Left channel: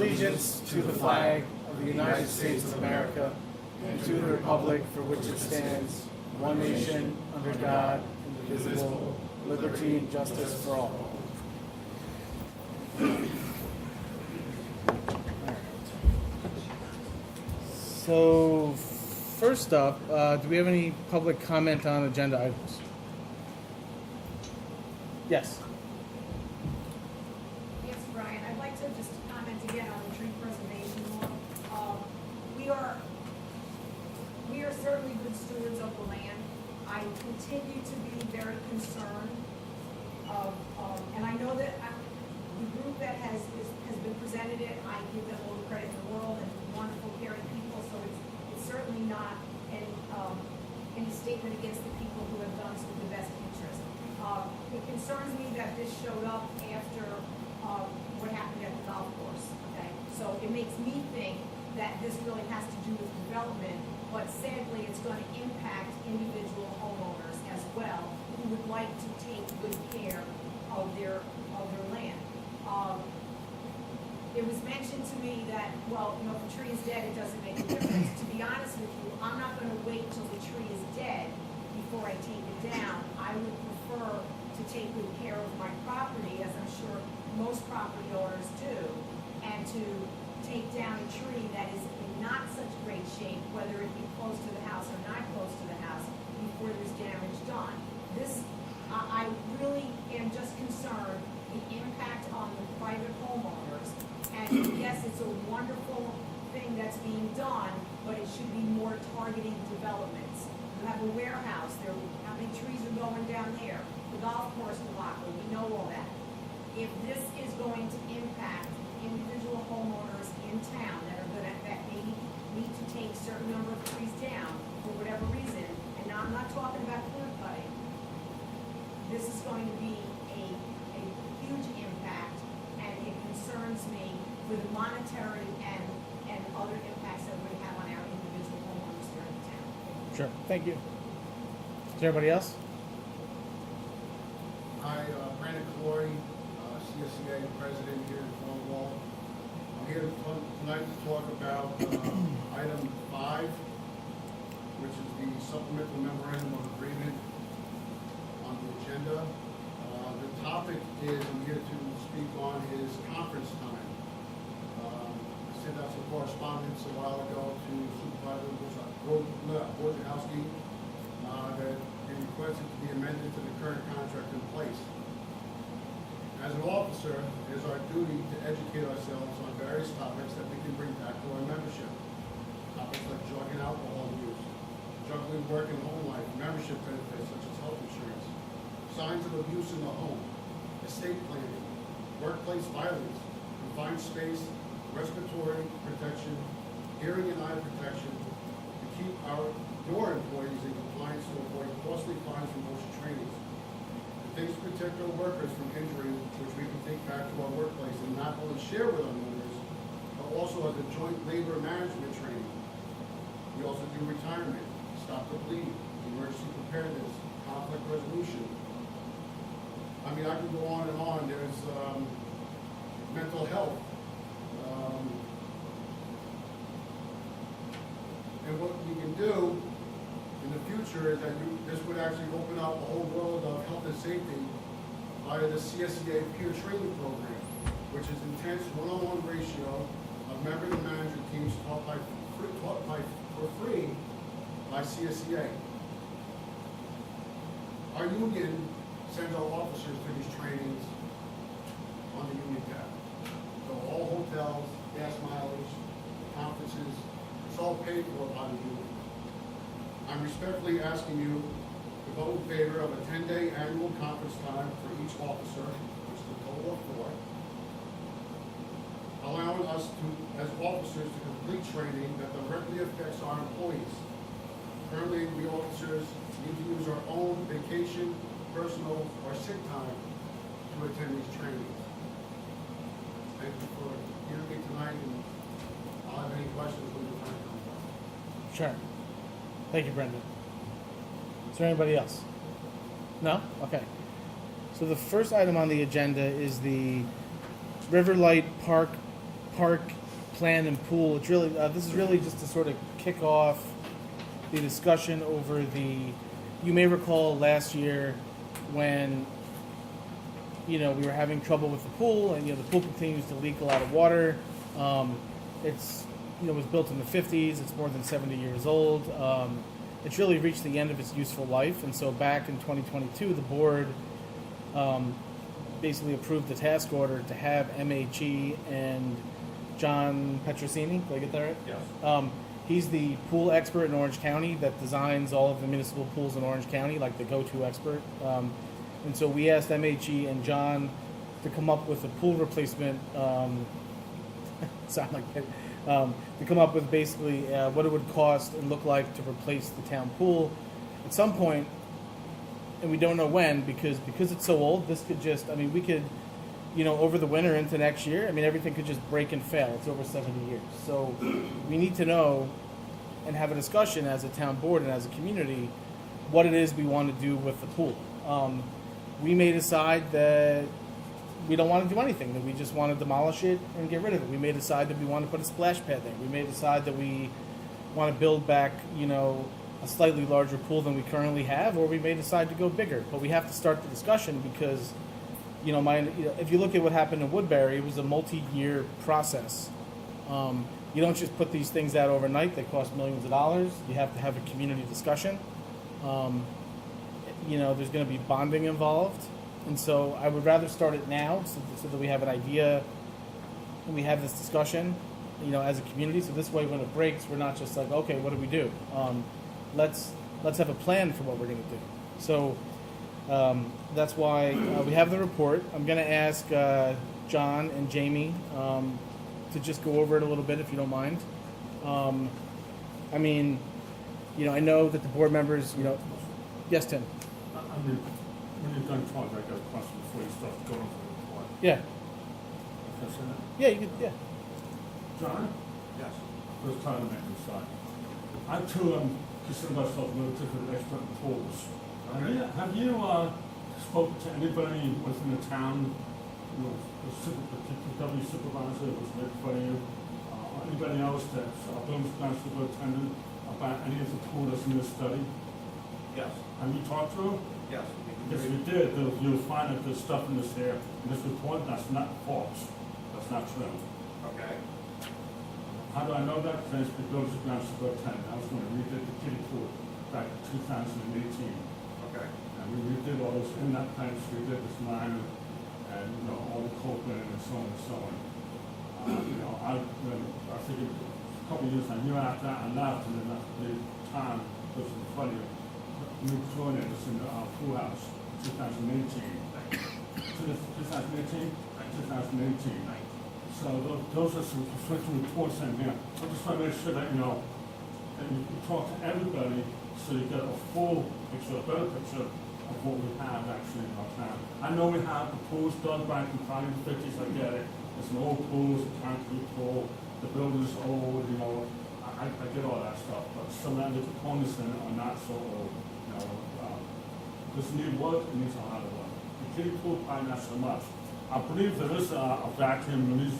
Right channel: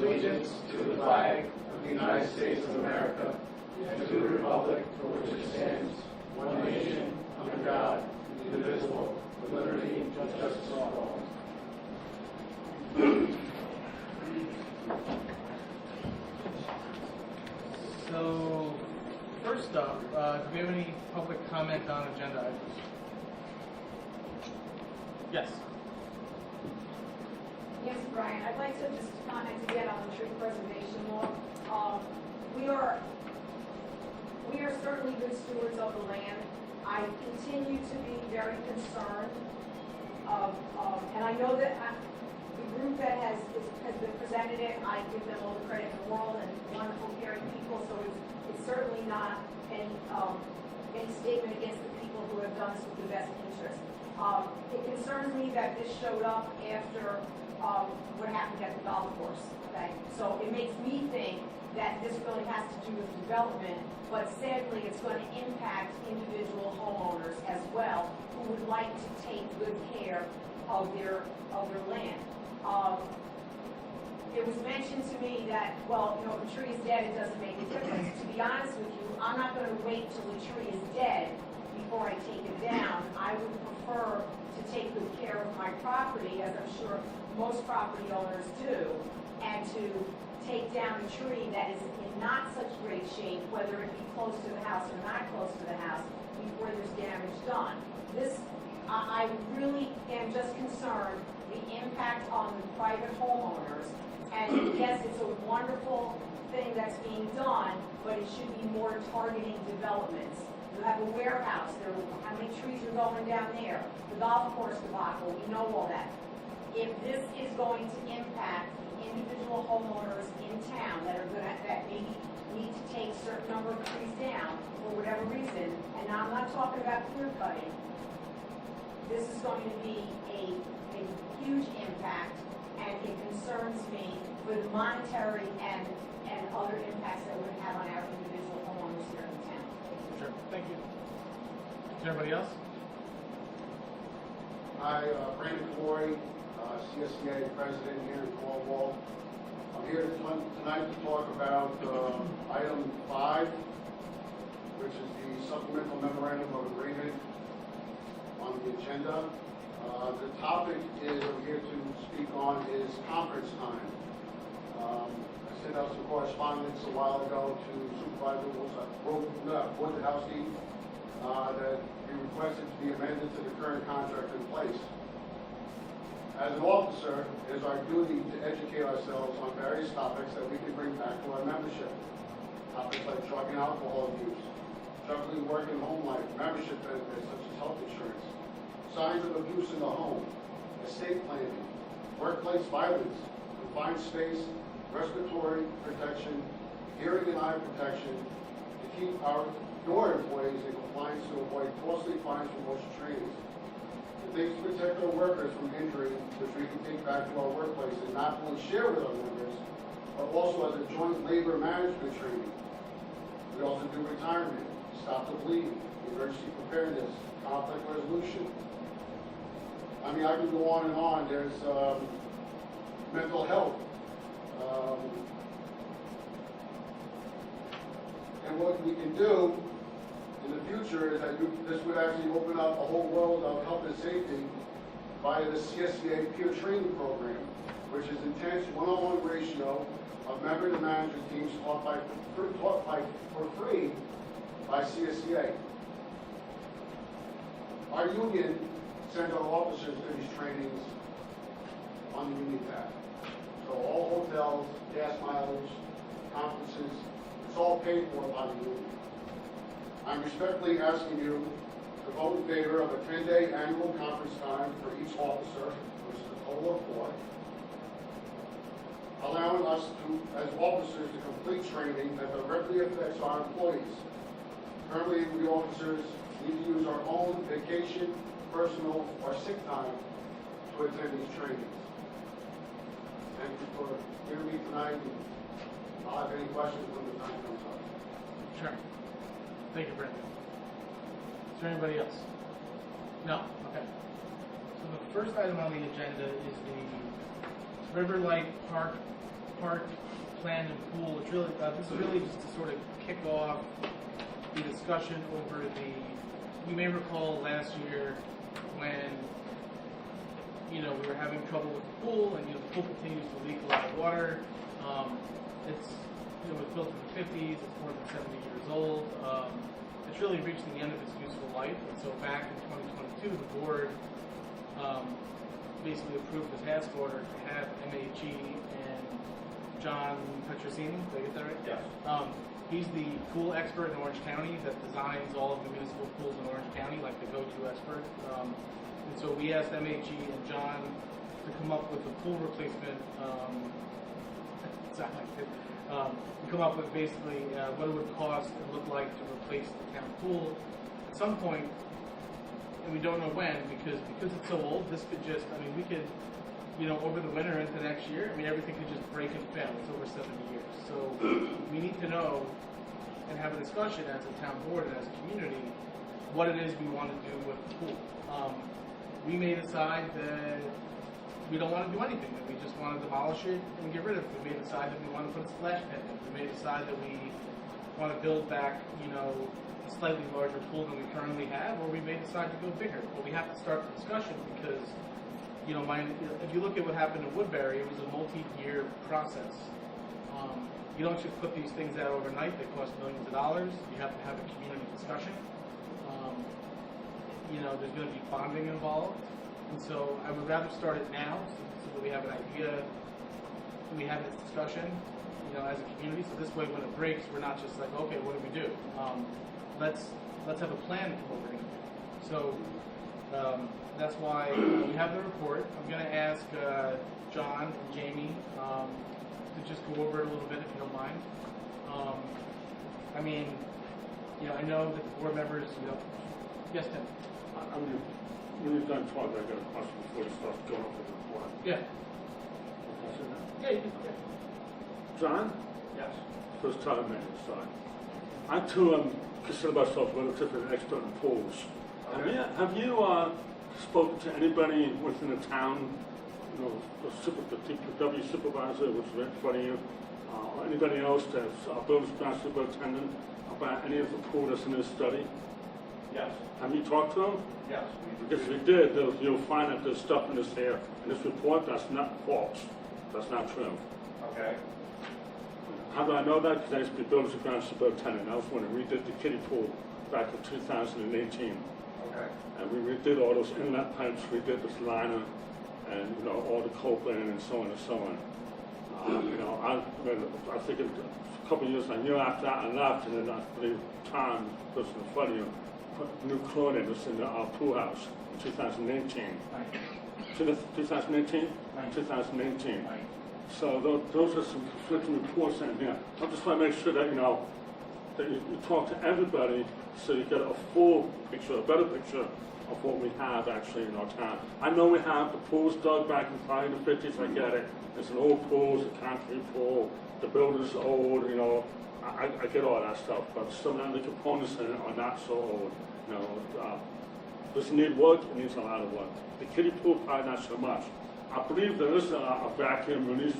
allegiance to the flag of the United States of America and to the republic for which it stands, one nation, under God, indivisible, with liberty and justice for all. So, first up, do we have any public comment on agenda items? Yes. Yes, Brian, I'd like to just comment again on the tree preservation law. We are certainly good stewards of the land. I continue to be very concerned of, and I know that the group that has been presented it, I give them all the credit in the world and wonderful caring people, so it's certainly not any statement against the people who have done this with the best interest. It concerns me that this showed up after what happened at the golf course, okay? So it makes me think that this really has to do with development, but sadly, it's going to impact individual homeowners as well who would like to take good care of their land. It was mentioned to me that, well, if a tree is dead, it doesn't make a difference. To be honest with you, I'm not going to wait till the tree is dead before I take it down. I would prefer to take good care of my property, as I'm sure most property owners do, and to take down a tree that is in not such great shape, whether it be close to the house or not close to the house, before there's damage done. I really am just concerned the impact on the private homeowners. And yes, it's a wonderful thing that's being done, but it should be more targeting developments. You have a warehouse, how many trees are going down there? The golf course debacle, we know all that. If this is going to impact individual homeowners in town that maybe need to take a certain number of trees down for whatever reason, and now I'm not talking about clear cutting, this is going to be a huge impact, and it concerns me with monetary and other impacts that we're going to have on our individual homeowners here in town. Sure. Thank you. Is there anybody else? Hi, Brandon Corey, CSCA president here in Cornwall. I'm here tonight to talk about item 5, which is the supplemental memorandum of agreement on the agenda. The topic I'm here to speak on is conference time. I sent out some correspondence a while ago to Supervisor Wojciechowski that we requested to be amended to the current contract in place. As an officer, it is our duty to educate ourselves on various topics that we can bring back to our membership. Topics like drug and alcohol abuse, juggling work and home life, membership benefits such as health insurance, signs of abuse in the home, estate planning, workplace violence, confined space, respiratory protection, hearing and eye protection, to keep our door employees in compliance to avoid costly fines from motion trainings. The things to protect our workers from injury, which we can take back to our workplace and not only share with our members, but also as a joint labor management training. We also do retirement, stop the bleeding, emergency preparedness, conflict resolution. I mean, I can go on and on. There's mental health. And what we can do in the future is that this would actually open up a whole world of health and safety via the CSCA peer training program, which is intense one-on-one ratio of member to manager teams taught for free by CSCA. Our union sends our officers to these trainings on the union tab. So all hotels, gas mileage, conferences, it's all paid for by the union. I'm respectfully asking you to vote in favor of a 10-day annual conference time for each officer, which is a total of 4, allowing us to, as officers, to complete training that directly affects our employees. Currently, we officers need to use our own vacation, personal, or sick time to attend these trainings. Thank you for hearing me tonight, and I'll have any questions when the time comes up. Sure. Thank you, Brendan. Is there anybody else? No? Okay. So the first item on the agenda is the Riverlight Park park plan and pool. It's really this is really just to sort of kick off the discussion over the. You may recall last year when we were having trouble with the pool, and the pool continues to leak a lot of water. It's was built in the 50s. It's more than 70 years old. It's really reached the end of its useful life, and so back in 2022, the board basically approved the task order to have MHE and John Petrosini. Did I get that right? Yes. He's the pool expert in Orange County that designs all of the municipal pools in Orange County, like the go-to expert. And so we asked MHE and John to come up with a pool replacement. Sound like it. To come up with basically what it would cost and look like to replace the town pool at some point, and we don't know when because it's so old. This could just, we could, over the winter into next year. Everything could just break and fail. It's over 70 years, so we need to know and have a discussion as a town board and as a community what it is we want to do with the pool. We may decide that we don't want to do anything, that we just want to demolish it and get rid of it. We may decide that we want to put a splash pad there. We may decide that we want to build back, a slightly larger pool than we currently have, or we may decide to go bigger. But we have to start the discussion because, if you look at what happened in Woodbury, it was a multi-year process. You don't just put these things out overnight. They cost millions of dollars. You have to have a community discussion. There's going to be bonding involved. And so I would rather start it now so that we have an idea and we have this discussion, as a community. So this way, when it breaks, we're not just like, okay, what do we do? Let's have a plan for what we're going to do. So that's why we have the report. I'm going to ask John and Jamie to just go over it a little bit, if you don't mind. I know that the board members, yes, Tim. When you've done talking, I got a question before you start going over the report. Yeah. Can I say that? Yeah, you could. Yeah. John? Yes. First time maintenance side. I too am consider myself a relatively expert in pools. Okay. Have you spoken to anybody within the town, the DPW supervisor was right in front of you, or anybody else that's a building ground superintendent about any of the pool that's in this study? Yes. Have you talked to them? Yes. Because if you did, you'll find that there's stuff in this here, in this report, that's not false. That's not true. Okay. How do I know that? Because I used to be building ground superintendent. That was when we redid the kiddie pool back in 2018. Okay. And we redid all those inlet pipes, we did this liner, and, all the cold linen and so on and so on. I think a couple of years, a year after that, I left, and then the time was in front of you, put new chlorinators in the pool house in 2018. 2018? 2018. So those are some conflicting reports in here. I just want to make sure that, that you talk to everybody so you get a full picture, a better picture of what we have actually in our town. I know we have the pools dug back in probably the 50s, I get it. It's an old pool, it's a concrete pool, the building's old, I get all that stuff, but some of the components in it are not so old. Does it need work? It needs a lot of work. The kiddie pool, probably not so much. I believe there is a vacuum release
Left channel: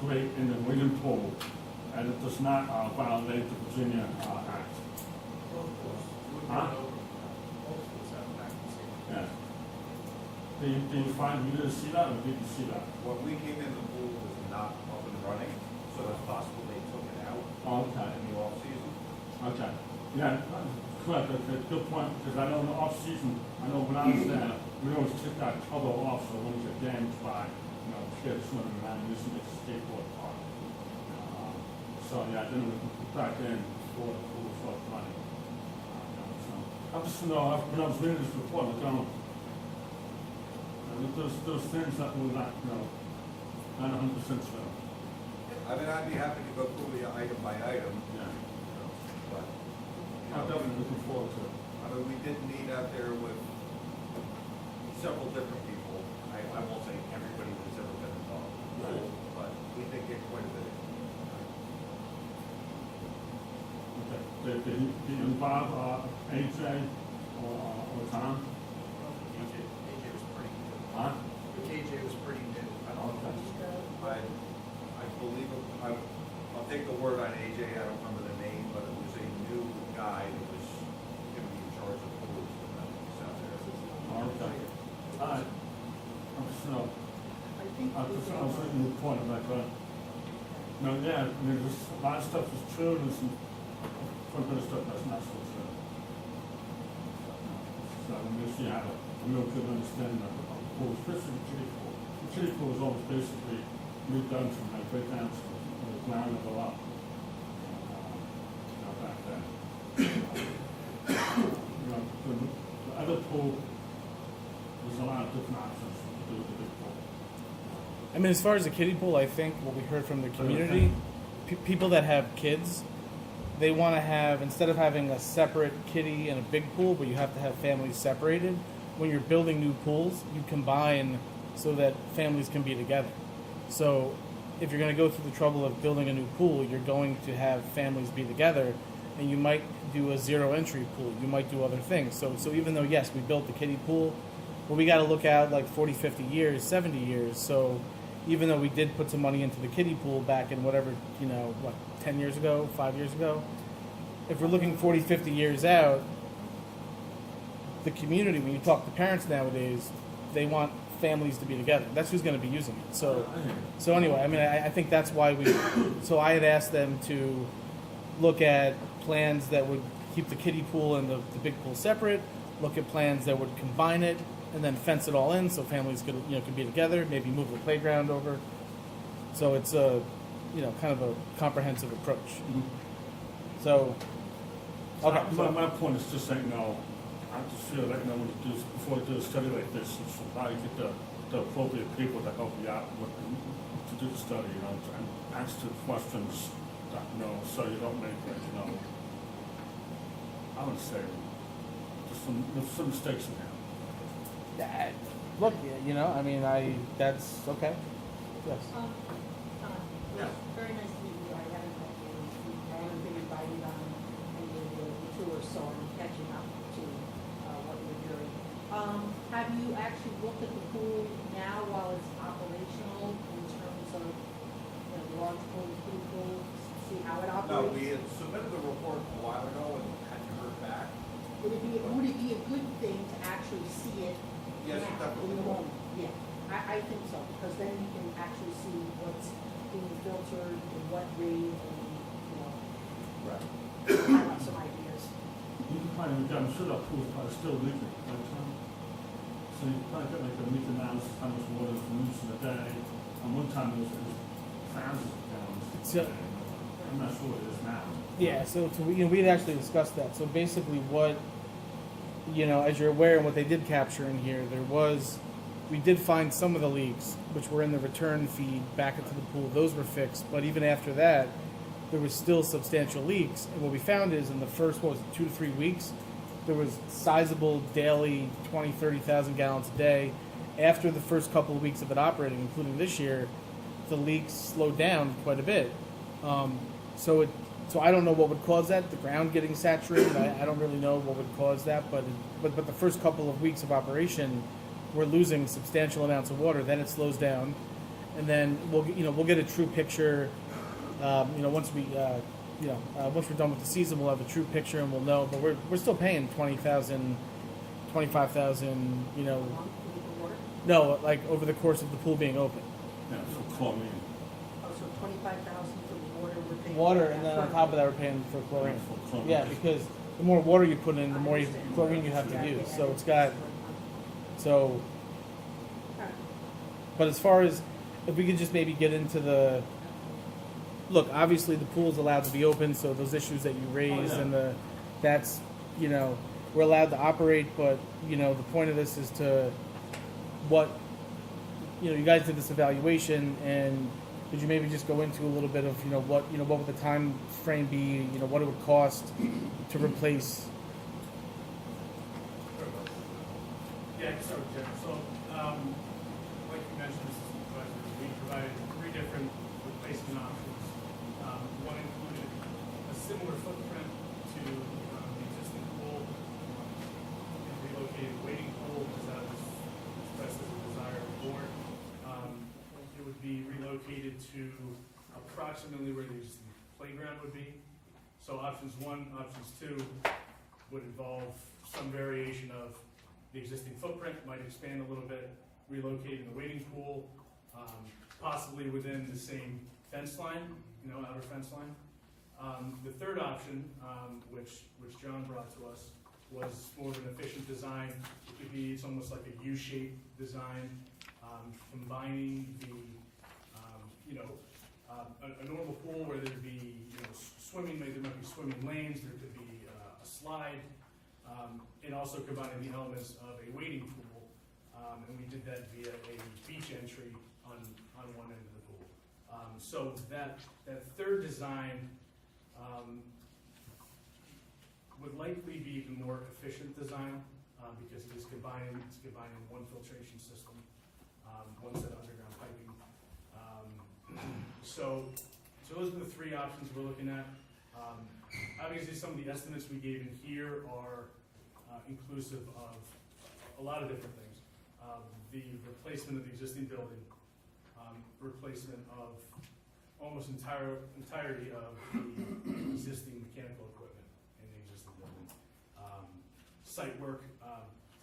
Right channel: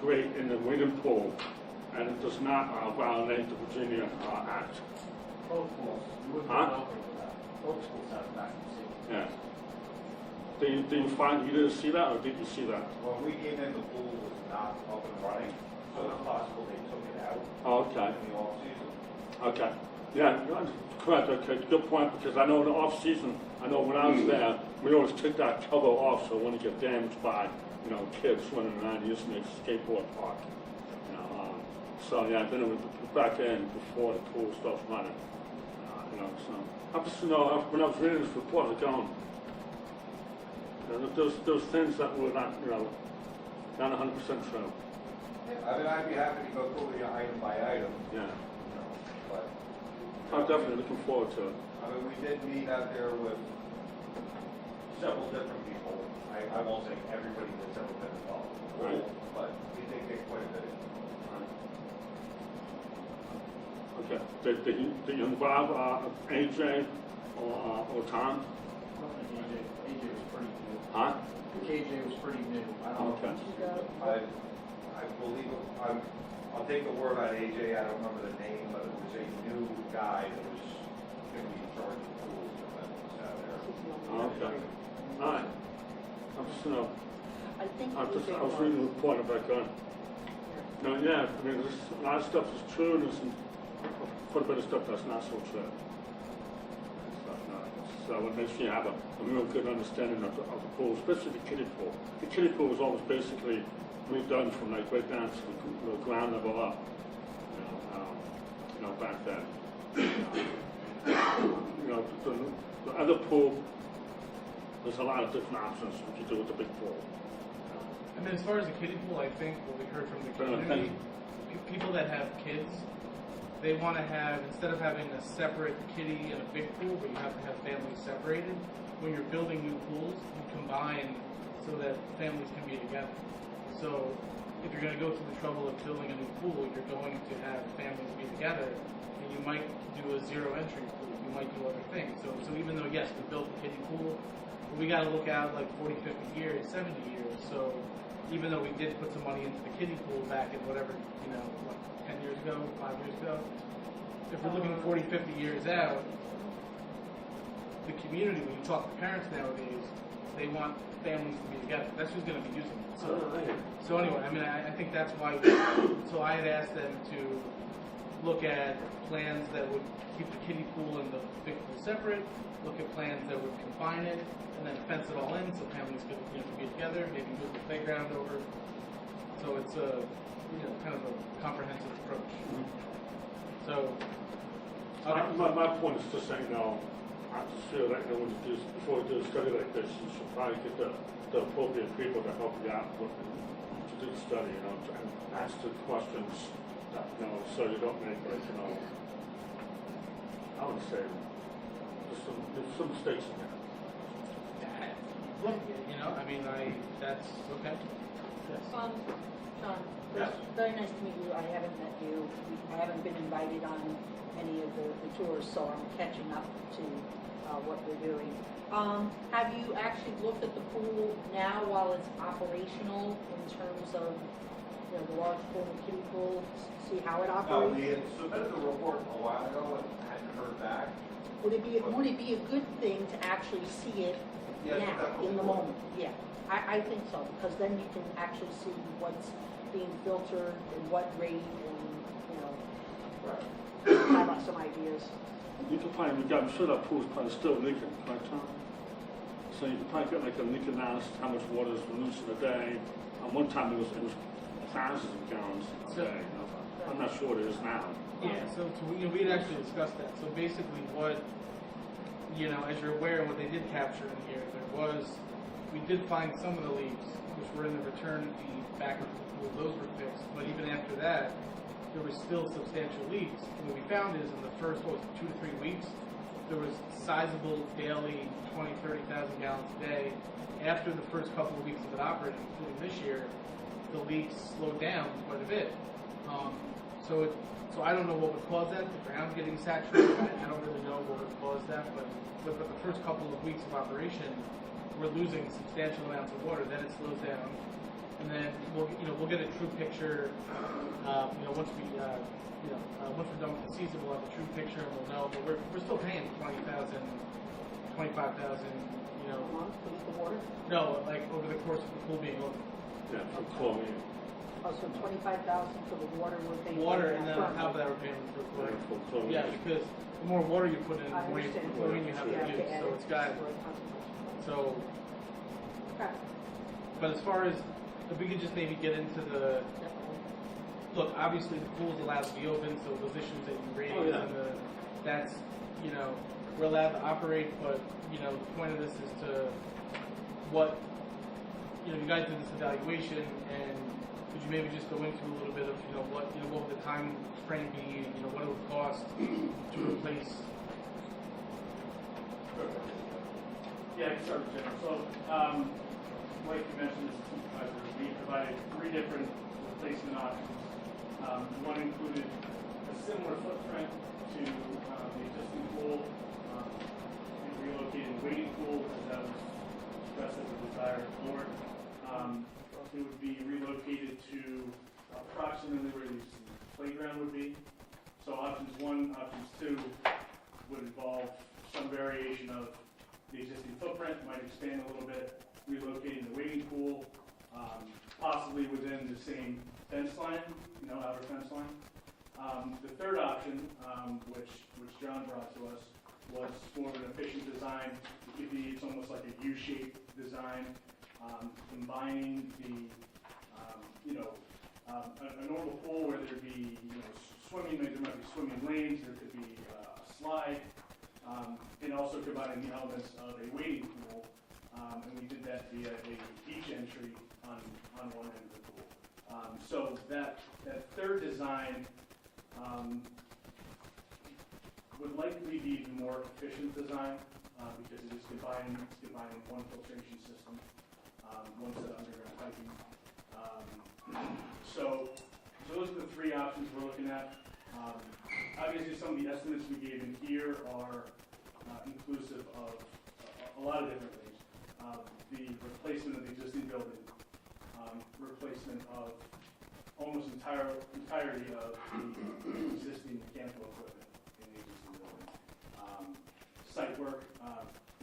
grate in the winged pool, and it does not violate the Virginia Act. Huh? Yeah. Do you find you didn't see that, or did you see that? When we came in, the pool was not up and running, so it's possible they took it out Oh, okay. in the off-season. Okay. Yeah, correct. Okay, good point. Because I know in the off season, I know when I was there, we always took that cover off so it wouldn't get damaged by kids swimming around using the skateboard park. So yeah, then we put back in before the pool stopped running. So I just when I was reading this report, I was going, those things that were not 100% true. I'd be happy to go through the item by item, Yeah, but. I'm definitely looking forward to it. We did meet out there with several different people. I won't say everybody that's ever been involved, Right. but we did get quite a bit. Okay. Did you involve AJ or Tom? AJ was pretty new. Huh? KJ was pretty new. I don't know. Okay. I I'll take the word on AJ, I don't remember the name, but it was a new guy that was gonna be in charge of pools for the out there. Okay. All right. I'm just, you know, I think. I was reading the point about that. No, yeah, I mean, there's a lot of stuff is true, and there's some, quite a bit of stuff that's not so true. So I want to make sure you have a real good understanding of the pool, especially the kiddie pool. The kiddie pool was always basically redone from like right down to the ground level up, you know, back then. You know, the other pool, there's a lot of different options what you do with the big pool. I mean, as far as the kiddie pool, I think what we heard from the community, people that have kids, they want to have, instead of having a separate kiddie and a big pool, but you have to have families separated, when you're building new pools, you combine so that families can be together. So if you're going to go through the trouble of building a new pool, you're going to have families be together, and you might do a zero entry pool. You might do other things. So even though, yes, we built the kiddie pool, well, we got to look out like 40, 50 years, 70 years. So even though we did put some money into the kiddie pool back in whatever, 10 years ago, 5 years ago, if we're looking 40, 50 years out, the community, when you talk to parents nowadays, they want families to be together. That's who's going to be using it. So anyway, I mean, I think that's why so I had asked them to look at plans that would keep the kiddie pool and the big pool separate, look at plans that would combine it, and then fence it all in so families could be together, maybe move the playground over. So it's a, kind of a comprehensive approach. So, okay. My point is just saying, I'm just sure that, when you do, before you do a study like this, you should probably get the appropriate people to help you out to do the study, and ask the questions, that, so you don't make it, I would say, there's some mistakes in there. Look, I mean, that's okay. Yes. Yes. Very nice to meet you. I haven't met you. I haven't been invited on any of the tours, so I'm catching up to what you're doing. Have you actually looked at the pool now while it's operational in terms of the large pool and kiddie pool, see how it No, operates? we had submitted the report a while ago and hadn't heard back. Would it be a good thing to actually see it Yes, now, definitely. in the moment? Yeah, I think so, because then you can actually see what's being filtered and what rate and, Right. have some ideas. You can probably, I'm sure that pool's probably still leaking, right, Tom? So you can probably get like a leak analysis, how much water is loose in a day. And one time it was thousands of gallons a So- day, I'm not sure what it is now. Yeah, so we had actually discussed that. So basically what, as you're aware, and what they did capture in here, we did find some of the leaks, which were in the return feed back into the pool. Those were fixed, but even after that, there was still substantial leaks. And what we found is in the first, 2 to 3 weeks, there was sizable daily 20, 30,000 gallons a day. After the first couple of weeks of it operating, including this year, the leaks slowed down quite a bit. So I don't know what would cause that. The ground getting saturated, I don't really know what would cause that. But the first couple of weeks of operation, we're losing substantial amounts of water. Then it slows down, and then we'll get a true picture. Once we're done with the season, we'll have a true picture and we'll know. But we're still paying 20,000, 25,000. The water? No, like over the course of the pool being open. Yeah, for chlorine. Oh, so 25,000 for the water we're paying? Water, and then on top of that, we're paying for chlorine. For chlorine. Yeah, because the more water you put in, the more chlorine you have to use. So it's got so. But as far as if we could just maybe get into the look, obviously the pool's allowed to be open, so those issues that you raised and that's we're allowed to operate, but the point of this is to what you guys did this evaluation, and could you maybe just go into a little bit of what would the time frame be, what it would cost to replace. Yeah, I can start with Jim. So, like you mentioned, Assistant President, we provided 3 different replacement options. One included a similar footprint to the existing pool, and relocated waiting pool, as that was expressed as a desire of the board. It would be relocated to approximately So options 1, options 2 would involve some variation of the existing footprint, might expand a little bit, relocating the wading pool, possibly within the same fence line, outer fence line. The third option, which John brought to us, was more of an efficient design. It could be, it's almost like a U-shaped design, combining the, a normal pool where there'd be, swimming, maybe there might be swimming lanes, there could be a slide, and also combining the elements of a wading pool. And we did that via a beach entry on one end of the pool. So that third design would likely be the more efficient design because it is combining one filtration system, one set of underground piping. So those are the three options we're looking at. Obviously, some of the estimates we gave in here are inclusive of a lot of different things. The replacement of the existing building, replacement of almost entirety of the existing mechanical equipment in the existing building. Site work,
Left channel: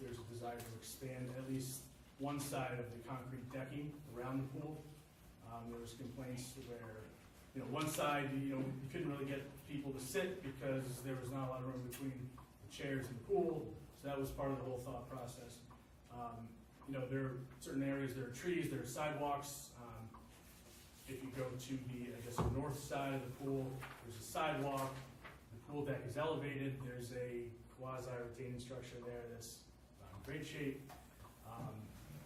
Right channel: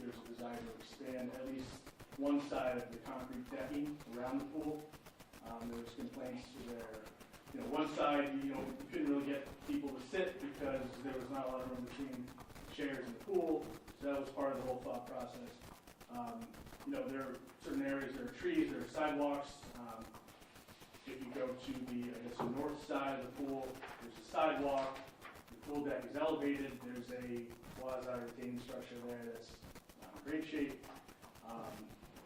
there's a desire to expand at least one side of the concrete decking around the pool. There was complaints where, one side, you couldn't really get people to sit because there was not a lot of room between the chairs and the pool. So that was part of the whole thought process. There are certain areas, there are trees, there are sidewalks. If you go to the north side of the pool, there's a sidewalk. The pool deck is elevated. There's a quasi-retaining structure there that's not in great shape.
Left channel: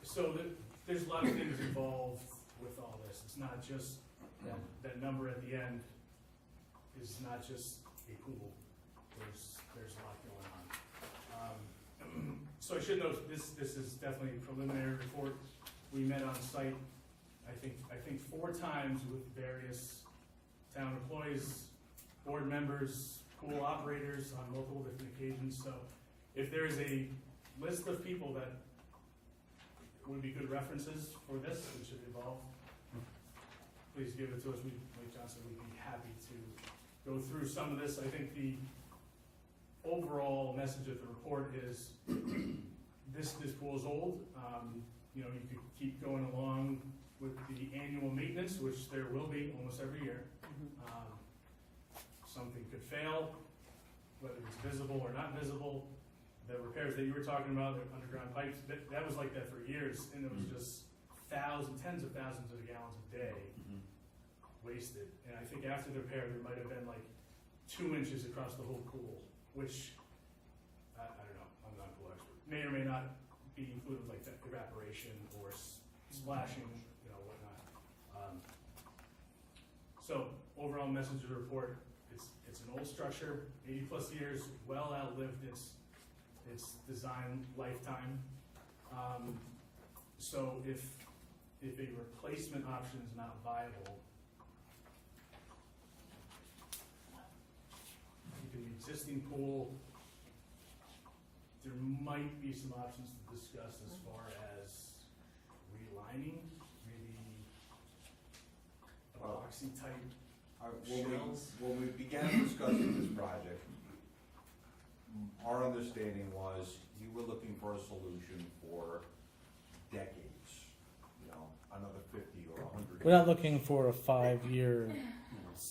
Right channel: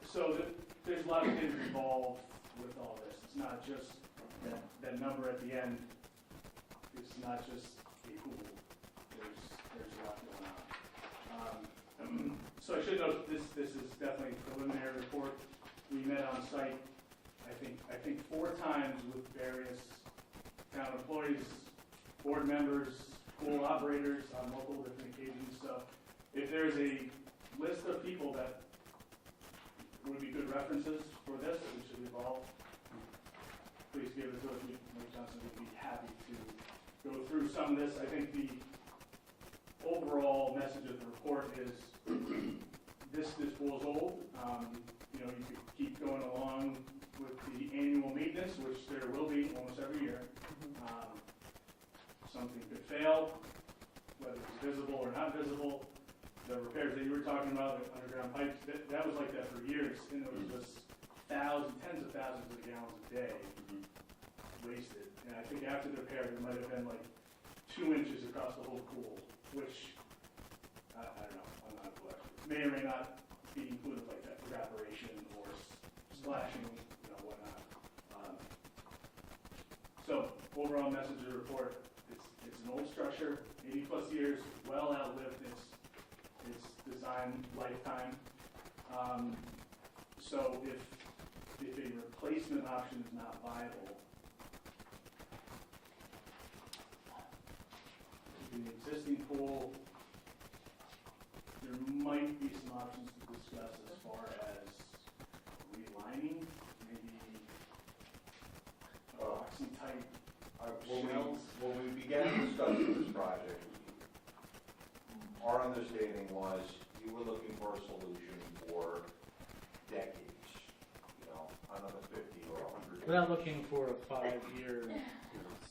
So there's a lot of things involved with all this. It's not just that number at the end is not just a pool. There's a lot going on. So I should note this is definitely a preliminary report. We met on site, I think 4 times with various town employees, board members, pool operators on multiple different occasions. So if there's a list of people that would be good references for this, we should evolve, please give it to us. Mike Johnson would be happy to go through some of this. I think the overall message of the report is this pool is old. You could keep going along with the annual maintenance, which there will be almost every year. Something could fail, whether it's visible or not visible. The repairs that you were talking about, the underground pipes, that was like that for years, and it was just tens of thousands of gallons a day wasted. And I think after the repair, there might have been like 2 inches across the whole pool, which I don't know, I'm not a pool expert. May or may not be included like that evaporation or splashing, whatnot. So overall message of the report, it's an old structure, 80 plus years, well outlived its design lifetime. So if a replacement option is not viable, the existing pool, there might be some options to discuss as far as relining, maybe epoxy type shells. When we began discussing this project, our understanding was you were looking for a solution for decades, another 50 or 100 We're not looking for a 5-year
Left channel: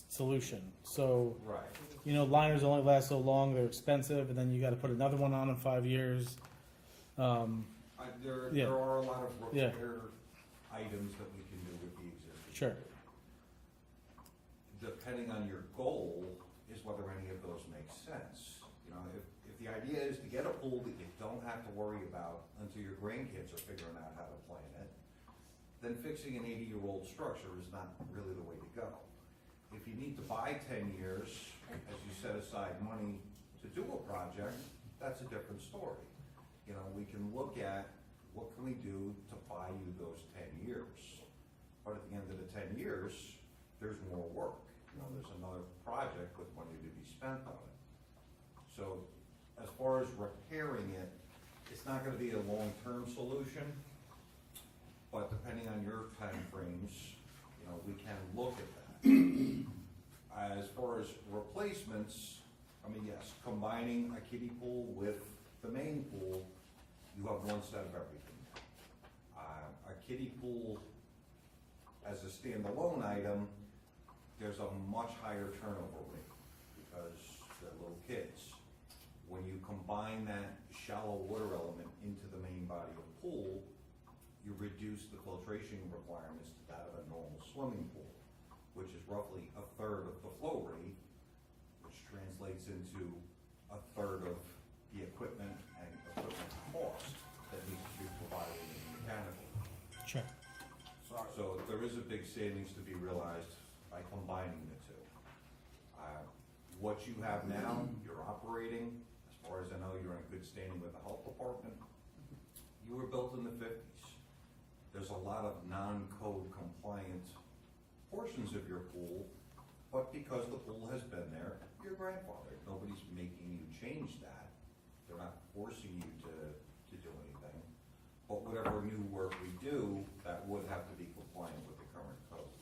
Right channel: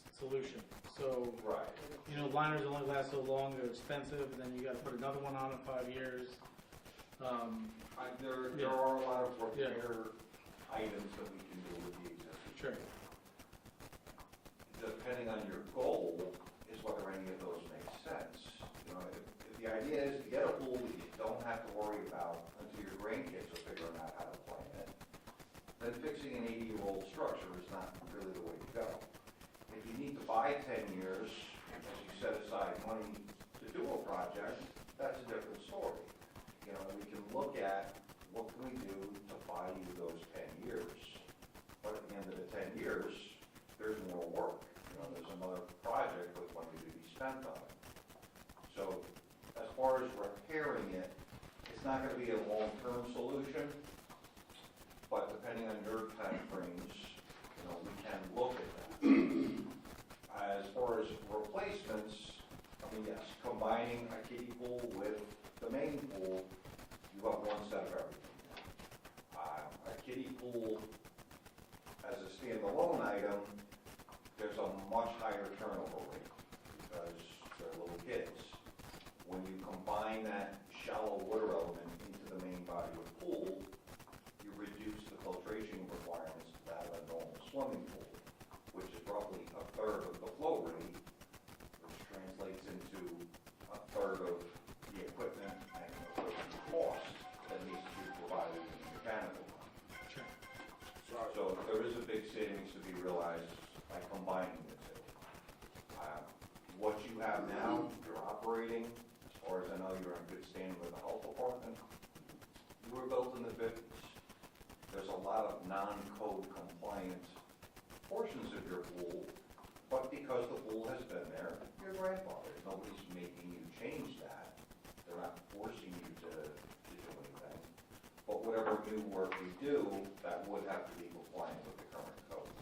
solution. So, Right. Liners only last so long, they're expensive, and then you got to put another one on in 5 years. There are a lot of repair items that we can do with the existing. Sure. Depending on your goal is whether any of those make sense. If the idea is to get a pool that you don't have to worry about until your grandkids are figuring out how to play in it, then fixing an 80-year-old structure is not really the way to go. If you need to buy 10 years, as you set aside money to do a project, that's a different story. And we can look at what can we do to buy you those 10 years. But at the end of the 10 years, there's more work. There's another project with money to be spent on it. So as far as repairing it, it's not going to be a long-term solution, but depending on your time frames, we can look at that. As far as replacements, much higher turnover rate because they're little kids. When you combine that shallow water element into the main body of the pool, you reduce the filtration requirements to that of a normal swimming pool, which is roughly a third of the flow rate, which translates into a third of the equipment and equipment cost that needs to be provided in the mechanical. Sure. So there is a big savings to be realized by combining the two. What you have now, you're operating, as far as I know, you're in good standing with the health department. You were built in the 50s. There's a lot of non-code compliant portions of your pool, but because the pool has been there, you're grandfathered. Nobody's making you change that. They're not forcing you to do anything. But whatever new work we do, that would have to be compliant with the current codes.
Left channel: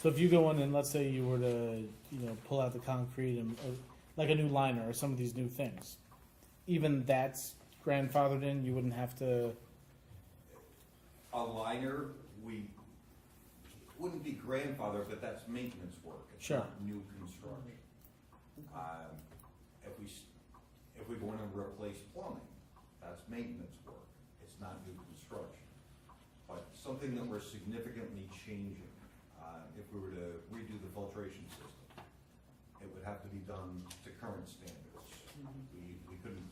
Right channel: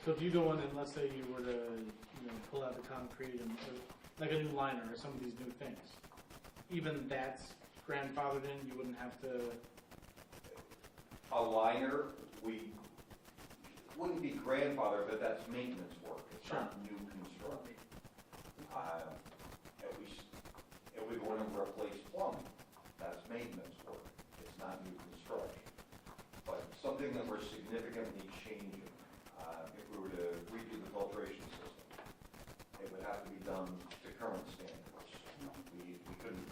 So if you go in and let's say you were to, pull out the concrete and, or like a new liner or some of these new things, even that's grandfathered in, you wouldn't have to, A liner, we wouldn't be grandfathered, but that's maintenance work. It's Sure. not new construction. If we want to replace plumbing, that's maintenance work. It's not new construction. But something that we're significantly changing, if we were to redo the filtration system, it would have to be done to current standards. We couldn't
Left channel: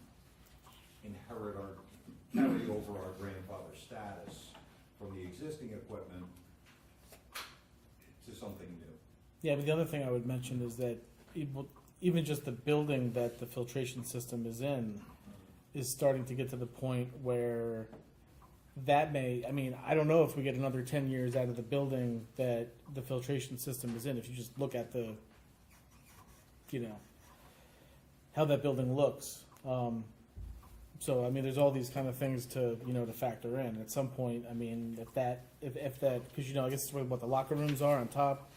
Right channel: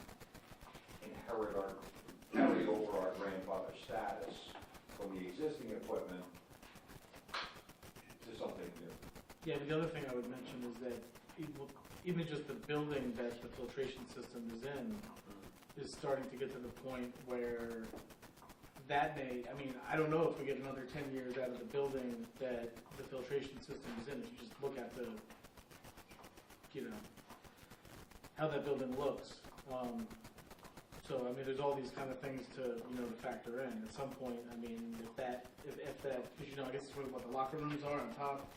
carry over our grandfather status from the existing equipment to something new. yeah, but the other thing I would mention is that even just the building that the filtration system is in is starting to get to the point where that I don't know if we get another 10 years out of the building that the filtration system is in. If you just look at the, how that building looks. So, there's all these kind of things to factor in. At some point, if that, because, I guess it's what the locker rooms are on top,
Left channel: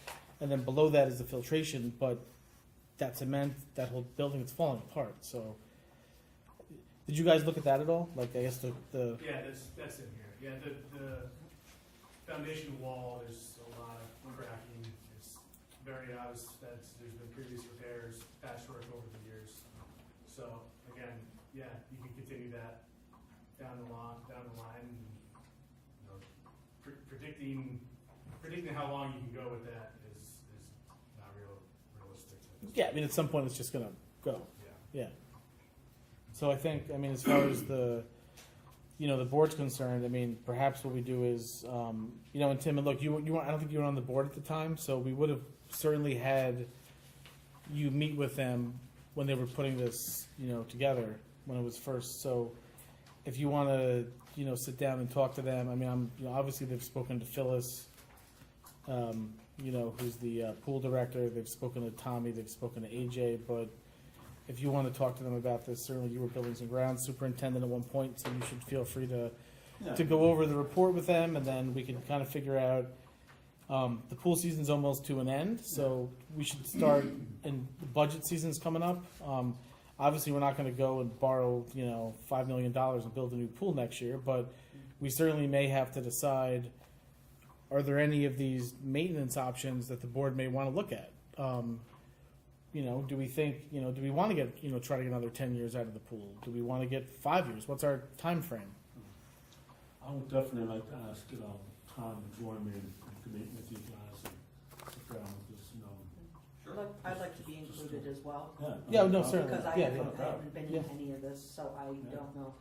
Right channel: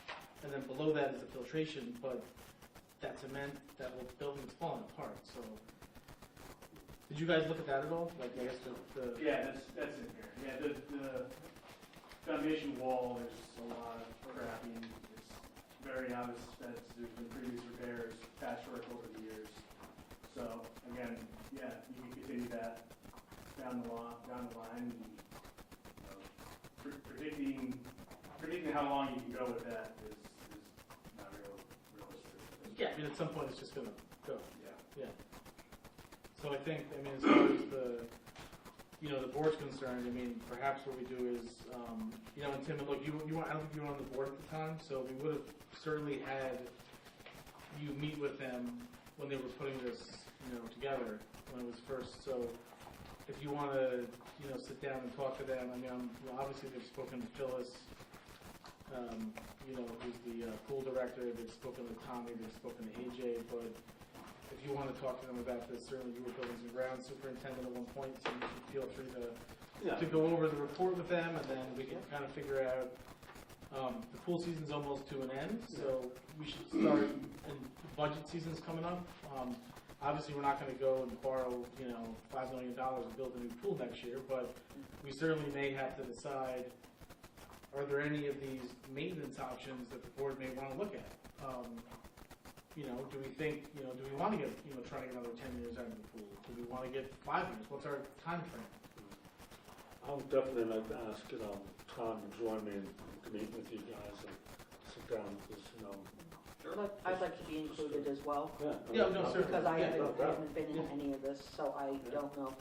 and then below that is the filtration, but that cement, that whole building's falling apart, so. Did you guys look at that at all? Like, I guess the Yeah, that's in here. Yeah, the foundation wall, there's a lot of cracking. It's very obvious that there's been previous repairs, patchwork over the years. So, again, yeah, you can continue that down the line, and, predicting how long you can go with that is not realistic. yeah, at some point it's just gonna go. Yeah. Yeah. So I think, as far as the board's concerned, perhaps what we do is, and Tim, and look, I don't think you were on the board at the time, so we would have certainly had you meet with them when they were putting this, together, when it was first. So if you want to, sit down and talk to them, obviously they've spoken to Phyllis, who's the pool director. They've spoken to Tommy. They've spoken to AJ. But if you want to talk to them about this, certainly you were buildings and grounds superintendent at one point, so you should feel free to go over the report with them, and then we can kind of figure out. The pool season's almost to an end, so we should start. And the budget season's coming up. Obviously, we're not going to go and borrow, $5 million to build a new pool next year, but we certainly may have to decide: are there any of these maintenance options that the board may want to look at? Do we think, do we want to get, try to get another 10 years out of the pool? Do we want to get 5 years? What's our time frame? I would definitely like to ask, Tom to join me in meeting with you guys and sit down with this, Sure. I'd like to be included as well. Yeah, no, certainly. Because I Yeah. haven't been in Yeah. any of this, so I don't know.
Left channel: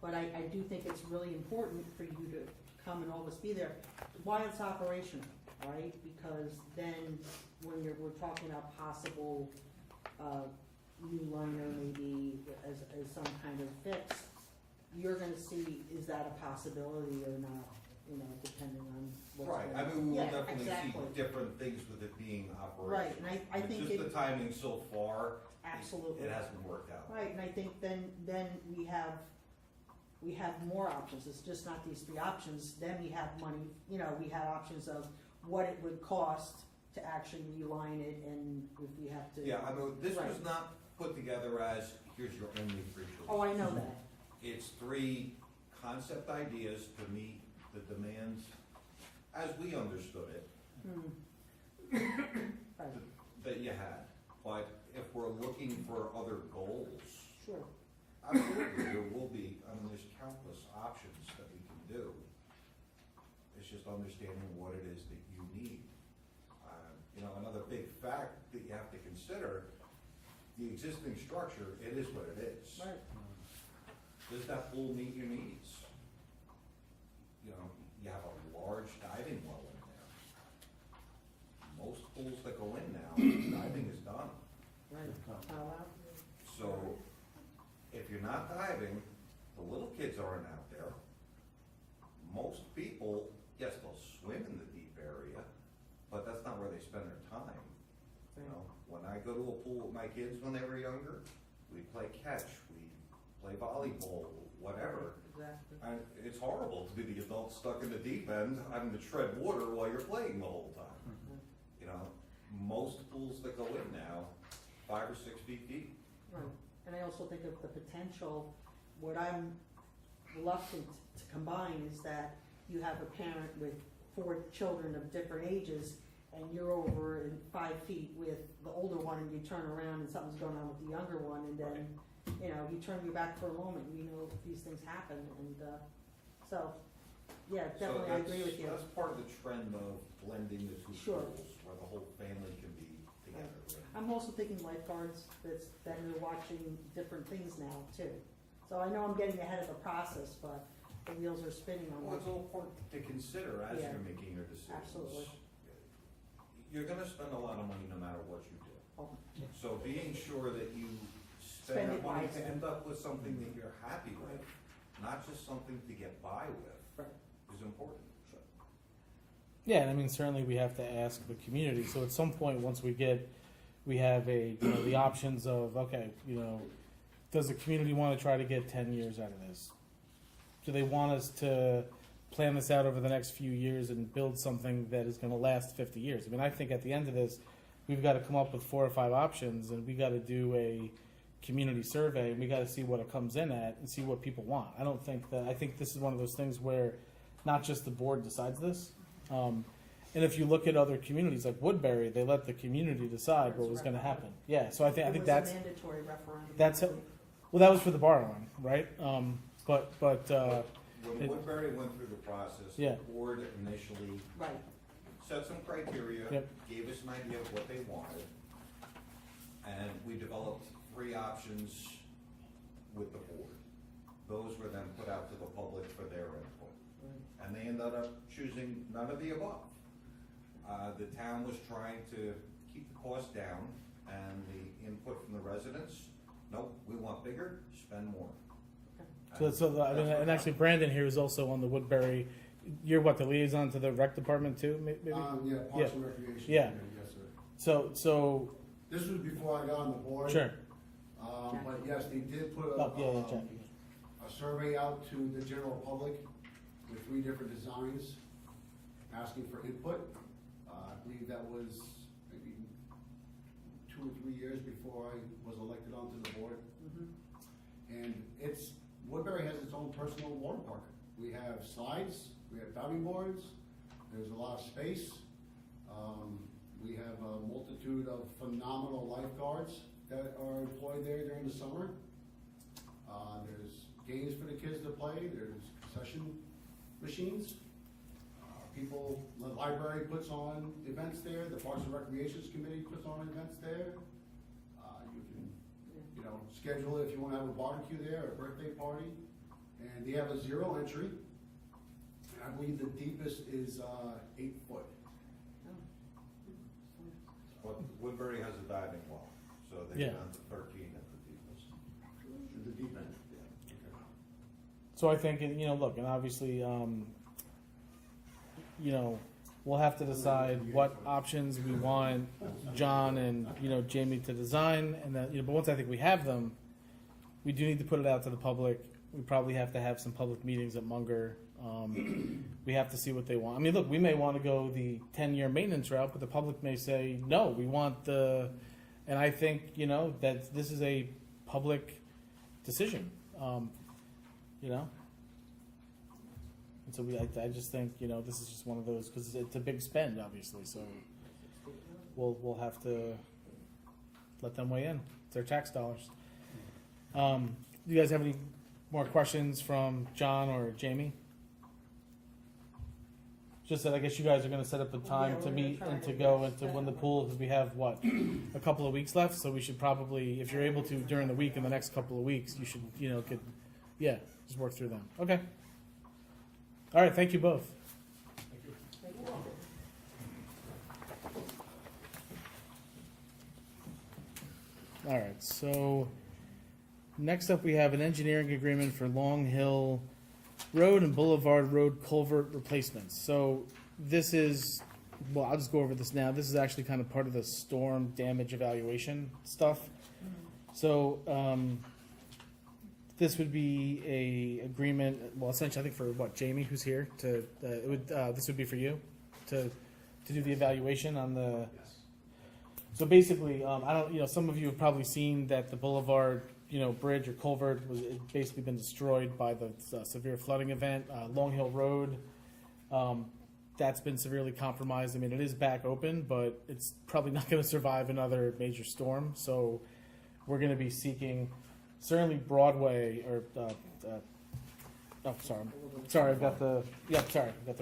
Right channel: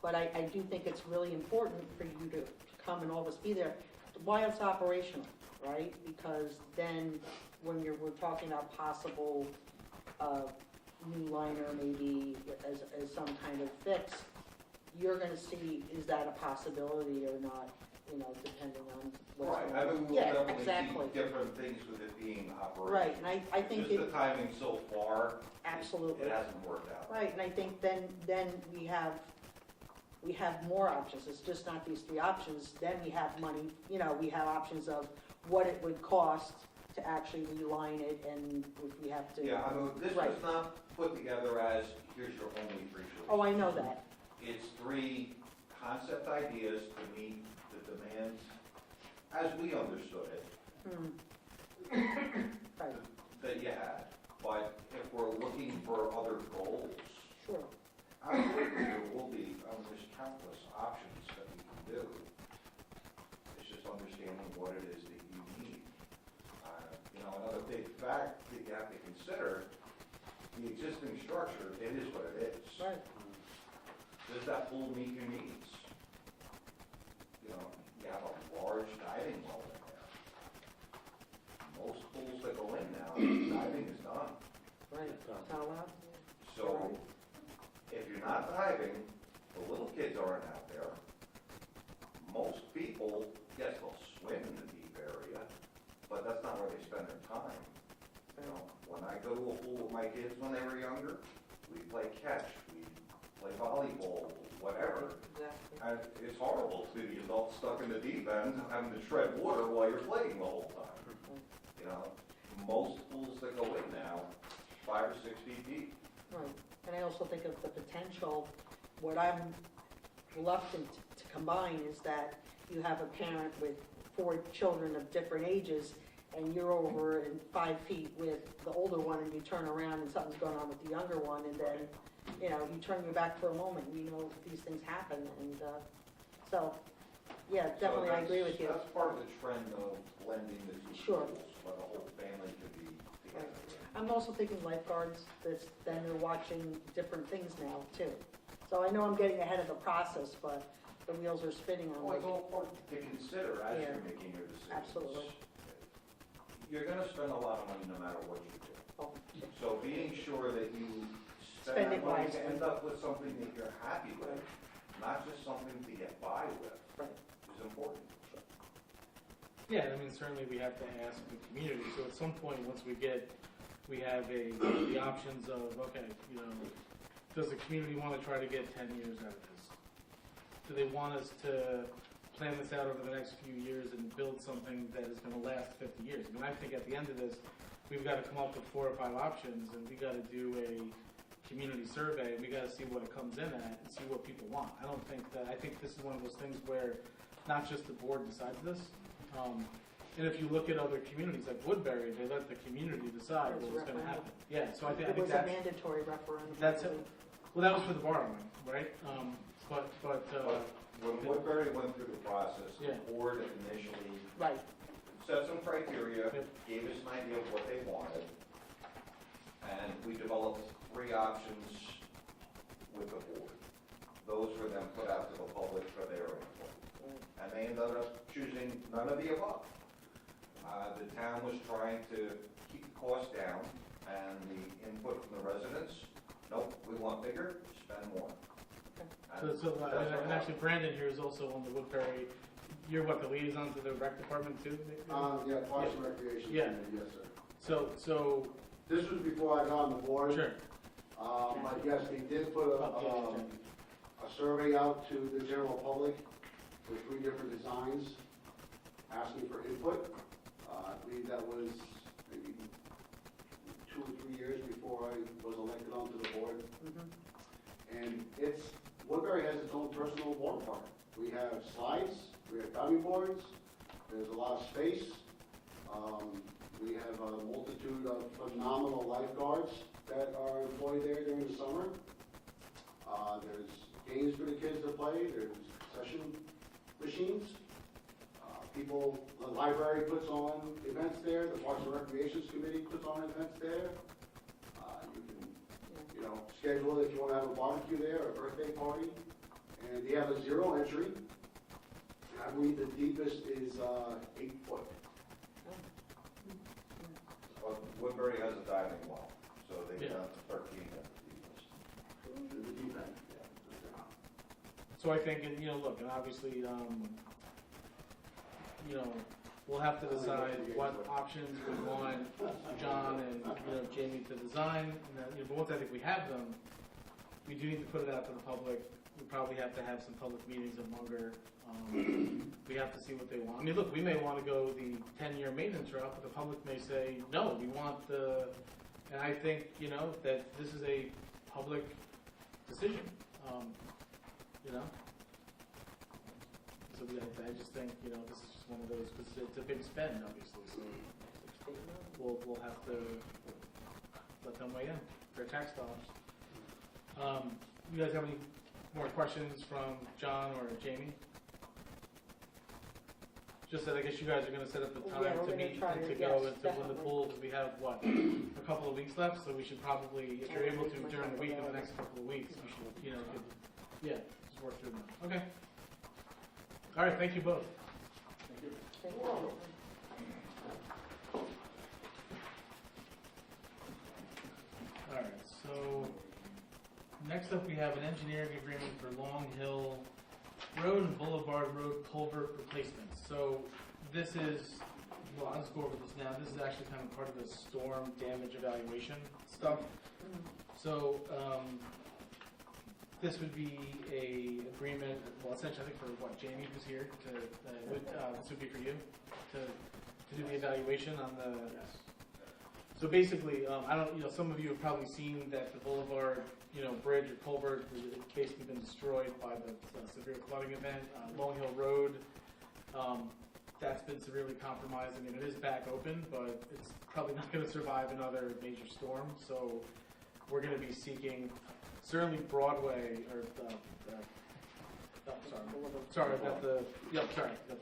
But I do think it's really important for you to come and all of us be there while it's operational, right? Because then when we're talking about possible new liner maybe as some kind of fix, you're gonna see, is that a possibility or not, depending on what's Right, going on. we'll Yeah, definitely exactly. see different things with it being operational. Right, and I think Just the timing so far, absolutely. it hasn't worked out. Right, and I think then we have more options. It's just not these 3 options. Then we have money, we have options of what it would cost to actually reline it, and if we have to. Yeah, this Right. was not put together as, here's your only free choice. Oh, I know that. It's 3 concept ideas to meet the demands as we understood it. Hmm. fact that you have to consider, the existing structure, it is what it is. Right. Does that pool meet your needs? You know, you have a large diving well in there. Most pools that go in now, diving is done. Right, not allowed. So if you're not diving, the little kids aren't out there. Most people, yes, they'll swim in the deep area, but that's not where they spend their time. You know, when I go to a pool with my kids when they were younger, we play catch, we play volleyball, whatever. Exactly. And it's horrible to be the adult stuck in the deep end, having to tread water while you're playing the whole time. You know, most pools that go in now, 5 or 6 feet deep. Right. And I also think of the potential, what I'm reluctant to combine is that you have a parent with 4 children of different ages, and you're over in 5 feet with the older one, and you turn around and something's going on with the younger one, and then, you know, you turn your back for a moment, you know, these things happen, and, so, yeah, definitely, I agree with you. That's part of the trend of blending the two Sure. pools, where the whole family can be together. I'm also thinking lifeguards, that are watching different things now, too. So I know I'm getting ahead of the process, but the wheels are spinning on Well, it's it. all part to consider as Yeah. you're making your decisions. Absolutely. You're gonna spend a lot of money no matter what you do. Oh, So being sure that you Spend spend it that money wisely. to end up with something that you're happy with, not just something to get by with, right. is important. Yeah, I mean, certainly we have to ask the community. So at some point, once we have the options of, okay, you know, does the community want to try to get 10 years out of this? Do they want us to plan this out over the next few years and build something that is going to last 50 years? I mean, I think at the end of this, we've got to come up with 4 or 5 options, and we got to do a community survey, and we got to see what it comes in at and see what people want. I think this is one of those things where not just the board decides this. And if you look at other communities like Woodbury, they let the community decide what was going to happen. Yeah, so I think It was that's a mandatory referendum. that's it. Well, that was for the borrowing, right? But When Woodbury went through the process, the Yeah. board initially Right, set some criteria, Yep. gave us an idea of what they wanted, and we developed 3 options with the board. Those were then put out to the public for their input, right. and they ended up choosing none of the above. The town was trying to keep the cost down, and the input from the residents, nope, we want bigger, spend more. and actually, Brandon here is also on the Woodbury. You're what, the liaison to the rec department too? Maybe? Yeah, Parks and Recreation. Yeah. Committee, yes, sir. So This was before I got on the board. sure. But yes, they did put a survey out to the general public with 3 different designs, asking for input. I believe that was maybe 2 or 3 years before I was elected onto the board. Mhm. And Woodbury has its own personal water park. We have slides, we have diving boards, there's a lot of space. We have a multitude of phenomenal lifeguards that are employed there during the summer. There's games for the kids to play, there's concession machines. The library puts on events there, the Parks and Recreations Committee puts on events there. You can, you know, schedule it if you want to have a barbecue there, or a birthday party. And they have a 0 entry. And I believe the deepest is 8 foot. Well, Woodbury has a diving well, so they've Yeah. done 13 at the deepest. The deep end. So I think, and, look, and obviously, we'll have to decide what options we want John and, Jamie to design, and then, but once I think we have them, we do need to put it out to the public. We probably have to have some public meetings at Munger. We have to see what they want. I mean, look, we may want to go the 10-year maintenance route, but the public may say, no, we want and I think, that this is a public decision. And so I just think, this is just one of those, because it's a big spend, obviously, so we'll have to let them weigh in. It's their tax dollars. You guys have any more questions from John or Jamie? just that I guess you guys are gonna set up a time Yeah, to we're meet gonna and try to to, go yes, into when the definitely. pool, because we have, what, a couple of weeks left, so we should probably, if you're able to during the week, in the next couple of weeks, you should, just work through them. Okay. All right, thank you both. All right, so next up we have an engineering agreement for Long Hill Road and Boulevard Road culvert replacements. So this is, well, I'll just go over this now. This is actually kind of part of the storm damage evaluation stuff. So this would be a agreement, well, essentially, I think for what, Jamie, who's here, to this would be for you to do the evaluation on the. So basically, I don't, some of you have probably seen that the Boulevard, bridge or culvert was it's basically been destroyed by the severe flooding event. Long Hill Road, that's been severely compromised. I mean, it is back open, but it's probably not going to survive another major storm. So we're going to be seeking, certainly Broadway or. Sorry, I've got the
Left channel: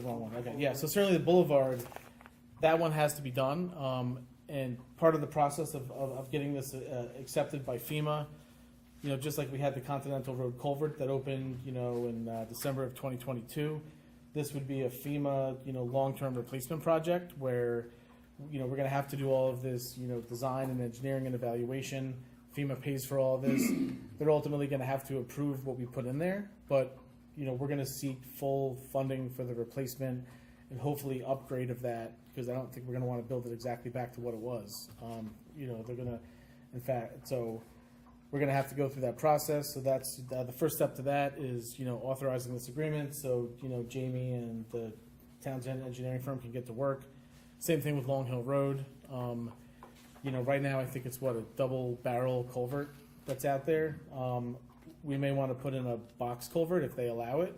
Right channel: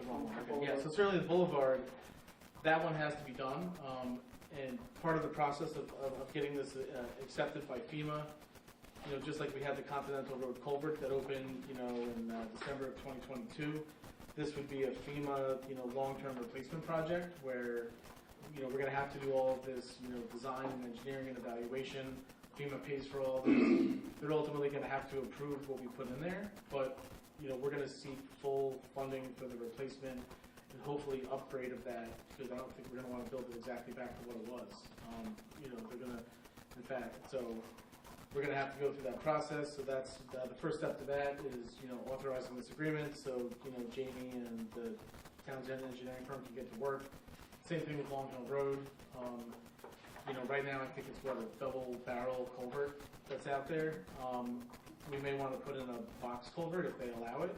wrong one. Okay, yeah. So certainly the Boulevard, that one has to be done. And part of the process of getting this accepted by FEMA, just like we had the Continental Road culvert that opened, in December of 2022, this would be a FEMA, long-term replacement project where, we're going to have to do all of this, design and engineering and evaluation. FEMA pays for all this. They're ultimately going to have to approve what we put in there, but, we're going to seek full funding for the replacement and hopefully upgrade of that, because I don't think we're going to want to build it exactly back to what it was. They're going to, in fact, so we're going to have to go through that process. So that's the first step to that is, authorizing this agreement. So, Jamie and the town's engineering firm can get to work. Same thing with Long Hill Road. Right now I think it's a double barrel culvert that's out there. We may want to put in a box culvert if they allow it.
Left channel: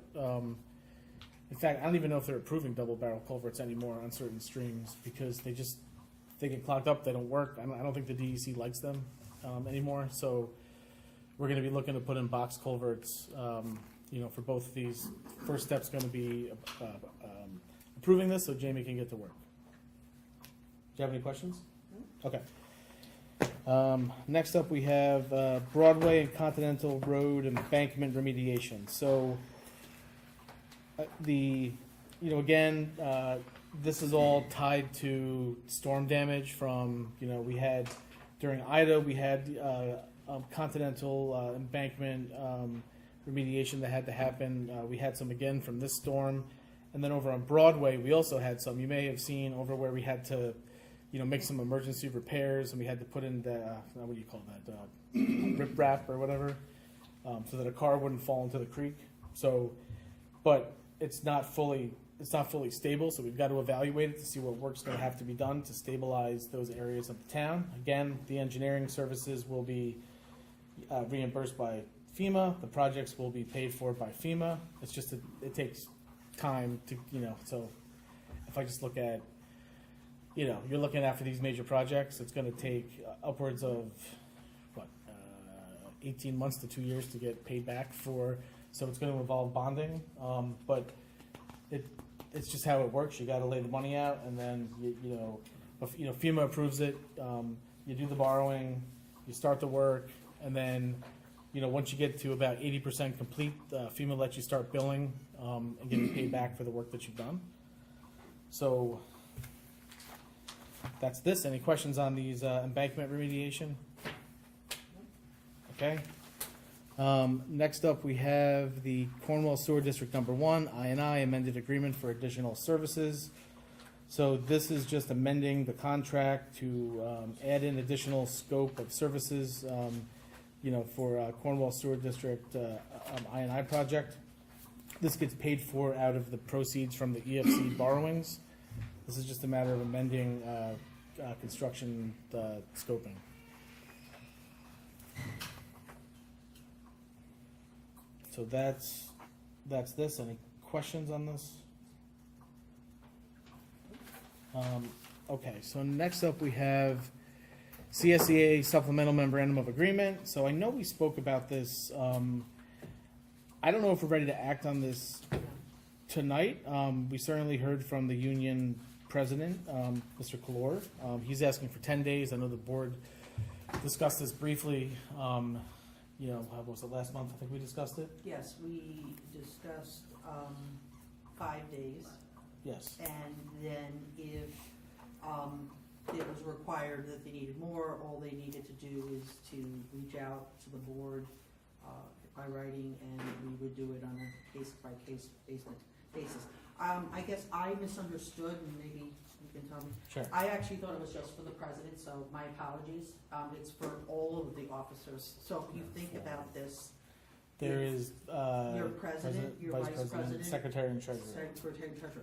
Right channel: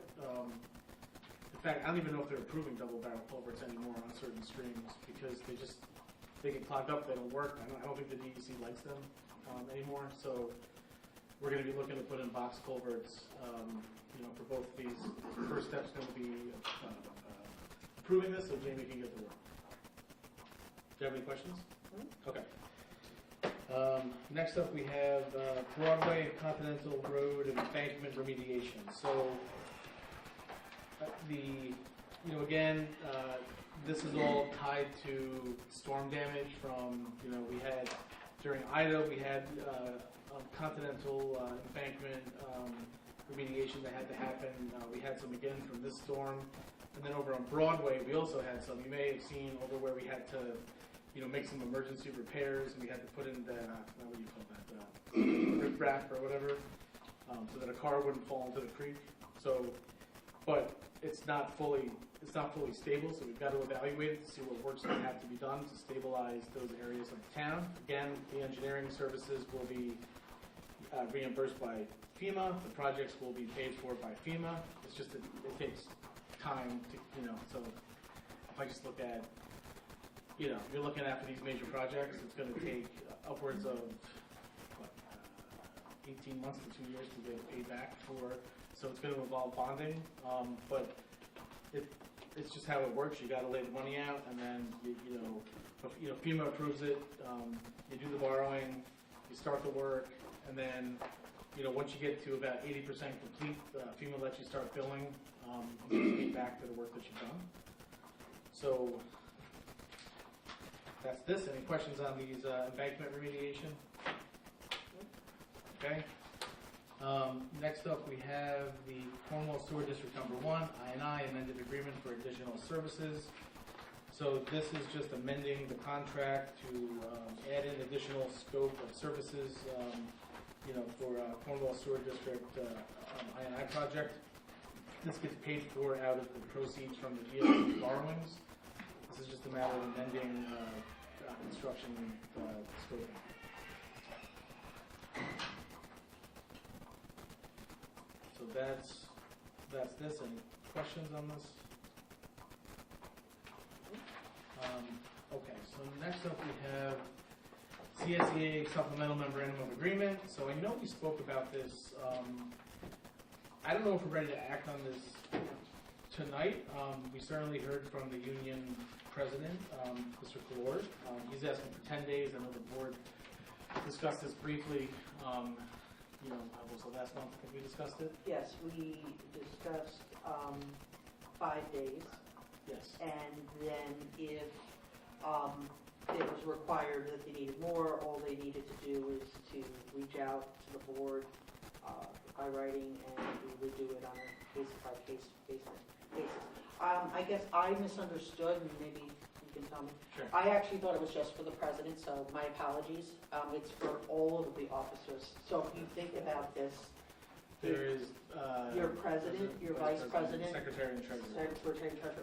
In fact, I don't even know if they're approving double barrel culverts anymore on certain streams because they get clogged up, they don't work. I don't think the DEC likes them anymore. So we're going to be looking to put in box culverts, for both of these. First step's going to be approving this so Jamie can get to work. Do you have any questions? Okay. Next up we have Broadway and Continental Road embankment remediation. So this is all tied to storm damage from, we had, during Ida, we had Continental embankment remediation that had to happen. We had some again from this storm. And then over on Broadway, we also had some. You may have seen over where we had to, make some emergency repairs, and we had to put in the, what do you call that, rip wrap or whatever, so that a car wouldn't fall into the creek. So, but it's not fully stable, so we've got to evaluate it to see what work's going to have to be done to stabilize those areas of the town. Again, the engineering services will be reimbursed by FEMA. The projects will be paid for by FEMA. It's just it takes time to, so if I just look at, you're looking at for these major projects, it's going to take upwards of 18 months to 2 years to get paid back for. So it's going to involve bonding, but it's just how it works. You got to lay the money out, and then FEMA approves it. You do the borrowing, you start the work, and then once you get to about 80% complete, FEMA lets you start billing and getting paid back for the work that you've done. So that's this. Any questions on these embankment remediation? Okay. Next up, we have the Cornwall Sewer District Number 1, I&I amended agreement for additional services. So this is just amending the contract to add in additional scope of services, for Cornwall Sewer District I&I project. This gets paid for out of the proceeds from the EFC borrowings. This is just a matter of amending construction scoping. So that's this. Any questions on this? Okay, so next up we have CSEA Supplemental Memorandum of Agreement. So I know we spoke about this. I don't know if we're ready to act on this tonight, we certainly heard from the union president, Mr. Kalor. He's asking for 10 days. I know the board discussed this briefly. How was it last month? I think we discussed it. Yes, we discussed 5 days, Yes. and then if it was required that they needed more, all they needed to do was to reach out to the board by writing, and we would do it on a case-by-case basis. I guess I misunderstood, and maybe you can tell me. Sure. I actually thought it was just for the president, so my apologies. It's for all of the officers. So if you think about this, There is your president, your vice president, secretary, and treasurer. secretary and treasurer.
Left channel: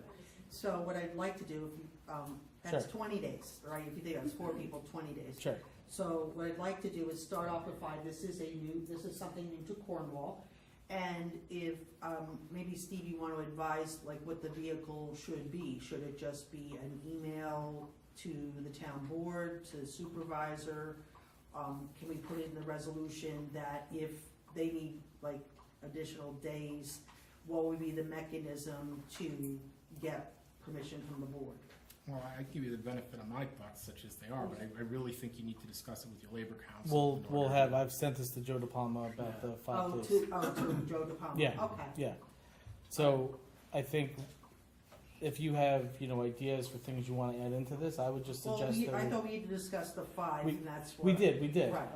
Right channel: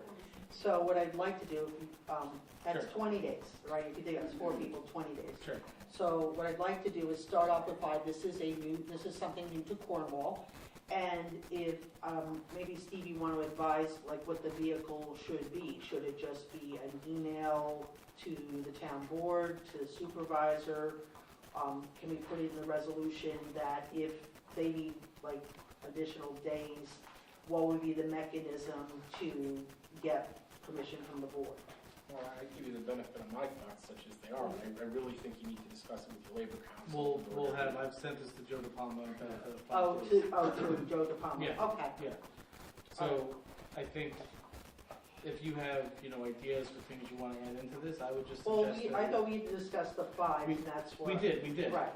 So what I'd like to do, that's Sure. 20 days, right? If you think that's 4 people, 20 days. Sure. So what I'd like to do is start off with 5. This is something new to Cornwall. And if, maybe Steve, you want to advise, like, what the vehicle should be. Should it just be an email to the town board, to the supervisor? Can we put it in the resolution that if they need, like, additional days, what would be the mechanism to get permission from the board? Well, I give you the benefit of my thoughts, such as they are, but I really think you need to discuss it with your labor council. I've sent this to Joe DePalma about the 5 days. To Joe DePalma? Yeah. Okay. Yeah. So I think if you have, ideas for things you want to add into this, I would just Well, suggest I that thought we had discussed the 5, and that's we what. did. Right.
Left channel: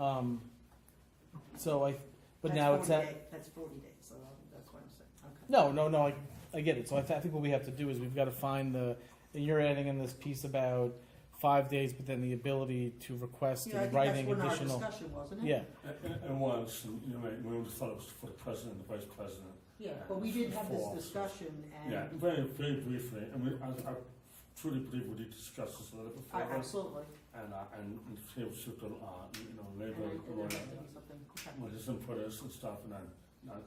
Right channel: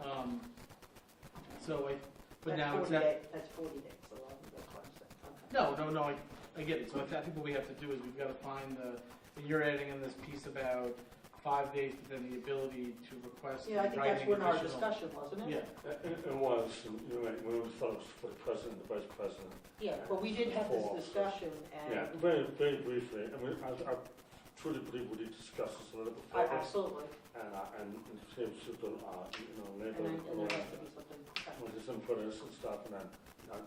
But now it's at. That's 40 days, so that's what I'm saying. Okay. No, I get it. So I think what we have to do is we've got to find and you're adding in this piece about 5 days, but then the ability to request Yeah, I in think that's writing when our additional. discussion, wasn't it? Yeah, It was, we always thought it was for the president and the vice president. Yeah, but we did have For this officers. discussion, Yeah, and, very, very briefly, I truly believe we need to discuss this a little bit further. absolutely. And see if super, labor, And I have something. when this input is and stuff, and then, not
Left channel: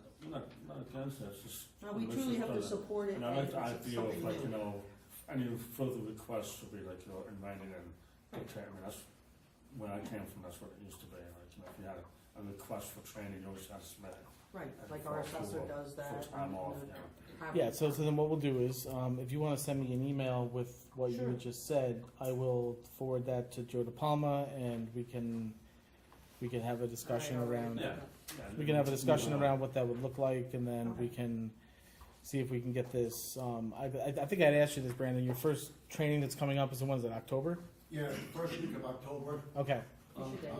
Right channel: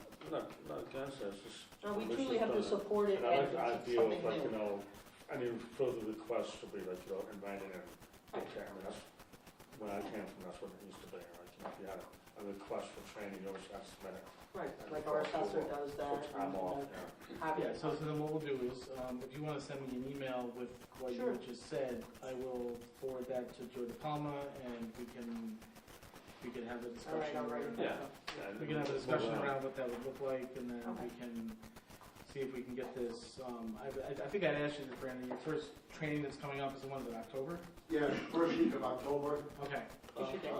against it, it's just. No, we truly have to support it, And I like and the it's idea of something like, new. any further requests should be like, in writing and, okay, that's, where I came from, that's what it used to be, like, if you had a request for training, you always had to submit it. Right, And like for- our assessor for- does that. For time off, have- yeah. So then what we'll do is, if you want to send me an email with what you Sure. had just said, I will forward that to Joe DePalma, and we can have a discussion All right, around. all right. Yeah. We can have a discussion around what that would look like, and then we can see if we can get this. I think I'd asked you this, Brandon. Your first training that's coming up is in, what is it, October? Yeah, first week of October. Okay. We should get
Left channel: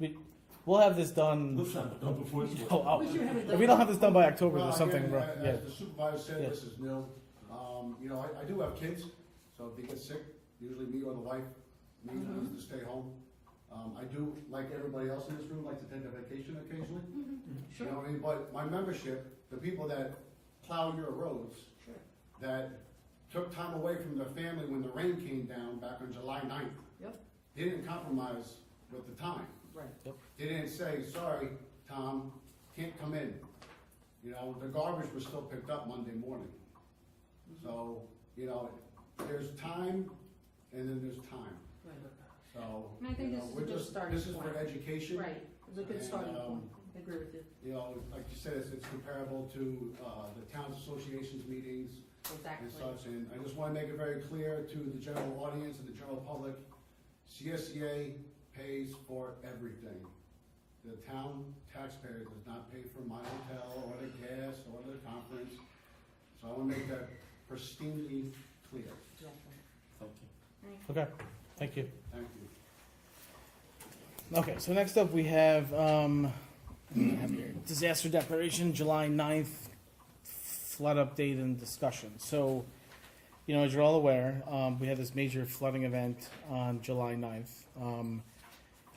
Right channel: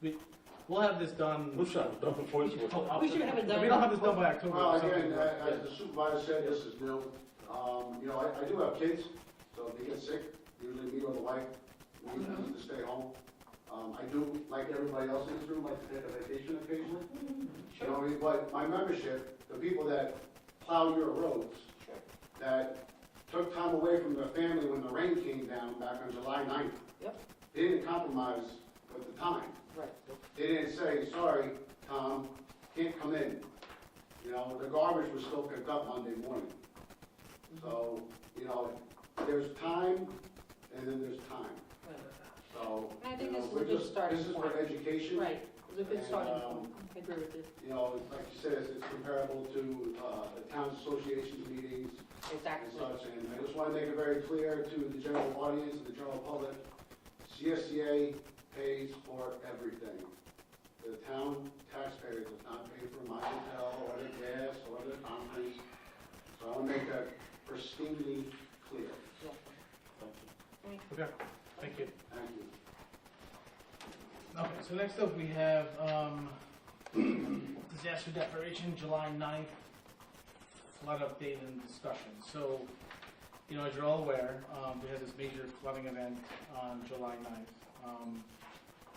it. We'll have this done. Who's that? Don't before you. We should have it If done. we don't have this done by October Well, or something. again, yeah. as the supervisor said, Yeah. this is new. I do have kids, so if they get sick, usually me or the wife, we Mhm. need to stay home. I do, like everybody else in this room, like to take a vacation occasionally. You know what I mean? But my membership, the people that plow your roads, Sure. that took time away from their family when the rain came down back on July 9th. Yep. They didn't compromise with the time. Right. They didn't say, sorry, Tom, can't come in. The garbage was still picked up Monday morning. So, there's time and then there's time. So, And I think this is a we're good just, starting this is for point. education. Right, it's a good And, starting point. I agree with you. Like you said, it's comparable to the town's association's meetings and Exactly. such. And I just want to make it very clear to the general audience and the general public, CSCA pays for everything. The town taxpayer does not pay for my hotel or the gas or the conference. So I want to make that pristinely clear. Okay. Thank you. Thank you. Okay. So next up we have disaster declaration, July 9th, flood update and discussion. So, as you're all aware, we had this major flooding event on July 9th.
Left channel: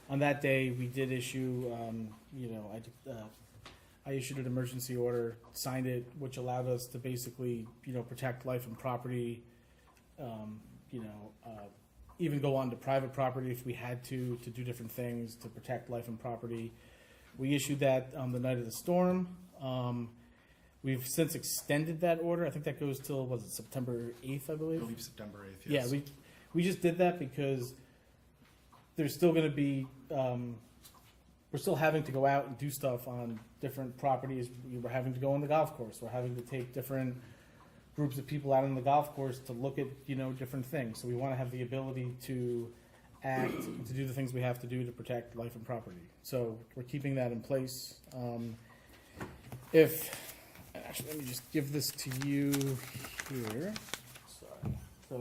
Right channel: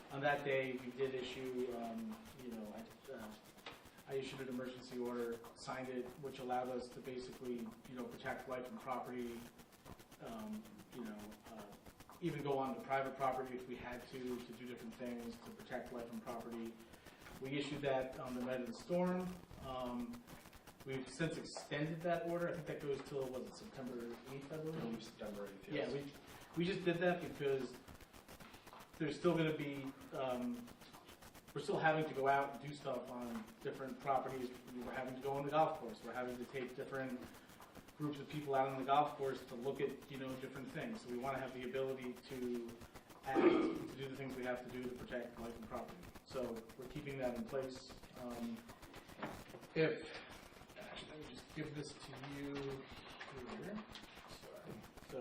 On that day, we did issue, I issued an emergency order, signed it, which allowed us to basically, protect life and property, even go on to private property if we had to do different things to protect life and property. We issued that on the night of the storm. We've since extended that order. I think that goes till, was it September 8th, I I believe? believe September 8th. Yeah, Yes. we just did that because there's still going to be we're still having to go out and do stuff on different properties. We're having to go on the golf course. We're having to take different groups of people out on the golf course to look at, different things. So we want to have the ability to act, to do the things we have to do to protect life and property. So we're keeping that in place. Actually, let me just give this to you here. Sorry. So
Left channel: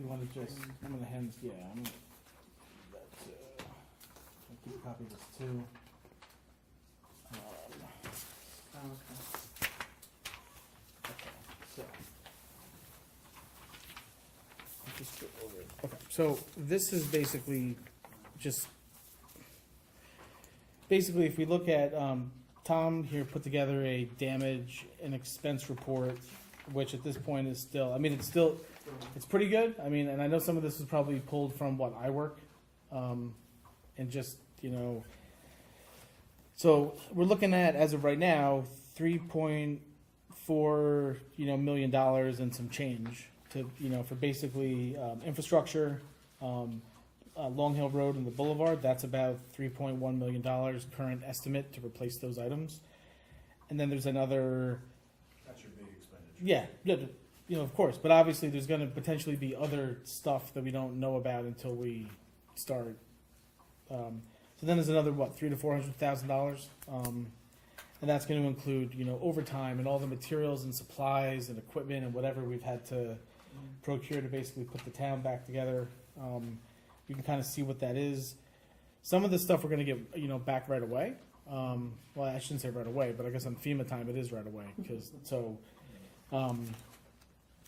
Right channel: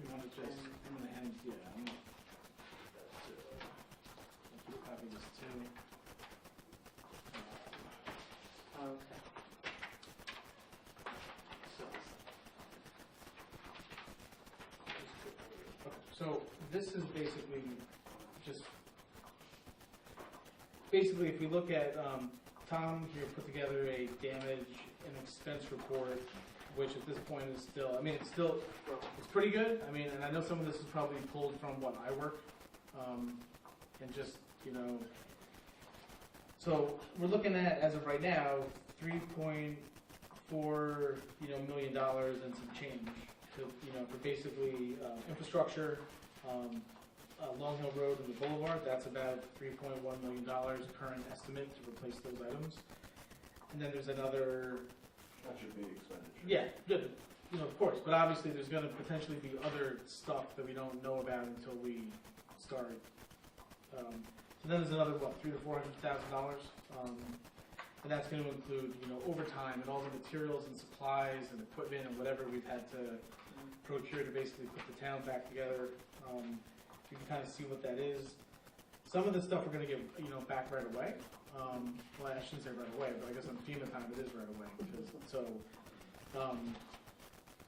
you want to just, I'm going to hand, I'll keep a copy of this too. Okay. So, I'll just go over it. Okay, so this is basically if we look at, Tom here put together a damage and expense report, which at this point is still, it's pretty good. And I know some of this is probably pulled from what I work, and just, so we're looking at, as of right now, $3.4 million and some change to for basically infrastructure, Long Hill Road and the Boulevard. That's about $3.1 million current estimate to replace those items. And then there's another. That should be expenditure. Yeah, of course. But obviously, there's going to potentially be other stuff that we don't know about until we start. So then there's another $300,000 to $400,000, and that's going to include overtime and all the materials and supplies and equipment and whatever we've had to procure to basically put the town back together. You can kind of see what that is. Some of the stuff we're going to get back right away. Well, I shouldn't say right away, but I guess on FEMA time it is right away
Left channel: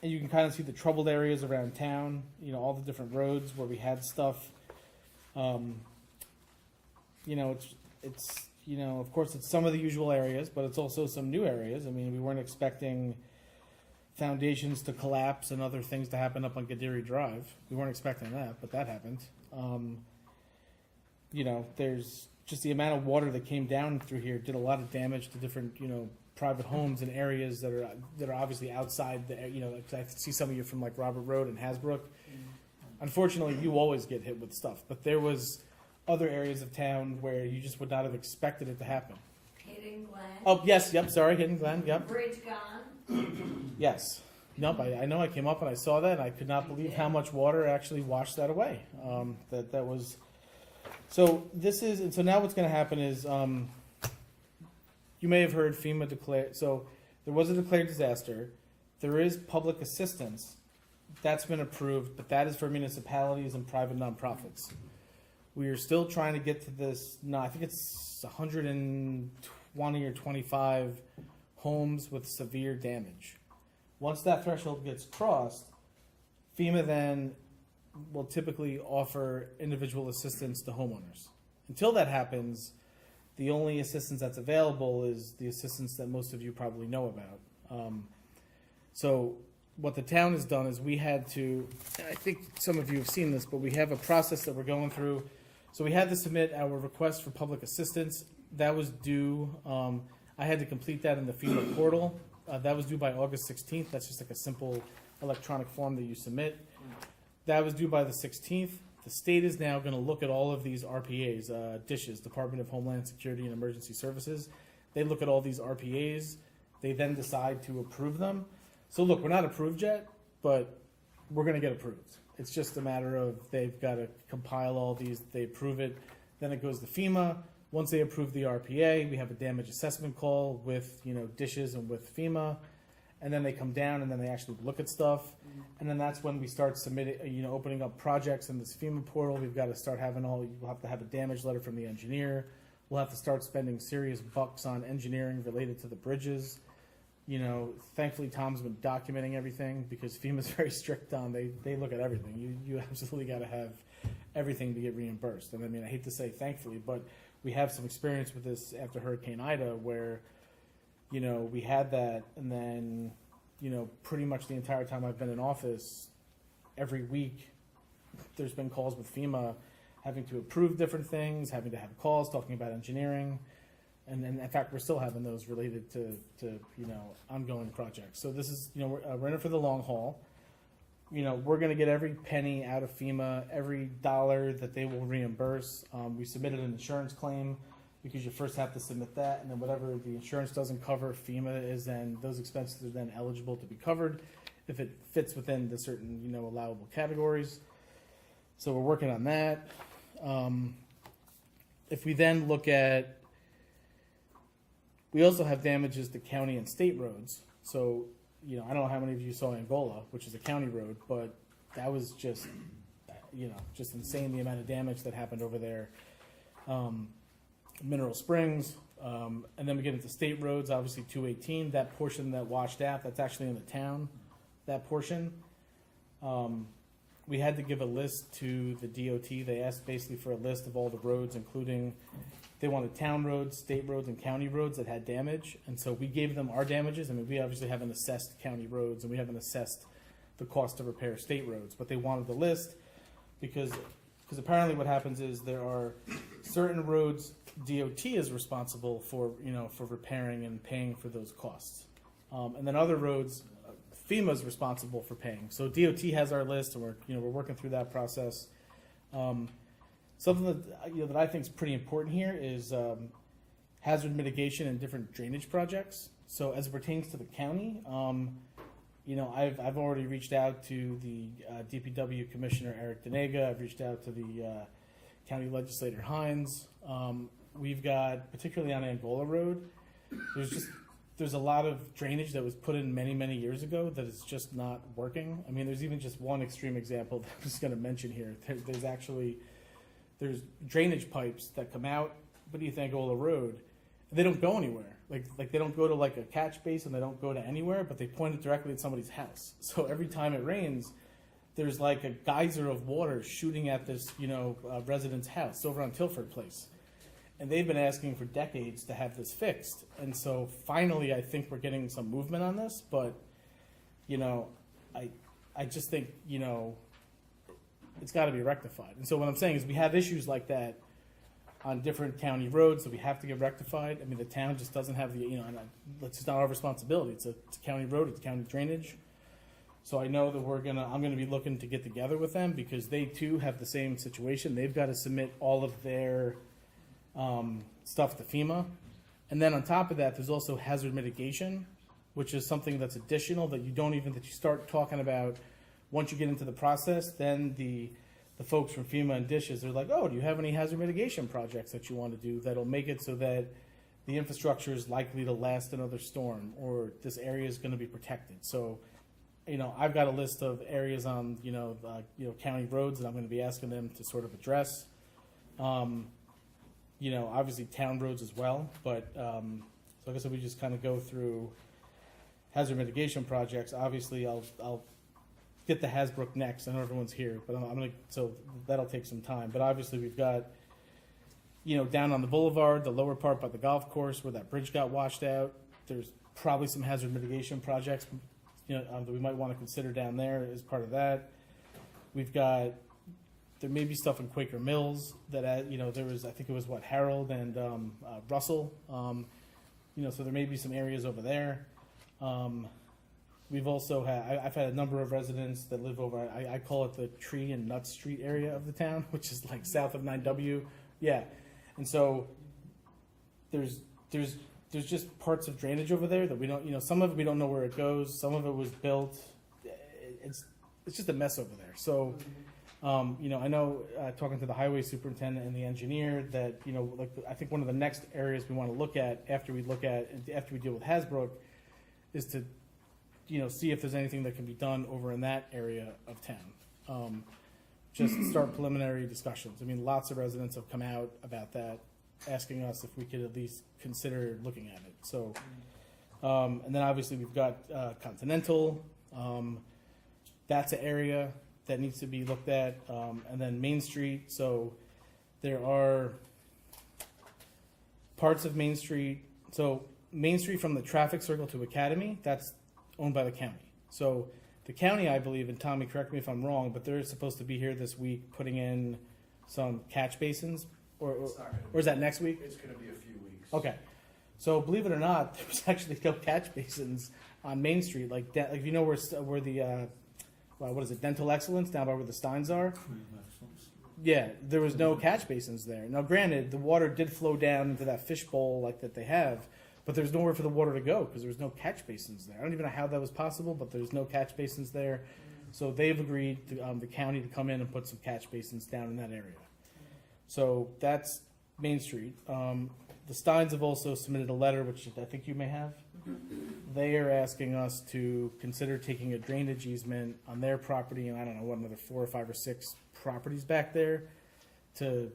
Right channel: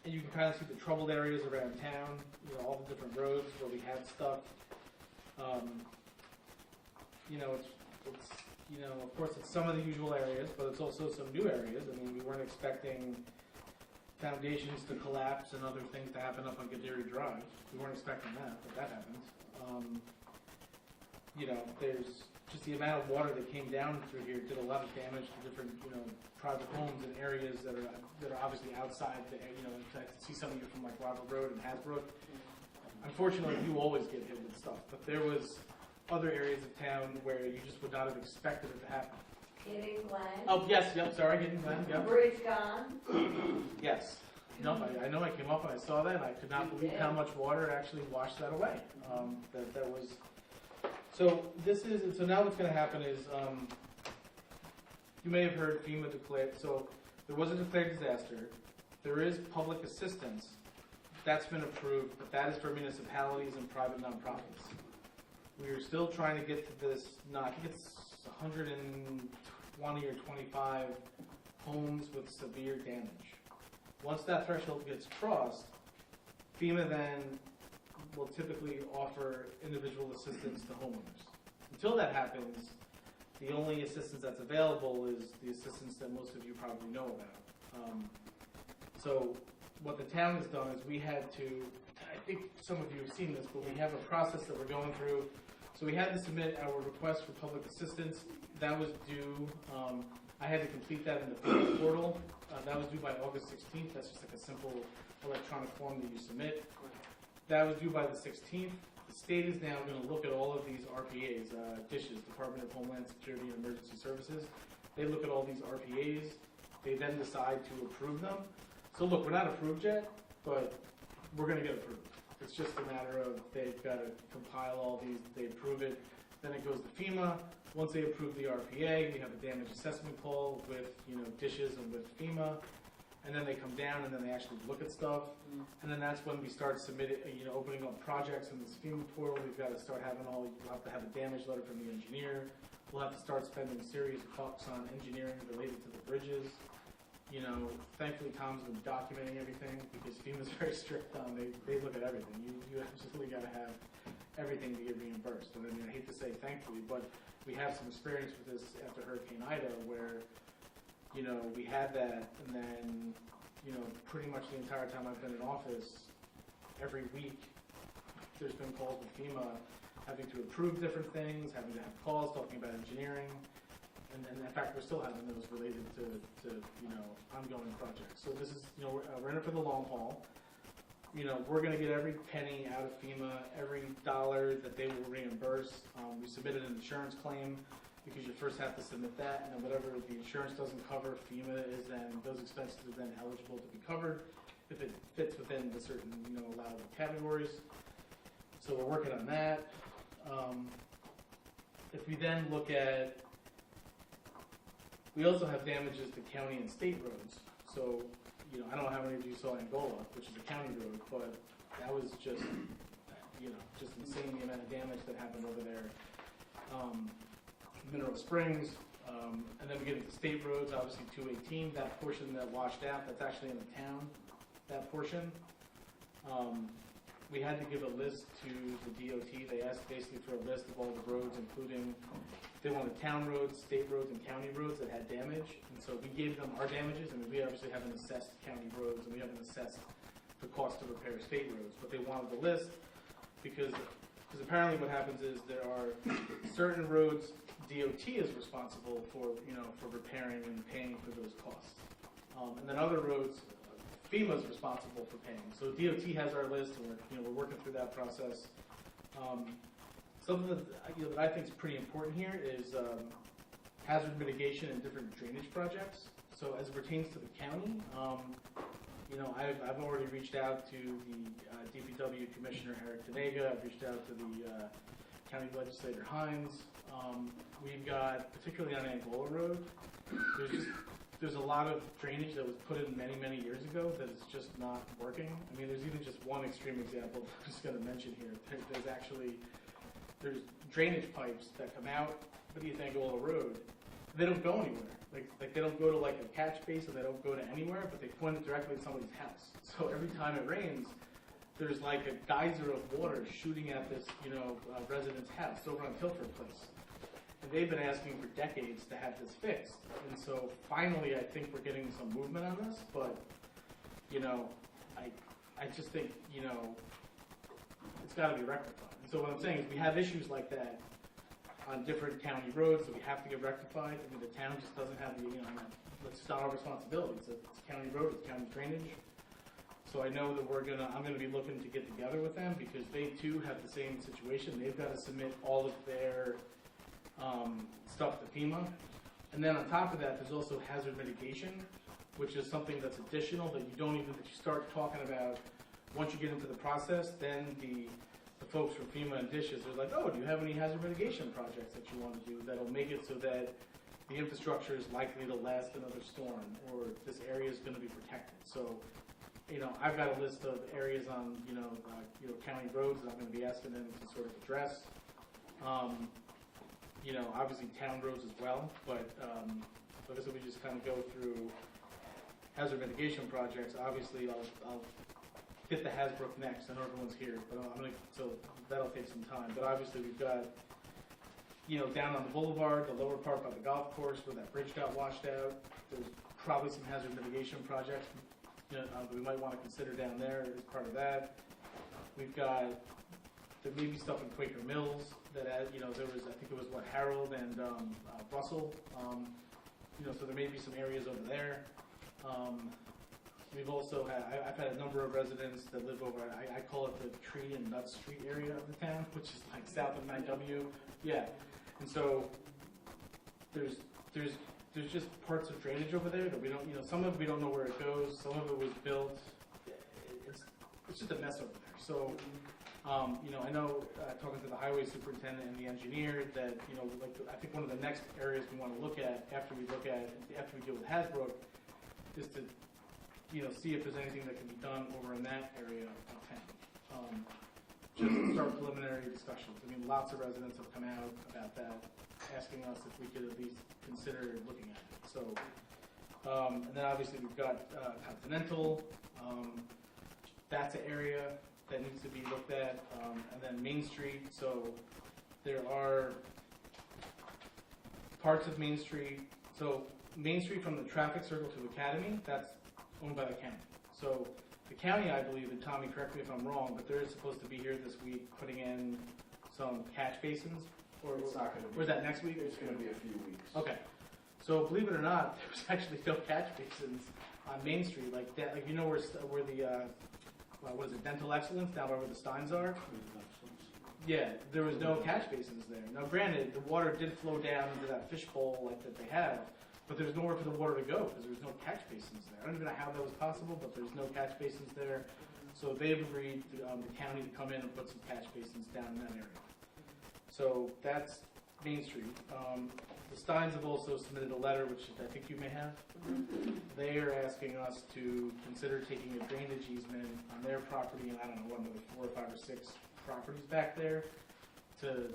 and you can kind of see the troubled areas around town. All the different roads where we had stuff. It's of course it's some of the usual areas, but it's also some new areas. We weren't expecting foundations to collapse and other things to happen up on Gadiri Drive. We weren't expecting that, but that happened. There's just the amount of water that came down through here did a lot of damage to different, private homes and areas that are obviously outside the, I see some of you from like Robert Road and Hasbrook. Unfortunately, you always get hit with stuff, but there was other areas of town where you just would not have expected it to happen. Hidden Glen. Oh, yes, yep, sorry, Hidden Glen, yep. Bridge gone. Yes. Nope, I know I came up and I saw that and I could not believe how much water actually washed that away. That was, so now what's going to happen is, you may have heard FEMA declare, so there was a declared disaster. There is public assistance. That's been approved, but that is for municipalities and private nonprofits. We are still trying to get to this, I think it's 120 or 25 homes with severe damage. Once that threshold gets crossed, FEMA then will typically offer individual assistance to homeowners. Until that happens, the only assistance that's available is the assistance that most of you probably know about. So what the town has done is we had to, I think some of you have seen this, but we have a process that we're going through. So we had to submit our request for public assistance. That was due, I had to complete that in the FEMA portal. That was due by August 16th. That's just like a simple electronic form that you submit. That was due by the 16th. The state is now going to look at all of these RPAs, DISHs, Department of Homeland Security and Emergency Services. They look at all these RPAs. They then decide to approve them. So look, we're not approved yet, but we're going to get approved. It's just a matter of they've got to compile all these, they approve it, then it goes to FEMA. Once they approve the RPA, we have a damage assessment call with DISHs and with FEMA, and then they come down and then they actually look at stuff, and then that's when we start submitting, opening up projects in this FEMA portal. We've got to start having we'll have to have a damage letter from the engineer. We'll have to start spending serious bucks on engineering related to the bridges. Thankfully Tom's been documenting everything because FEMA's very strict on, they look at everything. You absolutely got to have everything to get reimbursed. And I hate to say thankfully, but we have some experience with this after Hurricane Ida where, we had that and then, pretty much the entire time I've been in office, every week there's been calls with FEMA having to approve different things, having to have calls talking about engineering. And then, in fact, we're still having those related to ongoing projects. So this is, we're in it for the long haul. we're going to get every penny out of FEMA, every dollar that they will reimburse. We submitted an insurance claim because you first have to submit that, and then whatever the insurance doesn't cover, FEMA is then, those expenses are then eligible to be covered if it fits within the certain, allowable categories. So we're working on that. If we then look at, we also have damages to county and state roads. So, I don't know how many of you saw Angola, which is a county road, but that was just insane the amount of damage that happened over there. Mineral Springs, and then we get into state roads, obviously 218, that portion that washed out, that's actually in the town, that portion. We had to give a list to the DOT. They asked basically for a list of all the roads, including, they wanted town roads, state roads, and county roads that had damage. And so we gave them our damages. I mean, we obviously haven't assessed county roads, and we haven't assessed the cost to repair state roads. But they wanted the list because apparently what happens is there are certain roads DOT is responsible for, for repairing and paying for those costs. And then other roads, FEMA is responsible for paying. So DOT has our list, and we're working through that process. Something that I think is pretty important here is hazard mitigation and different drainage projects. So as it pertains to the county, I've already reached out to the DPW Commissioner Eric Denega. I've reached out to the County Legislator Hines. We've got, particularly on Angola Road, there's a lot of drainage that was put in many, many years ago that is just not working. I mean, there's even just one extreme example that I'm just going to mention here. There's drainage pipes that come out beneath Angola Road. They don't go anywhere. Like they don't go to like a catch basin. They don't go to anywhere, but they point it directly at somebody's house. So every time it rains, there's like a geyser of water shooting at this, resident's house over on Tilford Place. And they've been asking for decades to have this fixed. And so finally, I think we're getting some movement on this. But, I just think, it's got to be rectified. And so what I'm saying is we have issues like that on different county roads that we have to get rectified. I mean, the town just doesn't have the, it's just not our responsibility. It's a county road, it's county drainage. So I know that I'm gonna be looking to get together with them because they too have the same situation. They've got to submit all of their stuff to FEMA. And then on top of that, there's also hazard mitigation, which is something that's additional that you start talking about once you get into the process. Then the folks from FEMA and dishes, they're like, oh, do you have any hazard mitigation projects that you want to do that'll make it so that the infrastructure is likely to last another storm, or this area is going to be protected? So, I've got a list of areas on, county roads that I'm going to be asking them to sort of address. Obviously town roads as well, but like I said, we just kind of go through hazard mitigation projects. Obviously, I'll get the Hasbrook next. I know everyone's here, but so that'll take some time. But obviously, we've got, down on the boulevard, the lower part by the golf course where that bridge got washed out. There's probably some hazard mitigation projects, that we might want to consider down there as part of that. There may be stuff in Quaker Mills that, there was, I think it was Harold and Russell. So there may be some areas over there. We've also I've had a number of residents that live over, I call it the Tree and Nut Street area of the town, which is like south of 9W. Yeah. And so there's just parts of drainage over there that we don't, some of it we don't know where it goes. Some of it was built. It's just a mess over there. So, I know talking to the highway superintendent and the engineer that, I think one of the next areas we want to look at after we deal with Hasbrook is to, see if there's anything that can be done over in that area of town. Just start preliminary discussions. I mean, lots of residents have come out about that, asking us if we could at least consider looking at it. So, and then obviously we've got Continental. That's an area that needs to be looked at. And then Main Street. So there are parts of Main Street. So Main Street from the traffic circle to Academy, that's owned by the county. So the county, I believe, and Tommy, correct me if I'm wrong, but they're supposed to be here this week putting in some catch basins, or is that next week? It's going to be a few weeks. Okay. So believe it or not, there's actually no catch basins on Main Street like that. Like where the what is it, Dental Excellence down by where the Steins are. Yeah, there was no catch basins there. Now, granted, the water did flow down into that fishbowl like that they have, but there's nowhere for the water to go because there's no catch basins there. I don't even know how that was possible, but there's no catch basins there. So they've agreed to the county to come in and put some catch basins down in that area. So that's Main Street. The Steins have also submitted a letter, which I think you may have. They are asking us to consider taking a drainage easement on their property, and I don't know what, another 4 or 5 or 6 properties back there to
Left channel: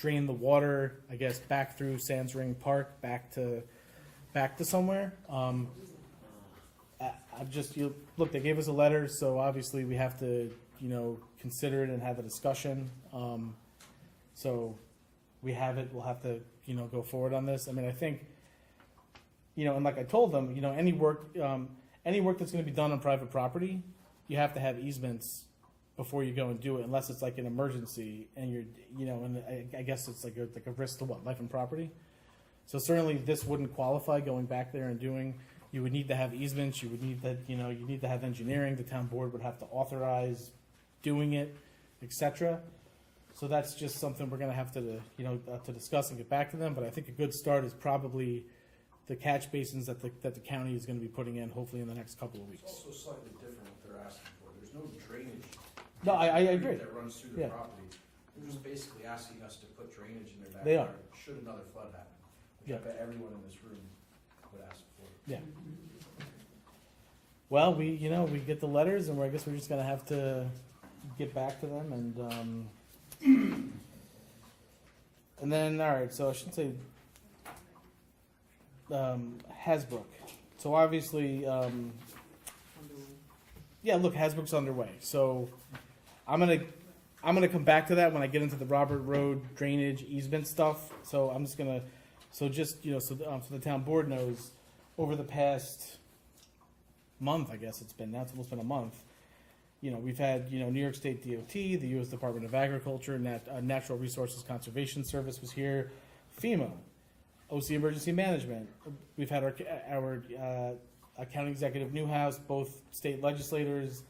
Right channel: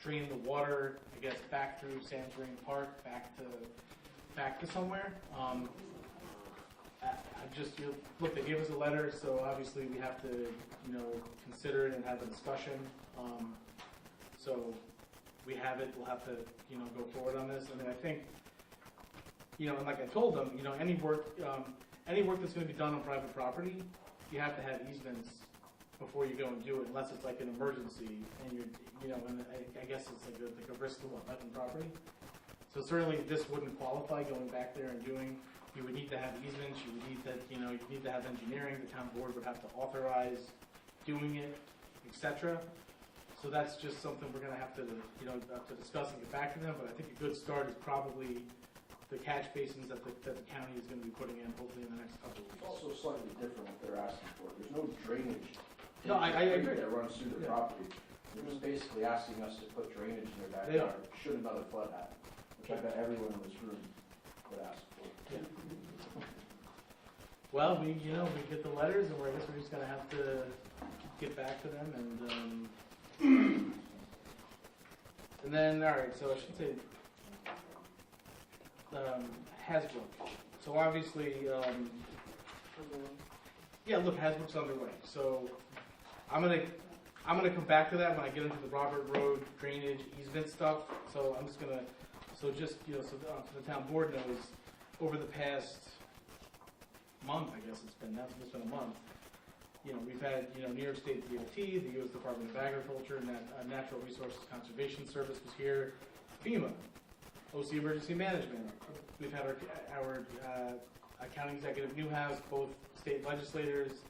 drain the water, I guess, back through Sands Ring Park, back to somewhere. Look, they gave us a letter, so obviously we have to, consider it and have a discussion. So we have it. We'll have to, go forward on this. I mean, I think, and like I told them, any work that's going to be done on private property, you have to have easements before you go and do it, unless it's like an emergency and you're, and I guess it's like a risk to what, life and property. So certainly this wouldn't qualify going back there and doing. You would need to have easements. You would need to, you need to have engineering. The town board would have to authorize doing it, etc. So that's just something we're going to have to, to discuss and get back to them. But I think a good start is probably the catch basins that the county is going to be putting in, hopefully in the next couple of It's weeks. also slightly different what they're asking for. There's no drainage. No, I agree. That runs through the Yeah. property. They're just basically asking us to put drainage in their They backyard. Should another flood happen, which I Yeah. bet everyone in this room would ask for. Yeah. Well, we get the letters, and I guess we're just going to have to get back to them and then all right. So I should say Hasbrook. So obviously. Yeah, look, Hasbrook's underway. So I'm gonna come back to that when I get into the Robert Road drainage easement stuff. So I'm just gonna, so the town board knows, over the past month, I guess it's been, now it's almost been a month. We've had New York State DOT, the U.S. Department of Agriculture, Natural Resources Conservation Service was here, FEMA, OC Emergency Management. We've had our County Executive Newhouse, both state legislators.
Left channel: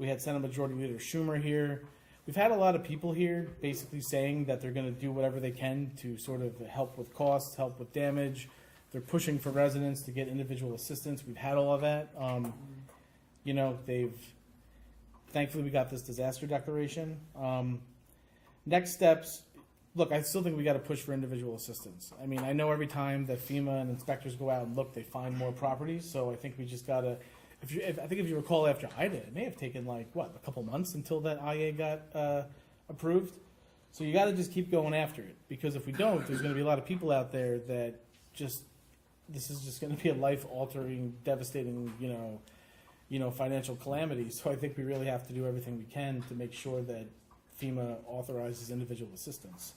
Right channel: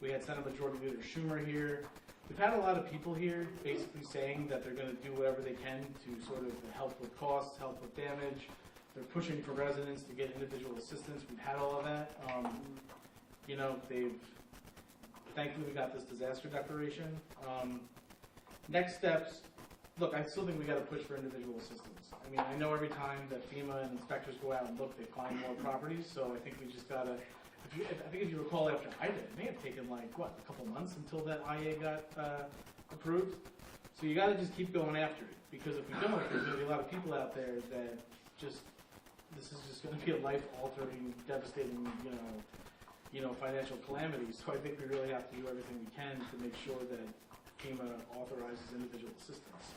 We had Senate Majority Leader Schumer here. We've had a lot of people here basically saying that they're going to do whatever they can to sort of help with costs, help with damage. They're pushing for residents to get individual assistance. We've had all of that. Thankfully we got this disaster declaration. Next steps, look, I still think we got to push for individual assistance. I mean, I know every time that FEMA and inspectors go out and look, they find more properties. So I think we just got to, if you recall after IDA, it may have taken a couple months until that IA got approved. So you got to just keep going after it, because if we don't, there's going to be a lot of people out there that this is just going to be a life-altering, devastating, financial calamity. So I think we really have to do everything we can to make sure that FEMA authorizes individual assistance.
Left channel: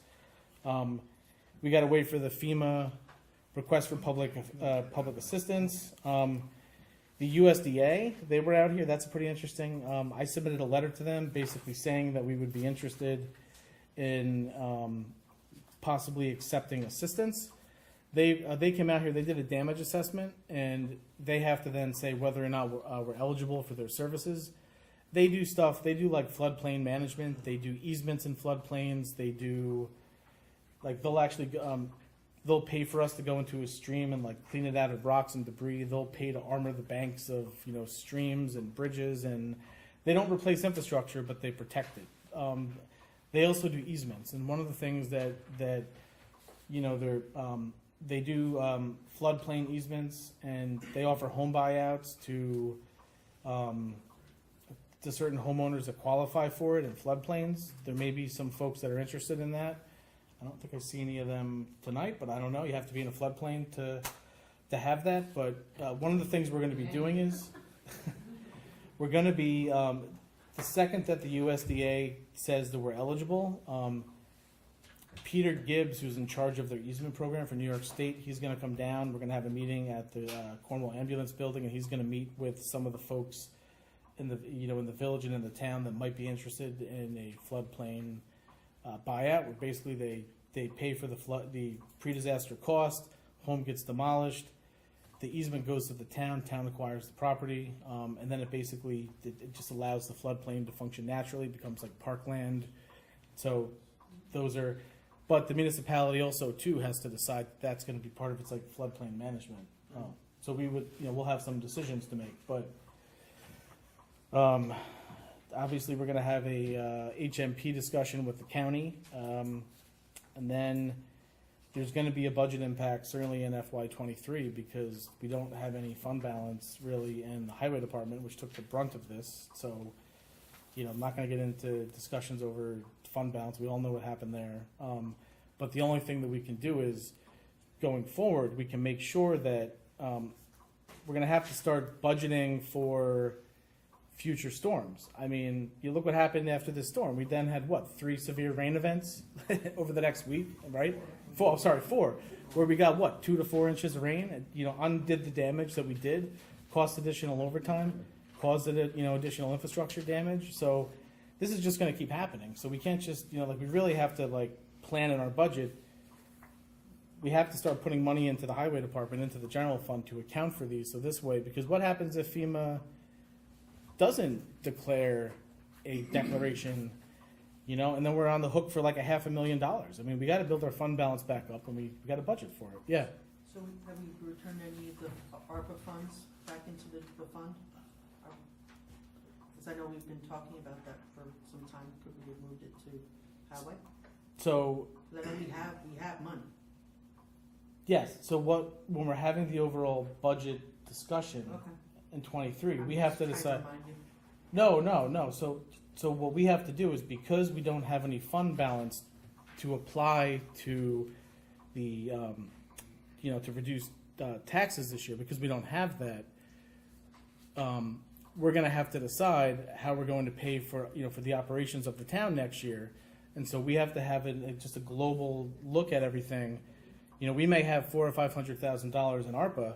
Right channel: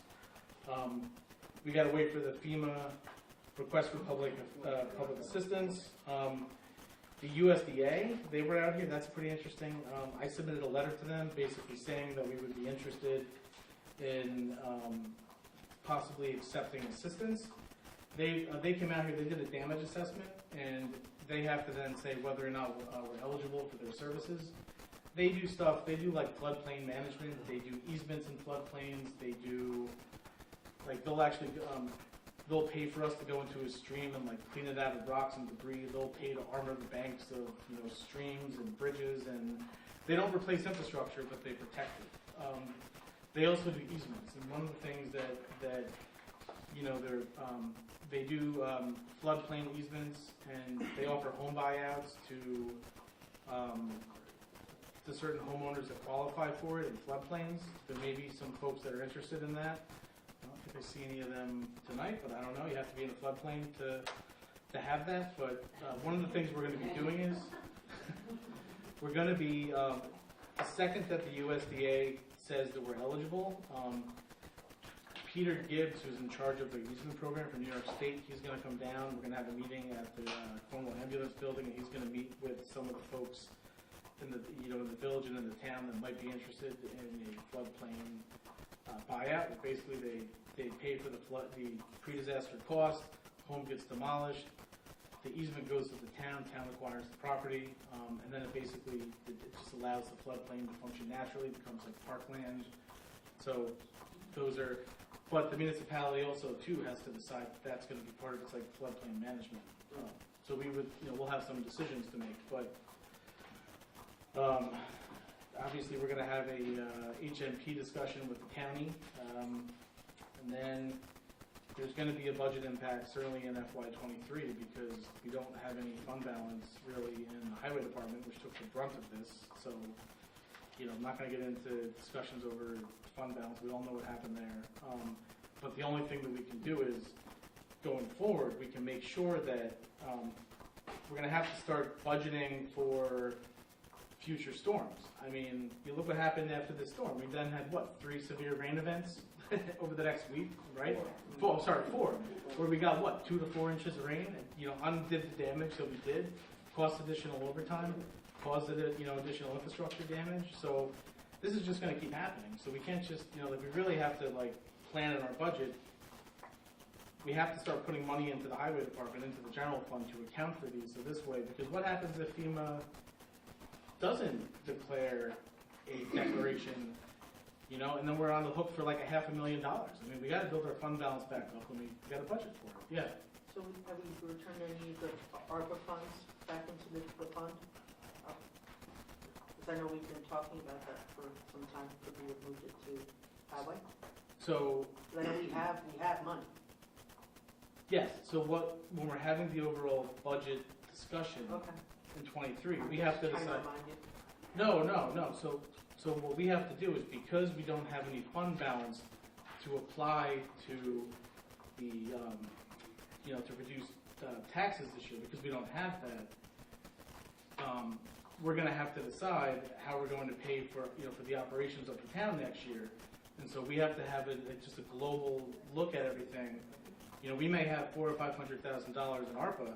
We got to wait for the FEMA request for public assistance. The USDA, they were out here. That's pretty interesting. I submitted a letter to them basically saying that we would be interested in possibly accepting assistance. They came out here, they did a damage assessment, and they have to then say whether or not we're eligible for their services. They do stuff, they do like floodplain management, they do easements in floodplains, they do, they'll pay for us to go into a stream and clean it out of rocks and debris. They'll pay to armor the banks of, streams and bridges, and they don't replace infrastructure, but they protect it. They also do easements, and one of the things that they do floodplain easements, and they offer home buyouts to certain homeowners that qualify for it in floodplains. There may be some folks that are interested in that. I don't think I see any of them tonight, but I don't know. You have to be in a floodplain to have that. But one of the things we're going to be doing is we're going to be the second that the USDA says that we're eligible. Peter Gibbs, who's in charge of their easement program for New York State, he's going to come down. We're going to have a meeting at the Cornwall Ambulance Building, and he's going to meet with some of the folks in the village and in the town that might be interested in a floodplain buyout, where basically they pay for the pre-disaster cost, home gets demolished, the easement goes to the town acquires the property, and then it basically, it just allows the floodplain to function naturally, it becomes like parkland. So those are, but the municipality also too has to decide that's gonna be part of its like floodplain management. So we would, we'll have some decisions to make, but, obviously we're gonna have a, HMP discussion with the county, and then there's gonna be a budget impact certainly in FY '23 because we don't have any fund balance really in the highway department, which took the brunt of this, so, I'm not gonna get into discussions over fund balance, we all know what happened there. But the only thing that we can do is, going forward, we can make sure that, we're gonna have to start budgeting for future storms. I mean, you look what happened after this storm. We then had what, 3 severe rain events over the next week, right? 4, where we got what, 2 to 4 inches of rain. It, undid the damage that we did, cost additional overtime, caused it, additional infrastructure damage. So this is just going to keep happening. So we can't just, we really have to plan in our budget. We have to start putting money into the highway department, into the general fund to account for these. So this way, because what happens if FEMA doesn't declare a declaration, and then we're on the hook for like $500,000. I mean, we got to build our fund balance back up, and we got a budget for it. Yeah. So have we returned any of the ARPA funds back into the fund? Because I know we've been talking about that for some time, because we have moved it to highway. So 'Cause I know we have money. yes. So when we're having the overall budget discussion Okay. in '23, I'm we have just to trying decide. remind you. No. So what we have to do is, because we don't have any fund balance to apply to the, to reduce taxes this year, because we don't have that, we're going to have to decide how we're going to pay for, for the operations of the town next year. And so we have to have just a global look at everything. We may have $400,000 or $500,000 in ARPA,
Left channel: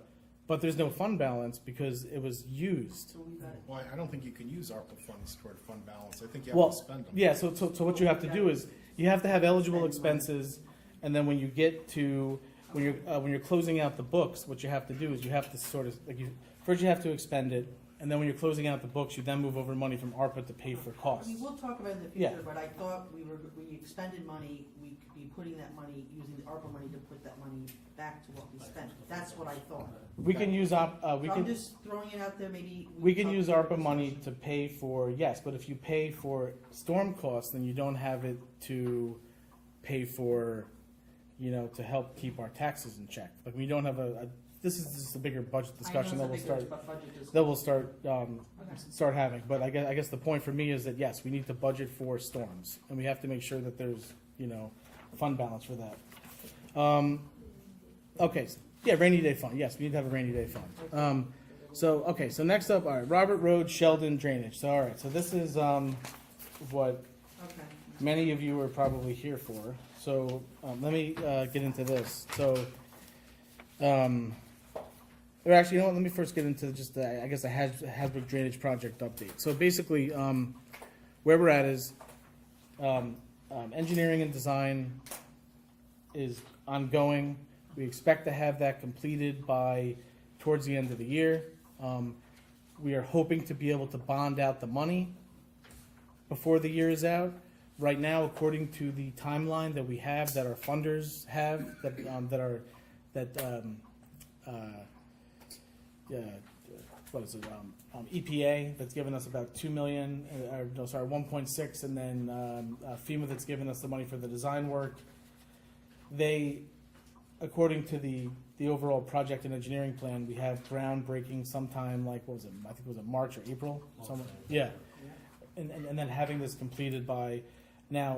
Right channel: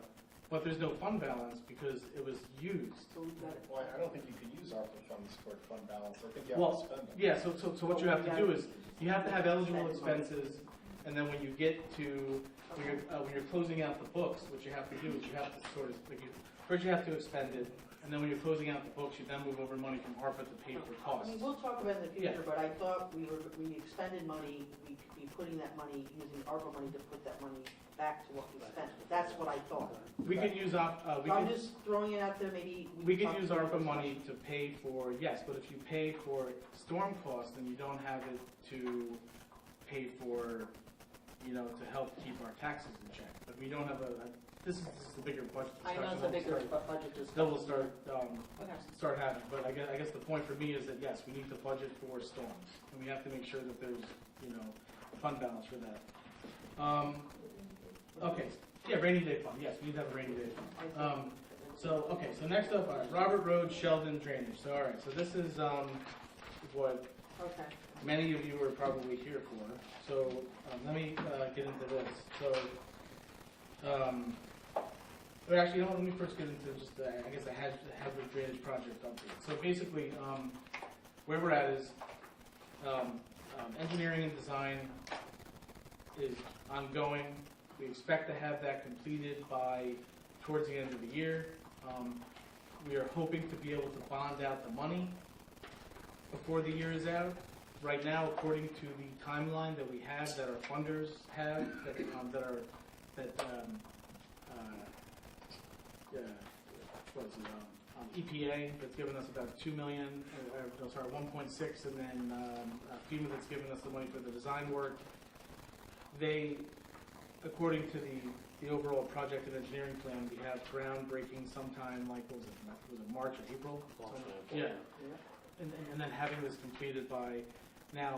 but there's no fund balance because it was used. So we've got it. Well, I don't think you could use ARPA funds for fund balance. I think you have Well, to spend them. yeah, so what you have to do is, you have to have eligible expenses, and then when you get to, when you're closing out the books, what you have to do is you have to sort of, first you have to expend it, and then when you're closing out the books, you then move over money from ARPA to pay for costs. We will talk about it in the Yeah. future, but I thought we expended money, we could be putting that money, using ARPA money to put that money back to what we spent. That's what I thought. We can use, I'm just throwing it out there, maybe. we can talk use about ARPA this money discussion. to pay for, yes, but if you pay for storm costs, then you don't have it to pay for, to help keep our taxes in check. Like, we don't have this is just a bigger budget discussion that I know we'll it's a bigger start, budget discussion. that we'll start, Okay. start having. But I guess the point for me is that, yes, we need to budget for storms, and we have to make sure that there's, fund balance for that. Okay, yeah, rainy day fund, yes, we need to have a rainy day fund. So next up, all right, Robert Road Sheldon drainage. So, all right, so this is, what Okay. many of you are probably here for. So, let me, get into this. So, or actually, let me first get into just, I guess, a Hasbrook drainage project update. So basically, where we're at is, engineering and design is ongoing. We expect to have that completed by towards the end of the year. We are hoping to be able to bond out the money before the year is out. Right now, according to the timeline that we have, that our funders have, what is it? EPA that's given us about 2 million, 1.6, and then FEMA that's given us the money for the design work. They, according to the overall project and engineering plan, we have groundbreaking sometime like, what was it? I think it was in March or April. Yeah, and then having this completed by now.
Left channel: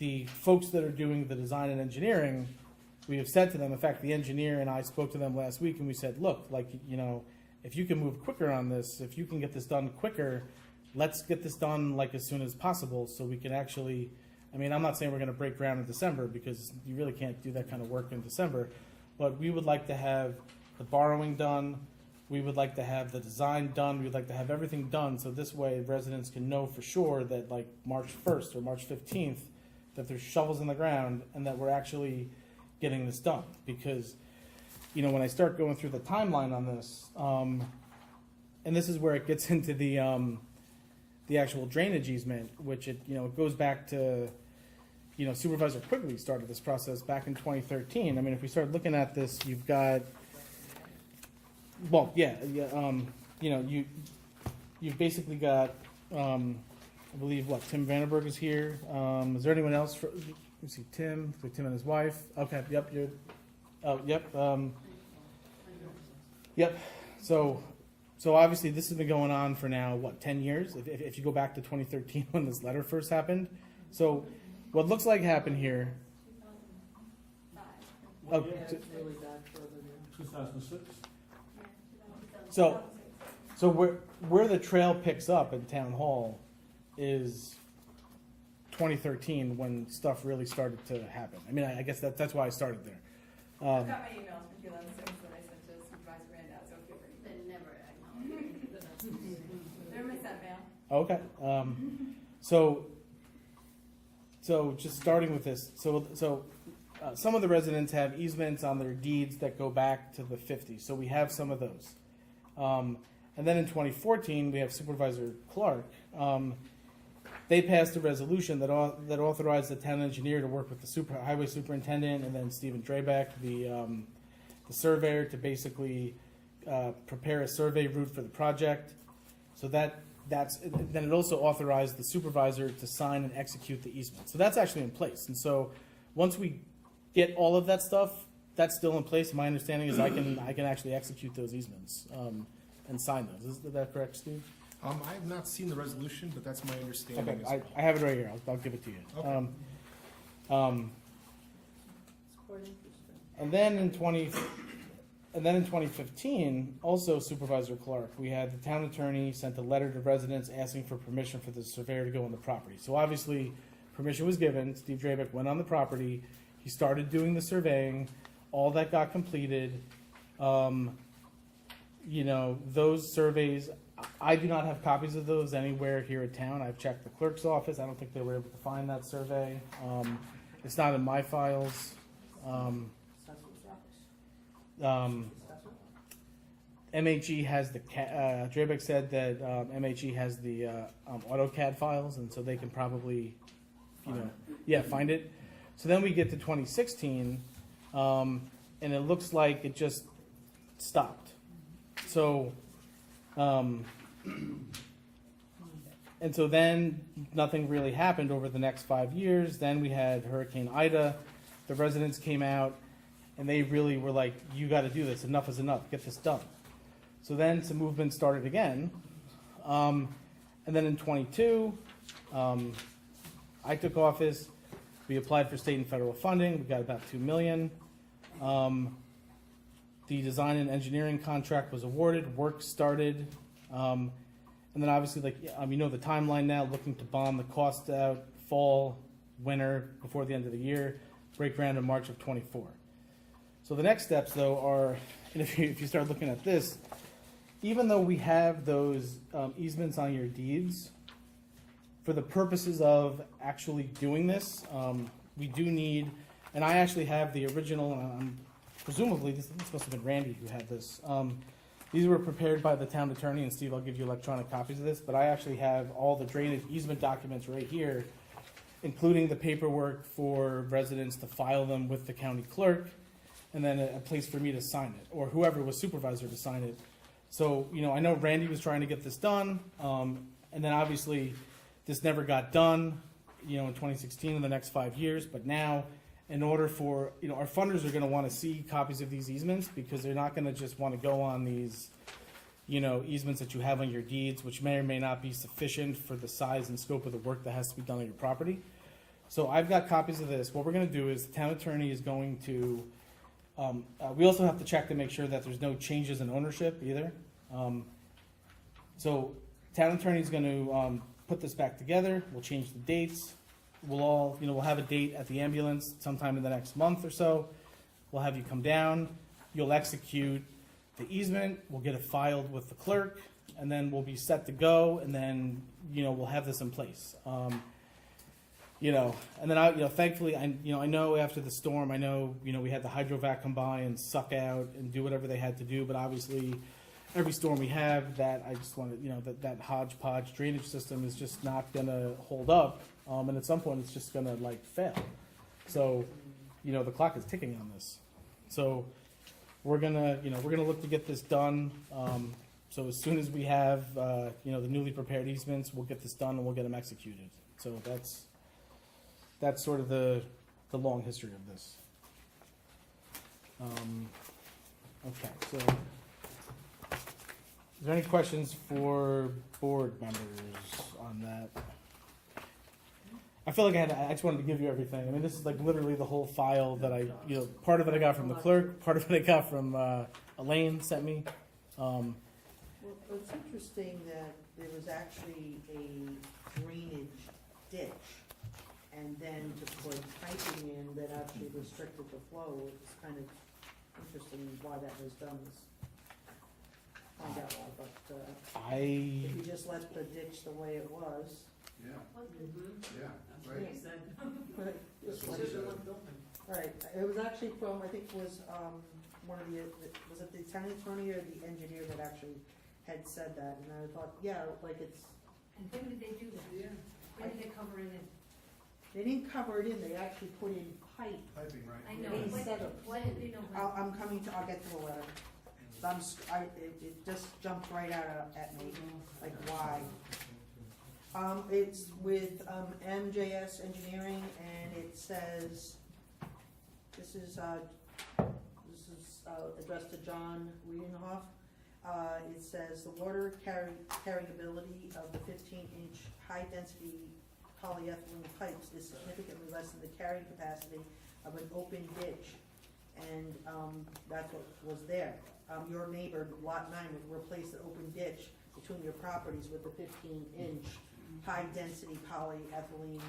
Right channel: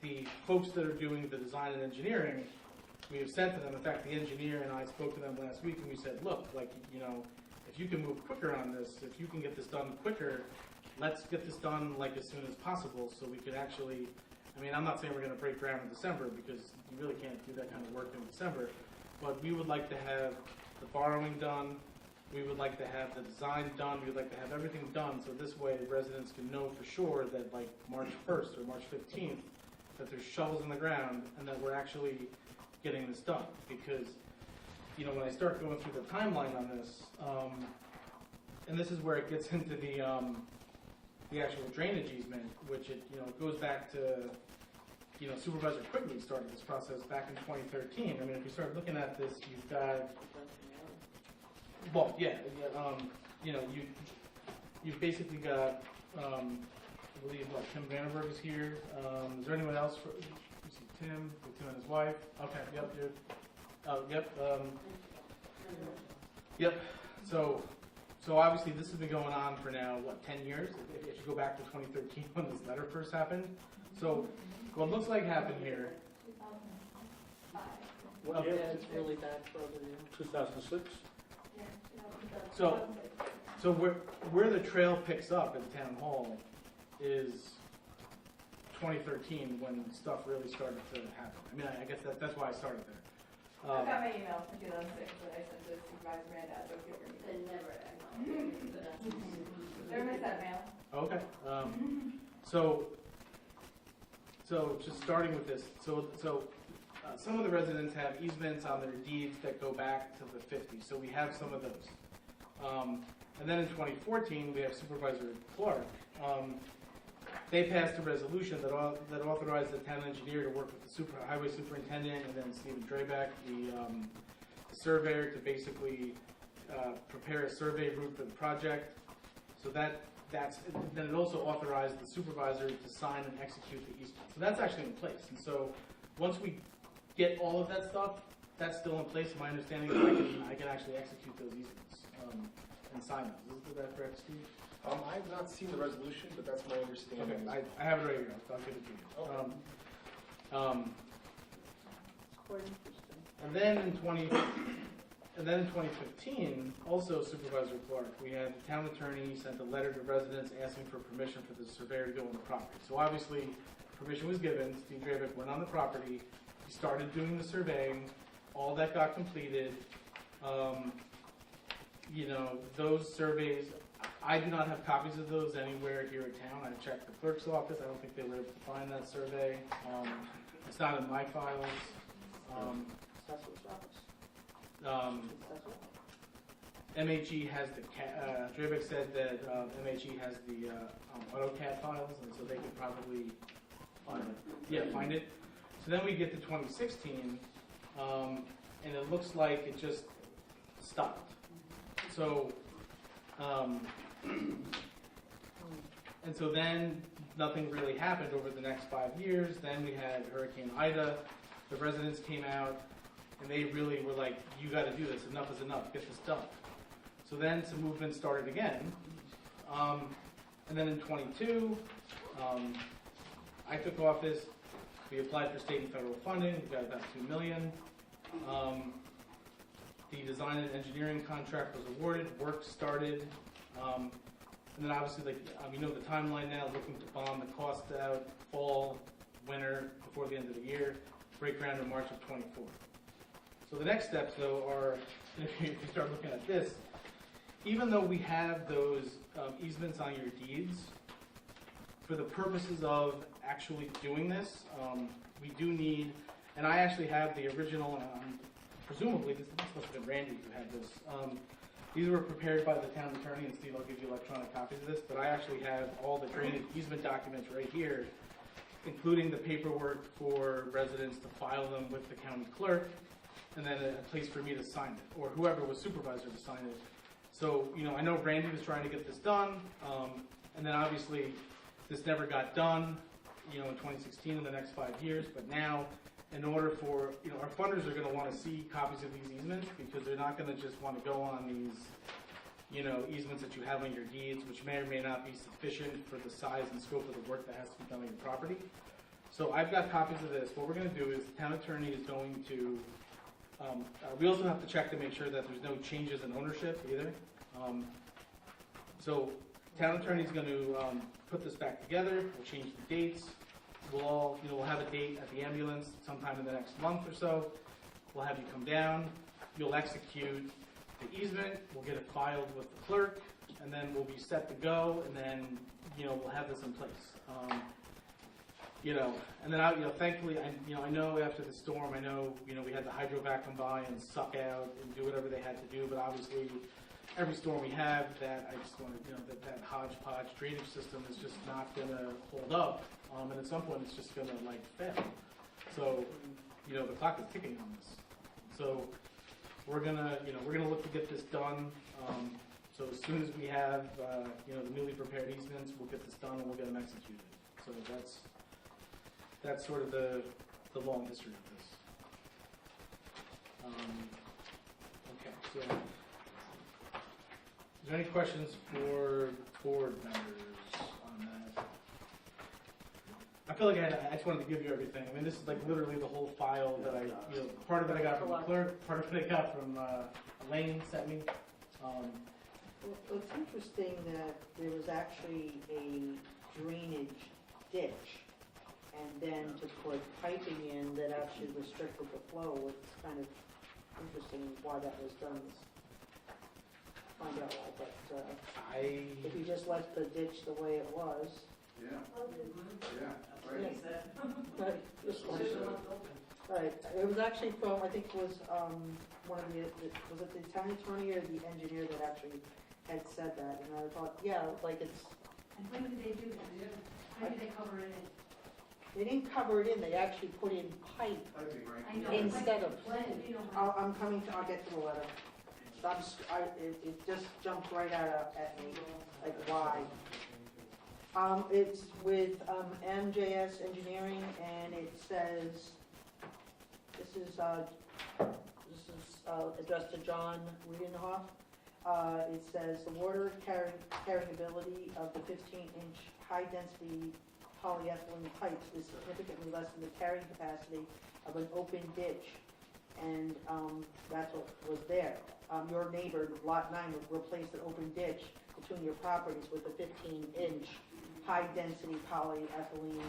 The folks that are doing the design and engineering, we have said to them. In fact, the engineer and I spoke to them last week, and we said, look, if you can move quicker on this, if you can get this done quicker, let's get this done as soon as possible, so we can actually. I mean, I'm not saying we're going to break ground in December, because you really can't do that kind of work in December, but we would like to have the borrowing done. We would like to have the design done. We'd like to have everything done, so this way residents can know for sure that March 1st or March 15th, that there's shovels in the ground and that we're actually getting this done. Because you know, when I start going through the timeline on this, and this is where it gets into the actual drainage easement, which it, you know, it goes back to, you know, Supervisor Quigley started this process back in 2013. I mean, if we start looking at this, you've got, well, yeah, you know, you've basically got, I believe, what, Tim Vandenberg is here. Is there anyone else? Let's see, Tim and his wife. Okay, yep, you're, oh, yep, yep. So obviously this has been going on for now, what, 10 years? If you go back to 2013 when this letter first happened. So what looks like happened here. Yeah, it's really bad further now. 2006? So where the trail picks up in Town Hall is 2013 when stuff really started to happen. I mean, I guess that's why I started there. I got my email from 2006 that I sent to Supervisor Randaz. Okay for me. And never acknowledged. Everybody sent mail. Okay. So just starting with this, some of the residents have easements on their deeds that go back to the 50s. So we have some of those. And then in 2014, we have Supervisor Clark. They passed a resolution that authorized the town engineer to work with the highway superintendent and then Stephen Drabeck, the surveyor, to basically prepare a survey route for the project. So then it also authorized the supervisor to sign and execute the easement. So that's actually in place. And so once we get all of that stuff, that's still in place. My understanding is I can actually execute those easements and sign those. Is that correct, Steve? I have not seen the resolution, but that's my understanding. Okay, as well. I have it right here. I'll give it to you. Okay. And then in 2015, also Supervisor Clark, we had the town attorney sent a letter to residents asking for permission for the surveyor to go on the property. So obviously, permission was given. Steve Drabeck went on the property. He started doing the surveying. All that got completed. You know, those surveys, I do not have copies of those anywhere here in town. I've checked the clerk's office. I don't think they were able to find that survey. It's not in my files. MHE has the Drabeck said that MHE has the AutoCAD files, and so they can probably, find it. So then we get to 2016, and it looks like it just stopped. So, and so then nothing really happened over the next 5 years. Then we had Hurricane Ida. The residents came out, and they really were like, you got to do this. Enough is enough. Get this done. So then some movement started again. And then in 22, I took office. We applied for state and federal funding. We got about $2 million. The design and engineering contract was awarded. Work started. And then obviously, the timeline now, looking to bond the cost out fall, winter, before the end of the year. Break ground in March of 24. So the next steps, though, are, and if you start looking at this, even though we have those easements on your deeds, for the purposes of actually doing this, we do need, and I actually have the original, presumably this must have been Randy who had this. These were prepared by the town attorney, and Steve, I'll give you electronic copies of this, but I actually have all the drainage easement documents right here, including the paperwork for residents to file them with the county clerk, and then a place for me to sign it, or whoever was supervisor to sign it. So, I know Randy was trying to get this done, and then obviously this never got done, in 2016 in the next 5 years, but now, in order for, our funders are going to want to see copies of these easements, because they're not going to just want to go on these, easements that you have on your deeds, which may or may not be sufficient for the size and scope of the work that has to be done on your property. So I've got copies of this. What we're going to do is the town attorney is going to, we also have to check to make sure that there's no changes in ownership either. So town attorney is going to put this back together. We'll change the dates. We'll all, we'll have a date at the ambulance sometime in the next month or so. We'll have you come down. You'll execute the easement. We'll get it filed with the clerk, and then we'll be set to go. And then, we'll have this in place. you know, and then thankfully, I know after the storm, I know, we had the hydrovac come by and suck out and do whatever they had to do, but obviously, every storm we have, that I just want to, that hodgepodge drainage system is just not gonna hold up, and at some point, it's just gonna like fail. So, the clock is ticking on this. So, we're gonna look to get this done. So as soon as we have, the newly prepared easements, we'll get this done and we'll get them executed. So that's sort of the long history of this. Okay, so is there any questions for board members on that? I feel like I just wanted to give you everything. I mean, this is like literally the whole file that part of it I got from the clerk, part of it I got from Elaine sent me. It's interesting that there was actually a drainage ditch, and then to put piping in that actually restricted the flow. It's kind of interesting why that was done. Find out why, but if you just left the ditch the way it was. Yeah, yeah, That's what right. he said. Right, That's what he said. right. It was actually from, I think it was one of was it the town attorney or the engineer that actually had said that, and I thought, yeah, like it's, And when did they do that? When did they cover it in? they didn't cover it in, they actually put in pipe. Piping, right? I know. Instead of- Why did they know? I'll get to the letter. It just jumped right out at me, like why? It's with MJS Engineering, and it says, this is addressed to John Wiedenhoff. It says the water carrying ability of the 15-inch high-density polyethylene pipes is significantly less than the carrying capacity of an open ditch, and that's what was there. Your neighbor, Lot 9, would replace the open ditch between your properties with a 15-inch high-density polyethylene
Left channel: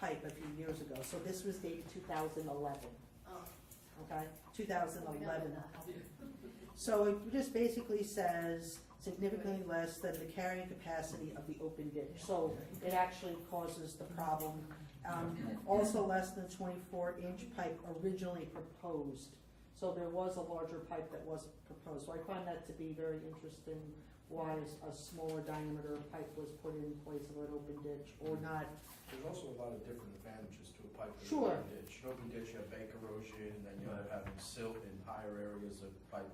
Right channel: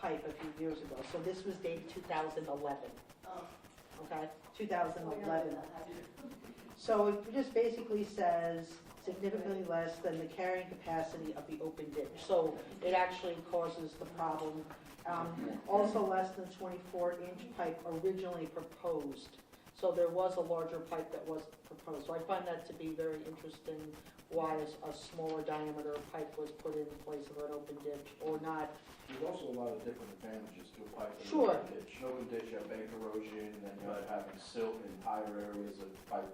pipe a few years ago. So this was dated 2011. Oh. Okay, 2011. So it just basically says significantly less than the carrying capacity of the open ditch. So it actually causes the problem. Also less than 24-inch pipe originally proposed. So there was a larger pipe that was proposed. So I find that to be very interesting, why a smaller diameter pipe was put in place of an open ditch or not. There's also a lot of different advantages to a pipe in Sure. an open ditch. An open ditch, you have bank erosion, and you have having silt in higher areas of pipe.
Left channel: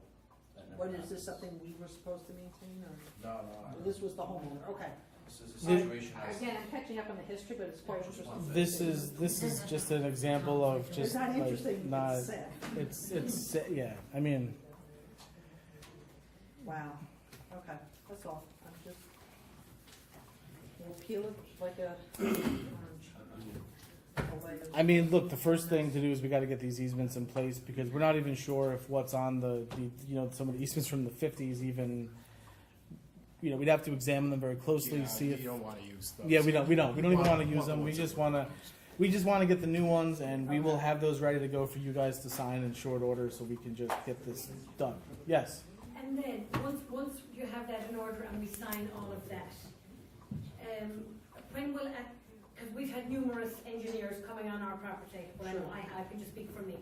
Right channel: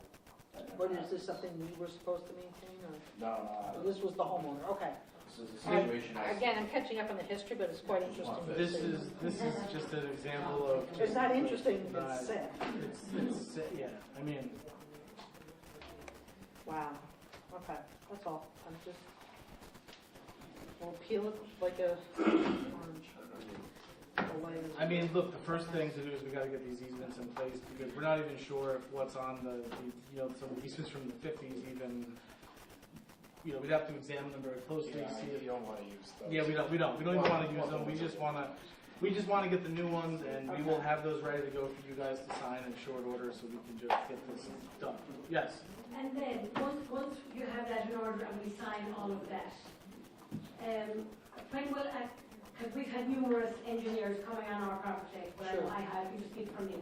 That never But is this happens. something we were supposed to maintain, or? No, This was the homeowner, okay. This is a situation I. Again, I'm catching up on the history, but it's quite interesting. This is just an example of just It's not like, interesting, not- it's sad. it's yeah. I mean, Wow, okay, that's all. I'm just, we'll peel it like a orange. I mean, look, the first thing to do is we got to get these easements in place because we're not even sure if what's on the some of the easements from the 50s even. We'd have to examine them very closely to see if. You don't wanna use those. Yeah, we don't even want to use them. We just want to get the new ones, and we will have those ready to go for you guys to sign in short order, so we can just get this done. Yes. And then, once you have that in order and we sign all of that, when will, because we've had numerous engineers coming on our property, but Sure. I can just speak for me,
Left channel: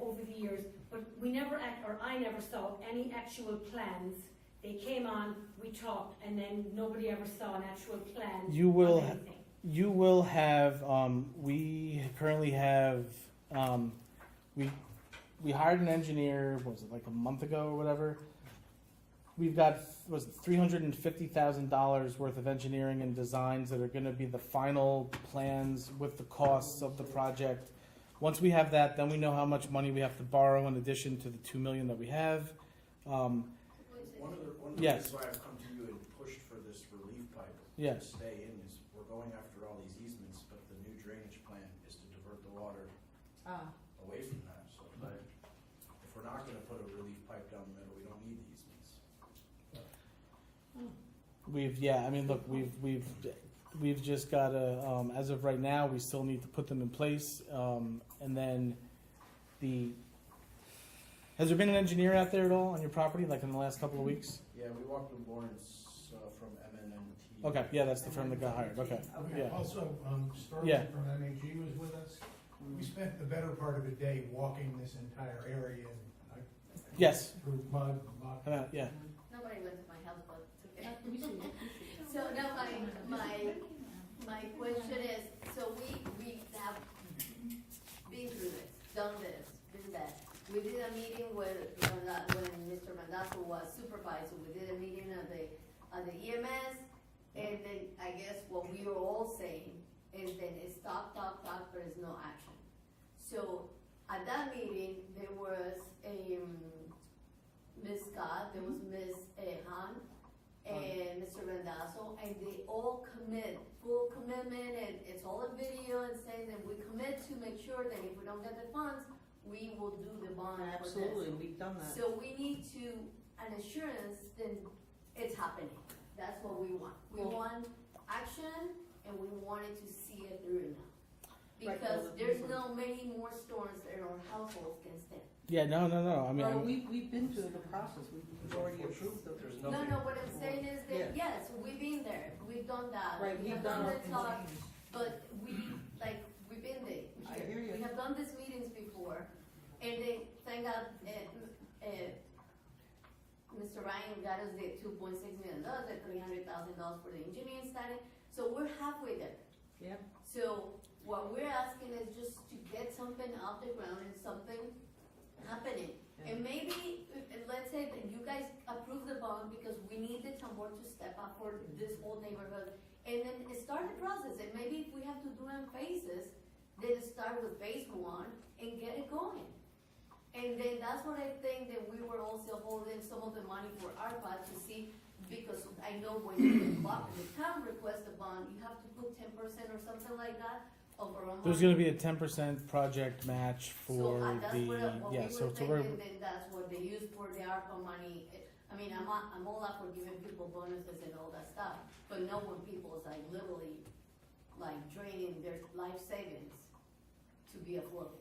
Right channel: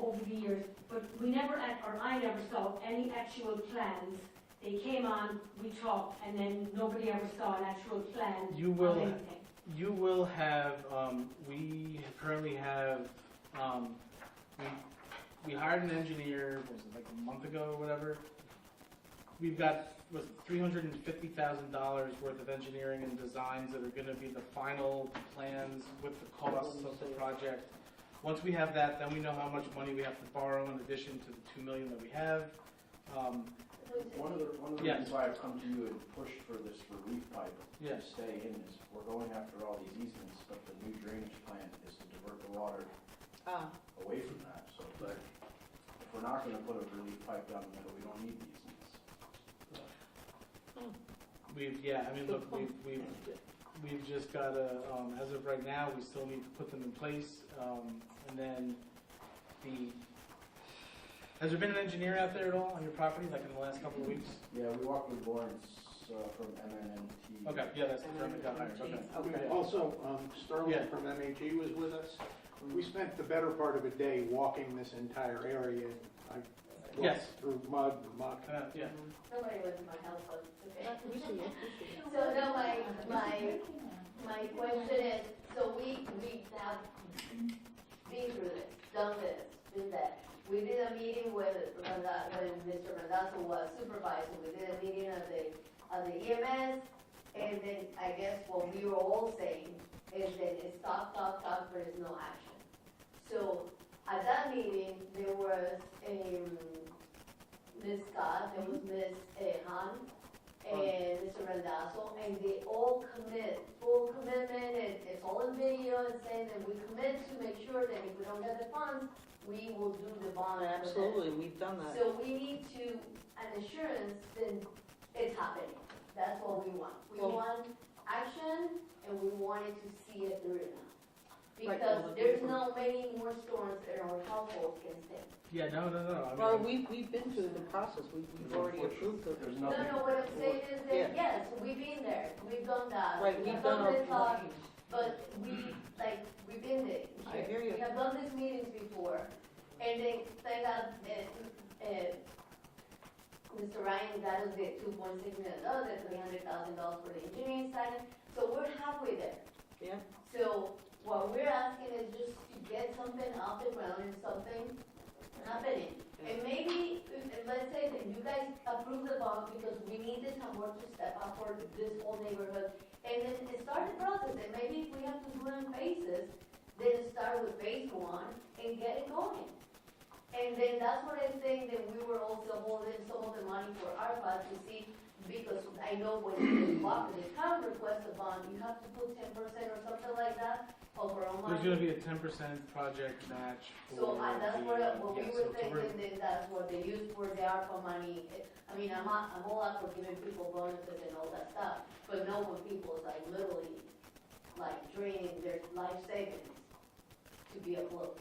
over the years, but I never saw any actual plans. They came on, we talked, and then nobody ever saw an actual plan You of will. anything. You will have. We currently have. We hired an engineer. What was it, like a month ago or whatever? We've got $350,000 worth of engineering and designs that are going to be the final plans with the costs of the project. Once we have that, then we know how much money we have to borrow in addition to the $2 million that we have. One of the Yes. reasons why I've come to you and pushed for this relief pipe to Yes. stay in is we're going after all these easements, but the new drainage plan is to divert the water away from that. So, but if we're not gonna put a relief pipe down the middle, we don't need the easements. I mean, look, we've just got to, as of right now, we still need to put them in place, and then has there been an engineer out there at all on your property, like in the last couple of weeks? Yeah, we walked with Lawrence from MNNT Okay, yeah, that's the firm that got hired, okay. Okay. Also, Sterling Yeah. from MAG was with us. We spent the better part of a day walking this entire area, and I Yes, through mud and muck. yeah. Nobody went to my house, but it's okay. We see it. So now my question is, so we have been through this, done this, been that. We did a meeting when Mr. Randazzo was supervisor, we did a meeting of the EMS, and then I guess what we were all saying is that it's talk, but it's no action. So at that meeting, there was Ms. Scott, there was Ms. Han, and Mr. Randazzo, and they all full commitment, and it's all in video, and saying that we commit to make sure that if we don't get the funds, we will do the bond for this. Absolutely, we've done that. So we need an assurance that it's happening. That's what we want. We Well- want action, and we wanted to see it through now. Right, Because well, there's no many more storms that our households can stand. Yeah, no, I Well, mean, we've been through the process, we've already approved it. There's No, nothing. what I'm saying is Yeah. that, yes, we've been there, we've done that. Right, We we've have done done our the talk, meetings. but we've been there. I hear you. We have done these meetings before, and then thank God, Mr. Ryan got us the $2.6 million, the $300,000 for the engineering study, so we're halfway there. Yeah, So what we're asking is just to get something off the ground and something happening. Yeah. And maybe, let's say that you guys approve the bond because we need the town board to step up for this whole neighborhood. And then start the process, and maybe if we have to do it in phases, then start with phase 1 and get it going. And then that's what I think that we were also holding some of the money for ARPA to see, because I know when the town requests a bond, you have to put 10% or something like that of our own money. there's gonna be a 10% project match So for that's the, what we yeah, were so we're, thinking, then that's what they used for the ARPA money. I mean, I'm all up for giving people bonuses and all that stuff, but no when people is like literally like draining their life savings to be afloat.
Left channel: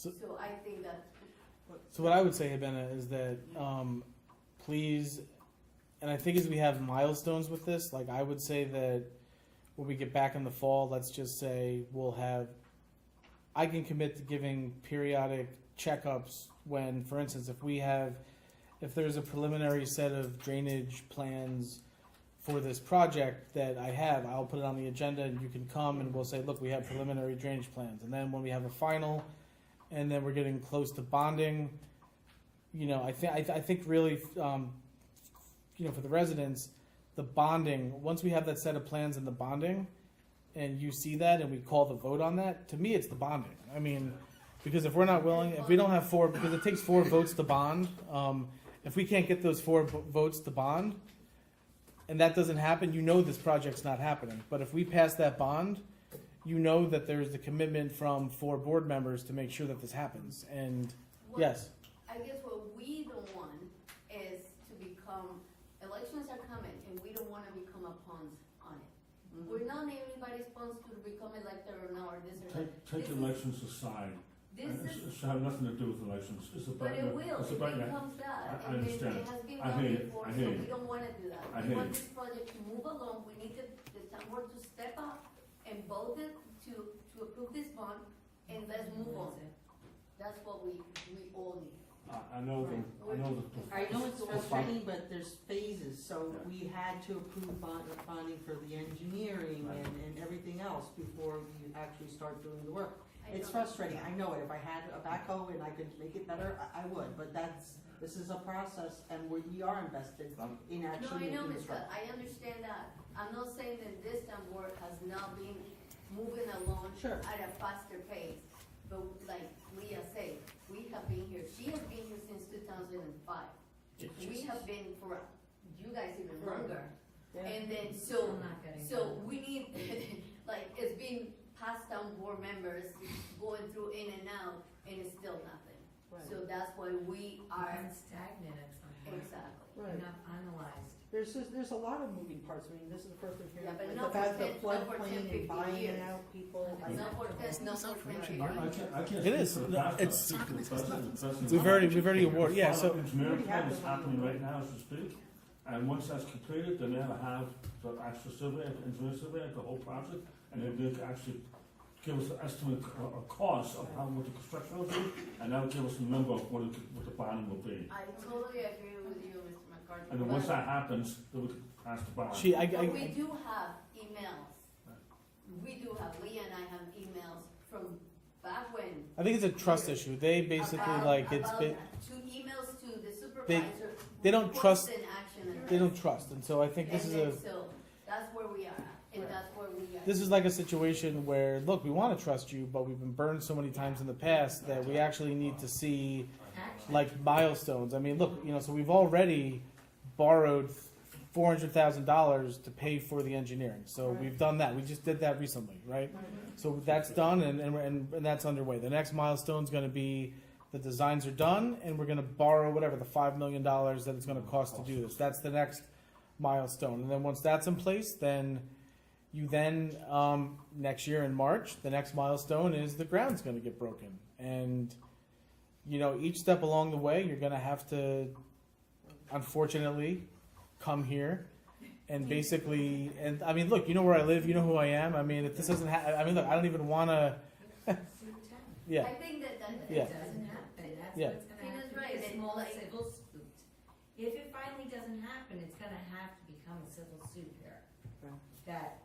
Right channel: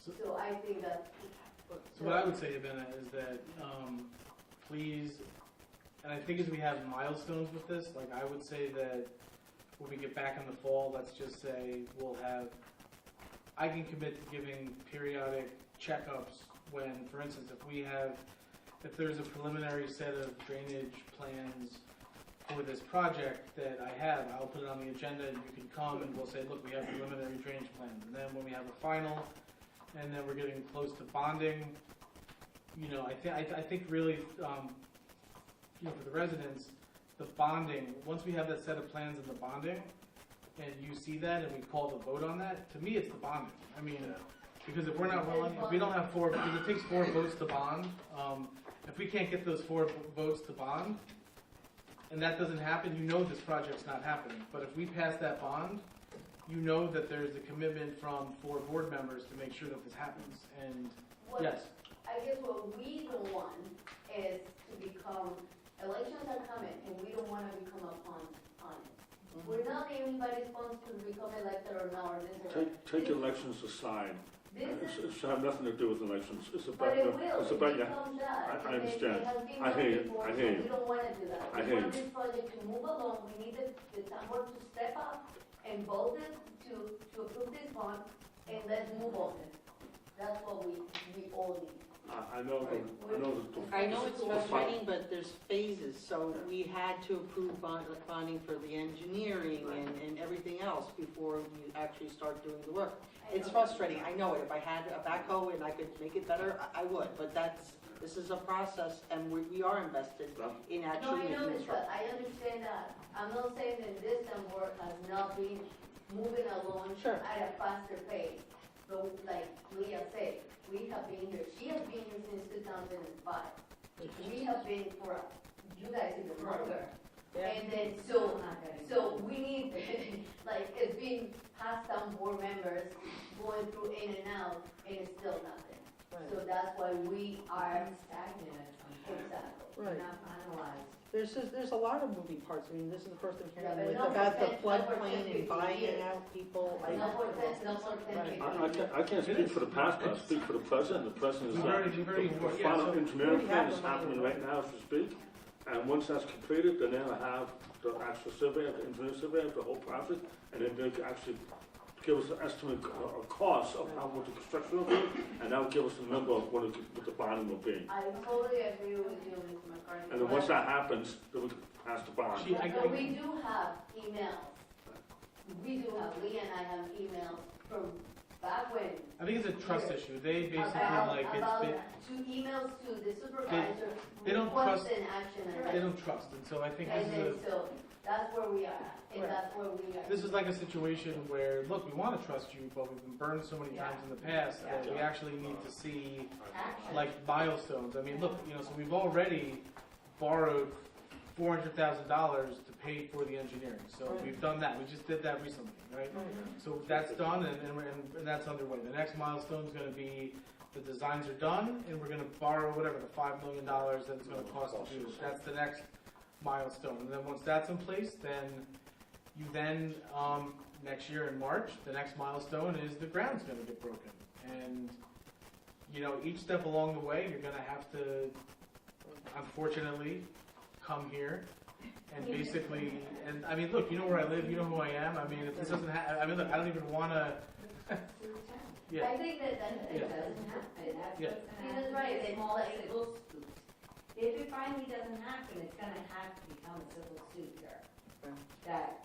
So- So I think that, so what I would say, Abena, is that, please, and I think as we have milestones with this, like I would say that when we get back in the fall, let's just say we'll have, I can commit to giving periodic checkups when, for instance, if there's a preliminary set of drainage plans for this project that I have, I'll put it on the agenda and you can come and we'll say, look, we have preliminary drainage plans. And then when we have a final, and then we're getting close to bonding, I think really, for the residents, the bonding, once we have that set of plans and the bonding, and you see that and we call the vote on that, to me, it's the bonding. I mean, because if we're not willing, if we don't have 4, because it takes 4 votes to bond, if we can't get those 4 votes to bond, and that doesn't happen, this project's not happening. But if we pass that bond, that there's the commitment from 4 board members to make sure that this happens. And yes, I guess what we don't want is to become, elections are coming, and we don't wanna become a pawn on it. We're not anybody's pawns to become elected or now or this or that. Take elections aside. This It is, should have nothing to do with elections. It's but about, it will, it's it about, becomes that. I And understand. it has been I done hear you. before, I so hear we you. don't wanna do that. I We hear want you. this project to move along, we need the town board to step up and vote it to approve this bond, and let's move on. That's what we all need. I know that, I know it's frustrating, but there's phases, so we had to approve bonding for the engineering and everything else before we actually start doing the work. It's frustrating, I know it, if I had a backhoe and I could make it better, I would, but this is a process, and we are invested in No, actually I know making this, it right. I understand that. I'm not saying that this town board has not been moving along Sure. at a faster pace. But like Leah said, we have been here, she has been here since 2005. We have been for, you guys even longer. And then, so we need, like, it's been passed down board members going through in and out, and it's still nothing. So that's why we are, stagnant at some point. exactly. Right. Not finalized. There's a lot of moving parts, I mean, this is the first one Yeah, but here, it's not about for the 10 floodplain and 15 buying years. out people. No more test, no more testing. I can't It speak is. for the past, but I It's- speak for the president. The president. we've already awarded, yeah, The so, final engineering plan is happening right now as we speak, And once that's completed, then they'll have the actual survey, the engineer survey of the whole project, and then they'll actually give us an estimate, a cost of how much the construction will be, and that'll give us a number of what the bonding will be. I totally agree with you, Mr. McCarthy. And then once that happens, then we can pass the bond. But we do have emails. We do have, Lee and I have emails from back when. I think it's a trust issue. They basically it's been, To emails to the supervisor. they don't trust, Constant action. they don't trust, and so I think this is And so that's where we are at, and that's where we are. this is like a situation where, look, we want to trust you, but we've been burned so many times in the past that we actually need to see like milestones. I mean, look, so we've already borrowed $400,000 to pay for the engineering. So we've done that. We just did that recently, right? So that's done, and that's underway. The next milestone is going to be the designs are done, and we're going to borrow whatever the $5 million that it's going to cost to do this. That's the next milestone. And then once that's in place, then next year in March, the next milestone is the ground's going to get broken. And each step along the way, you're going to have to, unfortunately, come here and basically, and I mean, look, you know where I live, you know who I am. I mean, if this doesn't happen, I mean, look, I don't even want to. Yeah. I think that Yeah. doesn't happen, that's Yeah. what's gonna He was happen. right, A it's small like- civil suit. If it finally doesn't happen, it's gonna have to become a civil suit here. That,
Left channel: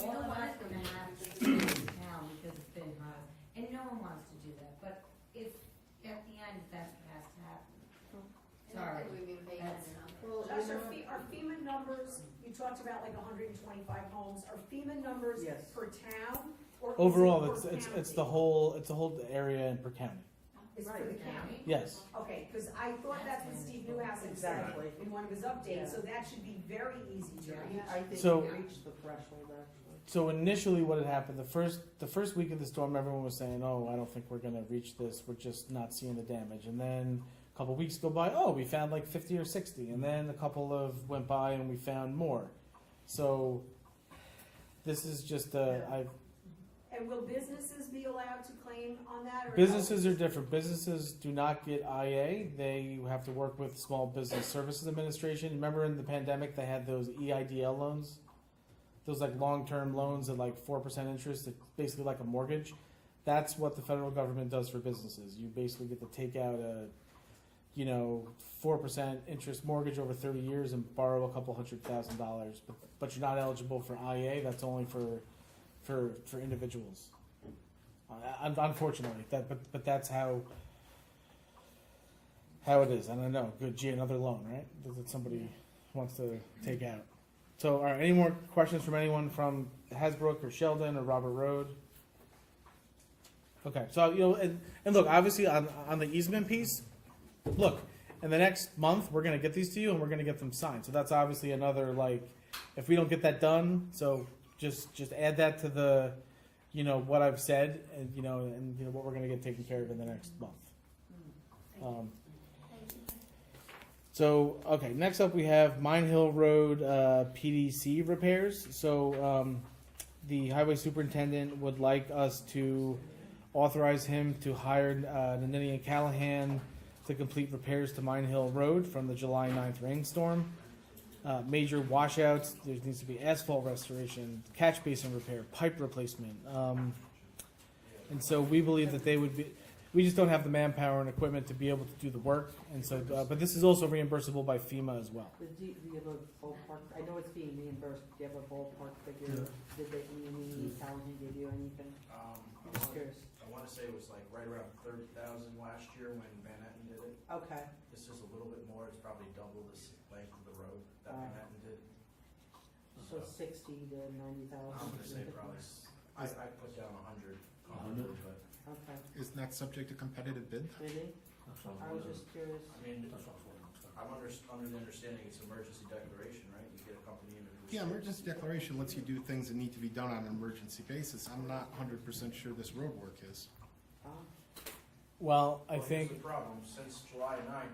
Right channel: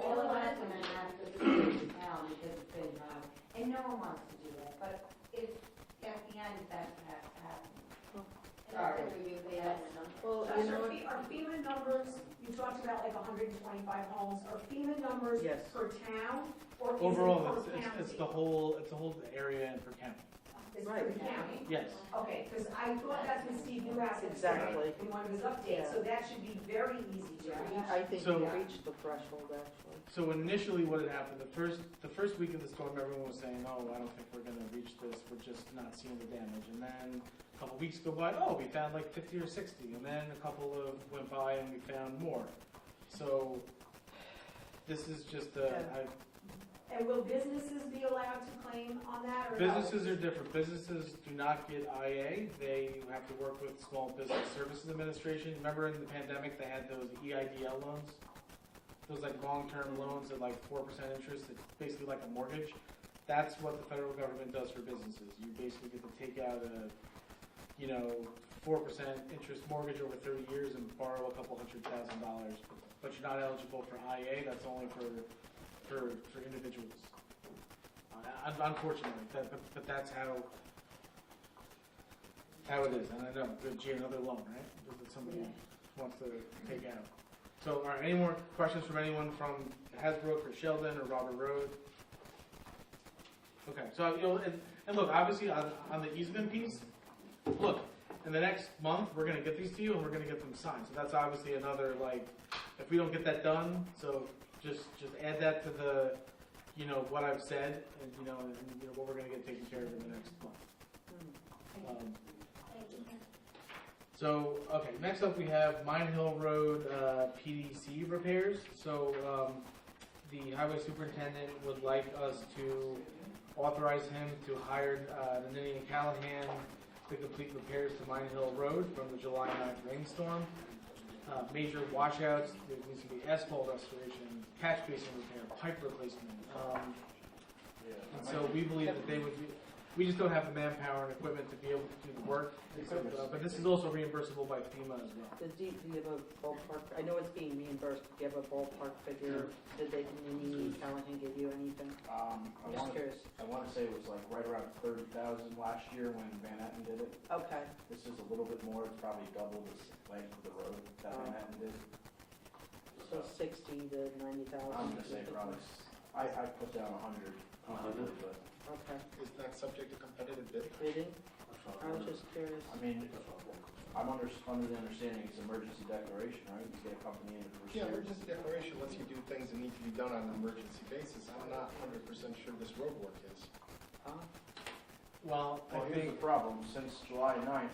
all of us are gonna have to sue the town because it's been high, and no one wants to do that, but if, at the end, that's what has to happen. Sorry. Well, are FEMA numbers, you talked about like 125 homes, are FEMA numbers Yes. per town? Or is it Overall, per it's county? the whole area in per county. It's per county? Yes. Okay, because I thought that's what Steve Newhouse had said Exactly. in one of his updates, so that should be very easy to reach. I think So- we reached the threshold actually. So initially, what had happened the first week of the storm, everyone was saying, "Oh, I don't think we're going to reach this. We're just not seeing the damage." And then a couple weeks go by, "Oh, we found like 50 or 60." And then a couple of went by, and we found more. So this is just And will businesses be allowed to claim on that? Or no? businesses are different. Businesses do not get IA. They have to work with Small Business Services Administration. Remember in the pandemic, they had those EIDL loans, those like long-term loans at like 4% interest. It's basically like a mortgage. That's what the federal government does for businesses. You basically get to take out a 4% interest mortgage over 30 years and borrow a couple $100,000, but you're not eligible for IA. That's only for individuals. Unfortunately, but that's how it is. And I know, good, gee, another loan, right? That somebody wants to take out. So, all right, any more questions from anyone from Hasbrook or Sheldon or Robert Road? Okay, so and look, obviously on the easement piece, look, in the next month we're gonna get these to you and we're gonna get them signed. So that's obviously another if we don't get that done, so just add that to the what I've said and what we're gonna get taken care of in the next month. So, okay, next up we have Mine Hill Road PDC repairs. So, the highway superintendent would like us to authorize him to hire Nannini and Callahan to complete repairs to Mine Hill Road from the July 9th rainstorm. Major washouts, there needs to be asphalt restoration, catch basin repair, pipe replacement. And so we believe that they would be, we just don't have the manpower and equipment to be able to do the work. And so, but this is also reimbursable by FEMA as well. Do you have a ballpark, I know it's being reimbursed, do you have a ballpark figure? Did Callahan give you anything? I'm just curious. I want to say it was like right around 30,000 last year when Van Etten did it. Okay, This is a little bit more, it's probably double the length of the road that Van Etten did. so 60 to 90,000. I'm gonna say probably, I put down 100, but, Okay, Isn't that subject to competitive bid? really? I'm just curious. I mean, I'm under the understanding it's emergency declaration, right? You get a company in to Yeah, restore. emergency declaration lets you do things that need to be done on an emergency basis. I'm not 100% sure this road work is. Well, I Well, think, here's the problem, since July 9th,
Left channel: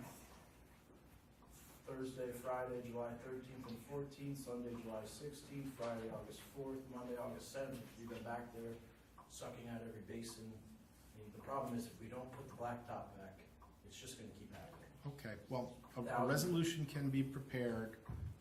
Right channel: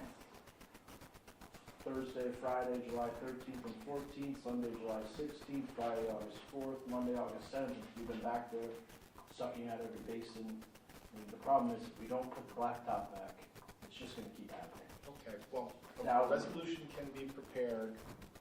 Thursday, Friday, July 13th and 14th, Sunday, July 16th, Friday, August 4th, Monday, August 7th, we've been back there sucking out every basin. I mean, the problem is if we don't put the blacktop back, it's just gonna keep happening. Okay, well, Now- a resolution can be prepared,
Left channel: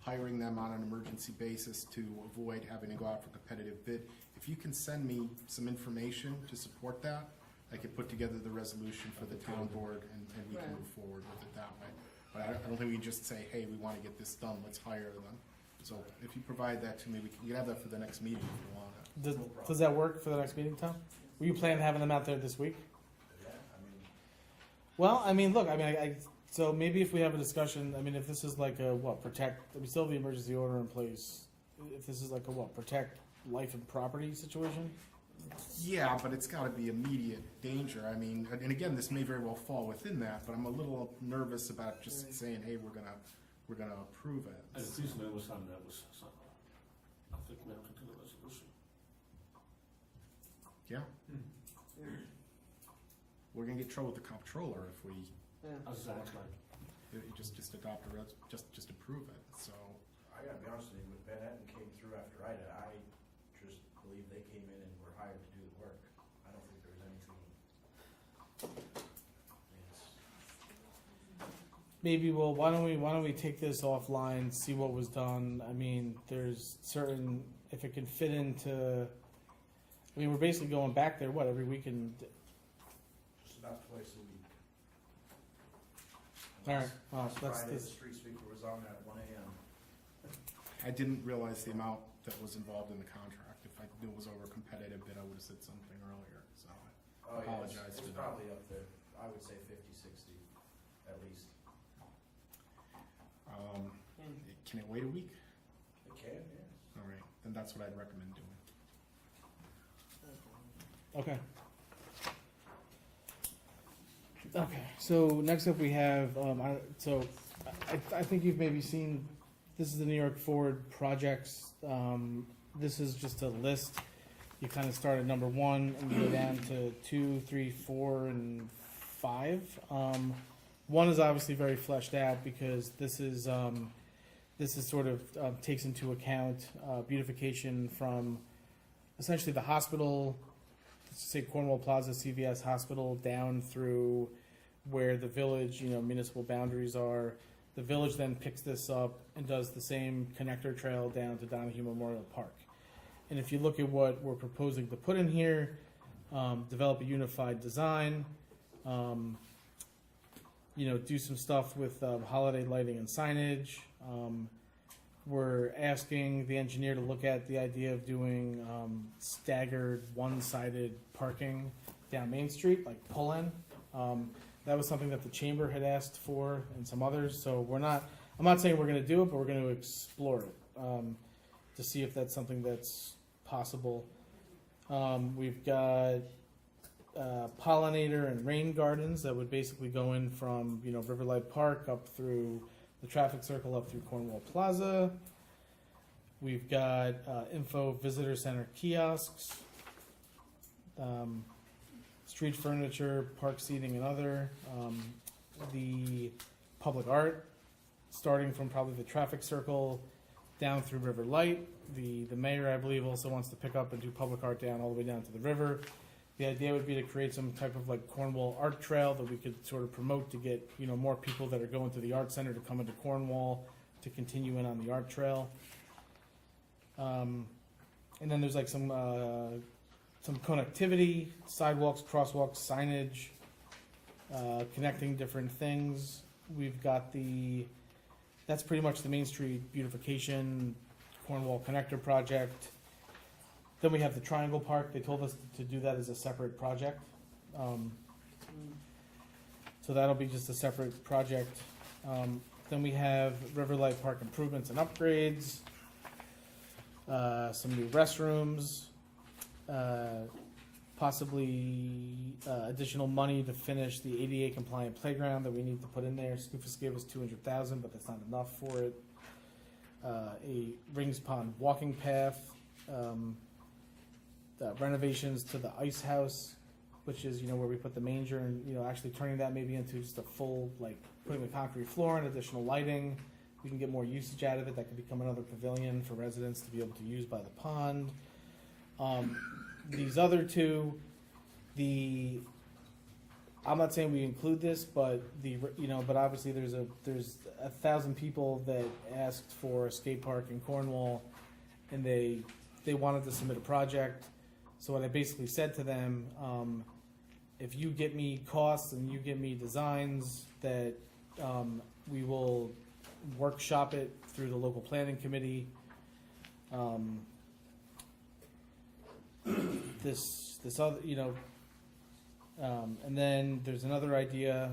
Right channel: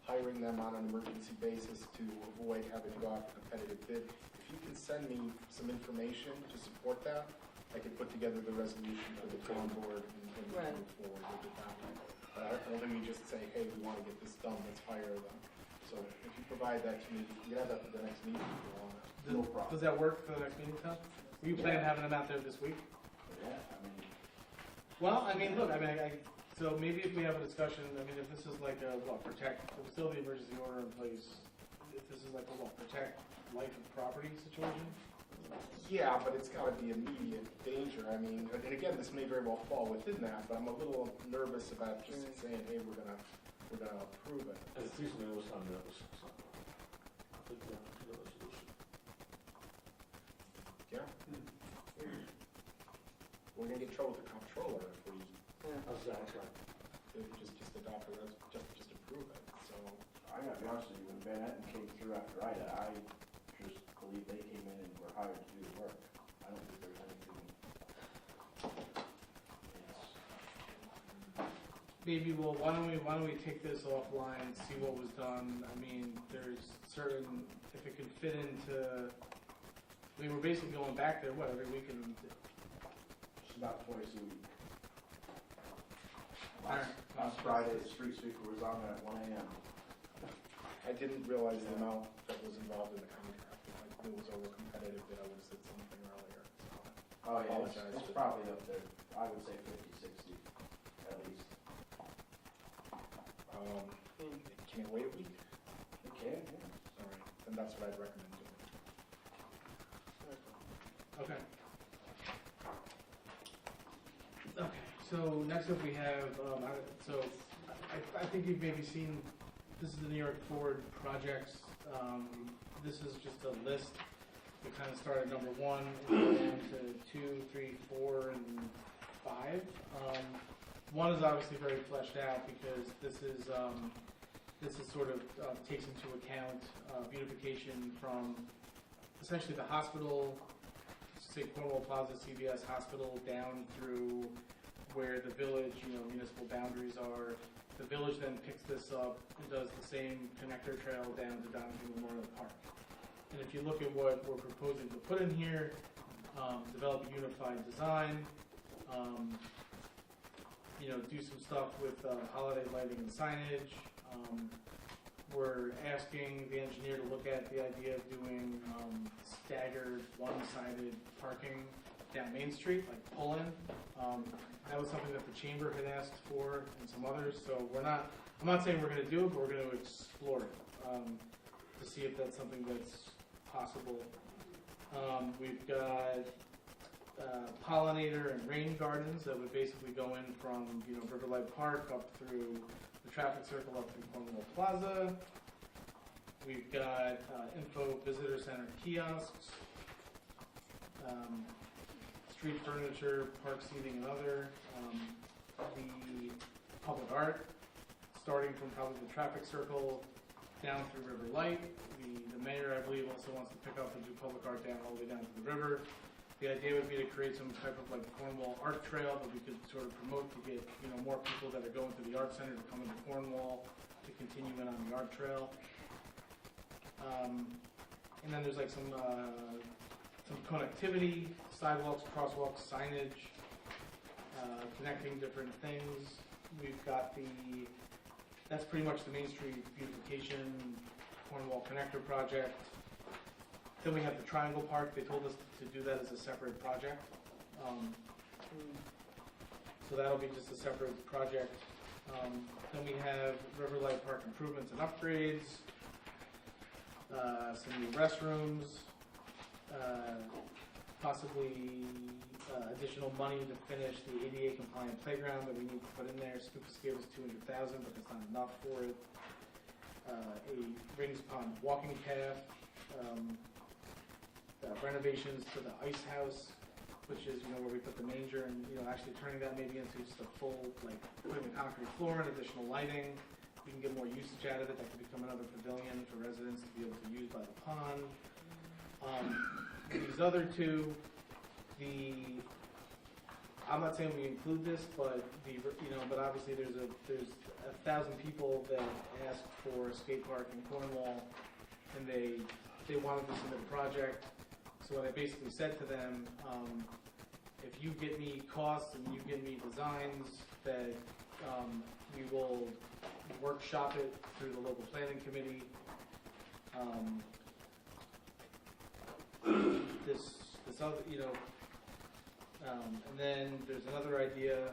hiring them on an emergency basis to avoid having to go out for competitive bid. If you can send me some information to support that, I can put together the resolution for the town board and we can Right. move forward with it that way. But I don't think we just say, hey, we wanna get this done, let's hire them. So if you provide that to me, you can have that for the next meeting if you want it. Does, No problem. does that work for the next meeting, Tom? Were you planning on having them out there this week? Yeah, I mean, Well, I mean, look, I mean, so maybe if we have a discussion, I mean, if this is like a, protect, we still have the emergency order in place. If this is like a, protect life and property situation? Yeah, but it's gotta be immediate danger, I mean, and again, this may very well fall within that, but I'm a little nervous about just saying, hey, we're gonna approve it. And it's easily understand that was something. I think we have to do a resolution. Yeah? We're gonna get in trouble with the comptroller if we Exactly. just adopt a just approve it, so. I gotta be honest with you, when Van Etten came through after I just believe they came in and were hired to do the work. I don't think there's anything. Yes. Maybe, well, why don't we take this offline, see what was done? I mean, there's certain, if it could fit into, I mean, we're basically going back there, what, every week and, Just about twice a week. Alright, well, Last that's- Friday, the that's- street sweeper was on at 1 AM. I didn't realize the amount that was involved in the contract. If I knew it was over competitive, then I would have said something earlier, so. Oh, yeah, Apologize it's for that. probably up there, I would say 50, 60, at least. Can it wait a week? It can, yeah. All right, then that's what I'd recommend doing. okay. Okay, so next up we have, I think you've maybe seen, this is the New York Forward projects. This is just a list. You kind of start at number 1 and go down to 2, 3, 4, and 5. 1 is obviously very fleshed out because this is sort of takes into account beautification from essentially the hospital, say Cornwall Plaza, CVS Hospital, down through where the village, municipal boundaries are. The village then picks this up and does the same connector trail down to Donahue Memorial Park. And if you look at what we're proposing to put in here, develop a unified design, do some stuff with holiday lighting and signage. We're asking the engineer to look at the idea of doing staggered one-sided parking down Main Street, like pull-in. That was something that the chamber had asked for and some others, so I'm not saying we're gonna do it, but we're gonna explore it, to see if that's something that's possible. We've got pollinator and rain gardens that would basically go in from, Riverlight Park up through the traffic circle up through Cornwall Plaza. We've got info visitor center kiosks, street furniture, park seating and other, the public art, starting from probably the traffic circle down through River Light. The mayor, I believe, also wants to pick up and do public art down all the way down to the river. The idea would be to create some type of like Cornwall art trail that we could sort of promote to get, more people that are going to the art center to come into Cornwall to continue in on the art trail. And then there's like some connectivity, sidewalks, crosswalks, signage, connecting different things. We've got that's pretty much the Main Street beautification, Cornwall connector project. Then we have the Triangle Park. They told us to do that as a separate project. So that'll be just a separate project. Then we have Riverlight Park improvements and upgrades, some new restrooms, possibly additional money to finish the ADA compliant playground that we need to put in there. Scoofus gave us $200,000, but that's not enough for it. A Rings Pond walking path, renovations to the ice house, which is where we put the manger, and actually turning that maybe into just a full, like putting a concrete floor and additional lighting. We can get more usage out of it. That could become another pavilion for residents to be able to use by the pond. These other two, the I'm not saying we include this, but but obviously there's 1,000 people that asked for a skate park in Cornwall, and they wanted to submit a project. So what I basically said to them, if you get me costs and you get me designs, that we will workshop it through the local planning committee. This other, and then there's another idea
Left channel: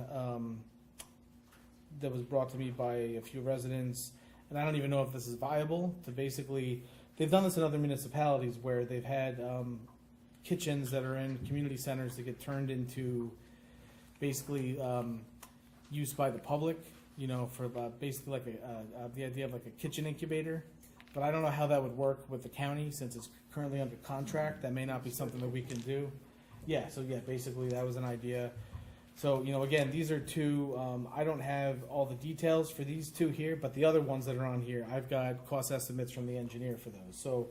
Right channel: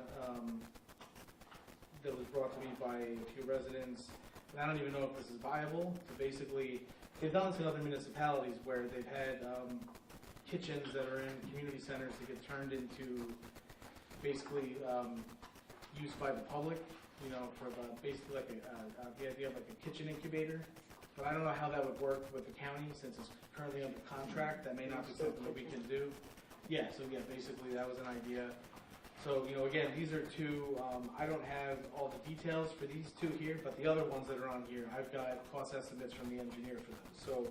that was brought to me by a few residents, and I don't even know if this is viable. To basically, they've done this in other municipalities where they've had kitchens that are in community centers that get turned into basically used by the public, for basically like the idea of like a kitchen incubator. But I don't know how that would work with the county since it's currently under contract. That may not be something that we can do. Yeah, so basically that was an idea. So, again, these are two, I don't have all the details for these two here, but the other ones that are on here, I've got cost estimates from the engineer for those. So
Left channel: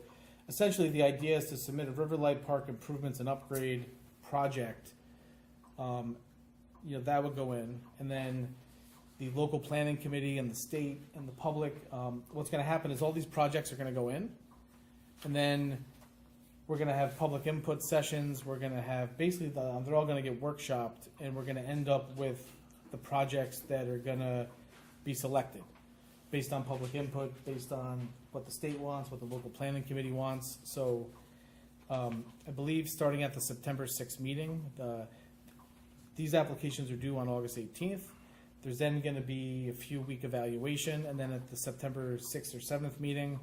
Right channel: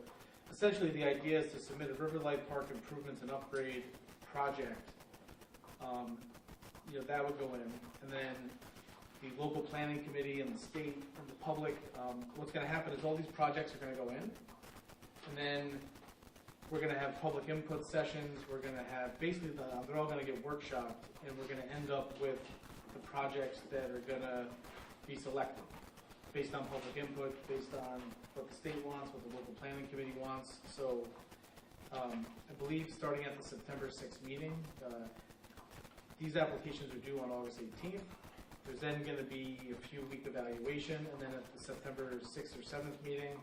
essentially the idea is to submit a Riverlight Park improvements and upgrade project. That would go in, and then the local planning committee and the state and the public, what's going to happen is all these projects are going to go in, and then we're going to have public input sessions. We're going to have basically they're all going to get workshopped, and we're going to end up with the projects that are going to be selected based on public input, based on what the state wants, what the local planning committee wants. So I believe starting at the September 6th meeting, these applications are due on August 18th. There's then going to be a few week evaluation, and then at the September 6th or 7th meeting,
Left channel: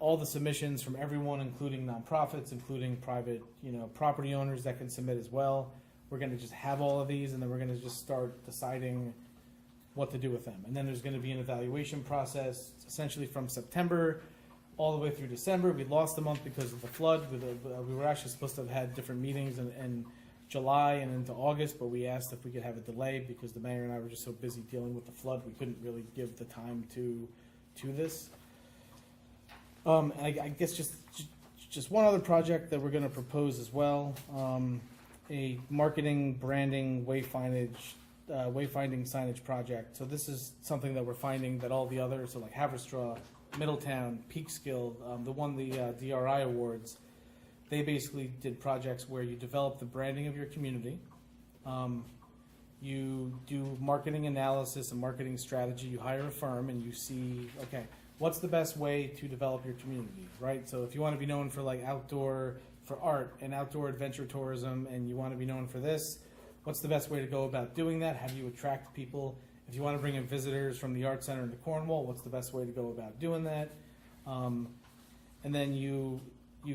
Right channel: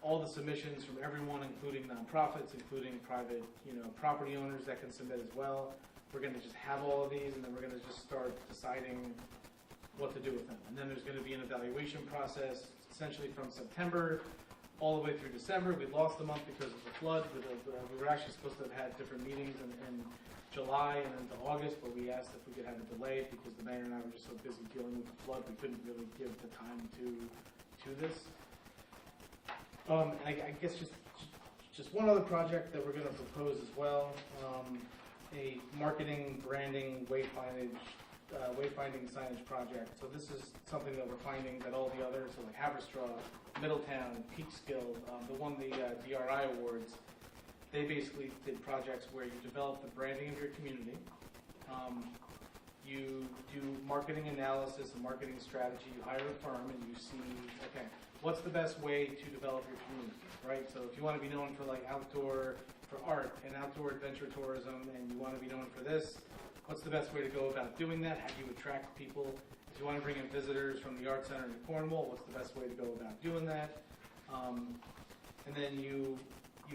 all the submissions from everyone, including nonprofits, including private, property owners that can submit as well. We're going to just have all of these, and then we're going to just start deciding what to do with them. And then there's going to be an evaluation process, essentially from September all the way through December. We lost a month because of the flood. We were actually supposed to have had different meetings in July and into August, but we asked if we could have a delay because the mayor and I were just so busy dealing with the flood, we couldn't really give the time to this. I guess just one other project that we're going to propose as well, a marketing, branding, wayfinding signage project. So this is something that we're finding that all the others, so like Haverstraw, Middletown, Peekskill, the DRI awards, they basically did projects where you develop the branding of your community, you do marketing analysis and marketing strategy, you hire a firm and you see, okay, what's the best way to develop your community, right? So if you want to be known for like for art and outdoor adventure tourism, and you want to be known for this, what's the best way to go about doing that? How do you attract people? If you want to bring in visitors from the Art Center into Cornwall, what's the best way to go about doing that? And then you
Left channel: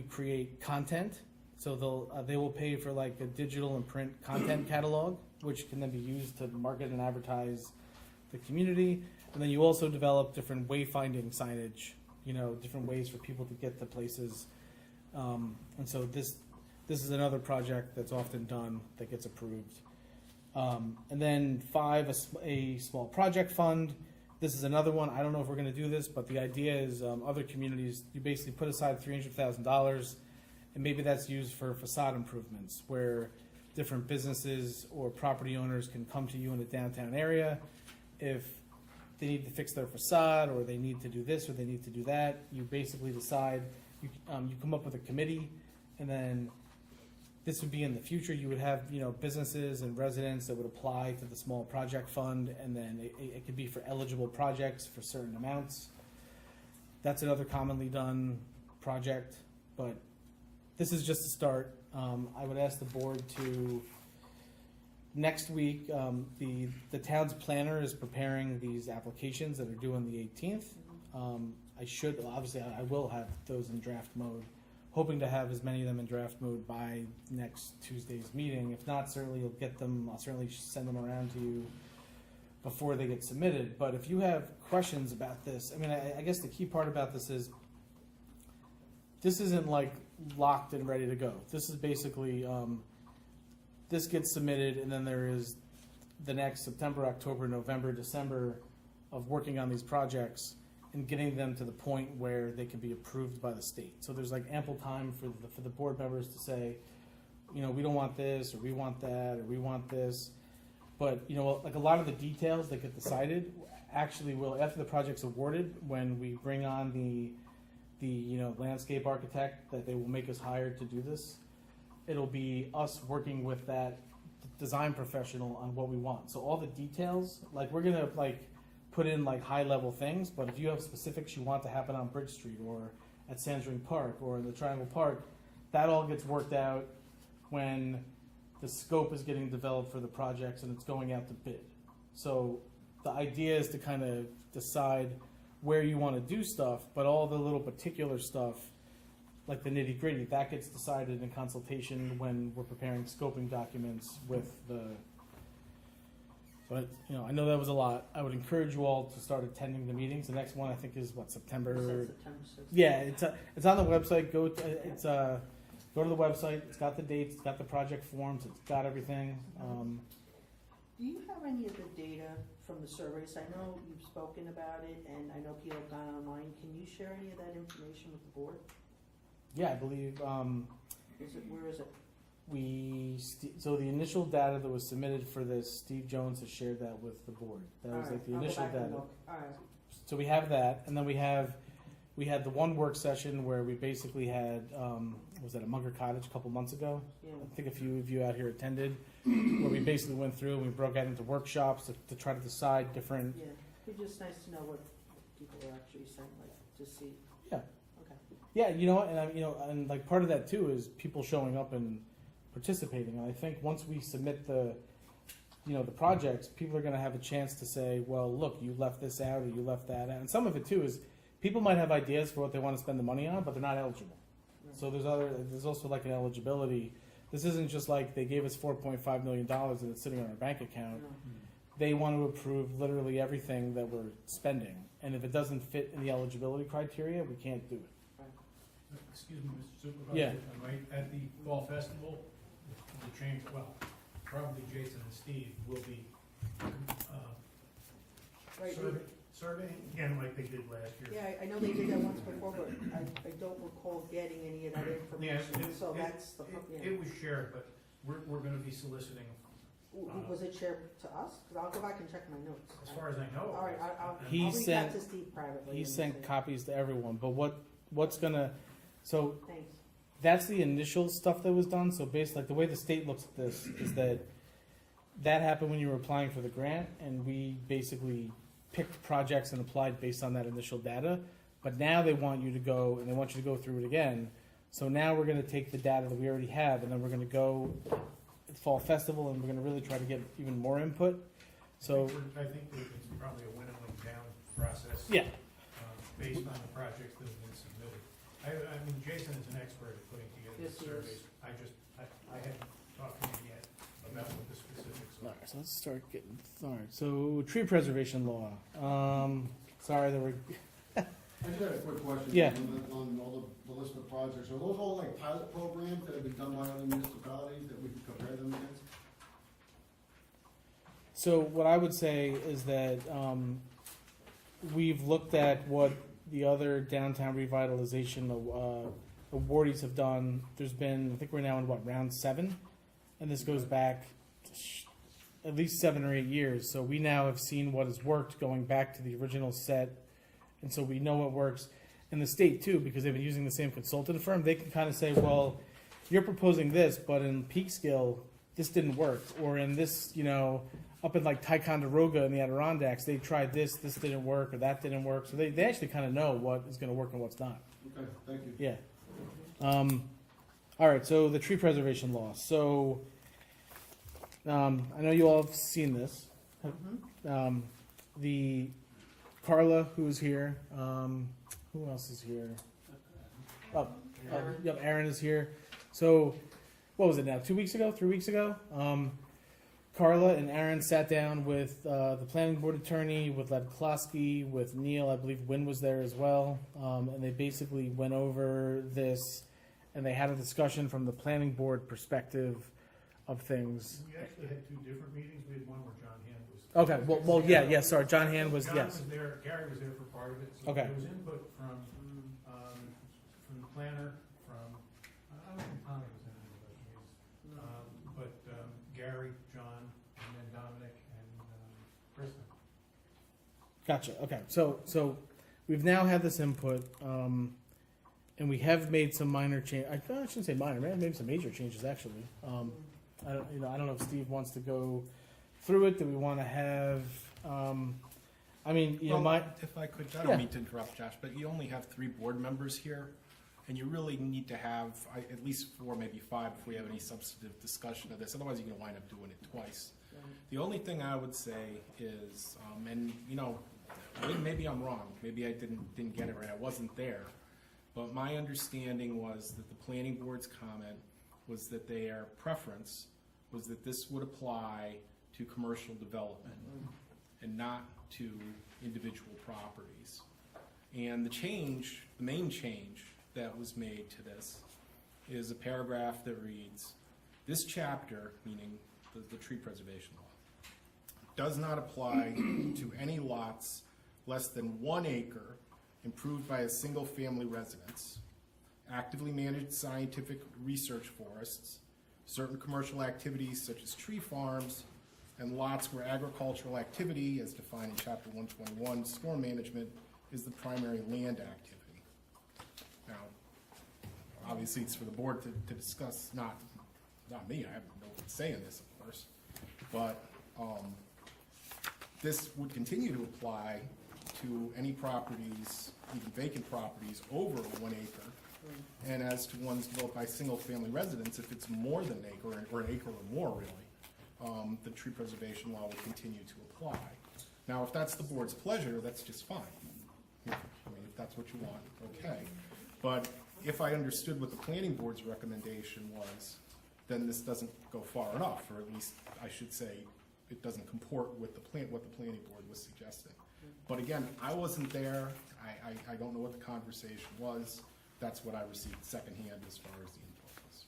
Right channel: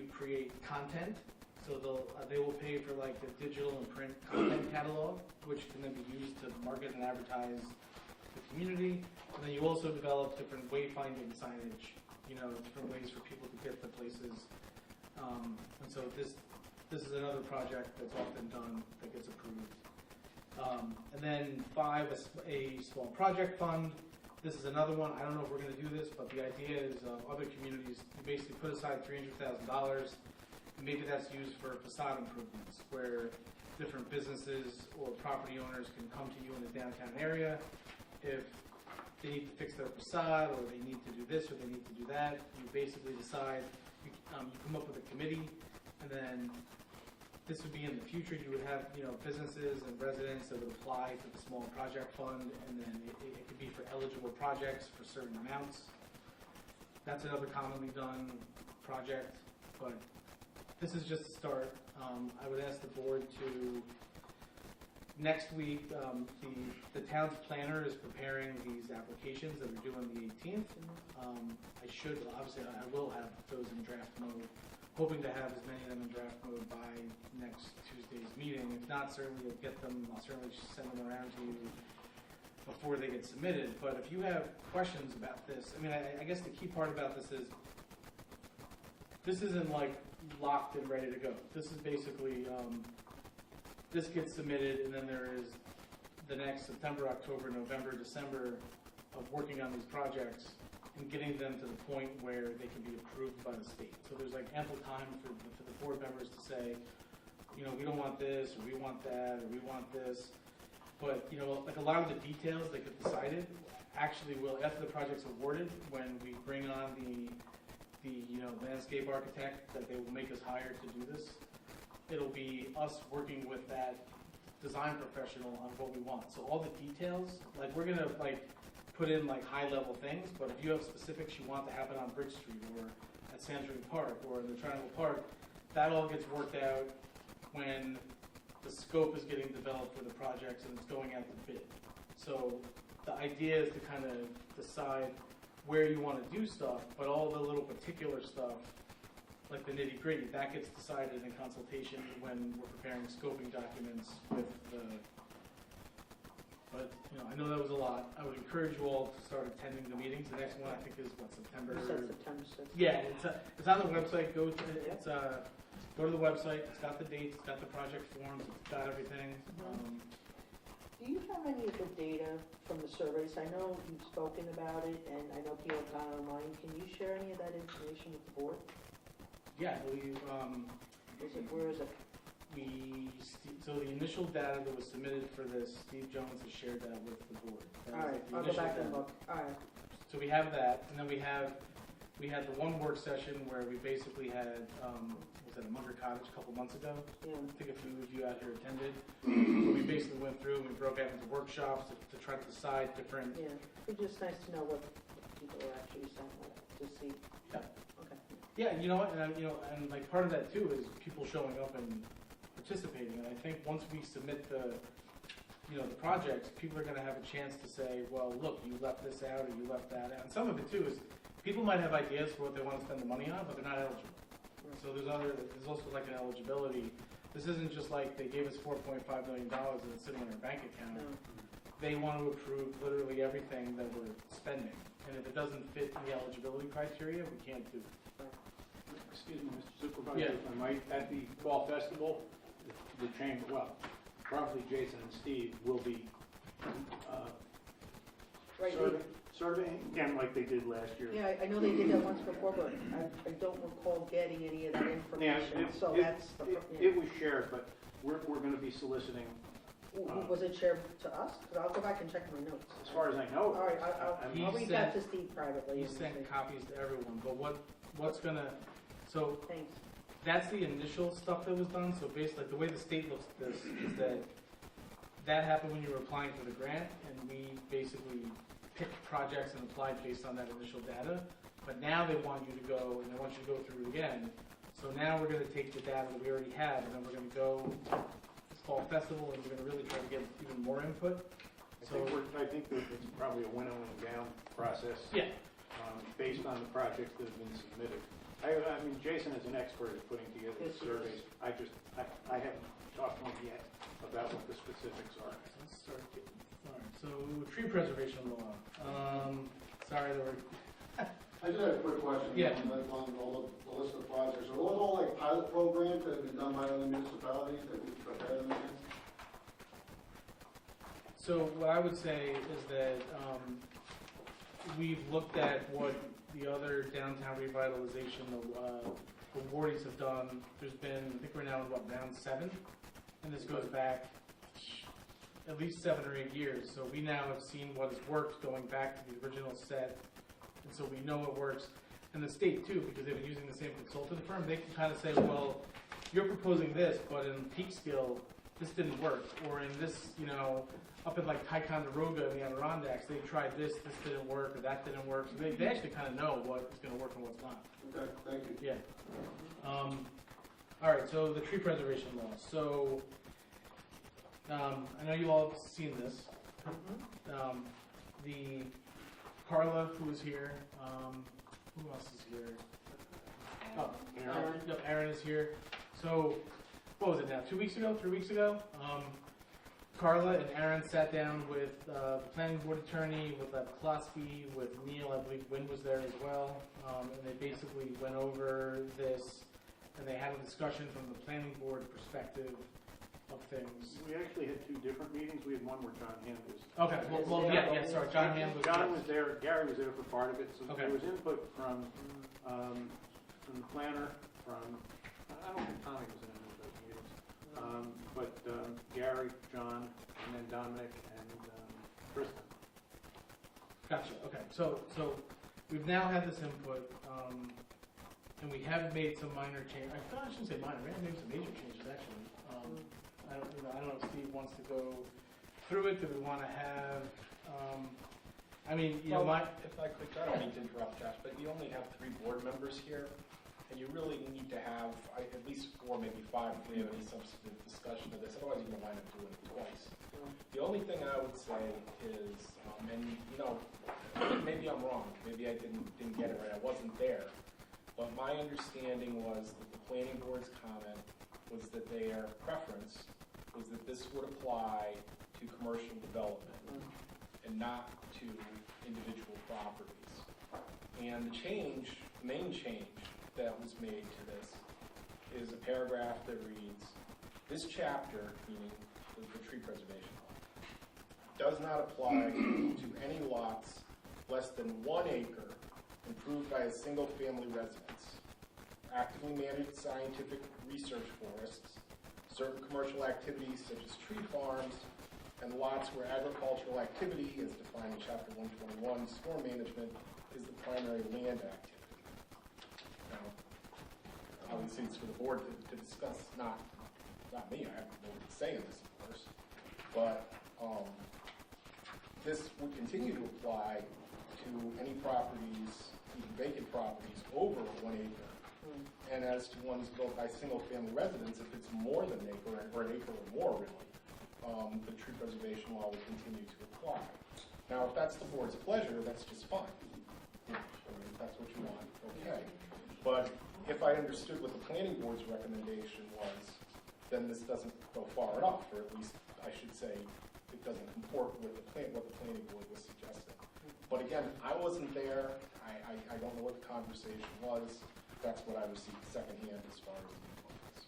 create content. So they will pay for like a digital and print content catalog, which can then be used to market and advertise the community. And then you also develop different wayfinding signage, different ways for people to get to places. And so this is another project that's often done that gets approved. And then 5, a small project fund. This is another one. I don't know if we're going to do this, but the idea is other communities, you basically put aside $300,000, and maybe that's used for facade improvements, where different businesses or property owners can come to you in the downtown area. If they need to fix their facade, or they need to do this, or they need to do that, you basically decide, you come up with a committee, and then this would be in the future. You would have, businesses and residents that would apply to the small project fund, and then it could be for eligible projects for certain amounts. That's another commonly done project, but this is just a start. I would ask the board to, next week, the town's planner is preparing these applications that are due on the 18th. I will have those in draft mode. Hoping to have as many of them in draft mode by next Tuesday's meeting. If not, certainly I'll certainly send them around to you before they get submitted. But if you have questions about this, I guess the key part about this is, this isn't like locked and ready to go. This is basically, this gets submitted, and then there is the next September, October, November, December of working on these projects and getting them to the point where they can be approved by the state. So there's like ample time for the board members to say, we don't want this, or we want that, or we want this. But, like a lot of the details that get decided actually will, after the project's awarded, when we bring on the landscape architect that they will make us hire to do this, it'll be us working with that design professional on what we want. So all the details, like we're gonna put in high level things, but if you have specifics you want to happen on Bridge Street or at Sandring Park or in the Triangle Park, that all gets worked out when the scope is getting developed for the projects and it's going out to bid. So the idea is to kind of decide where you want to do stuff, but all the little particular stuff, like the nitty gritty, that gets decided in consultation when we're preparing scoping documents with the. But I know that was a lot. I would encourage you all to start attending the meetings. The next one I think is September. You said September 6th. Yeah, it's on the website. Go to the website. It's got the dates. It's got the project forms. It's got everything. Do you have any of the data from the surveys? I know you've spoken about it, and I know people have gone online. Can you share any of that information with the board? Yeah, I believe. Where is it? So the initial data that was submitted for this, Steve Jones has shared that with the board. That was the initial I'll go back data. and look. All right. So we have that, and then we had the one work session where we basically had was that at Munger Cottage a couple months ago? Yeah. I think a few of you out here attended. Where we basically went through and we broke out into workshops to try to decide different. Yeah. It's just nice to know what people are actually saying to see. Yeah. Okay. Yeah, and like part of that too is people showing up and participating. And I think once we submit the projects, people are going to have a chance to say, well, look, you left this out or you left that out. And some of it too is people might have ideas for what they want to spend the money on, but they're not eligible. So there's also like an eligibility. This isn't just like they gave us $4.5 million and it's sitting in our bank account. They want to approve literally everything that we're spending. And if it doesn't fit in the eligibility criteria, we can't do it. Excuse me, Mr. Supervisor, Yeah. if I might, at the fall festival, the chamber, well, probably Jason and Steve will be surveying again like they did last year. Yeah, I know they did that once before, but I don't recall getting any of that Yeah, information. So that's the. it was shared, but we're gonna be soliciting, Was it shared to us? Because I'll go back and check my notes. as far as I know. All right, I'll He reach sent- out to Steve privately. He and sent say, copies to everyone, but what's gonna, so Thanks. that's the initial stuff that was done. So basically, like the way the state looks at this is that happened when you were applying for the grant, and we basically picked projects and applied based on that initial data. But now they want you to go, and they want you to go through it again. So now we're going to take the data that we already have, and then we're going to go fall festival, and we're going to really try to get even more input. So I think that it's probably a winnowing down process. yeah, Based on the projects that have been submitted. I mean, Jason is an expert at putting together Yes, he surveys. I haven't talked to him yet about what the specifics all are. right, so let's start getting. All right, so tree preservation law. Sorry, there were. I just have a quick question. Yeah. On all the list of projects, are those all like pilot programs that have been done by other municipalities that we've prepared them against? So what I would say is that we've looked at what the other downtown revitalization awardees have done. There's been, I think we're now in round 7, and this goes back at least 7 or 8 years. So we now have seen what has worked going back to the original set, and so we know what works. In the state too, because they've been using the same consultant firm, they can kind of say, well, you're proposing this, but in Peekskill, this didn't work, or in this, up in like Ticonderoga in the Adirondacks, they tried this didn't work, or that didn't work. So they actually kind of know what is going to work and what's not. Okay, thank you. Yeah. All right, so the tree preservation law. So I know you all have seen this. The Carla, who was here, who else is here? Oh, Aaron. Yep, Aaron is here. So, what was it now? 2 weeks ago? 3 weeks ago? Carla and Aaron sat down with the planning board attorney, with Lev Klosky, with Neil. I believe Wynn was there as well. And they basically went over this, and they had a discussion from the planning board perspective of things. We actually had 2 different meetings. We had one where John Hand was. Okay, well, yeah, sorry. John Hand was, John yes. was there, Gary was there for part of it, so Okay. there was input from the planner, from, I don't think Tommy was in any of those meetings. Larry, John, and then Dominic and Kristen. Gotcha. Okay. So we've now had this input, and we have made some minor change. I shouldn't say minor. Right? Maybe some major changes actually. I don't know if Steve wants to go through it. Do we want to have? I mean, you know, if I could, I don't mean to interrupt, Josh, but you only have 3 board members here, and you really need to have at least 4, maybe 5, if we have any substantive discussion of this. Otherwise, you're going to wind up doing it twice. The only thing I would say is, and you know, maybe I'm wrong. Maybe I didn't get it right. I wasn't there, but my understanding was that the planning board's comment was that their preference was that this would apply to commercial development and not to individual properties. And the main change that was made to this is a paragraph that reads, this chapter, meaning the tree preservation law, does not apply to any lots less than 1 acre improved by a single family residence, actively managed scientific research forests, certain commercial activities such as tree farms, and lots where agricultural activity, as defined in Chapter 121, storm management, is the primary land activity. Now, obviously it's for the board to discuss, not me, I have no say in this, of course, but this would continue to apply to any properties, even vacant properties, over 1 acre. And as to ones built by single-family residents, if it's more than an acre, or an acre or more, really, the tree preservation law will continue to apply. Now, if that's the board's pleasure, that's just fine. If that's what you want, okay. But if I understood what the planning board's recommendation was, then this doesn't go far enough, or at least I should say it doesn't comport with what the planning board was suggesting. But again, I wasn't there. I don't know what the conversation was. That's what I received secondhand as far as the input was.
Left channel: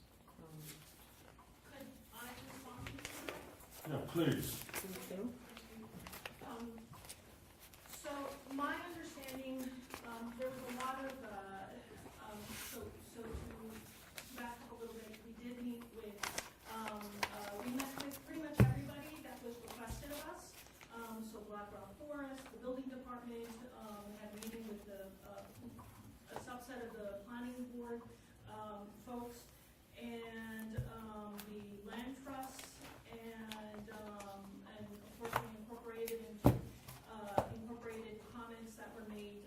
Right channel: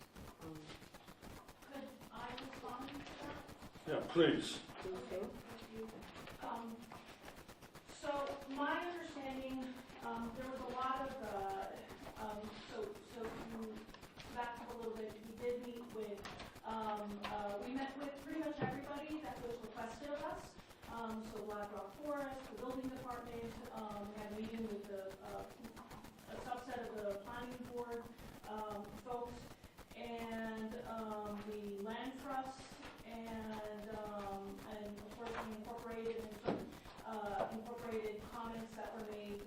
Could I respond to that? Yeah, please. So my understanding, there was a lot of, so to back up a little bit, we did meet with, we met with pretty much everybody that was requested of us. So Black Rock Forest, the building department, had a meeting with a subset of the planning board, folks, and, the land trust, and of course we incorporated comments that were made,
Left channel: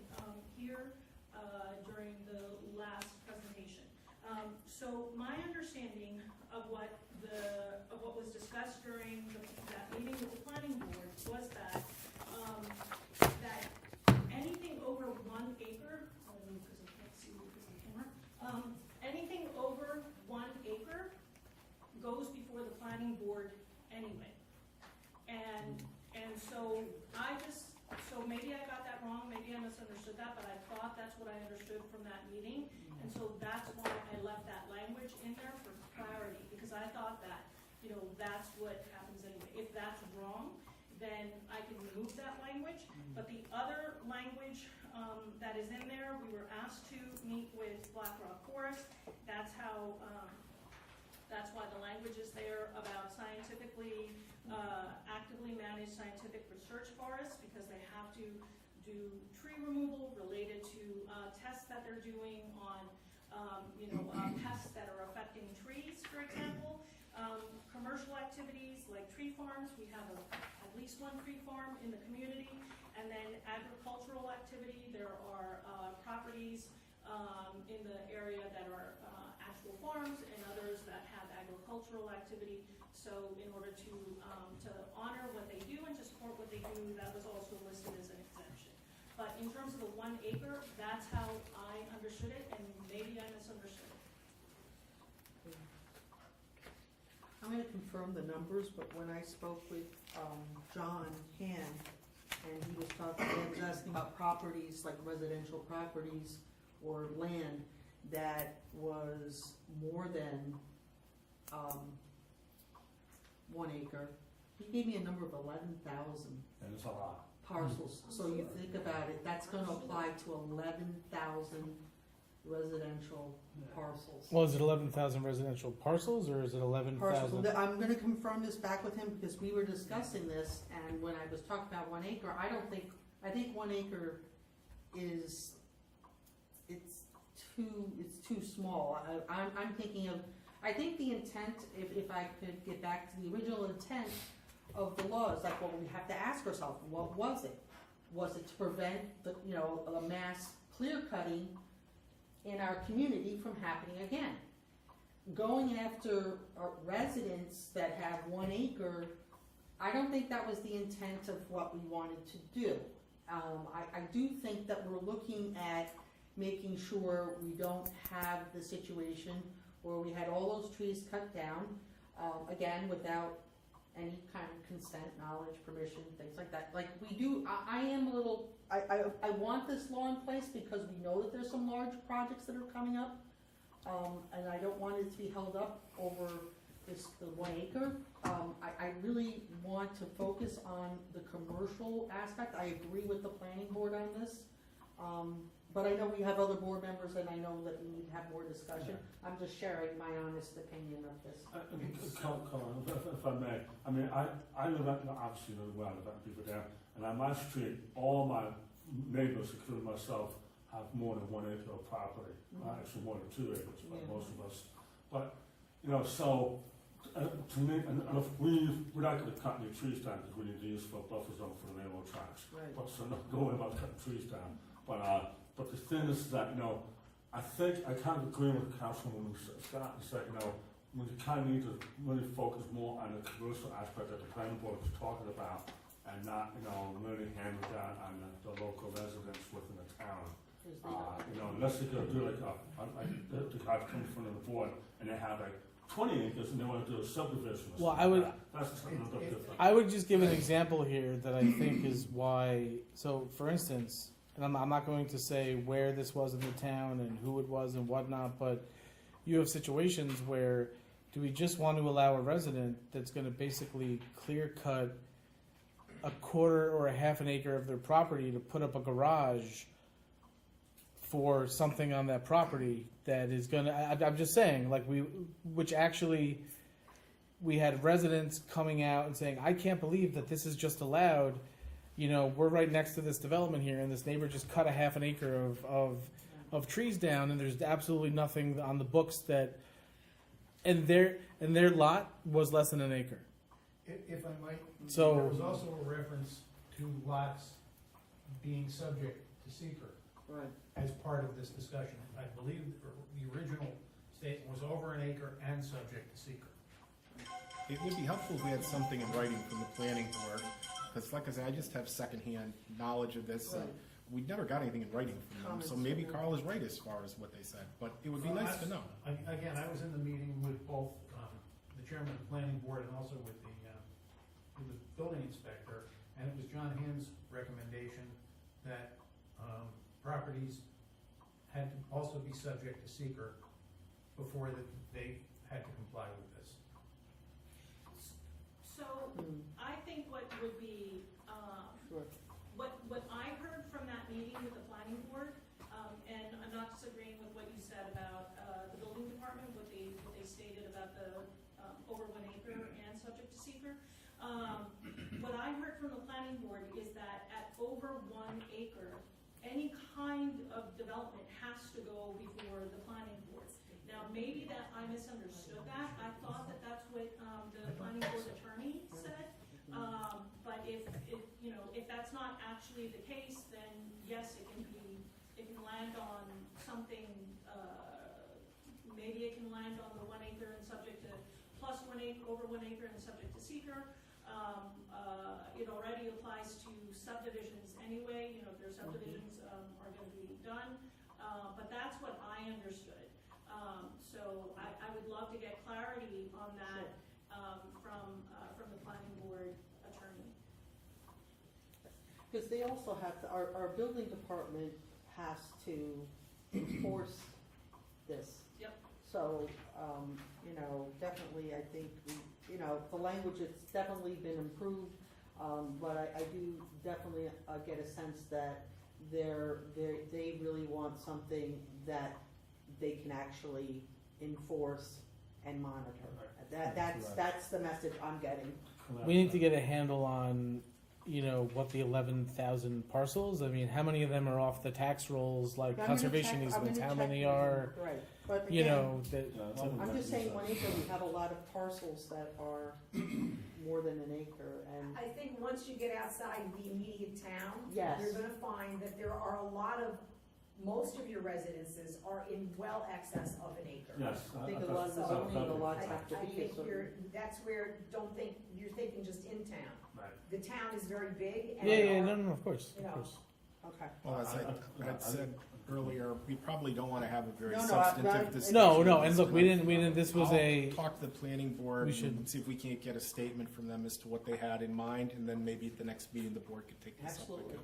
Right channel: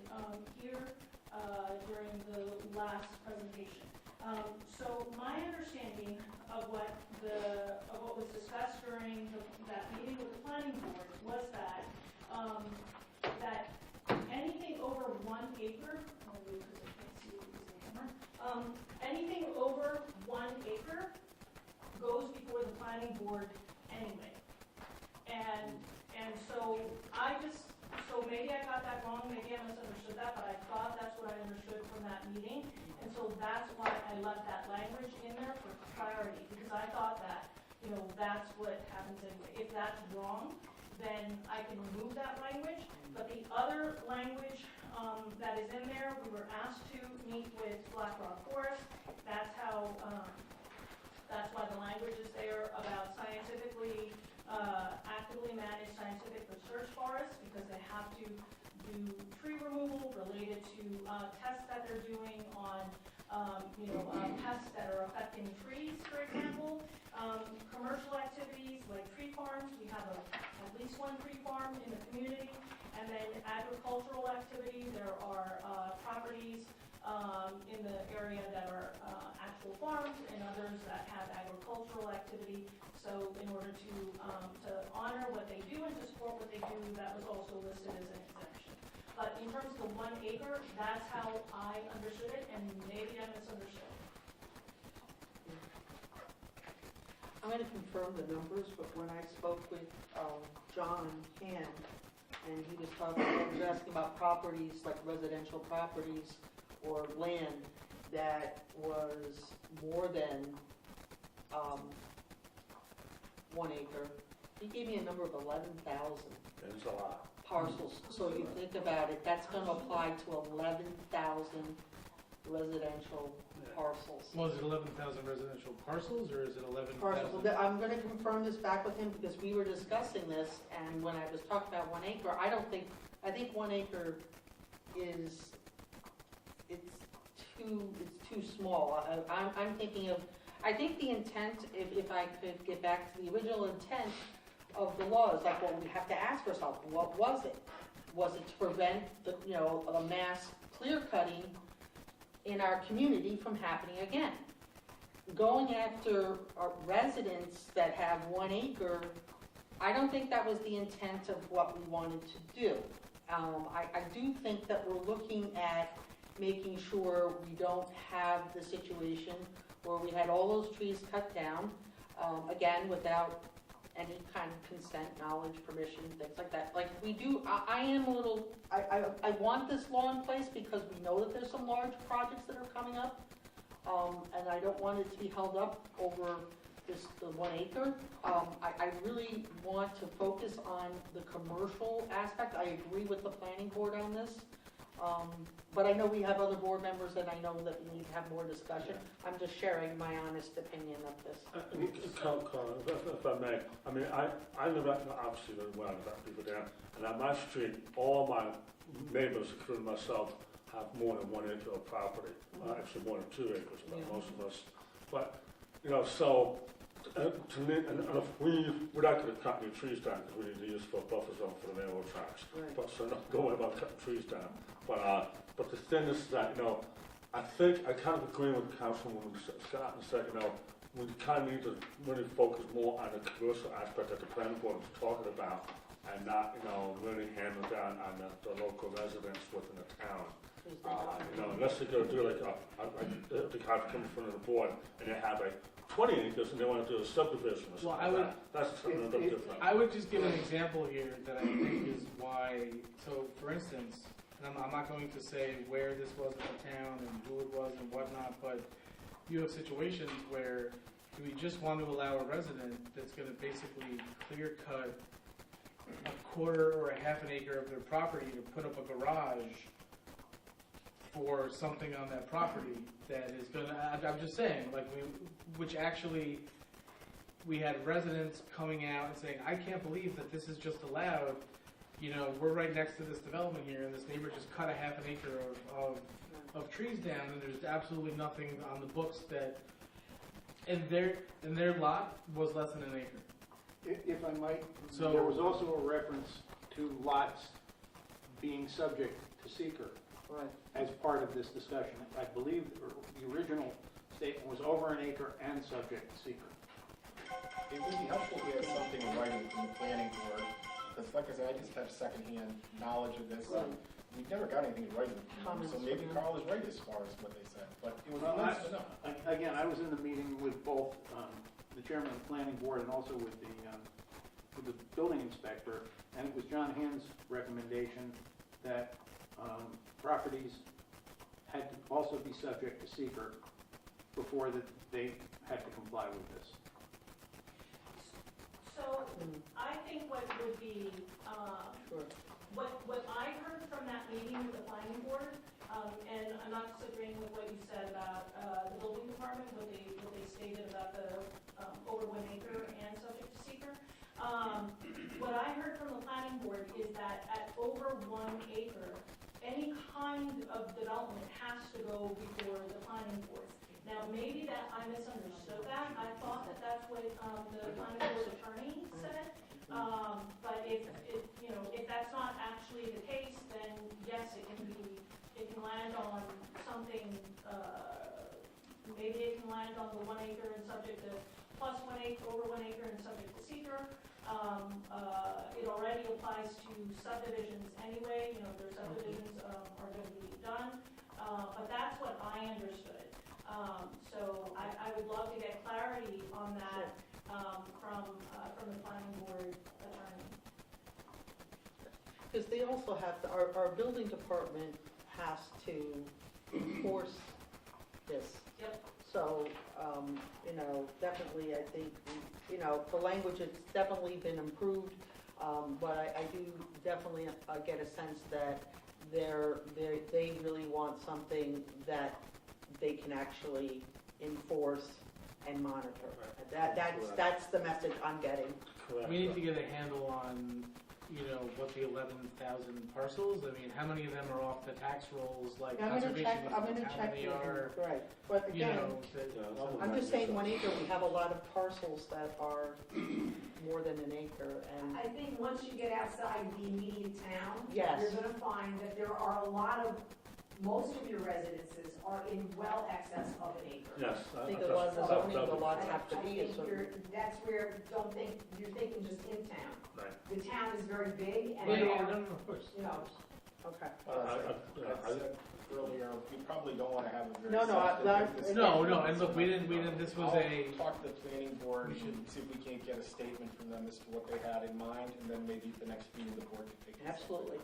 here, during the last presentation. So my understanding of what was discussed during that meeting with the planning board was that, that anything over 1 acre, I'll do it because I can't see because of the camera, anything over 1 acre goes before the planning board anyway. And so so maybe I got that wrong, maybe I misunderstood that, but I thought that's what I understood from that meeting. And so that's why I left that language in there for clarity, because I thought that, you know, that's what happens anyway. If that's wrong, then I can remove that language. But the other language that is in there, we were asked to meet with Black Rock Forest. That's how, that's why the language is there about scientifically, actively managed scientific research forests, because they have to do tree removal related to tests that they're doing on, pests that are affecting trees, for example. Commercial activities like tree farms, we have at least 1 tree farm in the community. And then agricultural activity, there are properties in the area that are actual farms and others that have agricultural activity. So in order to honor what they do and to support what they do, that was also listed as an exemption. But in terms of the 1 acre, that's how I understood it, and maybe I misunderstood. I'm going to confirm the numbers, but when I spoke with John Han, and he was asking about properties, like residential properties or land that was more than 1 acre, he gave me a number of 11,000 That's a lot. parcels. So you think about it, that's going to apply to 11,000 residential parcels. Well, is it 11,000 residential parcels, or is it 11,000? Parcels. I'm gonna confirm this back with him, because we were discussing this, and when I was talking about 1 acre, I think 1 acre is, it's too small. I'm thinking of, I think the intent, if I could get back to the original intent of the law, is like, well, we have to ask ourselves, what was it? Was it to prevent the, a mass clear cutting in our community from happening again? Going after residents that have 1 acre, I don't think that was the intent of what we wanted to do. I do think that we're looking at making sure we don't have the situation where we had all those trees cut down, again, without any kind of consent, knowledge, permission, things like that. Like we do, I am a little, I want this law in place because we know that there's some large projects that are coming up, and I don't want it to be held up over the 1 acre. I really want to focus on the commercial aspect. I agree with the planning board on this. But I know we have other board members and I know that we need to have more discussion. I'm just sharing my honest opinion of this. Colin, if I may, I mean, I live out, obviously live well, I live out Beaver Dam, and on my street, all my neighbors, including myself, have more than 1 acre of property. Actually more than 2 acres, but most of us. But, so, to me, and if we're not going to cut any trees down because we need to use for a buffer zone for the railroad tracks. Right. But so don't worry about cutting trees down. But the thing is that, I think I kind of agree with Councilwoman Scott and said, we kind of need to really focus more on the commercial aspect that the planning board is talking about and not, really hammer down on the local residents within the town. Unless they're going to do the kind of come in front of the board and they have 20 acres and they want to do a subdivision or something like that. That's something a little different. I would just give an example here that I think is why. So, for instance, and I'm not going to say where this was in the town and who it was and whatnot, but you have situations where do we just want to allow a resident that's going to basically clear cut a quarter or a half an acre of their property to put up a garage for something on that property that is going to, I'm just saying, like we had residents coming out and saying, I can't believe that this is just allowed. We're right next to this development here, and this neighbor just cut a half an acre of trees down, and there's absolutely nothing on the books that, and their lot was less than an acre. If I might, So there was also a reference to lots being subject to seeker Right. as part of this discussion. I believe the original statement was over an acre and subject to seeker. It would be helpful if we had something in writing from the planning board, because like I said, I just have secondhand knowledge of this. Right. We've never got anything in writing from them, so maybe Carl is right as far as what they said, but it would be nice to know. Again, I was in the meeting with both the chairman of the planning board and also with the building inspector, and it was John Hand's recommendation that properties had to also be subject to seeker before that they had to comply with this. So, I think what would be, Sure. what I heard from that meeting with the planning board, and I'm not disagreeing with what you said about, the building department, what they stated about the, over 1 acre and subject to seeker. What I heard from the planning board is that at over 1 acre, any kind of development has to go before the planning board. Now, maybe that, I misunderstood that, I thought that that's what, the planning board attorney said. But if that's not actually the case, then yes, it can land on something, maybe it can land on the 1 acre and subject to plus 1 acre, over 1 acre and subject to seeker. It already applies to subdivisions anyway, their subdivisions, are gonna be done. But that's what I understood. So I would love to get clarity on that, from the planning board attorney. Because they also have, our building department has to enforce this. Yep. So, definitely I think, the language, it's definitely been improved, but I do definitely get a sense that they really want something that they can actually enforce and monitor. Correct. That's the message I'm getting. Correct. We need to get a handle on, you know, what the 11,000 parcels, I mean, how many of them are off the tax rolls, like I'm gonna conservation check- I'm easements, gonna how check many with are, them. Right, but you again, know, that, I'm just saying 1 acre, we have a lot of parcels that are more than an acre, and I think once you get outside the immediate town, Yes. you're gonna find that there are a lot of, most of your residences are in well excess of an acre. Yes. I think a lot of the zoning, the lots have to I be a think certain. that's where, don't think, you're thinking just in town. Right. The town is very big and. yeah, no, of course, You of know. course. Okay. Well, as I said earlier, we probably don't want to have a very No, no, substantive discussion. No, and look, we didn't, this was a, I'll talk to the planning board we and should- see if we can't get a statement from them as to what they had in mind, and then maybe at the next meeting, the board could take this up. Absolutely.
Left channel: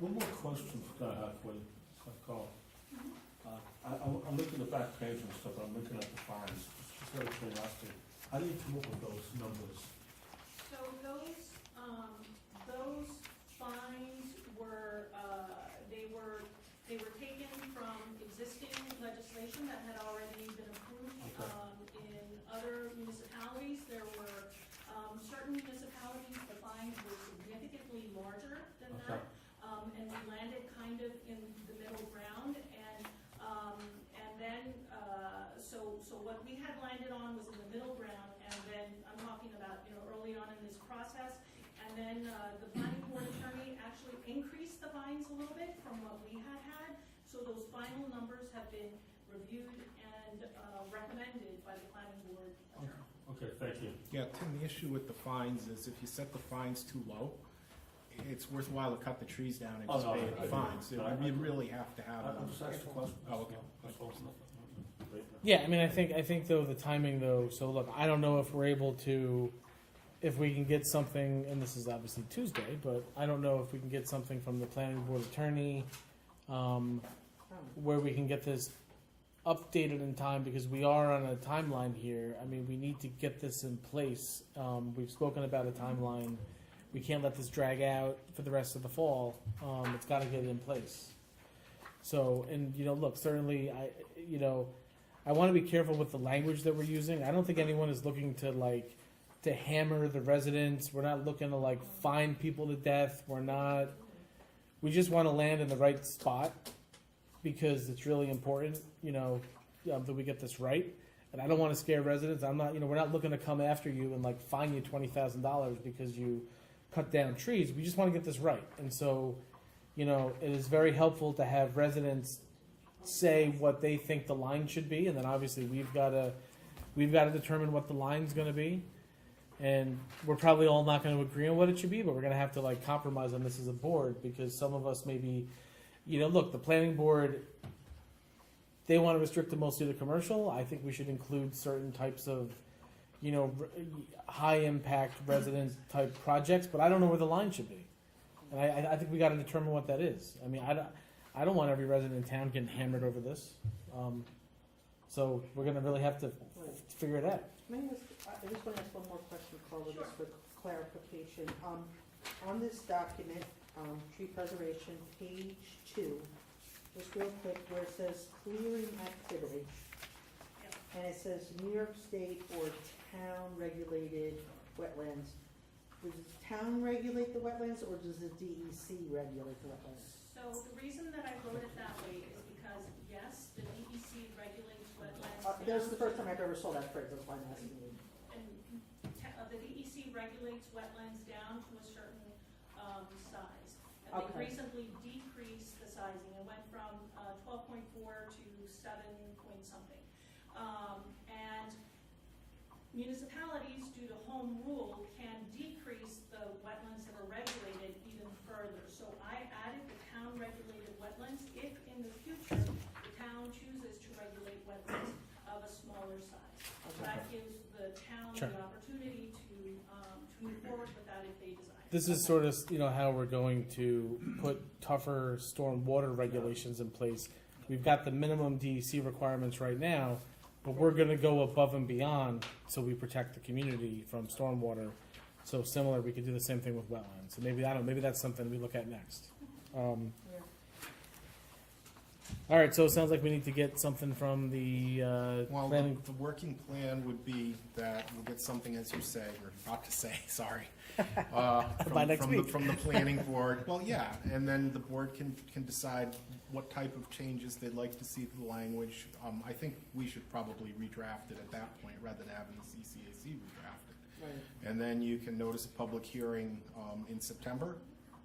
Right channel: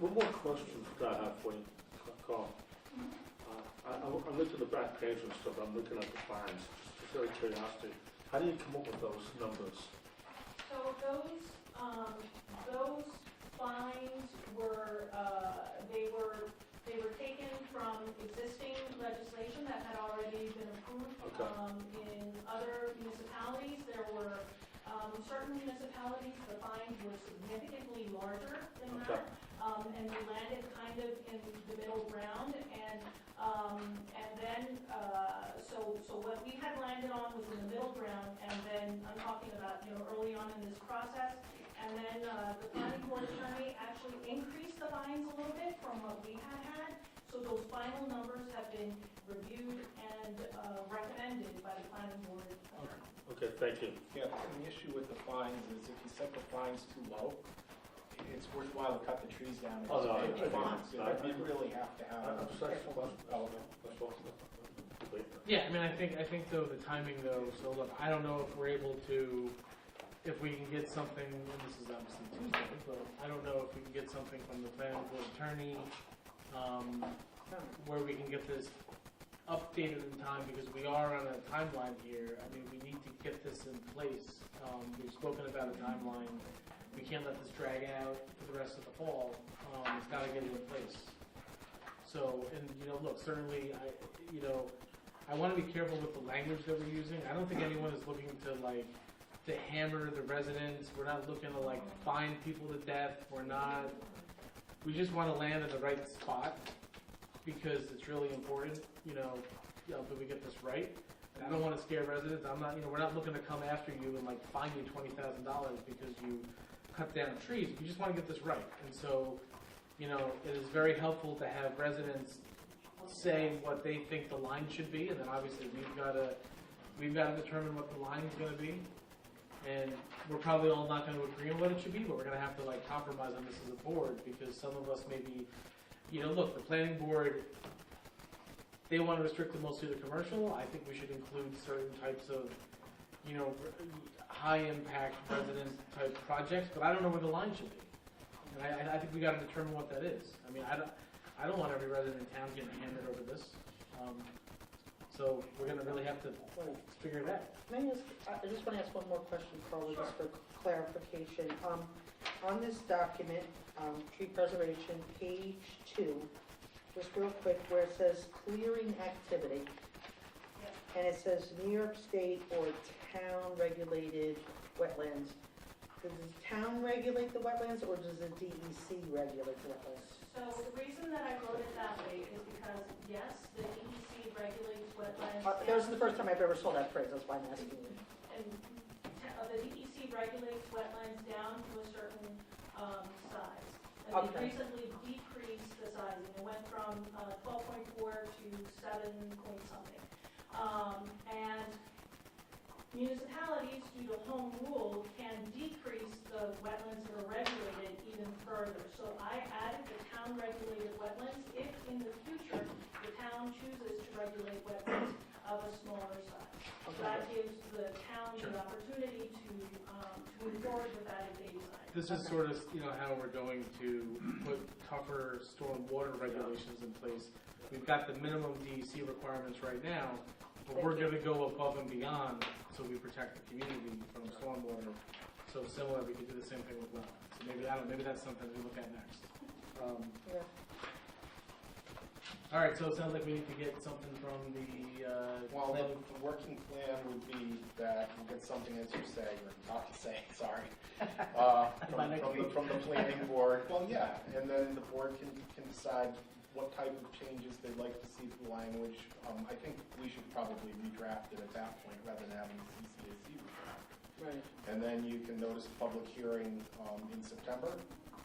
One more question that I have for you, Carl. I'm looking at the back page and stuff, I'm looking at the fines, just very curiosity. How do you come up with those numbers? So those fines were, they were taken from existing legislation that had already been approved. Okay. In other municipalities, there were, certain municipalities, the fines were significantly larger than Okay. that. And we landed kind of in the middle ground, and then, so what we had landed on was in the middle ground, and then I'm talking about, you know, early on in this process, and then, the planning board attorney actually increased the fines a little bit from what we had, so those final numbers have been reviewed and, recommended by the planning board attorney. Okay, thank you. Yeah, Tim, the issue with the fines is if you set the fines too low, it's worthwhile to cut the trees down and just pay the fines. You really have to have. I'm just asking a question. Oh, okay. That's all. yeah, I mean, I think though, the timing though, so look, I don't know if we're able to, if we can get something, and this is obviously Tuesday, but I don't know if we can get something from the planning board attorney, where we can get this updated in time, because we are on a timeline here. I mean, we need to get this in place. We've spoken about a timeline. We can't let this drag out for the rest of the fall. It's gotta get in place. So, and, you know, look, certainly, I wanna be careful with the language that we're using. I don't think anyone is looking to hammer the residents. We're not looking to fine people to death. We just wanna land in the right spot, because it's really important, that we get this right. And I don't wanna scare residents. We're not looking to come after you and fine you $20,000 because you cut down trees. We just wanna get this right. And so, it is very helpful to have residents say what they think the line should be, and then obviously we've gotta determine what the line's gonna be. And we're probably all not gonna agree on what it should be, but we're gonna have to compromise on this as a board, because some of us maybe, look, the planning board, they wanna restrict it mostly to commercial. I think we should include certain types of, high impact resident type projects, but I don't know where the line should be. And I think we gotta determine what that is. I mean, I don't want every resident in town getting hammered over this. So we're gonna really have to figure it out. May I ask, I just want to ask one more question, Carla, just for clarification. On this document, tree preservation, page 2, just real quick, where it says clearing activity, and it says New York State or town regulated wetlands. Does the town regulate the wetlands, or does the DEC regulate the wetlands? So the reason that I wrote it that way is because, yes, the DEC regulates wetlands. That was the first time I've ever saw that phrase, that's why I'm asking you. And the DEC regulates wetlands down to a certain size. And Okay. they recently decreased the sizing. It went from 12.4 to 7 point something. And municipalities, due to home rule, can decrease the wetlands that are regulated even further. So I added the town regulated wetlands if in the future the town chooses to regulate wetlands of a smaller size. So that gives the town Sure. the opportunity to move forward with that if they desire. This is sort of, how we're going to put tougher storm water regulations in place. We've got the minimum DEC requirements right now, but we're gonna go above and beyond so we protect the community from stormwater. So similar, we could do the same thing with wetlands. So maybe that's something we look at next. All right, so it sounds like we need to get something from the Well, planning. the working plan would be that you get something, as you say, or about to say, sorry. By next week. From the planning board, well, yeah, and then the board can decide what type of changes they'd like to see to the language. I think we should probably redraft it at that point, rather than having the CCAC redraft it. Right. And then you can notice a public hearing in September,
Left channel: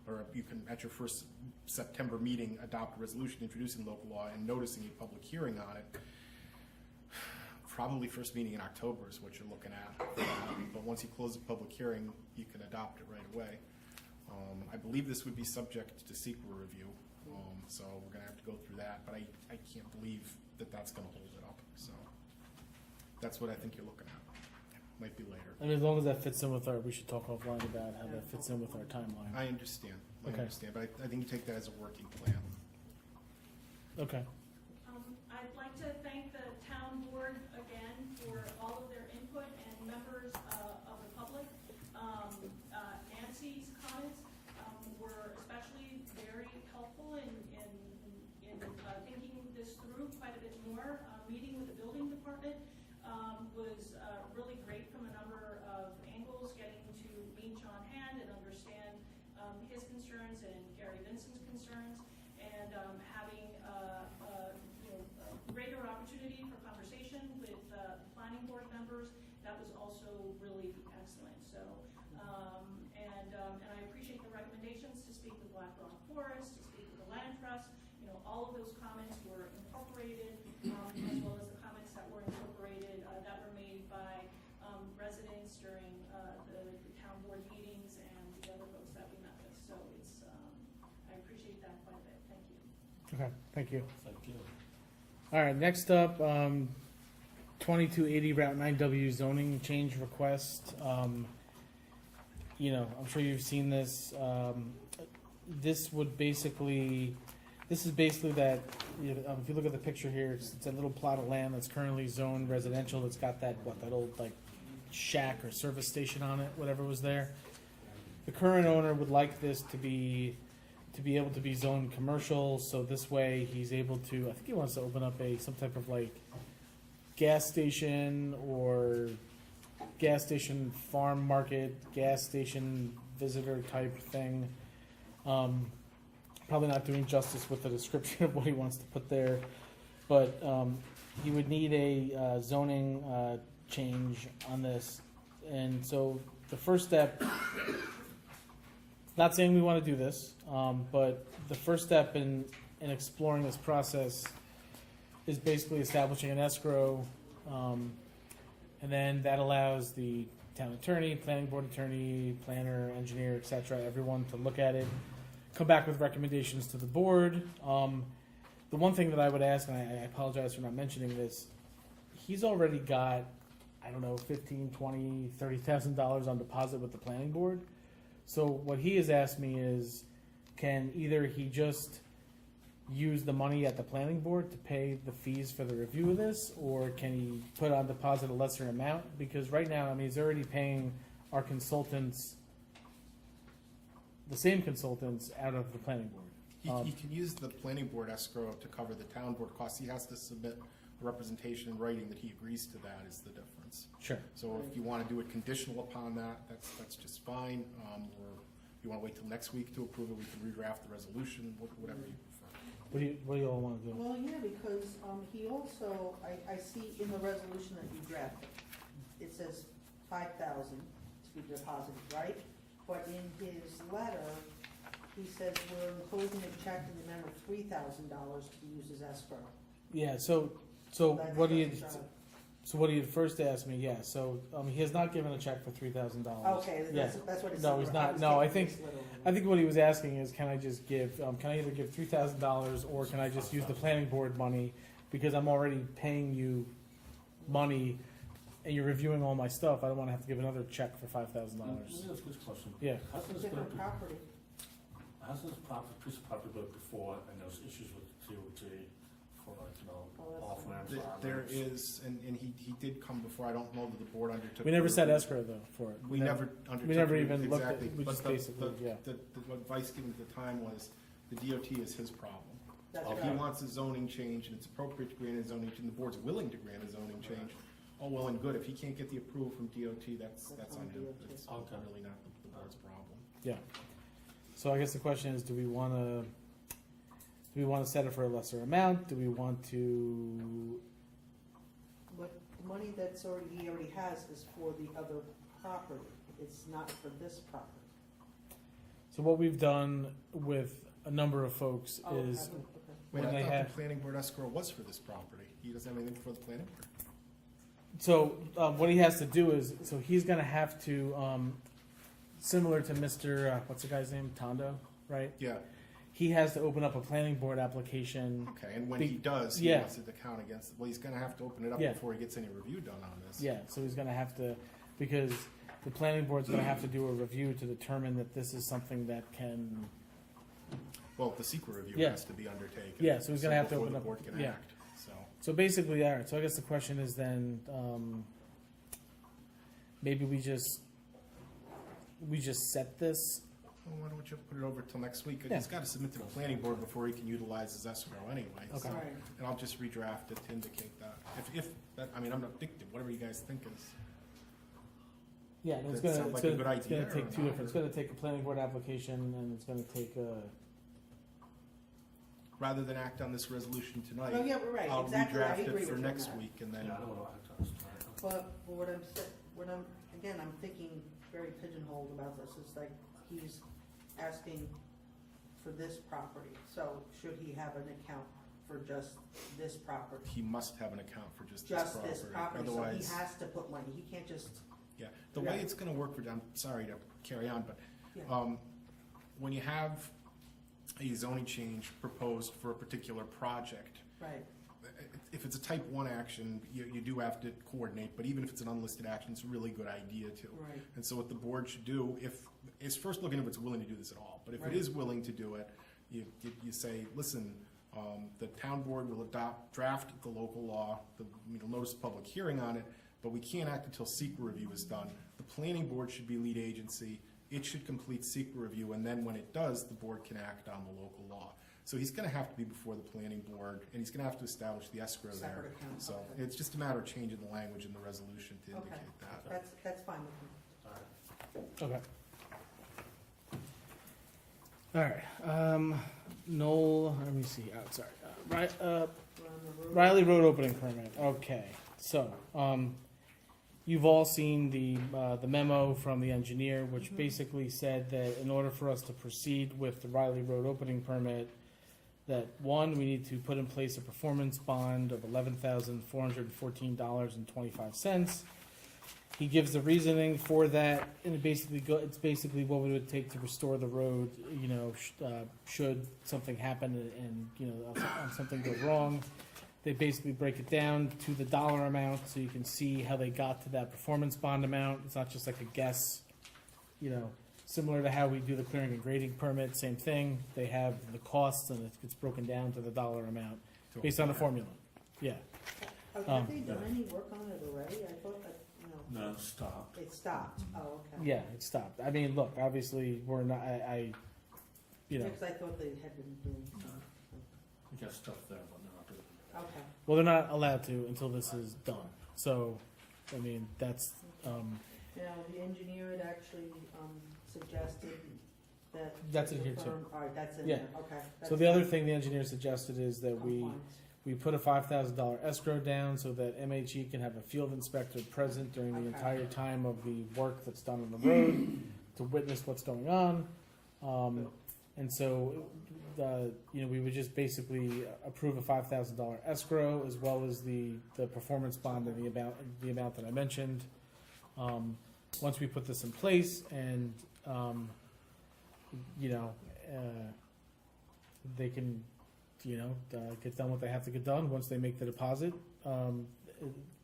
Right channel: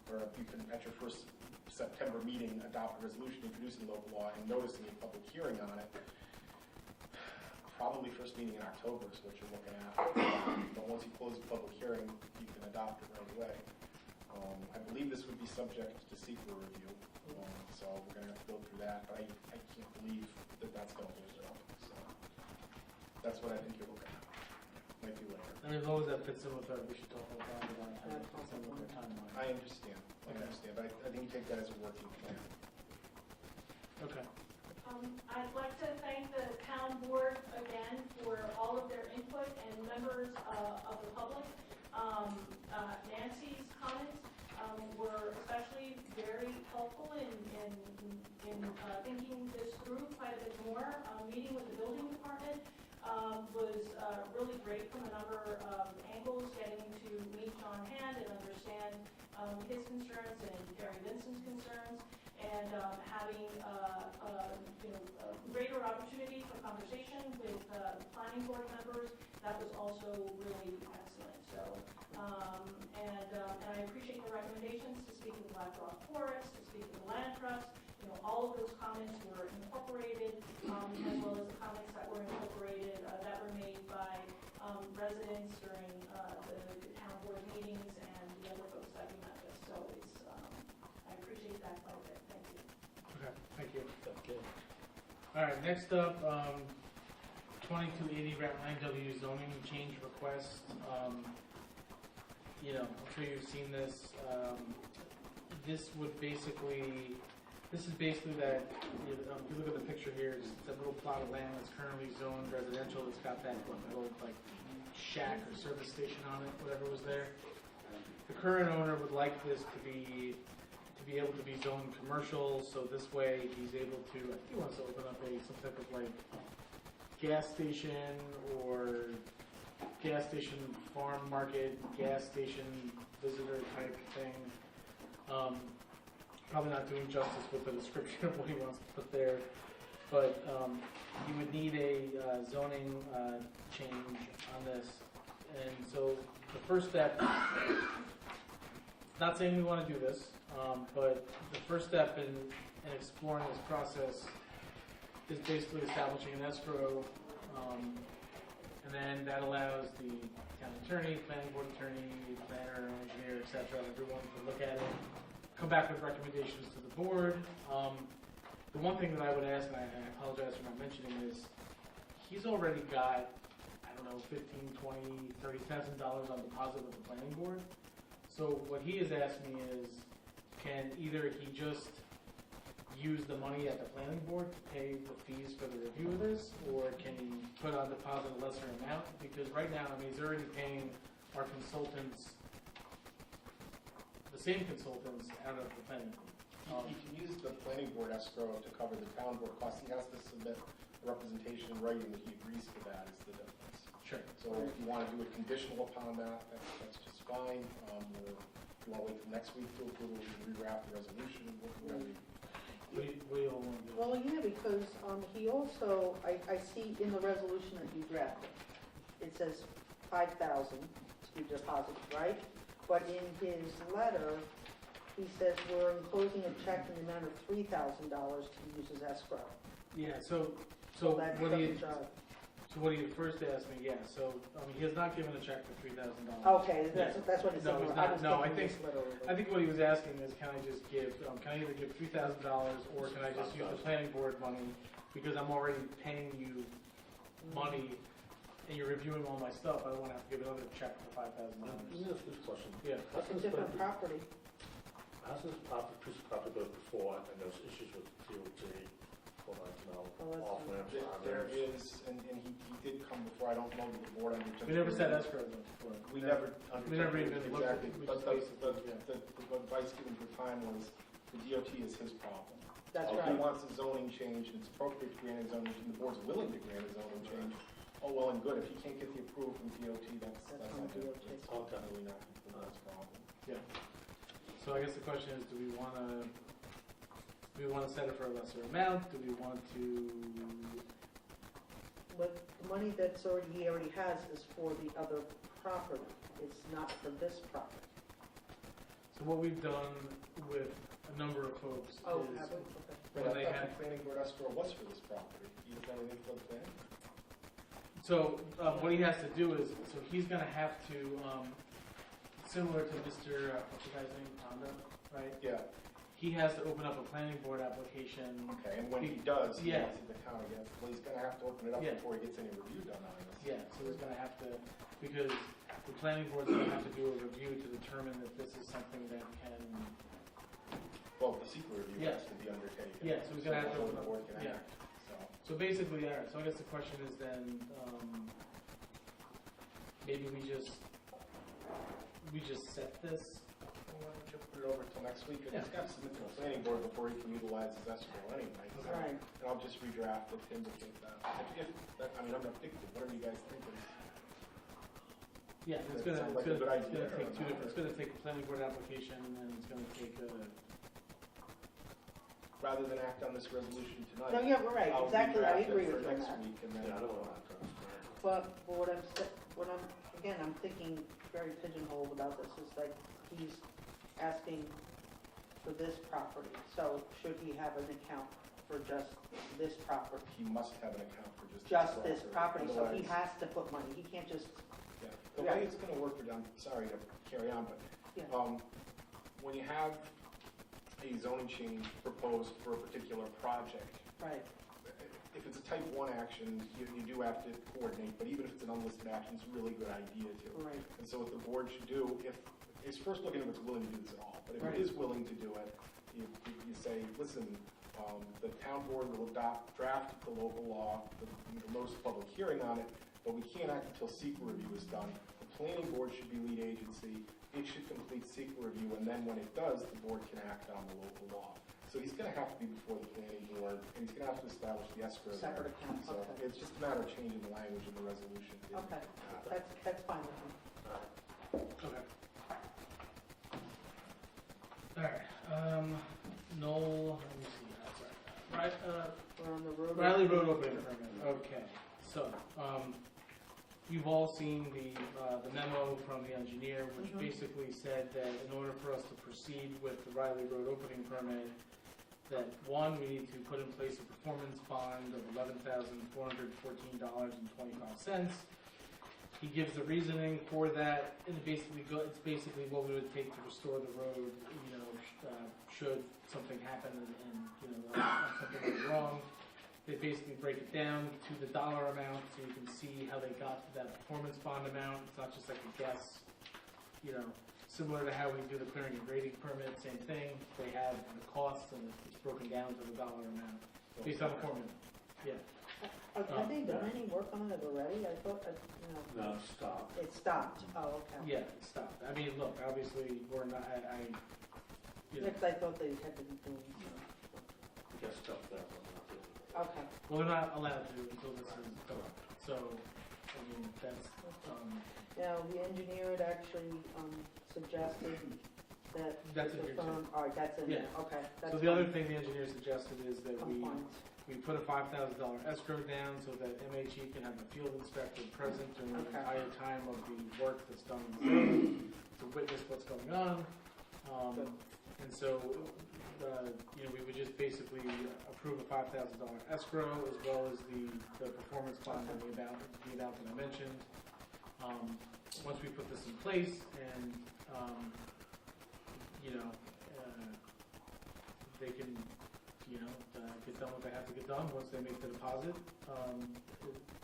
or you can, at your first September meeting, adopt a resolution introducing local law and noticing a public hearing on it. Probably first meeting in October is what you're looking at. But once you close the public hearing, you can adopt it right away. I believe this would be subject to SEQA review, so we're gonna have to go through that, but I can't believe that that's gonna hold it up, so. That's what I think you're looking at. Might be later. I mean, as long as that fits in with our, we should talk offline about how that fits in with our timeline. I understand, Okay. but I think you take that as a working plan. Okay. I'd like to thank the town board again for all of their input and members of the public. Nancy's comments were especially very helpful in thinking this through quite a bit more. Meeting with the building department was really great from a number of angles, getting to meet John Hand and understand his concerns and Gary Vincent's concerns, and having greater opportunity for conversation with planning board members. That was also really excellent. So, and I appreciate the recommendations to speak with Black Rock Forest, to speak with the Land Trust. All of those comments were incorporated, as well as the comments that were incorporated that were made by residents during the town board meetings and the other folks that we met with. So it's, I appreciate that quite a bit. Thank you. Okay, thank you. All right, next up, 2280 Route 9W zoning change request. I'm sure you've seen this. This is basically that, if you look at the picture here, it's a little plot of land that's currently zoned residential. It's got that old like shack or service station on it, whatever was there. The current owner would like this to be able to be zoned commercial, so this way he's able to, I think he wants to open up some type of like gas station or gas station farm market, gas station visitor type thing. Probably not doing justice with the description of what he wants to put there, but he would need a zoning change on this. And so the first step, not saying we want to do this, but the first step in exploring this process is basically establishing an escrow, and then that allows the town attorney, planning board attorney, planner, engineer, etc., everyone to look at it, come back with recommendations to the board. The one thing that I would ask, and I apologize for not mentioning this, he's already got, I don't know, $15,000, $20,000, $30,000 on deposit with the planning board. So what he has asked me is, can either he just use the money at the planning board to pay the fees for the review of this, or can he put on deposit a lesser amount? Because right now, he's already paying our consultants, the same consultants, out of the planning board. He can use the planning board escrow to cover the town board costs. He has to submit representation in writing that he agrees to that is the difference. Sure. So if you want to do it conditional upon that, that's just fine. Or if you want to wait till next week to approve it, we can redraft the resolution, whatever you prefer. What do you all want to do? Well, yeah, because he also, I see in the resolution that you drafted, it says 5,000 to be deposited, right? But in his letter, he says we're enclosing a check in the amount of $3,000 to use as escrow. Yeah. So That what do you? doesn't drive. So what do you first ask me? Yeah. So he has not given a check for $3,000. Okay, that's what he said. No, he's not. No, I think what he was asking is, can I just give? Can I either give $3,000 or can I just use the planning board money because I'm already paying you money and you're reviewing all my stuff? I don't want to have to give another check for $5,000. Let me ask this question. Yeah. How's this Different property. piece of property go before, and there's issues with DOT for off ramps, on There ramps? is, and he did come before. I don't know that the board undertook. We never set escrow though for it. We never undertook. We never it, even looked at. exactly. We just But basically, yeah. the advice given at the time was the DOT is his problem. That's If right. he wants a zoning change, and it's appropriate to grant a zoning change, and the board's willing to grant a zoning change, all well and good. If he can't get the approval from DOT, that's on him. It's Okay. really not the board's problem. Yeah. So I guess the question is, do we wanna set it for a lesser amount? Do we want to, What money he already has is for the other property, it's not for this property. so what we've done with a number of folks Oh, is, okay. Wait, When I they thought have- the planning board escrow was for this property. He doesn't have anything for the planning? so what he has to do is, so he's gonna have to, similar to Mr., what's the guy's name, Tondo, right? Yeah, He has to open up a planning board application. okay, and when he does, he Yeah. wants it to count against, well, he's gonna have to open it up Yeah. before he gets any review done on this. Yeah, so he's gonna have to, because the planning board's gonna have to do a review to determine that this is something that can, Well, the secret review Yeah. has to be undertaken. Yeah, so he's gonna have to before open the up- board can yeah. act, so. so basically, alright, so I guess the question is then, maybe we just set this. Well, why don't we just put it over till next week? 'Cause Yeah. he's gotta submit to the planning board before he can utilize his escrow anyway, so. Okay. Right. And I'll just redraft it to indicate that. I mean, I'm not dictating, whatever you guys think is. Yeah, Does it's that gonna, sound it's like a gonna, good it's gonna idea or take two not? different, it's gonna take a planning board application and it's gonna take a, Rather than act on this resolution Oh, tonight, yeah, right, I'll exactly, I redraft agree it for with you on next that. week and then. Yeah, I don't know. But again, I'm thinking very pigeonholed about this, is like, he's asking for this property, so should he have an account for just this property? He must have an account for just Just this property, so he Otherwise- has to put money, he can't just, Yeah, the way it's gonna work, I'm sorry to carry on, but, yeah, when you have a zoning change proposed for a particular project, right, if it's a type 1 action, you do have to coordinate, but even if it's an unlisted action, it's a really good idea to. right, And so what the board should do, is first looking if it's willing to do this at all, but if Right. it is willing to do it, you say, listen, the town board will draft the local law, notice a public hearing on it, but we can't act until secret review is done. The planning board should be lead agency, it should complete secret review, and then when it does, the board can act on the local law. So he's gonna have to be before the planning board, and he's gonna have to establish the escrow there. separate account, So okay, it's just a matter of changing the language in the resolution to Okay. indicate that. that's fine with me. okay. Alright, Noel, let me see, oh, sorry, We're on the road. Riley Road opening permit, okay, so, you've all seen the memo from the engineer, which Mhm. basically said that in order for us to proceed with the Riley Road opening permit, that one, we need to put in place a performance bond of $11,414.25. He gives the reasoning for that, and it's basically what we would take to restore the road, should something happen and something goes wrong. They basically break it down to the dollar amount, so you can see how they got to that performance bond amount. It's not just like a guess, similar to how we do the clearing and grading permit, same thing. They have the costs and it's broken down to the dollar amount based on the formula. Yeah. Have they done any work on it already? I thought that, No, stop. it stopped, oh, okay. Yeah, it stopped. I mean, look, obviously, we're not, Because I thought they had to be doing, We got stuff there, but we're not doing it. okay. well, they're not allowed to until this is done. So, I mean, that's, Now, the engineer had actually, suggested that. That's in here too. Alright, that's in Yeah. there, okay. so the other thing the engineer suggested is that we Compliance. put a $5,000 escrow down so that MHE can have a field inspector present during the Okay. entire time of the work that's done on the road to witness what's going on. And so, we would just basically approve a $5,000 escrow as well as the performance bond and the amount that I mentioned. Once we put this in place and, they can, get done what they have to get done, once they make the deposit,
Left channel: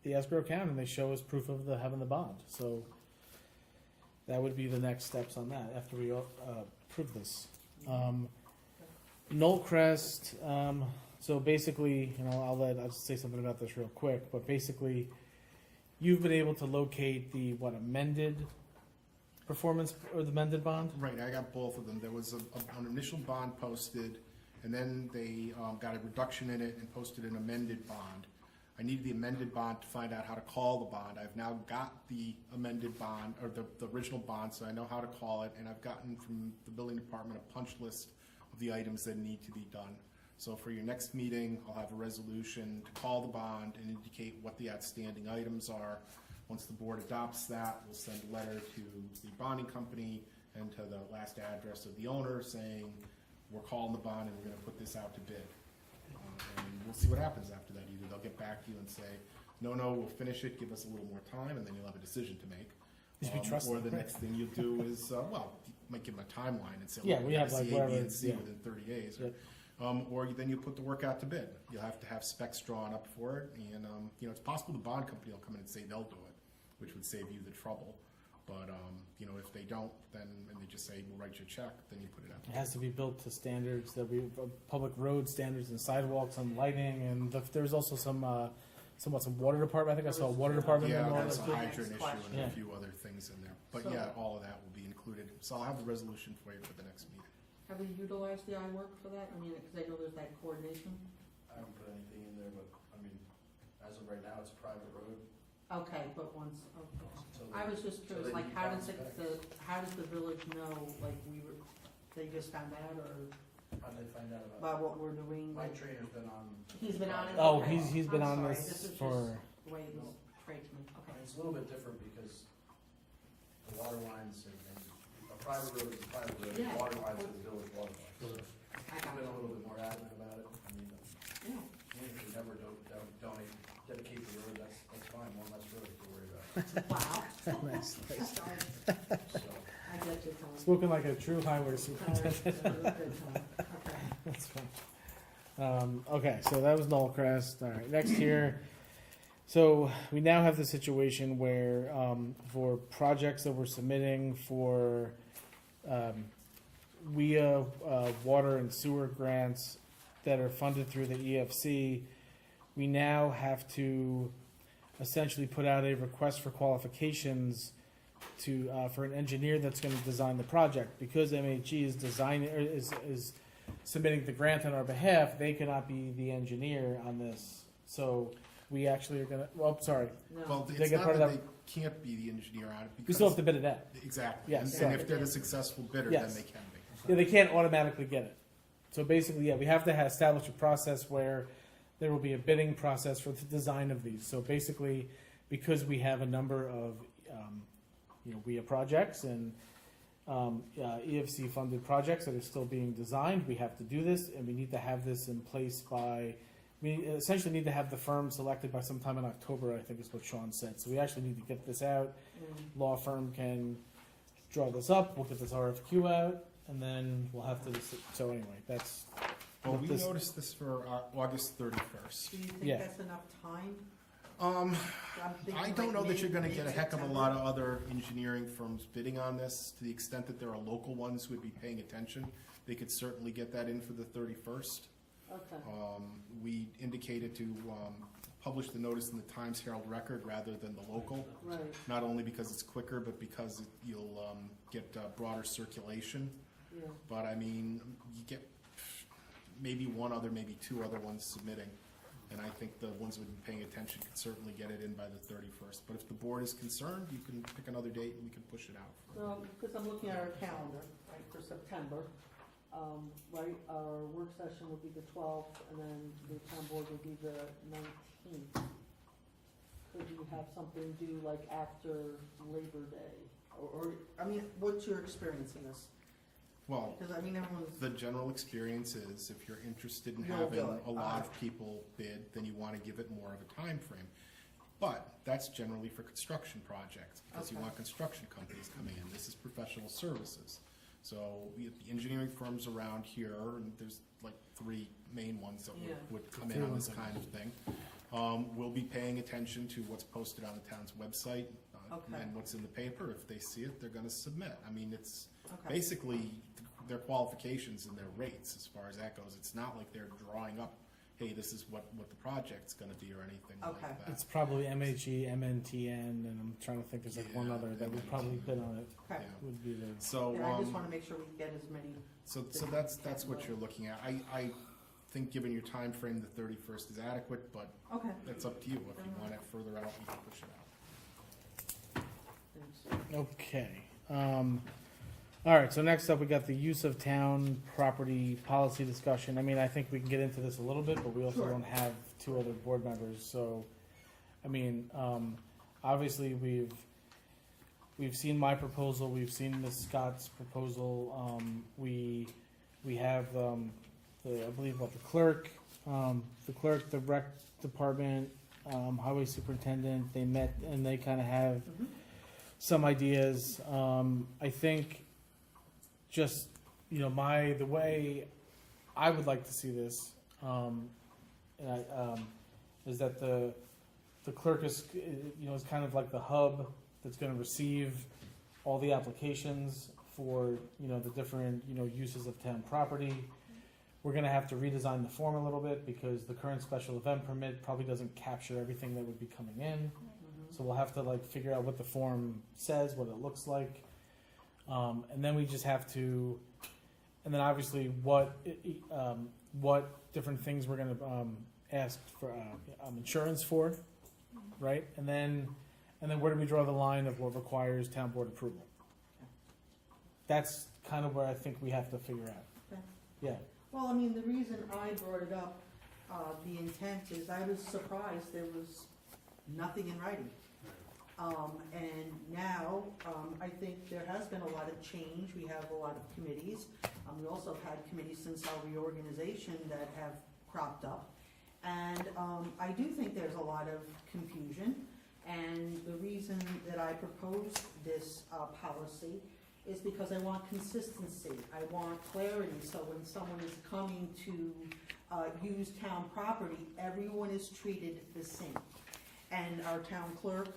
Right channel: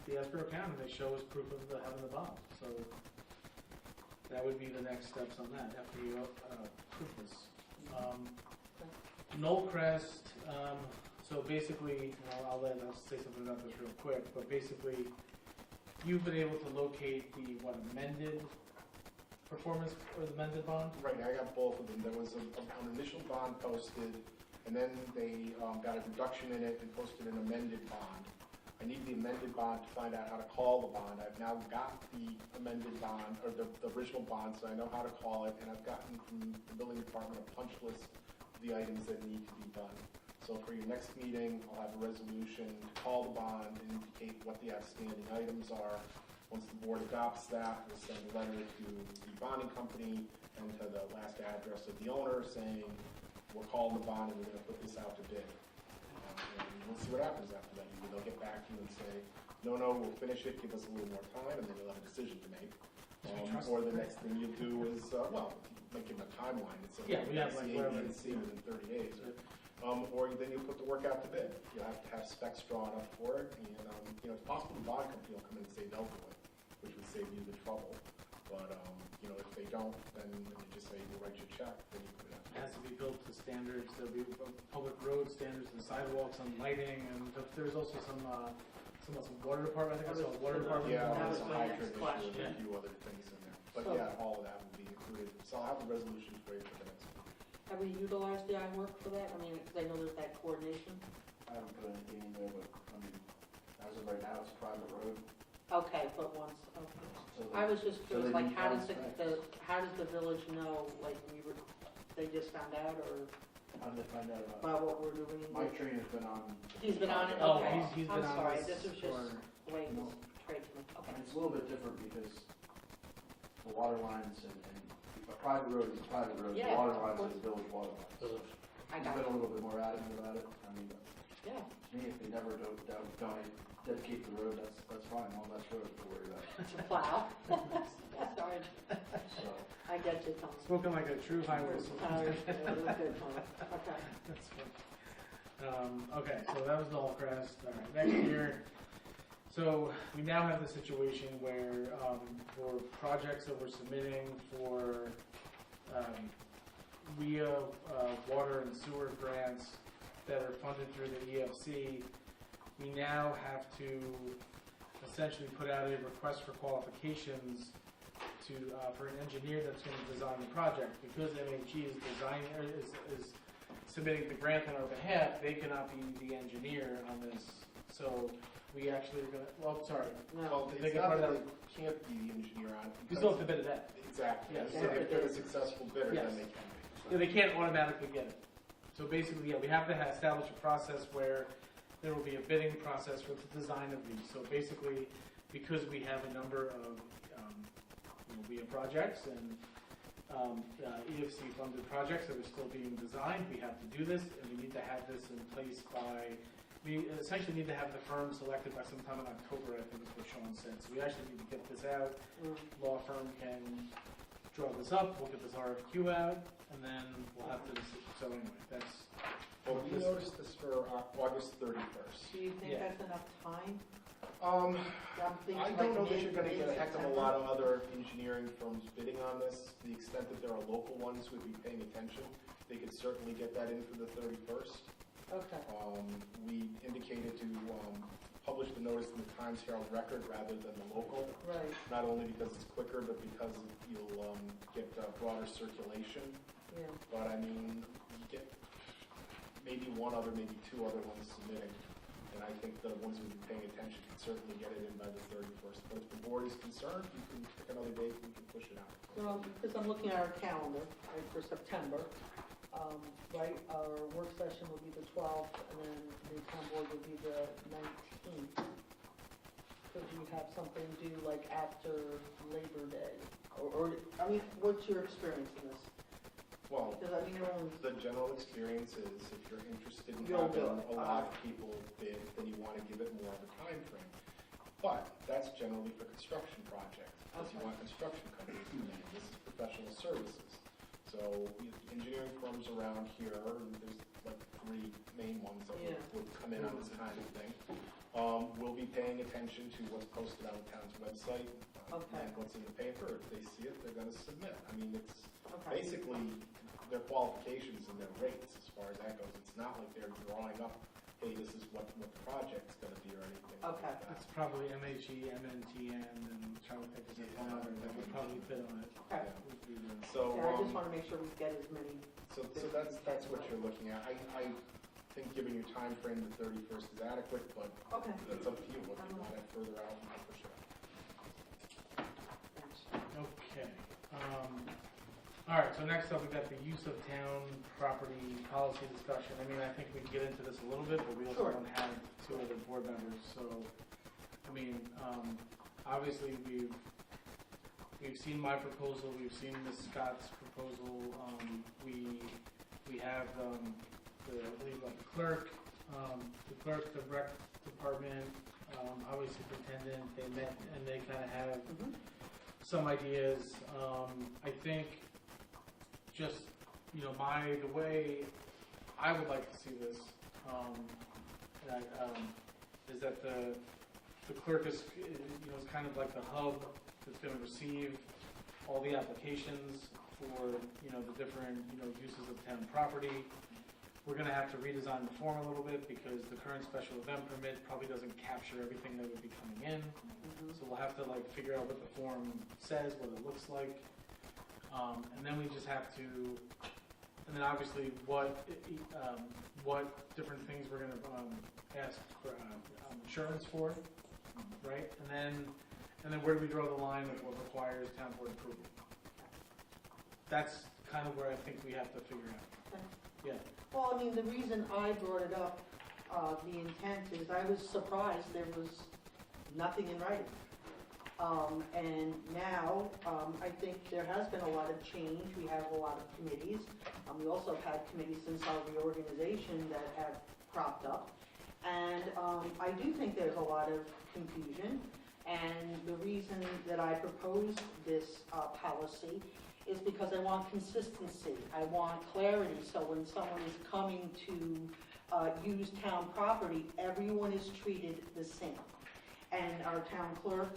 the escrow account, and they show us proof of having the bond. So that would be the next steps on that after we approve this. Knollcrest, so basically, I'll say something about this real quick, but basically, you've been able to locate the amended performance or the amended bond? Right, I got both of them. There was an initial bond posted, and then they got a reduction in it and posted an amended bond. I needed the amended bond to find out how to call the bond. I've now got the amended bond, or the original bond, so I know how to call it, and I've gotten from the building department a punch list of the items that need to be done. So for your next meeting, I'll have a resolution to call the bond and indicate what the outstanding items are. Once the board adopts that, we'll send a letter to the bonding company and to the last address of the owner saying, we're calling the bond and we're gonna put this out to bid. And we'll see what happens after that. Either they'll get back to you and say, no, we'll finish it, give us a little more time, and then you'll have a decision to make. Or the next thing you do is, might give them a timeline and say, Yeah, we have like C, A, B, whatever, and C yeah. within 30 days. Yeah. Or then you put the work out to bid. You'll have to have specs drawn up for it, and it's possible the bond company will come in and say they'll do it, which would save you the trouble. But if they don't, then you just say we'll write you a check, then you put it out. It has to be built to standards, that we, public road standards and sidewalks and lighting, and there's also some water department, I think I saw a water department. Yeah, involved. there's a hydrant issue and Yeah. a few other things in there. But So- yeah, all of that will be included. So I'll have a resolution for you for the next meeting. Have we utilized the iWork for that? I mean, because I know there's that coordination. I haven't put anything in there, but, as of right now, it's a private road. Okay, but once, okay. So I was just So curious, they like, need how does contacts. how does the village know, like, they just found out, or How did they find out about about what we're doing? Mike Trainer's been on. He's been on it? Oh, Okay. he's been I'm on sorry, this is for, just the way he's tradesman, okay. It's a little bit different because the water lines and a private road is a private road, the Yeah, water of lines course. are village water lines. I I've got been it. a little bit more adamant about it. Yeah, Me, if you never dedicate the road, that's fine, one less road to worry about. wow. nice, nice. Sorry, So, I get you, Tom. Spoken like a true highway That superintendent. was good, Tom. Okay. That's fun. Okay, so that was Knollcrest. All right, next year. So we now have the situation where for projects that we're submitting for WIA water and sewer grants that are funded through the EFC, we now have to essentially put out a request for qualifications to for an engineer that's going to design the project. Because MHE is designing is submitting the grant on our behalf, they cannot be the engineer on this. So we actually are going to. Well, sorry, No, Well, They it's get not part that of they can't be the engineer on it. we still have because- to bid it out. Exactly. Yes. And if they're the successful bidder, Yes. then they can be. Yeah, they can't automatically get it. So basically, yeah, we have to establish a process where there will be a bidding process for the design of these. So basically, because we have a number of WIA projects and EFC funded projects that are still being designed, we have to do this, and we need to have this in place by. We essentially need to have the firm selected by sometime in October, I think is what Sean said. So we actually need to get this out. Law firm can draw this up. We'll get this RFQ out, and then we'll have to. So anyway, that's. Well, what we this- noticed this for August 31st. do you think Yeah. that's enough time? Um, I'm thinking I like don't know that you're gonna mid- get a heck of a mid-September. lot of other engineering firms bidding on this, to the extent that there are local ones who would be paying attention. They could certainly get that in for the 31st. Okay, We indicated to publish the notice in the Times Herald Record rather than the local, right, not only because it's quicker, but because you'll get broader circulation. yeah. But I mean, you get maybe one other, maybe two other ones submitting. And I think the ones who are paying attention can certainly get it in by the 31st. But if the board is concerned, you can pick another date and we can push it out. Because I'm looking at our calendar, right, for September, right, our work session will be the 12th, and then the town board will be the 19th. Could we have something due like after Labor Day? Or, I mean, what's your experience in this? Well, Because, I mean, everyone's, the general experience is if you're interested in You'll having do it. a lot of people bid, then you want to give it more of a time frame. But that's generally for construction projects, because you Okay. want construction companies to come in. This is professional services. So engineering firms around here, and there's like 3 main ones that Yeah. would come in on this kind of thing, will be paying attention to what's posted on the town's website Okay. and what's in the paper. If they see it, they're going to submit. I mean, it's okay, basically their qualifications and their rates as far as that goes. It's not like they're drawing up, hey, this is what the project's gonna be or anything like Okay. that. It's probably MHE, MNTN, and I'm trying to think, there's like one Yeah, other that would probably fit on it. Okay. Yeah. Would be the, So, And I just wanna make sure we get as many. so that's what you're looking at. I think given your time frame, the 31st is adequate, but Okay. that's up to you. If you want it further out, you can push it out. Thanks. okay. All right, so next up, we got the use of town property policy discussion. I mean, I think we can get into this a little bit, but we also Sure. don't have two other board members, so, I mean, obviously, we've seen my proposal, we've seen Ms. Scott's proposal, we have, I believe, what, the clerk, the rec department, highway superintendent, they met, and they kinda have Mhm. some ideas. I think just, you know, the way I would like to see this, is that the clerk is, you know, is kind of like the hub that's gonna receive all the applications for, you know, the different, you know, uses of town property. We're gonna have to redesign the form a little bit because the current special event permit probably doesn't capture everything that would be coming in. Mhm. So we'll have to like figure out what the form says, what it looks like. And then we just have to, and then obviously what different things we're gonna ask for insurance for, right? And then where do we draw the line of what requires town board approval? That's kind of where I think we have to figure out. Okay. Yeah. Well, I mean, the reason I brought it up, the intent is I was surprised there was nothing in writing. And now, I think there has been a lot of change. We have a lot of committees. We also have had committees since our reorganization that have cropped up. And I do think there's a lot of confusion. And the reason that I proposed this policy is because I want consistency. I want clarity, so when someone is coming to use town property, everyone is treated the same. And our town clerk,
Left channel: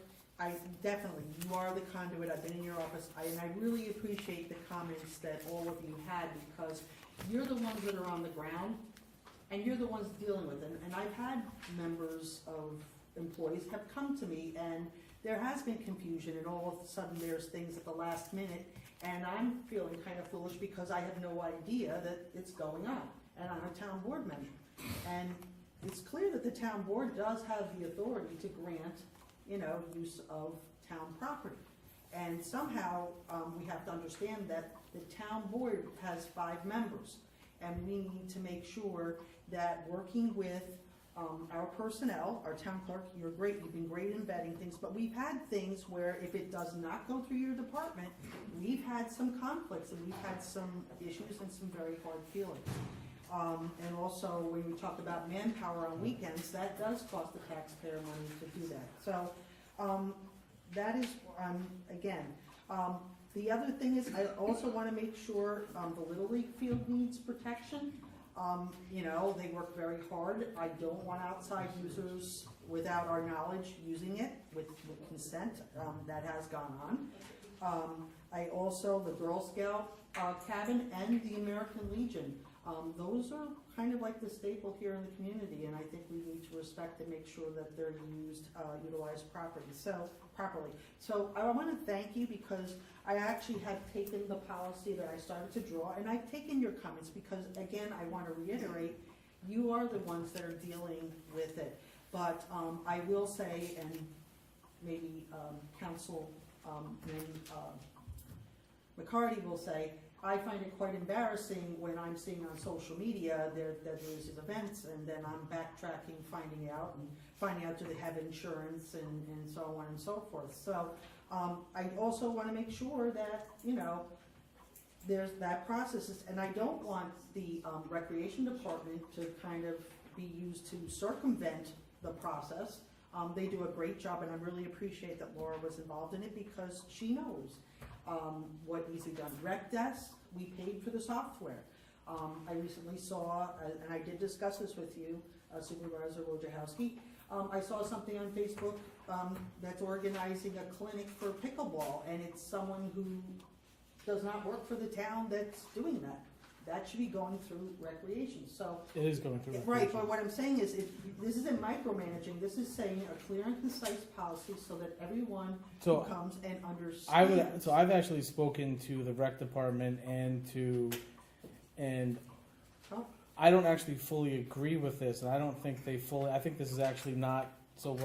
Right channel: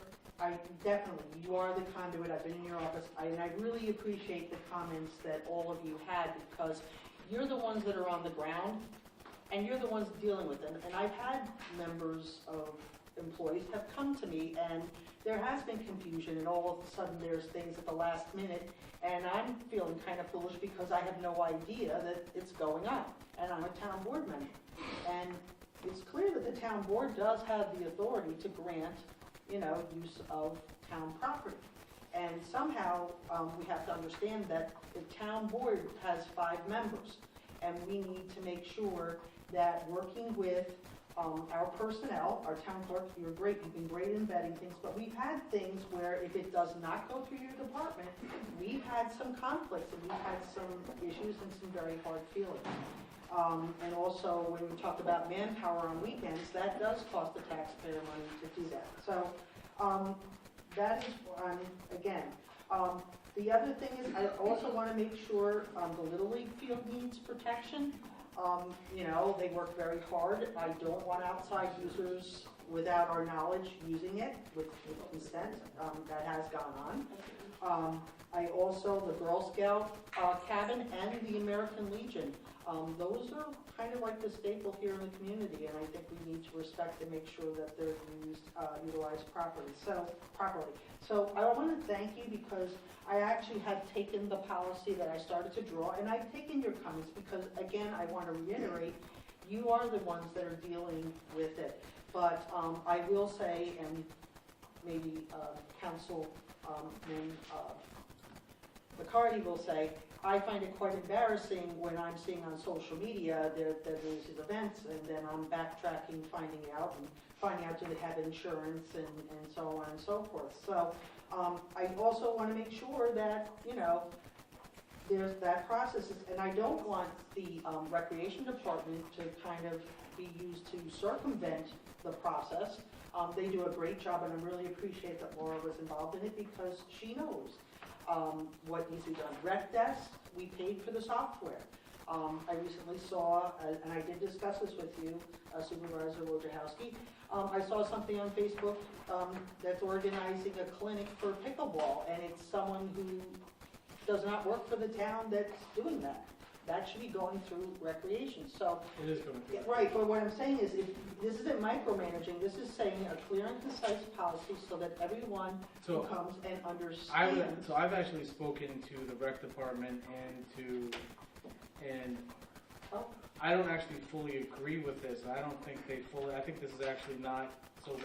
you are the conduit. I've been in your office. And I really appreciate the comments that all of you had because you're the ones that are on the ground and you're the ones dealing with it. And I've had members of employees have come to me and there has been confusion and all of a sudden there's things at the last minute and I'm feeling kind of foolish because I have no idea that it's going on and I'm a town board member. And it's clear that the town board does have the authority to grant, you know, use of town property. And somehow we have to understand that the town board has 5 members and we need to make sure that working with our personnel, our town clerk, you're great, you've been great in vetting things, but we've had things where if it does not go through your department, we've had some conflicts and we've had some issues and some very hard feelings. And also when we talked about manpower on weekends, that does cost the taxpayer money to do that. So that is, again, the other thing is I also want to make sure the Little League field needs protection. You know, they work very hard. I don't want outside users without our knowledge using it with consent. That has gone on. I also, the Girl Scout cabin and the American Legion. Those are kind of like the staple here in the community, and I think we need to respect and make sure that they're utilized properly. So I want to thank you because I actually have taken the policy that I started to draw, and I've taken your comments because, again, I want to reiterate, you are the ones that are dealing with it. But I will say, and maybe Councilman McCarty will say, I find it quite embarrassing when I'm seeing on social media that there's these events and then I'm backtracking, finding out do they have insurance and so on and so forth. So I also want to make sure that, you know, there's that process. And I don't want the recreation department to kind of be used to circumvent the process. They do a great job and I really appreciate that Laura was involved in it because she knows what needs to be done. Rec Desk, we paid for the software. I recently saw, and I did discuss this with you, Supervisor Wojciechowski, I saw something on Facebook that's organizing a clinic for pickleball, and it's someone who does not work for the town that's doing that. that should be going through recreation, so. It is going through. Right, but what I'm saying is, if, this isn't micromanaging, this is saying a clear and concise policy so that everyone So comes and I understands. would, so I've actually spoken to the rec department and Oh. I don't actually fully agree with this, and I don't think they fully, I think this is actually not, so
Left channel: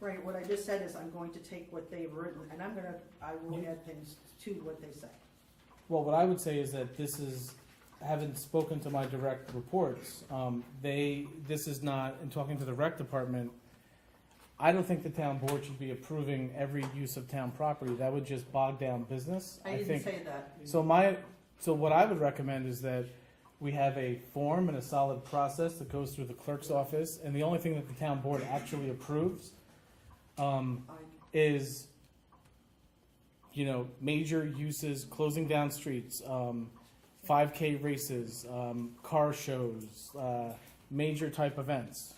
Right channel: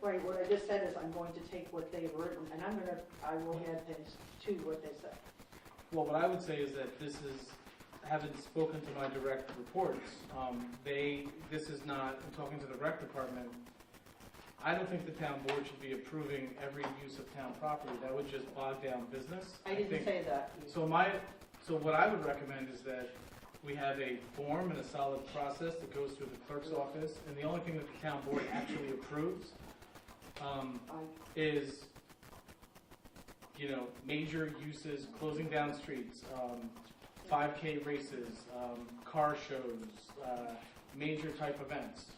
Right, what I just said is I'm going to take what they've written, and I will add things to what they say. well, what I would say is that this is, having spoken to my direct reports, this is not, in talking to the rec department, I don't think the town board should be approving every use of town property. That would just bog down business. I didn't think. say that. So what I would recommend is that we have a form and a solid process that goes through the clerk's office, and the only thing that the town board actually approves is, major uses, closing down streets, 5K races, car shows, major type events.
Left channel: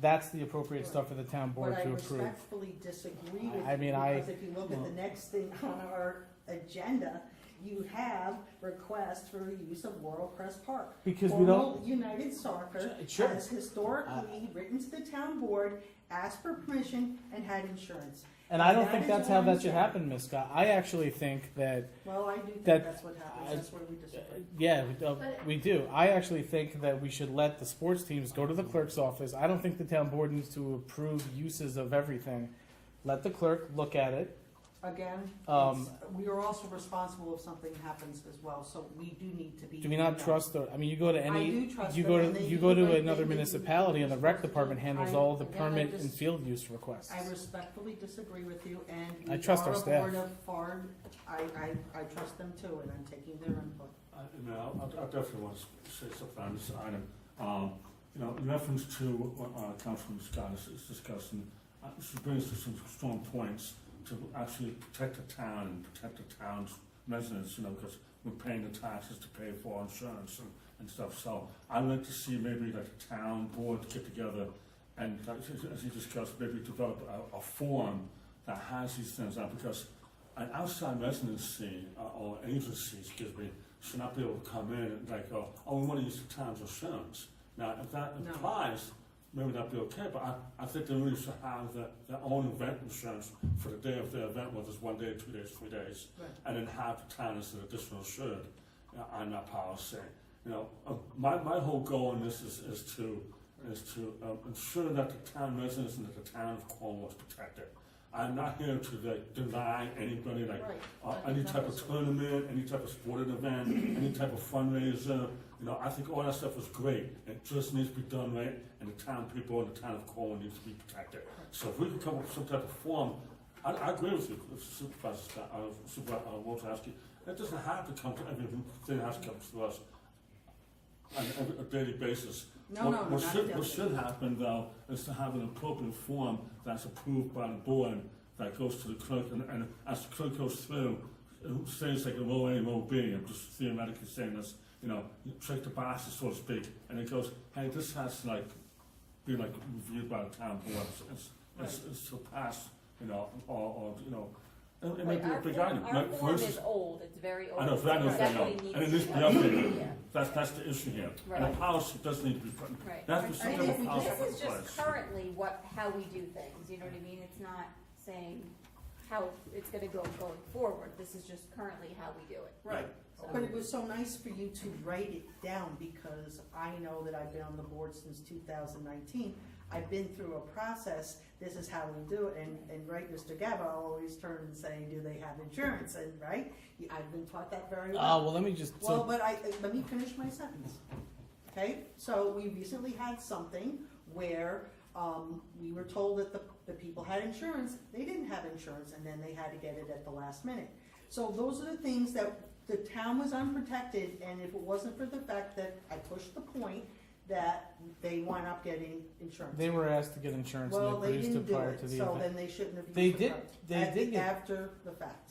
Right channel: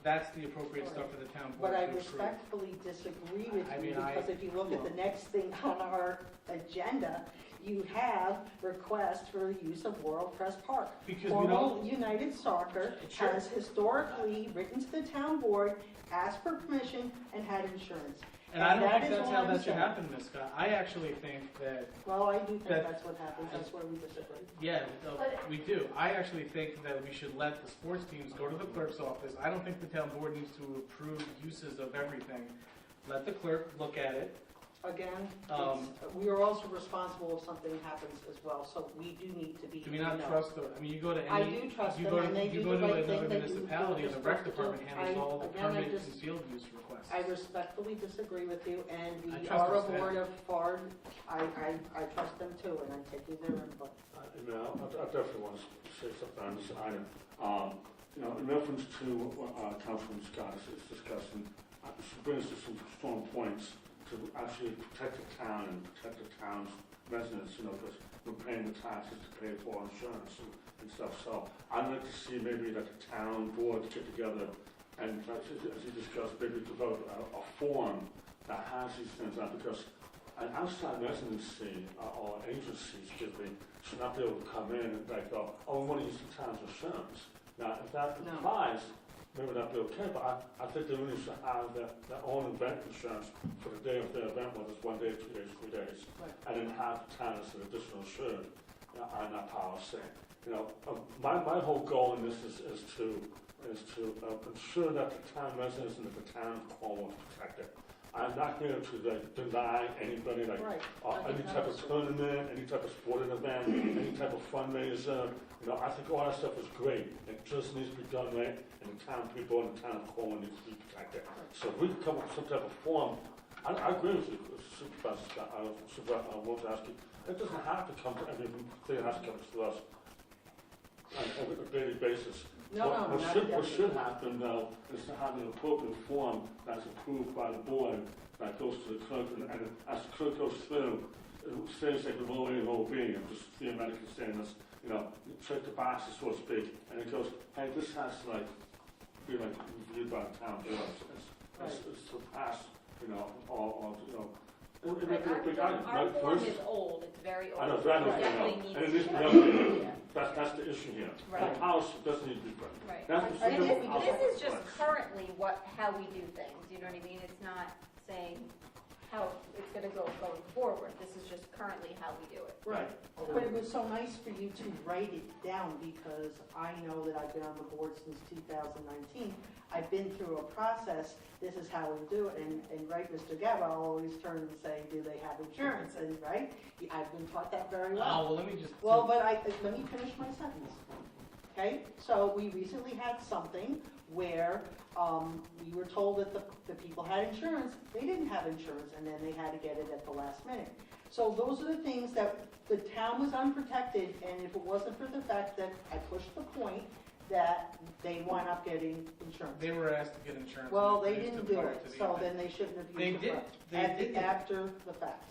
That's the appropriate stuff for the town board But to I approve. respectfully disagree with I you, mean, because if you look at the next thing on our agenda, you have request for use of World Press Park. Because we Cornwall don't, United Soccer Sure. has historically written to the town board, asked for permission, and had insurance. and I don't that think is that's what how I'm that should saying. happen, Ms. Scott. I actually think that, Well, I do think That- that's what happens, that's where we disagree. yeah, we do. I actually think that we should let the sports teams go to the clerk's office. I don't think the town board needs to approve uses of everything. Let the clerk look at it. Again, Um, we are also responsible if something happens as well, so we do need to be. Do we not trust the, I mean, you go to I any, do trust you them, go and they to, you do go the to right another thing, they do municipality, and the what rec they're department supposed to do. handles all the Again, permit I and just- field use requests. I respectfully disagree with you, and we I trust our are a staff. board of FARD. I trust them too, and I'm taking their input. I definitely want to say something on this item. In reference to what Councilman Scott is discussing, she brings to some strong points to actually protect the town and protect the town's residents, because we're paying the taxes to pay for our insurance and stuff. So I'd like to see maybe that the town board get together and, as you discussed, maybe develop a form that has these things on, because an outside residency or agency, should not be able to come in and go, oh, we want to use the town's insurance. Now, if that No. applies, maybe that'd be okay, but I think they really should have their own event insurance for the day of their event, whether it's 1 day, 2 days, 3 days, Right. and then have the town as an additional insured on that policy. My whole goal in this is to ensure that the town residents and that the town of Cornwall is protected. I'm not here to deny anybody Right. any type of tournament, any type of sporting event, any type of fundraiser. I think all that stuff is great. It just needs to be done right, and the town people and the town of Cornwall needs to be protected. So if we can come up with some type of form, I agree with you, Supervisor Scott, I want to ask you, it doesn't have to come to everything, it has to come to us on a daily basis. No, What not should happen, though, is to have an appropriate form that's approved by the board that goes to the clerk, and as the clerk goes through, it says like a row A, row B, I'm just theoretically saying this, check the boxes, so to speak, and it goes, hey, this has to be reviewed by the town board, it's surpassed, it may be a big item. Our For form instance, is old, it's very old. I know, very It old, definitely and it needs needs to to be be updated. Yeah. That's the issue here. And Right. the policy does need to be put in. Right. That's the And simple this policy is in just place. currently how we do things, you know what I mean? It's not saying how it's gonna go going forward, this is just currently how we do it. Right. But it was so nice for you to write it down, because I know that I've been on the board since 2019. I've been through a process, this is how we do it, and right, Mr. Gaba, I'll always turn and say, do they have insurance, and right? I've been taught that very well. Oh, well, let me just. Well, but let me finish my sentence. Okay, so we recently had something where, we were told that the people had insurance, they didn't have insurance, and then they had to get it at the last minute. So those are the things that the town was unprotected, and if it wasn't for the fact that I pushed the point that they wind up getting insurance. They were asked to get insurance, Well, and they they produced didn't it do prior it, to the so event. then they shouldn't have They used did, it they right. did get, After the fact.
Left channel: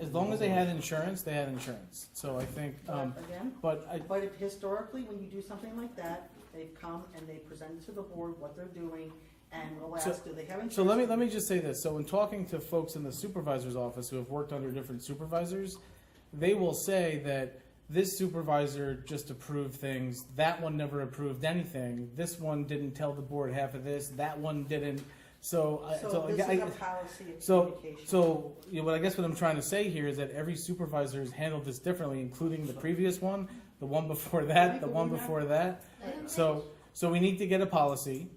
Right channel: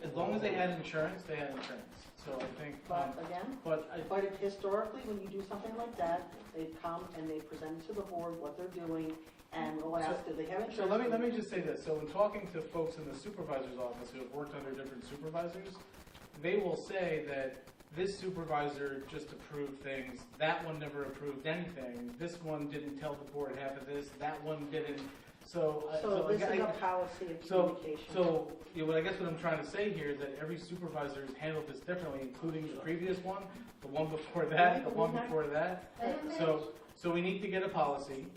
as long as they had insurance, they had insurance. So I think, Again, but but if historically, when you do something like that, they've come and they present to the board what they're doing, and we'll So- ask, do they have insurance? So let me just say this. So in talking to folks in the supervisor's office who have worked under different supervisors, they will say that this supervisor just approved things, that one never approved anything, this one didn't tell the board half of this, that one didn't, so. So this is a policy of communication. So, you know, what I guess what I'm trying to say here is that every supervisor has handled this differently, including the previous one, the one before that, the one before that. So we need to get a policy,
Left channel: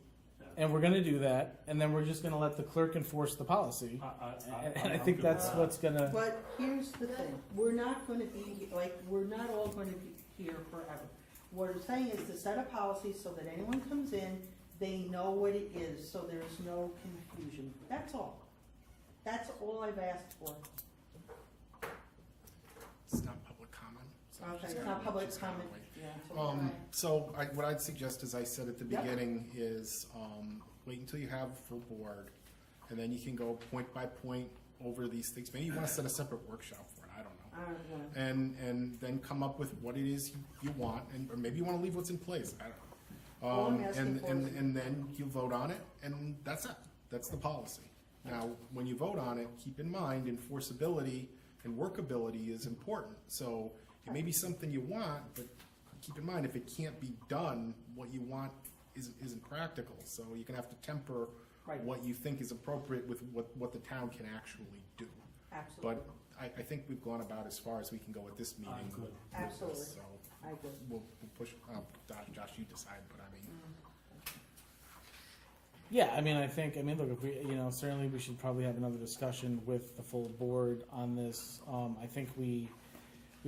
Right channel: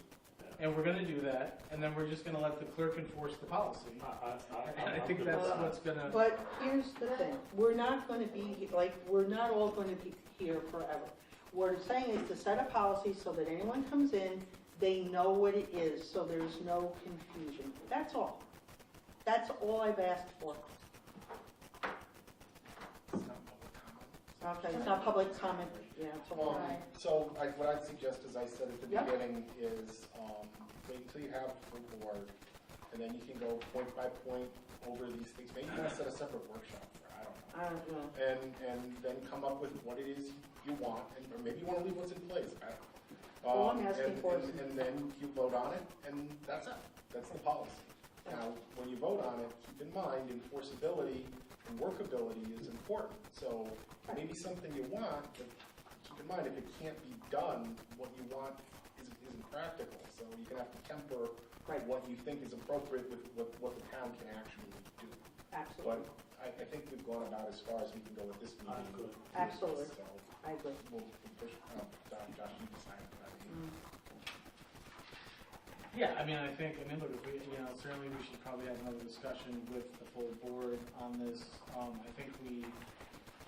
and we're gonna do that, and then we're just gonna let the clerk enforce the policy. And I think that's what's gonna, But here's the thing, we're not gonna be, like, we're not all gonna be here forever. What I'm saying is to set a policy so that anyone comes in, they know what it is, so there's no confusion. That's all. That's all I've asked for. It's not public comment. Okay, it's not public comment. Yeah, it's all right. So what I'd suggest, as I said at the Yep. beginning, is wait until you have a full board, and then you can go point by point over these things. Maybe you want to set a separate workshop for it, I don't know. I don't know. And then come up with what it is you want, or maybe you want to leave what's in place. I don't know. All I'm asking for is- And then you vote on it, and that's it. That's the policy. Now, when you vote on it, keep in mind enforceability and workability is important. So it may be something you want, but keep in mind if it can't be done, what you want isn't practical. So you're gonna have to temper Right. what you think is appropriate with what the town can actually do. But Absolutely. I think we've gone about as far as we can go at this meeting. Good. with this, Absolutely. so I agree. we'll push it. Josh, you decide, but I mean. yeah, I mean, look, if we, you know, certainly we should probably have another discussion with the full board on this. I think we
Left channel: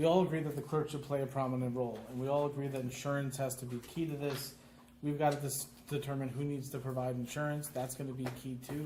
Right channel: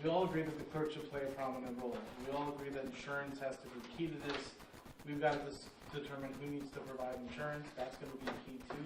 all agree that the clerk should play a prominent role, and we all agree that insurance has to be key to this. We've got to determine who needs to provide insurance, that's gonna be key too.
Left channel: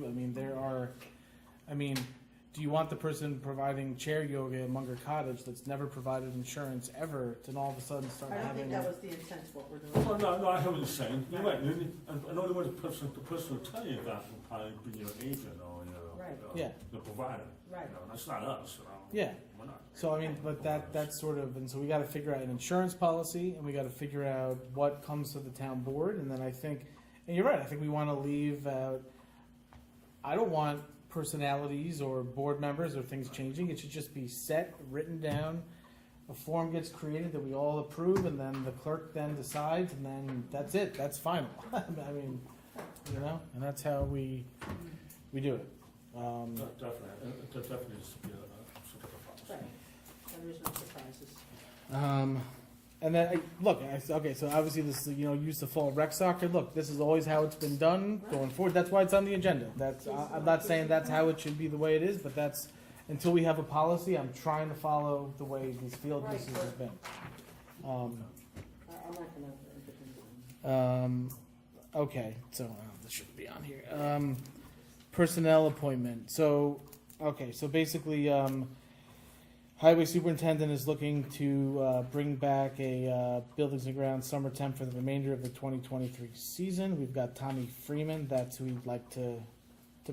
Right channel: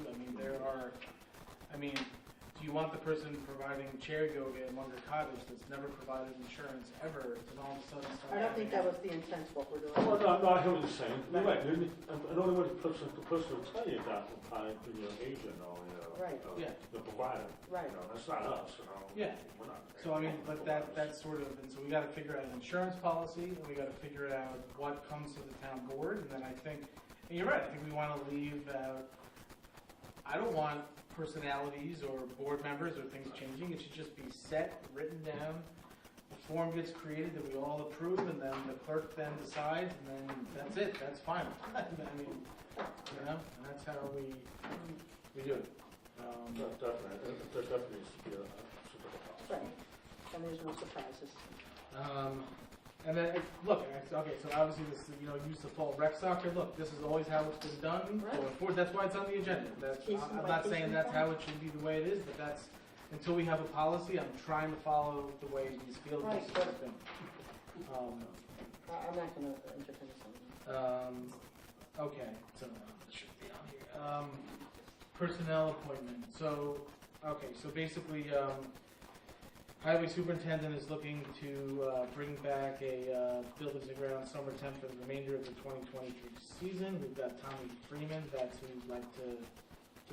Do you want the person providing chair yoga at Munger Cottage that's never provided insurance ever, to all of a sudden start I don't having? think that was the intent of what we're Well, doing. no, I hear what you're saying. You're right. I know the only person will tell you that will probably be your agent or Right. Yeah. the provider. Right. You know, that's not us. You know. Yeah. We're not. So but that's sort of, and so we gotta figure out an insurance policy, and we gotta figure out what comes to the town board, and then I think, and you're right, I think we wanna leave out, I don't want personalities or board members or things changing, it should just be set, written down, a form gets created that we all approve, and then the clerk then decides, and then that's it, that's final. I mean, you know, and that's how we do it. Definitely. There definitely needs to be a simple policy. Right. And there's no surprises. And then, okay, so obviously this is, use the fall rec soccer, look, this is always how it's been done going forward, that's why it's on the agenda. I'm not saying that's how it should be the way it is, but that's, until we have a policy, I'm trying to follow the way we feel this is the thing. I'm not gonna entertain this. Okay, so, this should be on here. Personnel appointment, so basically, Highway Superintendent is looking to bring back a buildings and grounds summer temp for the remainder of the 2023 season. We've got Tommy Freeman, that's who we'd like to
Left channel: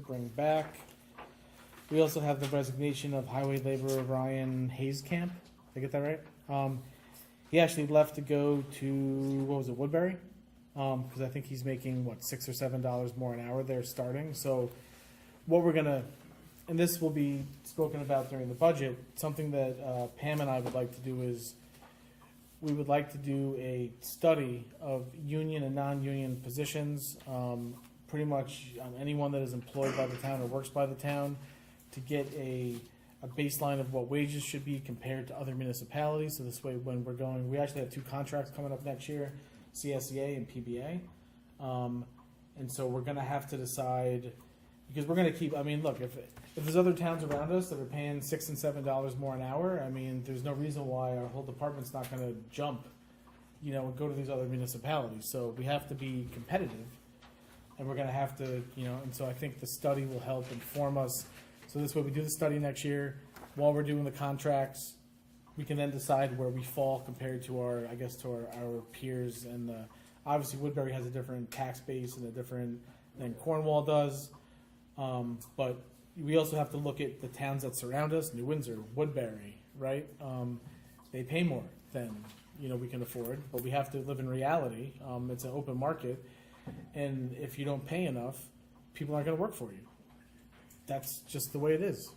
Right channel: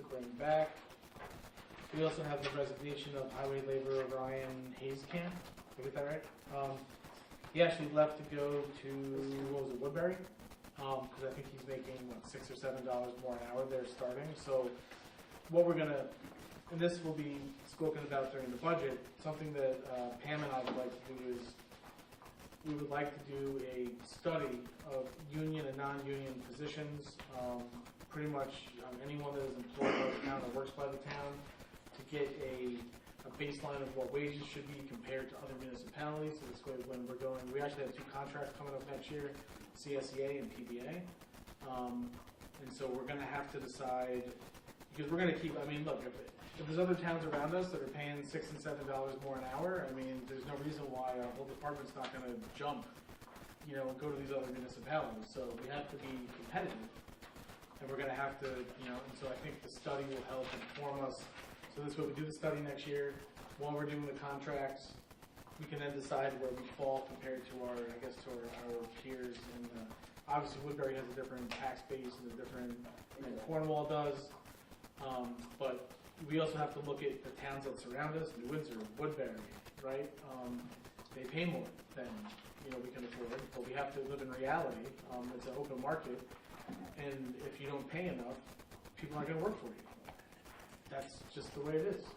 bring back. We also have the resignation of highway laborer Ryan Hayescamp. Did I get that right? He actually left to go to, Woodbury? Because I think he's making, $6 or $7 more an hour there starting. So what we're gonna, and this will be spoken about during the budget, something that Pam and I would like to do is, we would like to do a study of union and non-union positions, pretty much anyone that is employed by the town or works by the town, to get a baseline of what wages should be compared to other municipalities. So this way, when we're going, we actually have 2 contracts coming up next year, CSEA and PBA. And so we're gonna have to decide, because we're gonna keep, look, if there's other towns around us that are paying $6 and $7 more an hour, there's no reason why our whole department's not gonna jump, and go to these other municipalities. So we have to be competitive, and we're gonna have to, and so I think the study will help inform us. So this way, we do the study next year, while we're doing the contracts, we can then decide where we fall compared to our peers. And obviously Woodbury has a different tax base and a different than Cornwall does. But we also have to look at the towns that surround us, New Windsor, Woodbury, right? They pay more than we can afford, but we have to live in reality. It's an open market, and if you don't pay enough, people aren't going to work for you. That's just the way it is.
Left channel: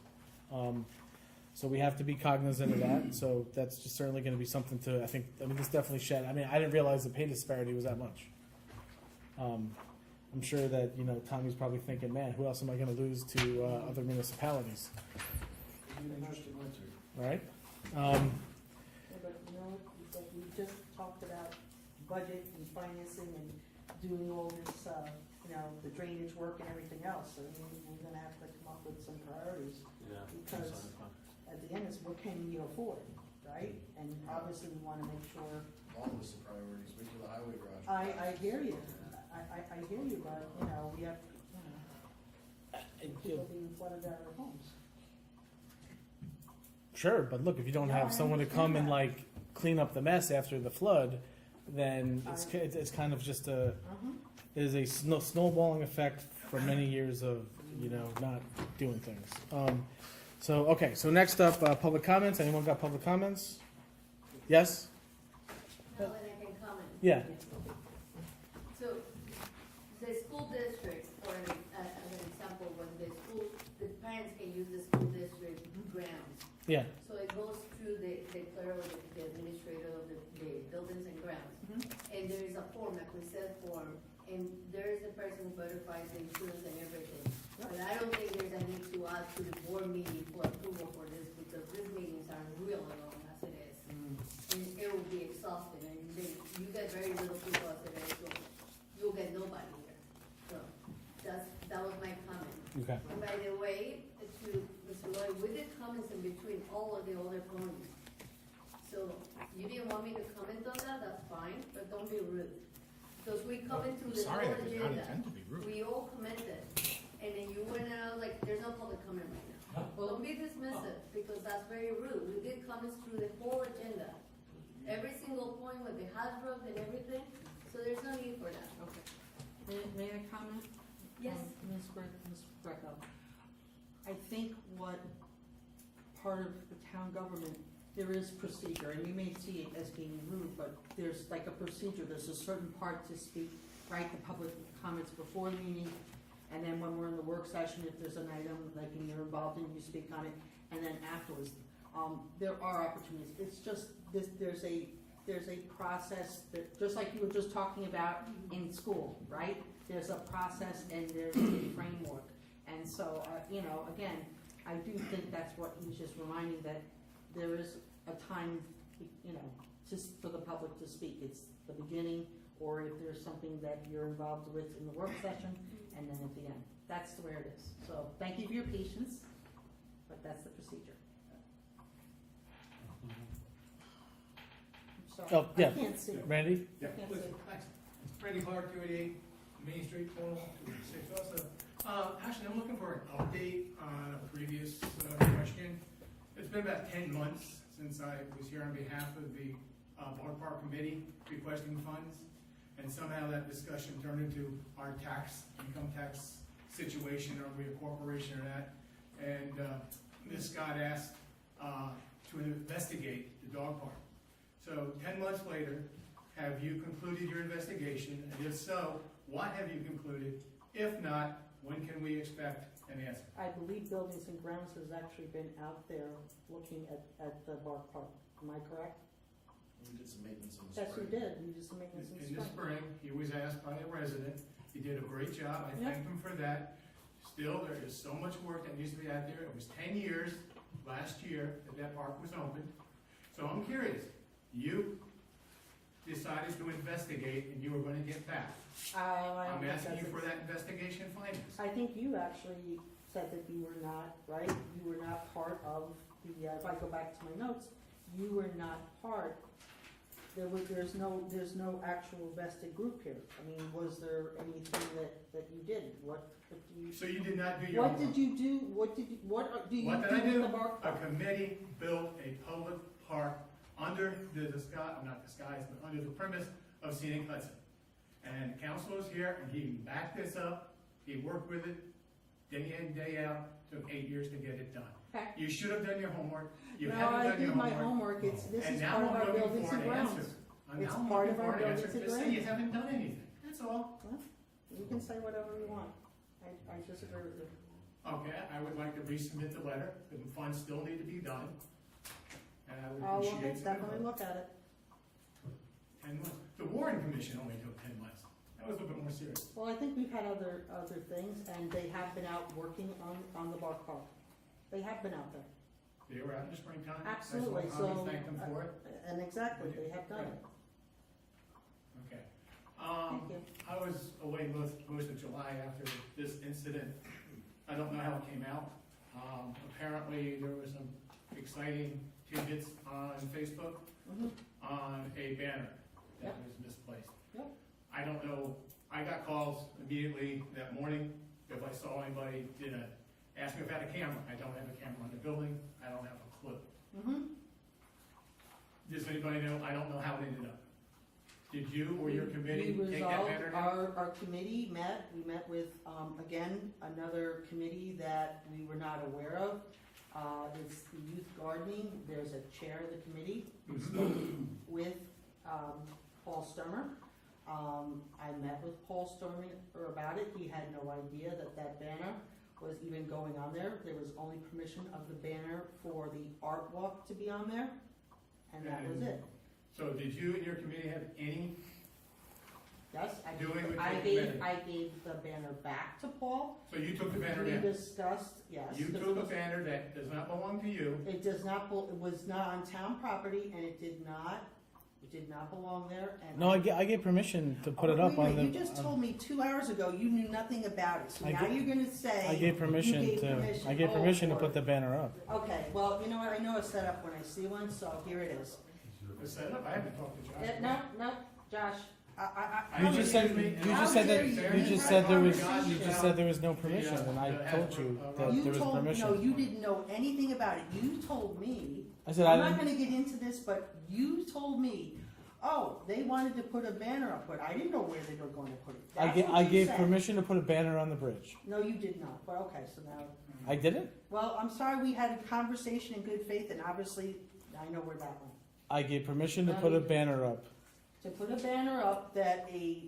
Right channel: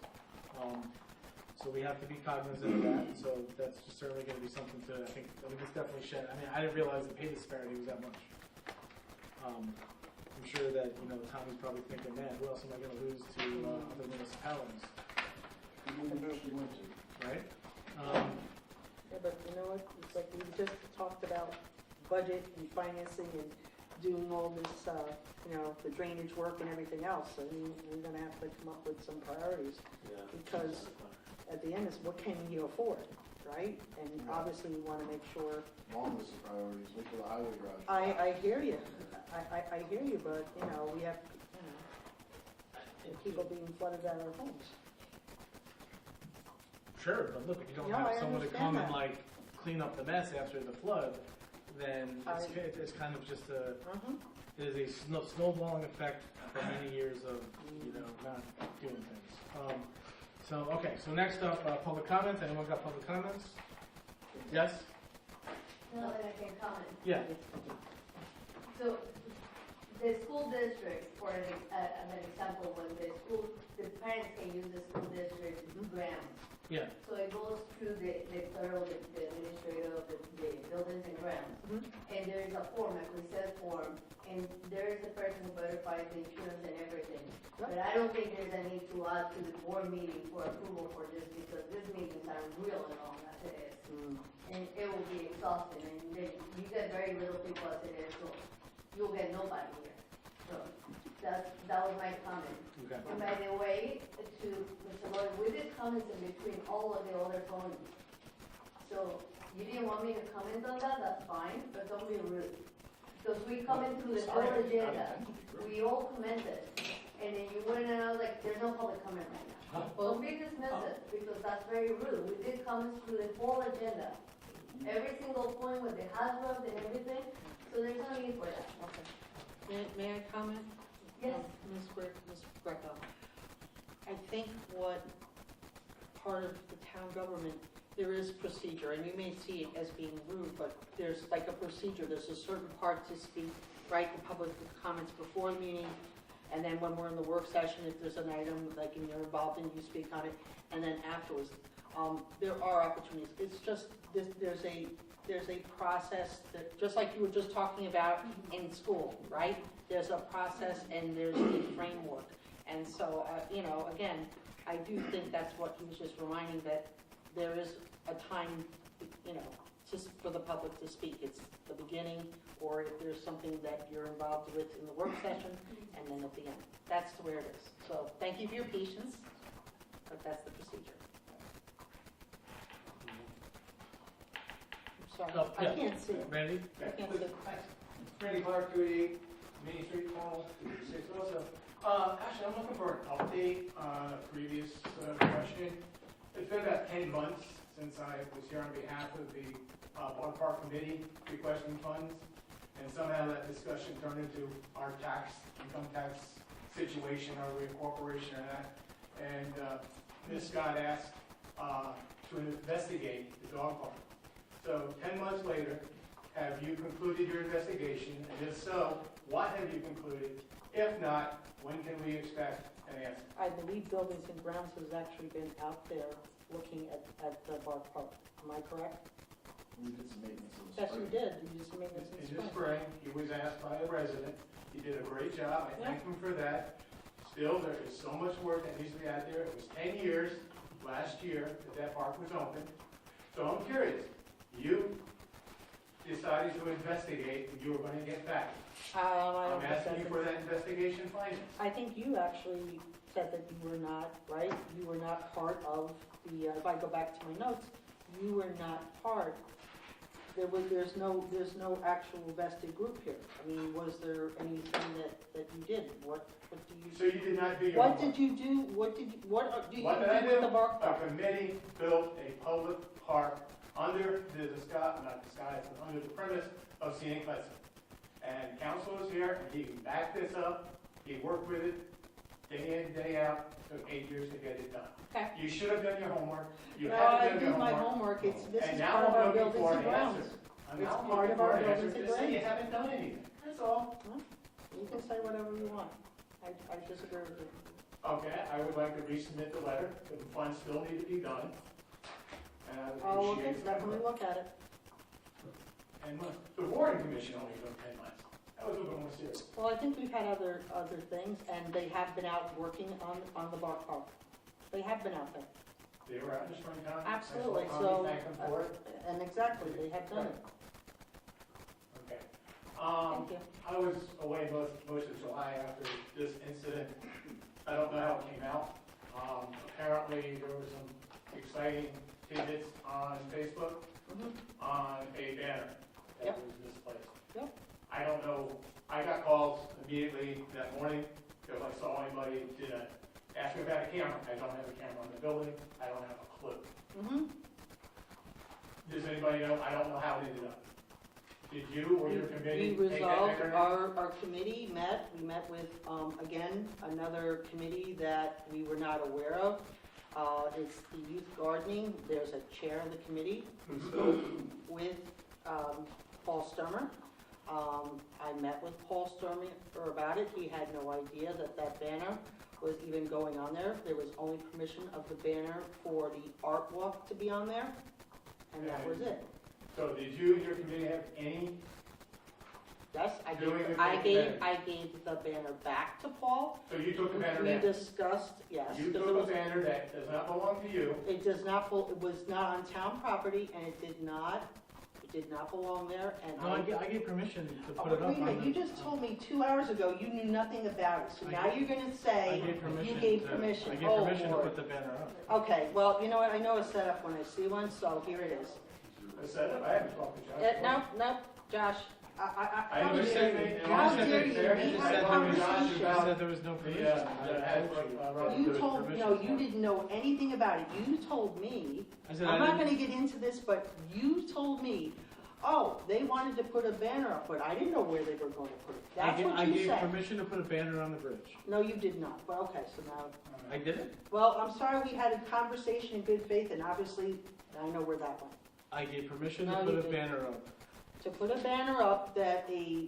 So we have to be cognizant of that, and so that's just certainly gonna be something to, I mean, this definitely I didn't realize the pay disparity was that much. I'm sure that, Tommy's probably thinking, man, who else am I gonna lose to, other municipalities, Interesting winter. alright? Yeah, but you know what, it's like we just talked about budget and financing and doing all this, the drainage work and everything else. I mean, we're gonna have to come up with some priorities, because at the end is what can we afford, right? And obviously we wanna make sure. Long list of priorities, wait till the highway garage. I hear you, I hear you, but, we have, people being flooded out of homes. Sure, but look, if you don't No, have I someone to come and understand clean up the mess after the flood, then it's kind of just it is a snowballing effect for many years of, not doing things. So next up, public comments. Anyone got public comments? Yes? No, that I can comment. Yeah. So, the school district, for as an example, when the parents can use the school district grounds. Yeah. So it goes through the thorough, the administrator of the buildings and grounds. And there is a form, a consent form, and there is the person who verifies the insurance and everything. But I don't think there's a need to add to the board meeting for approval for this, because these meetings are really long as it is. And it will be exhausting, and then you get very little people as it is, so you'll get nobody here. So, that was my comment. Okay. And by the way, to Mr. Lloyd, we did comments in between all of the other ponies. So, you didn't want me to comment on that, that's fine, but don't be rude. Because we commented through the whole agenda, we all commented, and then you went and I was like, there's no public comment right now. Don't be dismissive, because that's very rude. We did comments through the whole agenda. Every single point with the hazard and everything, so there's no need for that. Okay. May I comment? Yes. Ms. Greco, I think what part of the town government, there is procedure, and you may see it as being rude, but there's like a procedure, there's a certain part to speak, right, the public comments before the meeting, and then when we're in the work session, if there's an item, like, and you're involved in, you speak on it, and then afterwards, there are opportunities, it's just, there's a process that, just like you were just talking about in school, right? There's a process and there's a framework, and so, again, I do think that's what he was just reminding, that there is a time, just for the public to speak. It's the beginning, or if there's something that you're involved with in the work session, and then at the end. That's the way it is. So thank you for your patience, but that's the procedure. Sorry, Oh, yeah. I can't see. Randy? I can't see. Thanks. Randy Clark, 288 Main Street, Cornwall, 6 also. Actually, I'm looking for an update on a previous question. It's been about 10 months since I was here on behalf of the Water Park Committee requesting funds, and somehow that discussion turned into our income tax situation, are we a corporation or not? And Ms. Scott asked to investigate the dog park. So 10 months later, have you concluded your investigation? And if so, what have you concluded? If not, when can we expect an answer? I believe Buildings and Grounds has actually been out there looking at the Bar Park. Am I correct? We did some maintenance in the Yes, spring. we did. We did some maintenance In the spring, he was asked by a resident. He did a great job. I thank him for that. Still, there is so much work that needs to be out there. It was 10 years last year that park was open. So I'm curious, you decided to investigate and you were gonna get back. I'm asking you for that investigation findings. I think you actually said that you were not, right? You were not part of the, if I go back to my notes, you were not part. There's no actual vested group here. I mean, was there anything that you did? What do you? So you did not do your What homework. did you do? What do you What did I do do? with the bar A park? committee built a public park under the under the premise of scenic Hudson. And council was here, and he backed this up, he worked with it, day in, day out, took 8 years to get it done. Okay. You should have done your homework, you No, haven't I done your did my homework. homework. This And is now part of I'm our looking buildings for and an grounds. answer. I'm It's now part looking of our for an answer, buildings and just say you grounds. haven't done anything, that's all. You can say whatever you want. I disagree with you. Okay, I would like to resubmit the letter, because the funds still need to be done. And I would Oh, we'll appreciate some definitely input. look at it. And the boarding commission only took 10 months. That was a bit more serious. Well, I think we've had other things, and they have been out working on the bar park. They have been out there. They were out in the springtime. Absolutely, That's what so, I'll thank them for it. and exactly, they have done it. Okay. Thank you. I was away most of July after this incident. I don't know how it came out. Apparently, there were some exciting tidbits on Facebook Mhm. on a banner that Yep. was misplaced. Yep. I don't know, I got calls immediately that morning if I saw anybody did ask me if I had a camera. I don't have a camera in the building. I don't have a clue. Mm-hmm. Does anybody know? I don't know how it ended up. Did you or your committee We take that resolved, banner down? our committee met, we met with, again, another committee that we were not aware of. It's the youth gardening, there's a chair of the committee, we spoke with, Paul Sturmer. I met with Paul Sturmer about it, he had no idea that that banner was even going on there. There was only permission of the banner for the art walk to be on there, and that was it. So did you and your committee have any, Yes, I Doing gave, it I with gave, the banner. I gave the banner back to Paul. so you took the banner We down? discussed, yes. You because took it a was- banner that does not belong to you, It does not, it was not on town property, and it did not belong there, and. No, I gave permission to put it Oh, up wait a on the. minute, you just told me 2 hours ago you knew nothing about it, so I now gave- you're gonna say. I gave permission You gave to, permission. I gave Oh, permission to Lord. put the banner up. Okay, well, you know what, I know a setup when I see one, so here it is. I said, I haven't talked to Josh. No, Josh, I You just said, you How just said dare that, you? you just We said had there a was, you conversation. just said there was no permission, Yeah, and I yeah, told you Rob, that You there was told, permission. no, you for it. didn't know anything about it. You told me, I said, I'm I not didn't, gonna get into this, but you told me, oh, they wanted to put a banner up, but I didn't know where they were gonna put it. That's I what you gave said. permission to put a banner on the bridge. No, you did not, but okay, so now, I did it? well, I'm sorry, we had a conversation in good faith, and obviously, I know where that went. I gave permission to No, put you a didn't. banner up. To put a banner up that the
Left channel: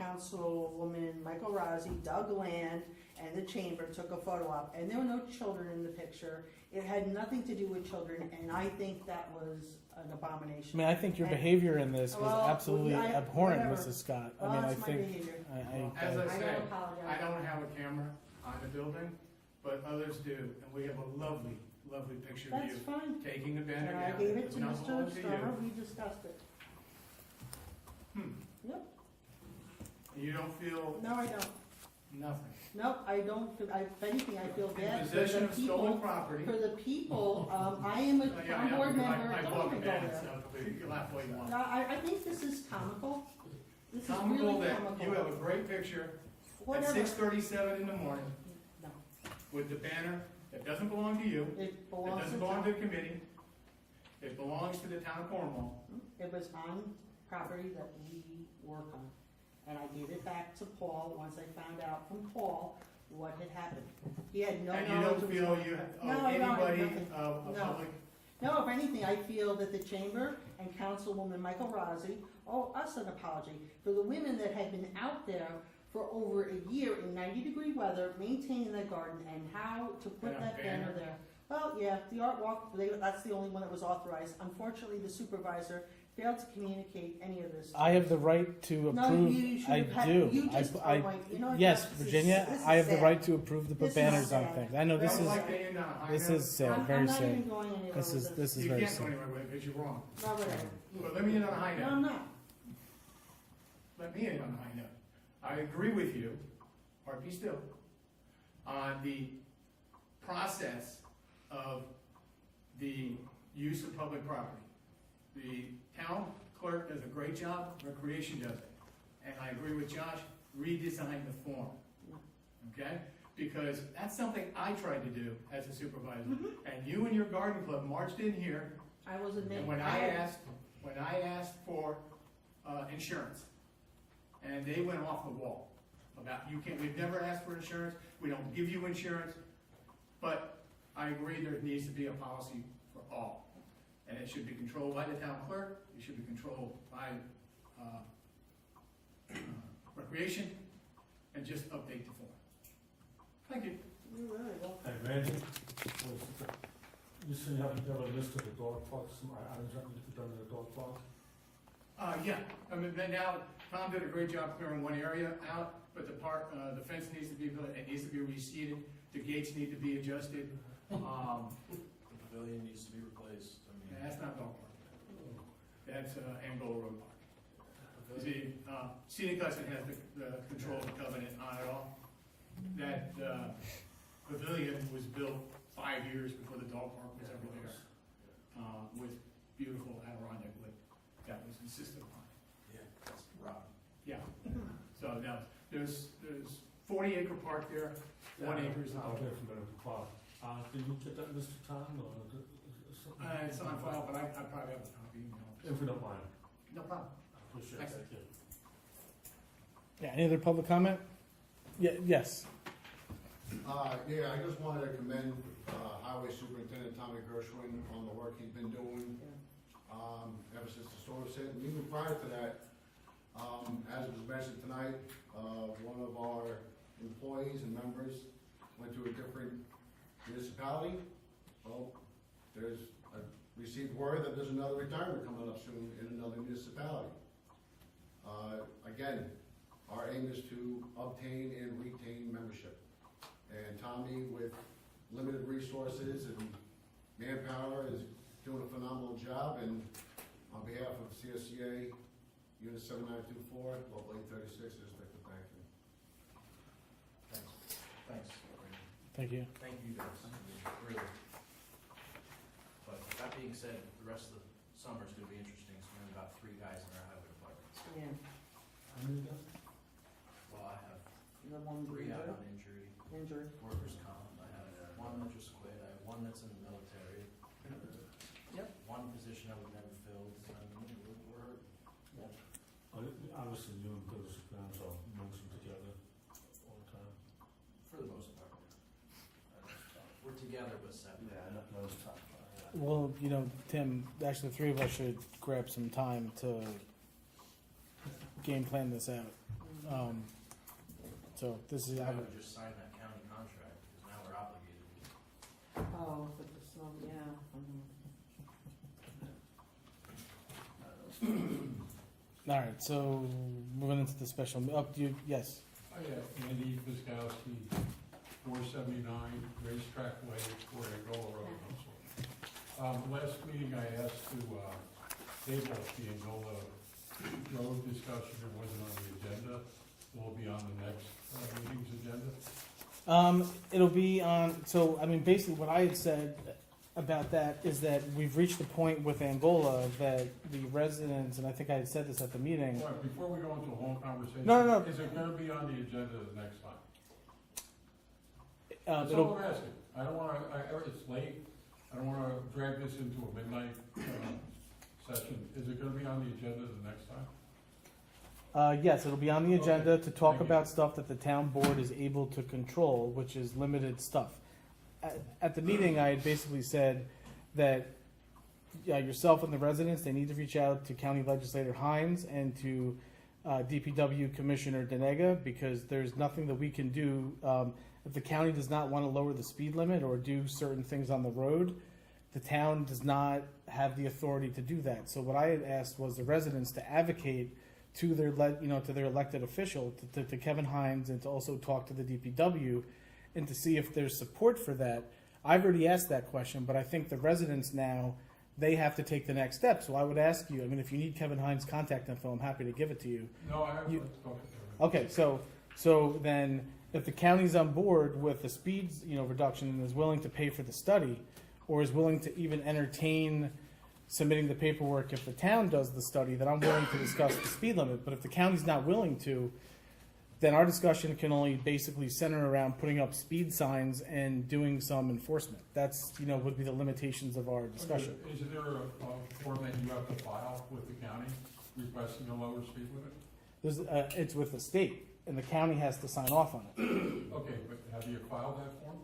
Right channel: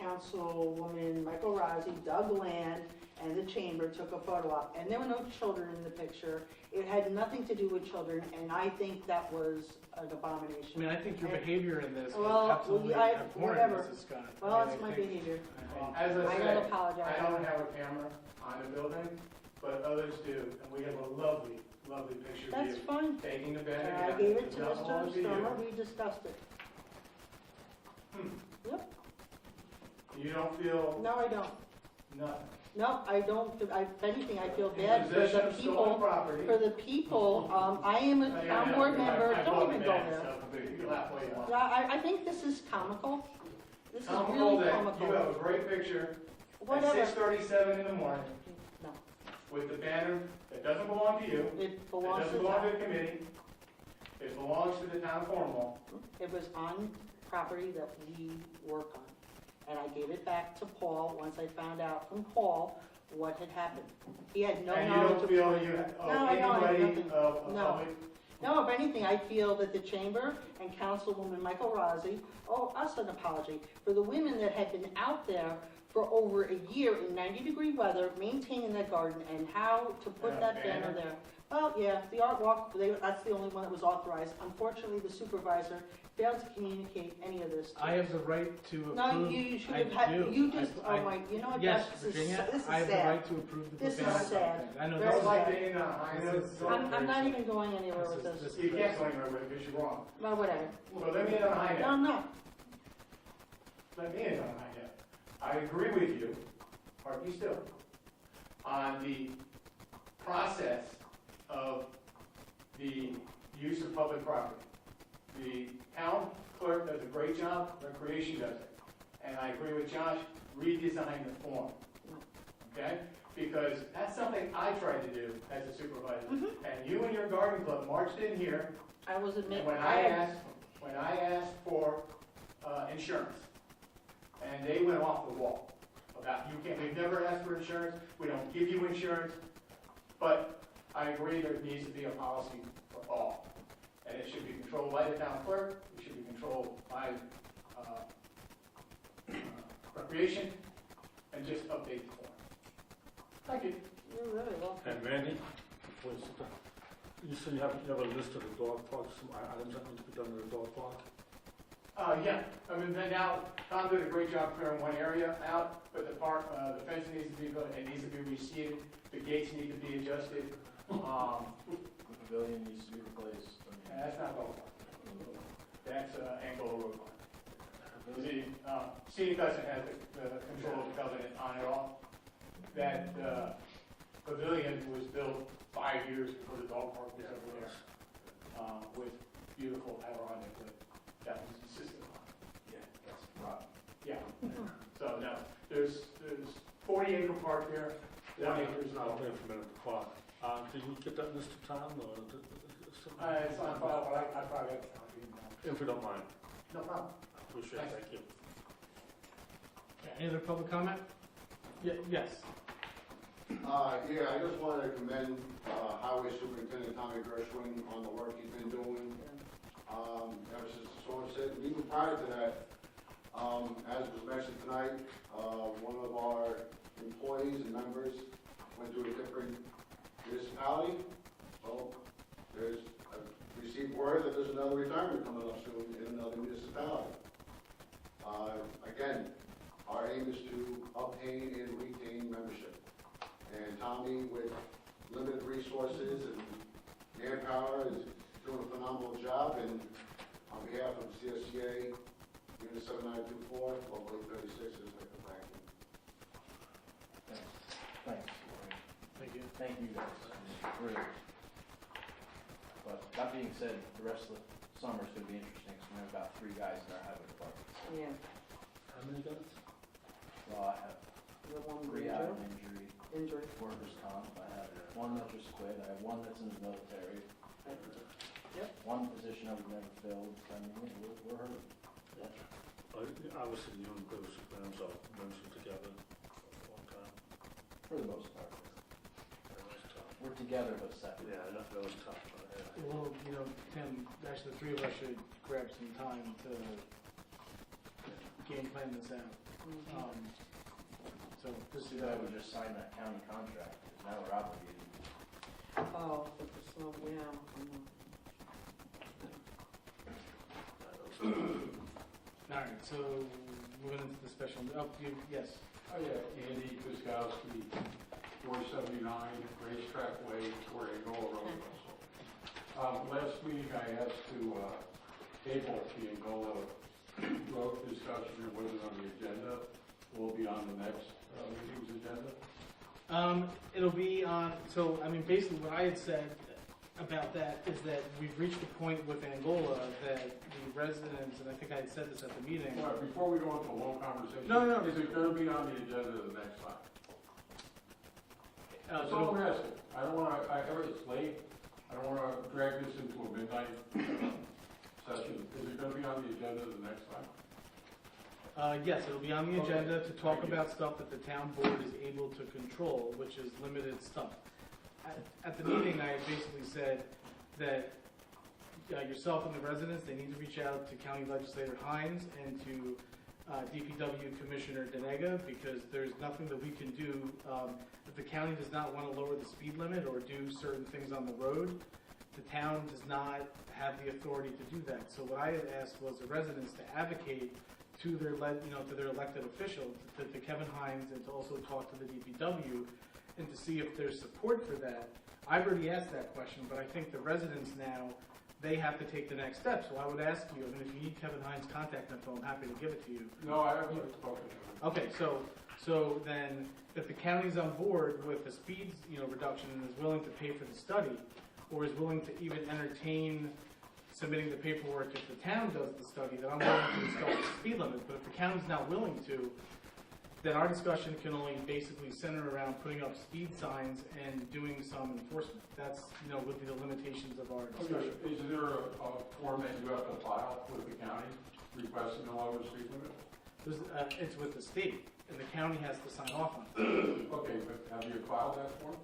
Councilwoman Michael Rossi, Doug Land, and the chamber took a photo op, and there were no children in the picture. It had nothing to do with children, and I think that was an I abomination. mean, I think your And- behavior in this was Well, absolutely I- abhorrent, whatever. Mrs. Scott. Well, I mean, that's I my think, behavior. As I I will said, apologize. I don't have a camera on the building, but others do, and we have a lovely, lovely picture of That's you fine. taking the banner And down. I gave it It's to not Mr. belong to you. Sturmer, we discussed it. You don't feel No, I don't. nothing. No, I don't, if anything, I feel In bad for possession the of stolen people, property. for the people, I am a Yeah, town yeah, board because member, I don't bought even the go bag, there. so you can laugh all you want. Yeah, I think this is comical. This is Comical really that you comical. have a great picture at Whatever. 6:37 in the morning No, with the banner that doesn't belong to you, it it belongs doesn't to belong to town. the committee, it belongs to the town of Cornwall. It was on property that we work on. And I gave it back to Paul once I found out from Paul what had happened. He had no And you knowledge don't of. feel you No, owe I don't have anybody nothing. of No. public. No, if anything, I feel that the chamber and Councilwoman Michael Rossi owe us an apology for the women that had been out there for over a year in 90-degree weather, maintaining that garden, and how to put And a that banner banner? there. Well, yeah, the art walk, that's the only one that was authorized. Unfortunately, the supervisor failed to communicate any of this. to I us. have the right to No, approve, you should I have had, do. you just, I- oh wait, you know what? Yes, this is- Virginia, this is I have the sad. right to approve the This is banners on sad. things. I know I this Very don't is, like sad. to end on a high this note. is sad, I'm very not sad. even going anywhere This with is, this. this is You very can't go sad. anywhere with it because you're wrong. No, whatever. So let me end on a high No, note. I'm not. Let me end on a high note. I agree with you, or be still, on the process of the use of public property. The town clerk does a great job, recreation does it. And I agree with Josh, redesign the form. Okay? Because that's something I tried to do as a supervisor. And you and your garden club marched in here, I was admitting. and when I asked for insurance, and they went off the wall about, we've never asked for insurance, we don't give you insurance, but I agree there needs to be a policy for all. And it should be controlled by the town clerk, it should be controlled by recreation, and just update the form. Thank you. You're very welcome. And Randy, you said you have a list of the dog parks, some items that need to be done to the dog park? Yeah, I mean, been out, Tom did a great job clearing one area out, but the park, the fence needs to be built, it needs to be reseeded, the gates need to be adjusted. The pavilion needs to be replaced. And that's not going on. That's, Angola Road Park. The, Scenic Hudson has the control of the covenant on it all. That, pavilion was built 5 years before the dog park was over there, with beautiful Adirondack wood that was insisted upon. Yeah, that's rotten. Yeah, so no, there's 40-acre park there, 1 acre is the I'll dog. wait for a minute to call. Can you get that list to Tom, or? It's on file, but I probably have a copy now. If you don't mind, No problem. I appreciate it, thank you. Yeah, any other public comment? Yeah, yes. Yeah, I just wanted to commend Highway Superintendent Tommy Gershwin on the work he's been doing ever since the storm hit. And even prior to that, as was mentioned tonight, one of our employees and members went to a different municipality. Well, I received word that there's another retirement coming up soon in another municipality. Again, our aim is to obtain and retain membership. And Tommy, with limited resources and manpower, is doing a phenomenal job. And on behalf of CSCA, Unit 7924, Local 836, is like to thank him. Thanks. Thank you. Thank you guys, really. But that being said, the rest of the summer is gonna be interesting, so we've got 3 guys in our highway department. Yeah, How many guys? Well, I have the one 3 injured, out on injury, injured. workers' comp, I have 1 that just quit, I have 1 that's in the military. Yep. 1 position I would never filled, so I mean, we're hurting. Obviously, you and British plans are mentioned together all the time. For the most part. We're together but separate. Yeah, those tough. Well, you know, Tim, actually, the three of us should grab some time to game plan this out. So this is, I would just sign that county contract, because now we're obligated. Oh, but the slow, yeah. all right, so moving into the special, yes. Oh, yeah, Andy Fiskowski, 479 Racetrack Way, Port Angola Road, Russell. Last meeting I asked to table the Angola Road discussion, it wasn't on the agenda. Will it be on the next meeting's agenda? It'll be on, so, I mean, basically what I had said about that is that we've reached the point with Angola that the residents, and I think I had said this at the meeting. Well, before we go into a long conversation. No. Is it gonna be on the agenda the next time? That's it'll- all I'm asking. I don't wanna, it's late, I don't wanna drag this into a midnight session. Is it gonna be on the agenda the next time? Yes, it'll be on the agenda to talk Thank you. about stuff that the town board is able to control, which is limited stuff. At the meeting, I had basically said that yourself and the residents, they need to reach out to County Legislator Hines and to DPW Commissioner Denega, because there's nothing that we can do. If the county does not want to lower the speed limit or do certain things on the road, the town does not have the authority to do that. So what I had asked was the residents to advocate to their, to their elected official, to Kevin Hines, and to also talk to the DPW, and to see if there's support for that. I've already asked that question, but I think the residents now, they have to take the next step. So I would ask you, I mean, if you need Kevin Hines' contact info, I'm happy to give it to you. No, I haven't spoken to him. Okay, so then, if the county's on board with the speeds, reduction, and is willing to pay for the study, or is willing to even entertain submitting the paperwork if the town does the study, then I'm willing to discuss the speed limit. But if the county's not willing to, then our discussion can only basically center around putting up speed signs and doing some enforcement. That's, would be the limitations of our discussion. Okay, is there a form that you have to file with the county requesting a lower speed limit? It's with the state, and the county has to sign off on it. Okay, but have you filed that form?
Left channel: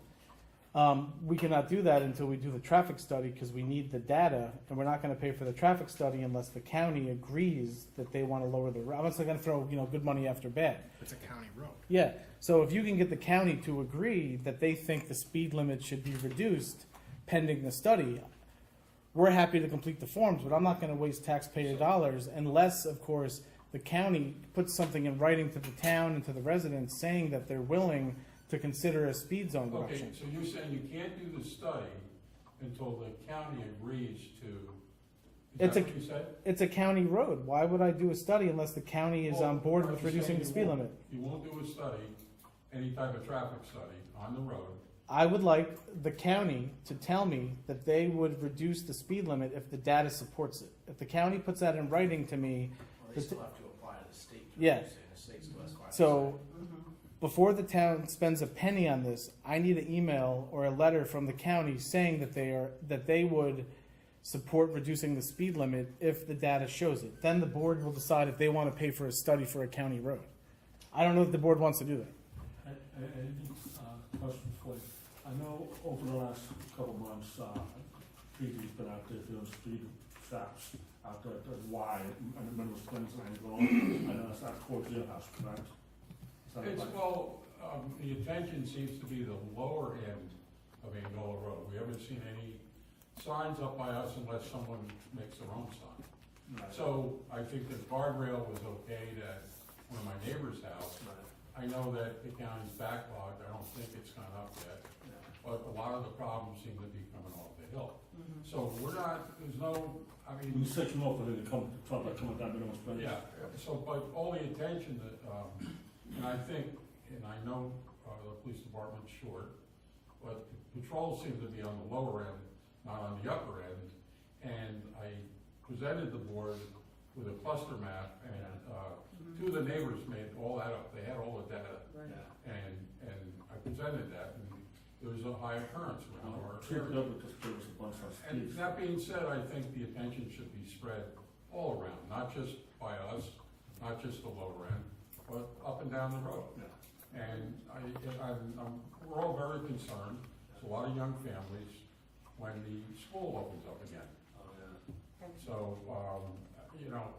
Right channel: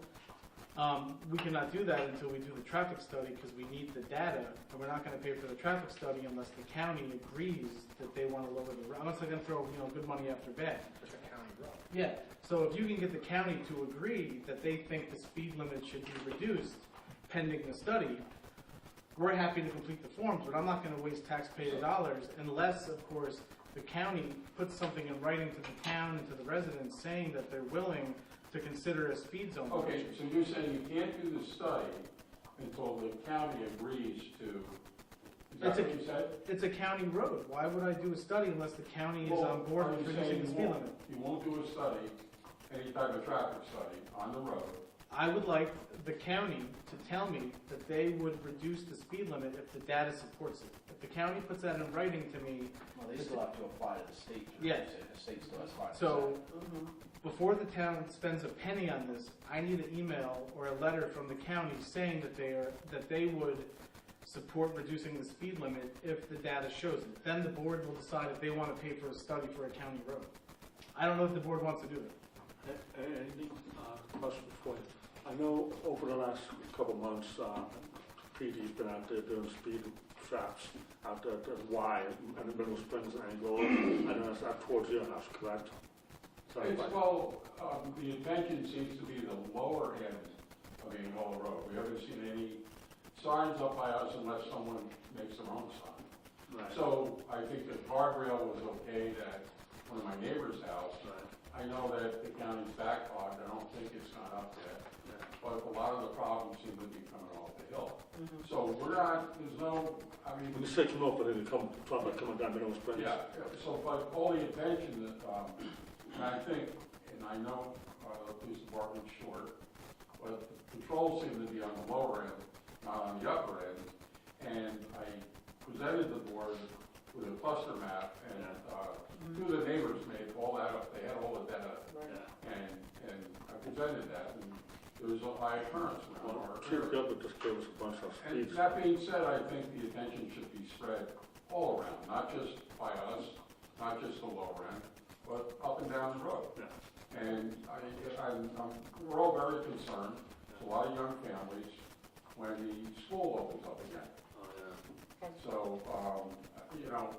We cannot do that until we do the traffic study, because we need the data, and we're not gonna pay for the traffic study unless the county agrees that they wanna lower the, I'm not gonna throw, good money after bad. It's a county road. Yeah, So if you can get the county to agree that they think the speed limit should be reduced pending the study, we're happy to complete the forms, but I'm not gonna waste taxpayer dollars unless, of course, the county puts something in writing to the town and to the residents saying that they're willing to consider a speed zone Okay, reduction. so you're saying you can't do the study until the county agrees to, is that what you said? It's a county road. Why would I do a study unless the county is on board with Well, I'm reducing saying the you speed won't- limit? You won't do a study, any type of traffic study on the road. I would like the county to tell me that they would reduce the speed limit if the data supports it. If the county puts that in writing to me, Well, they still have to apply to the state. Yeah. The state still has 5%. so before the town spends a penny on this, I need an email or a letter from the county saying that they would support reducing the speed limit if the data shows it. Then the board will decide if they want to pay for a study for a county road. I don't know if the board wants to do that. Any question for you? I know over the last couple months, PG's been out there doing speed traps out there at Y and the Middle Springs and Angola. I know it's not towards your house, correct? Is that It's, right? well, the intention seems to be the lower end of Angola Road. We haven't seen any signs up by us unless someone makes their own sign. Right. So I think the guardrail was okay at one of my neighbor's house. Right. I know that the county's backlogged, I don't think it's gone up yet, Yeah. but a lot of the problems seem to be coming off the hill. Mhm. So we're not, there's no, I When mean, you say come up, but then you come, talk about coming down Middle Springs. yeah, so, but all the attention that, and I think, and I know, the police department's short, but the patrols seem to be on the lower end, not on the upper end. And I presented the board with a cluster map, and, two of the neighbors made all that up, they had all the data. Right. And I presented that, and there was a high occurrence around our Chief area. Gilbert just gave us a bunch of And speeds. that being said, I think the attention should be spread all around, not just by us, not just the lower end, but up and down the road. Yeah. And we're all very concerned, there's a lot of young families, when the school opens up again. Oh, yeah. So, you know,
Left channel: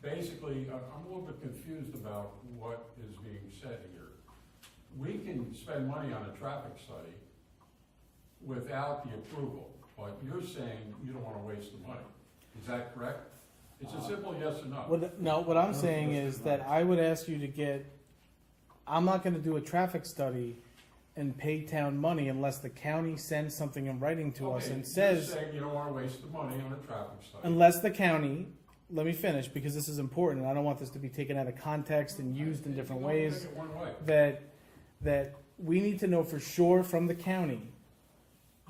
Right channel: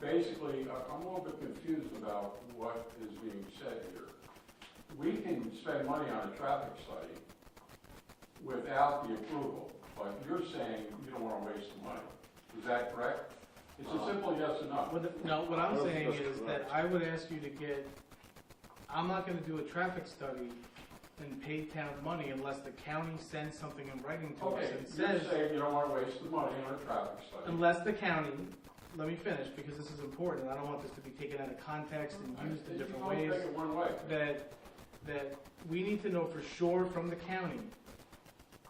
basically, I'm a little bit confused about what is being said here. We can spend money on a traffic study without the approval, but you're saying you don't wanna waste the money. Is that correct? It's a simple yes or no. No, what I'm saying is that I would ask you to get, I'm not gonna do a traffic study and pay town money unless the county sends something in writing to us Okay, and you're says, saying you don't wanna waste the money on a traffic study. unless the county, let me finish because this is important, and I don't want this to be taken out of context and used in different You can only ways, take it one way. that we need to know for sure from the county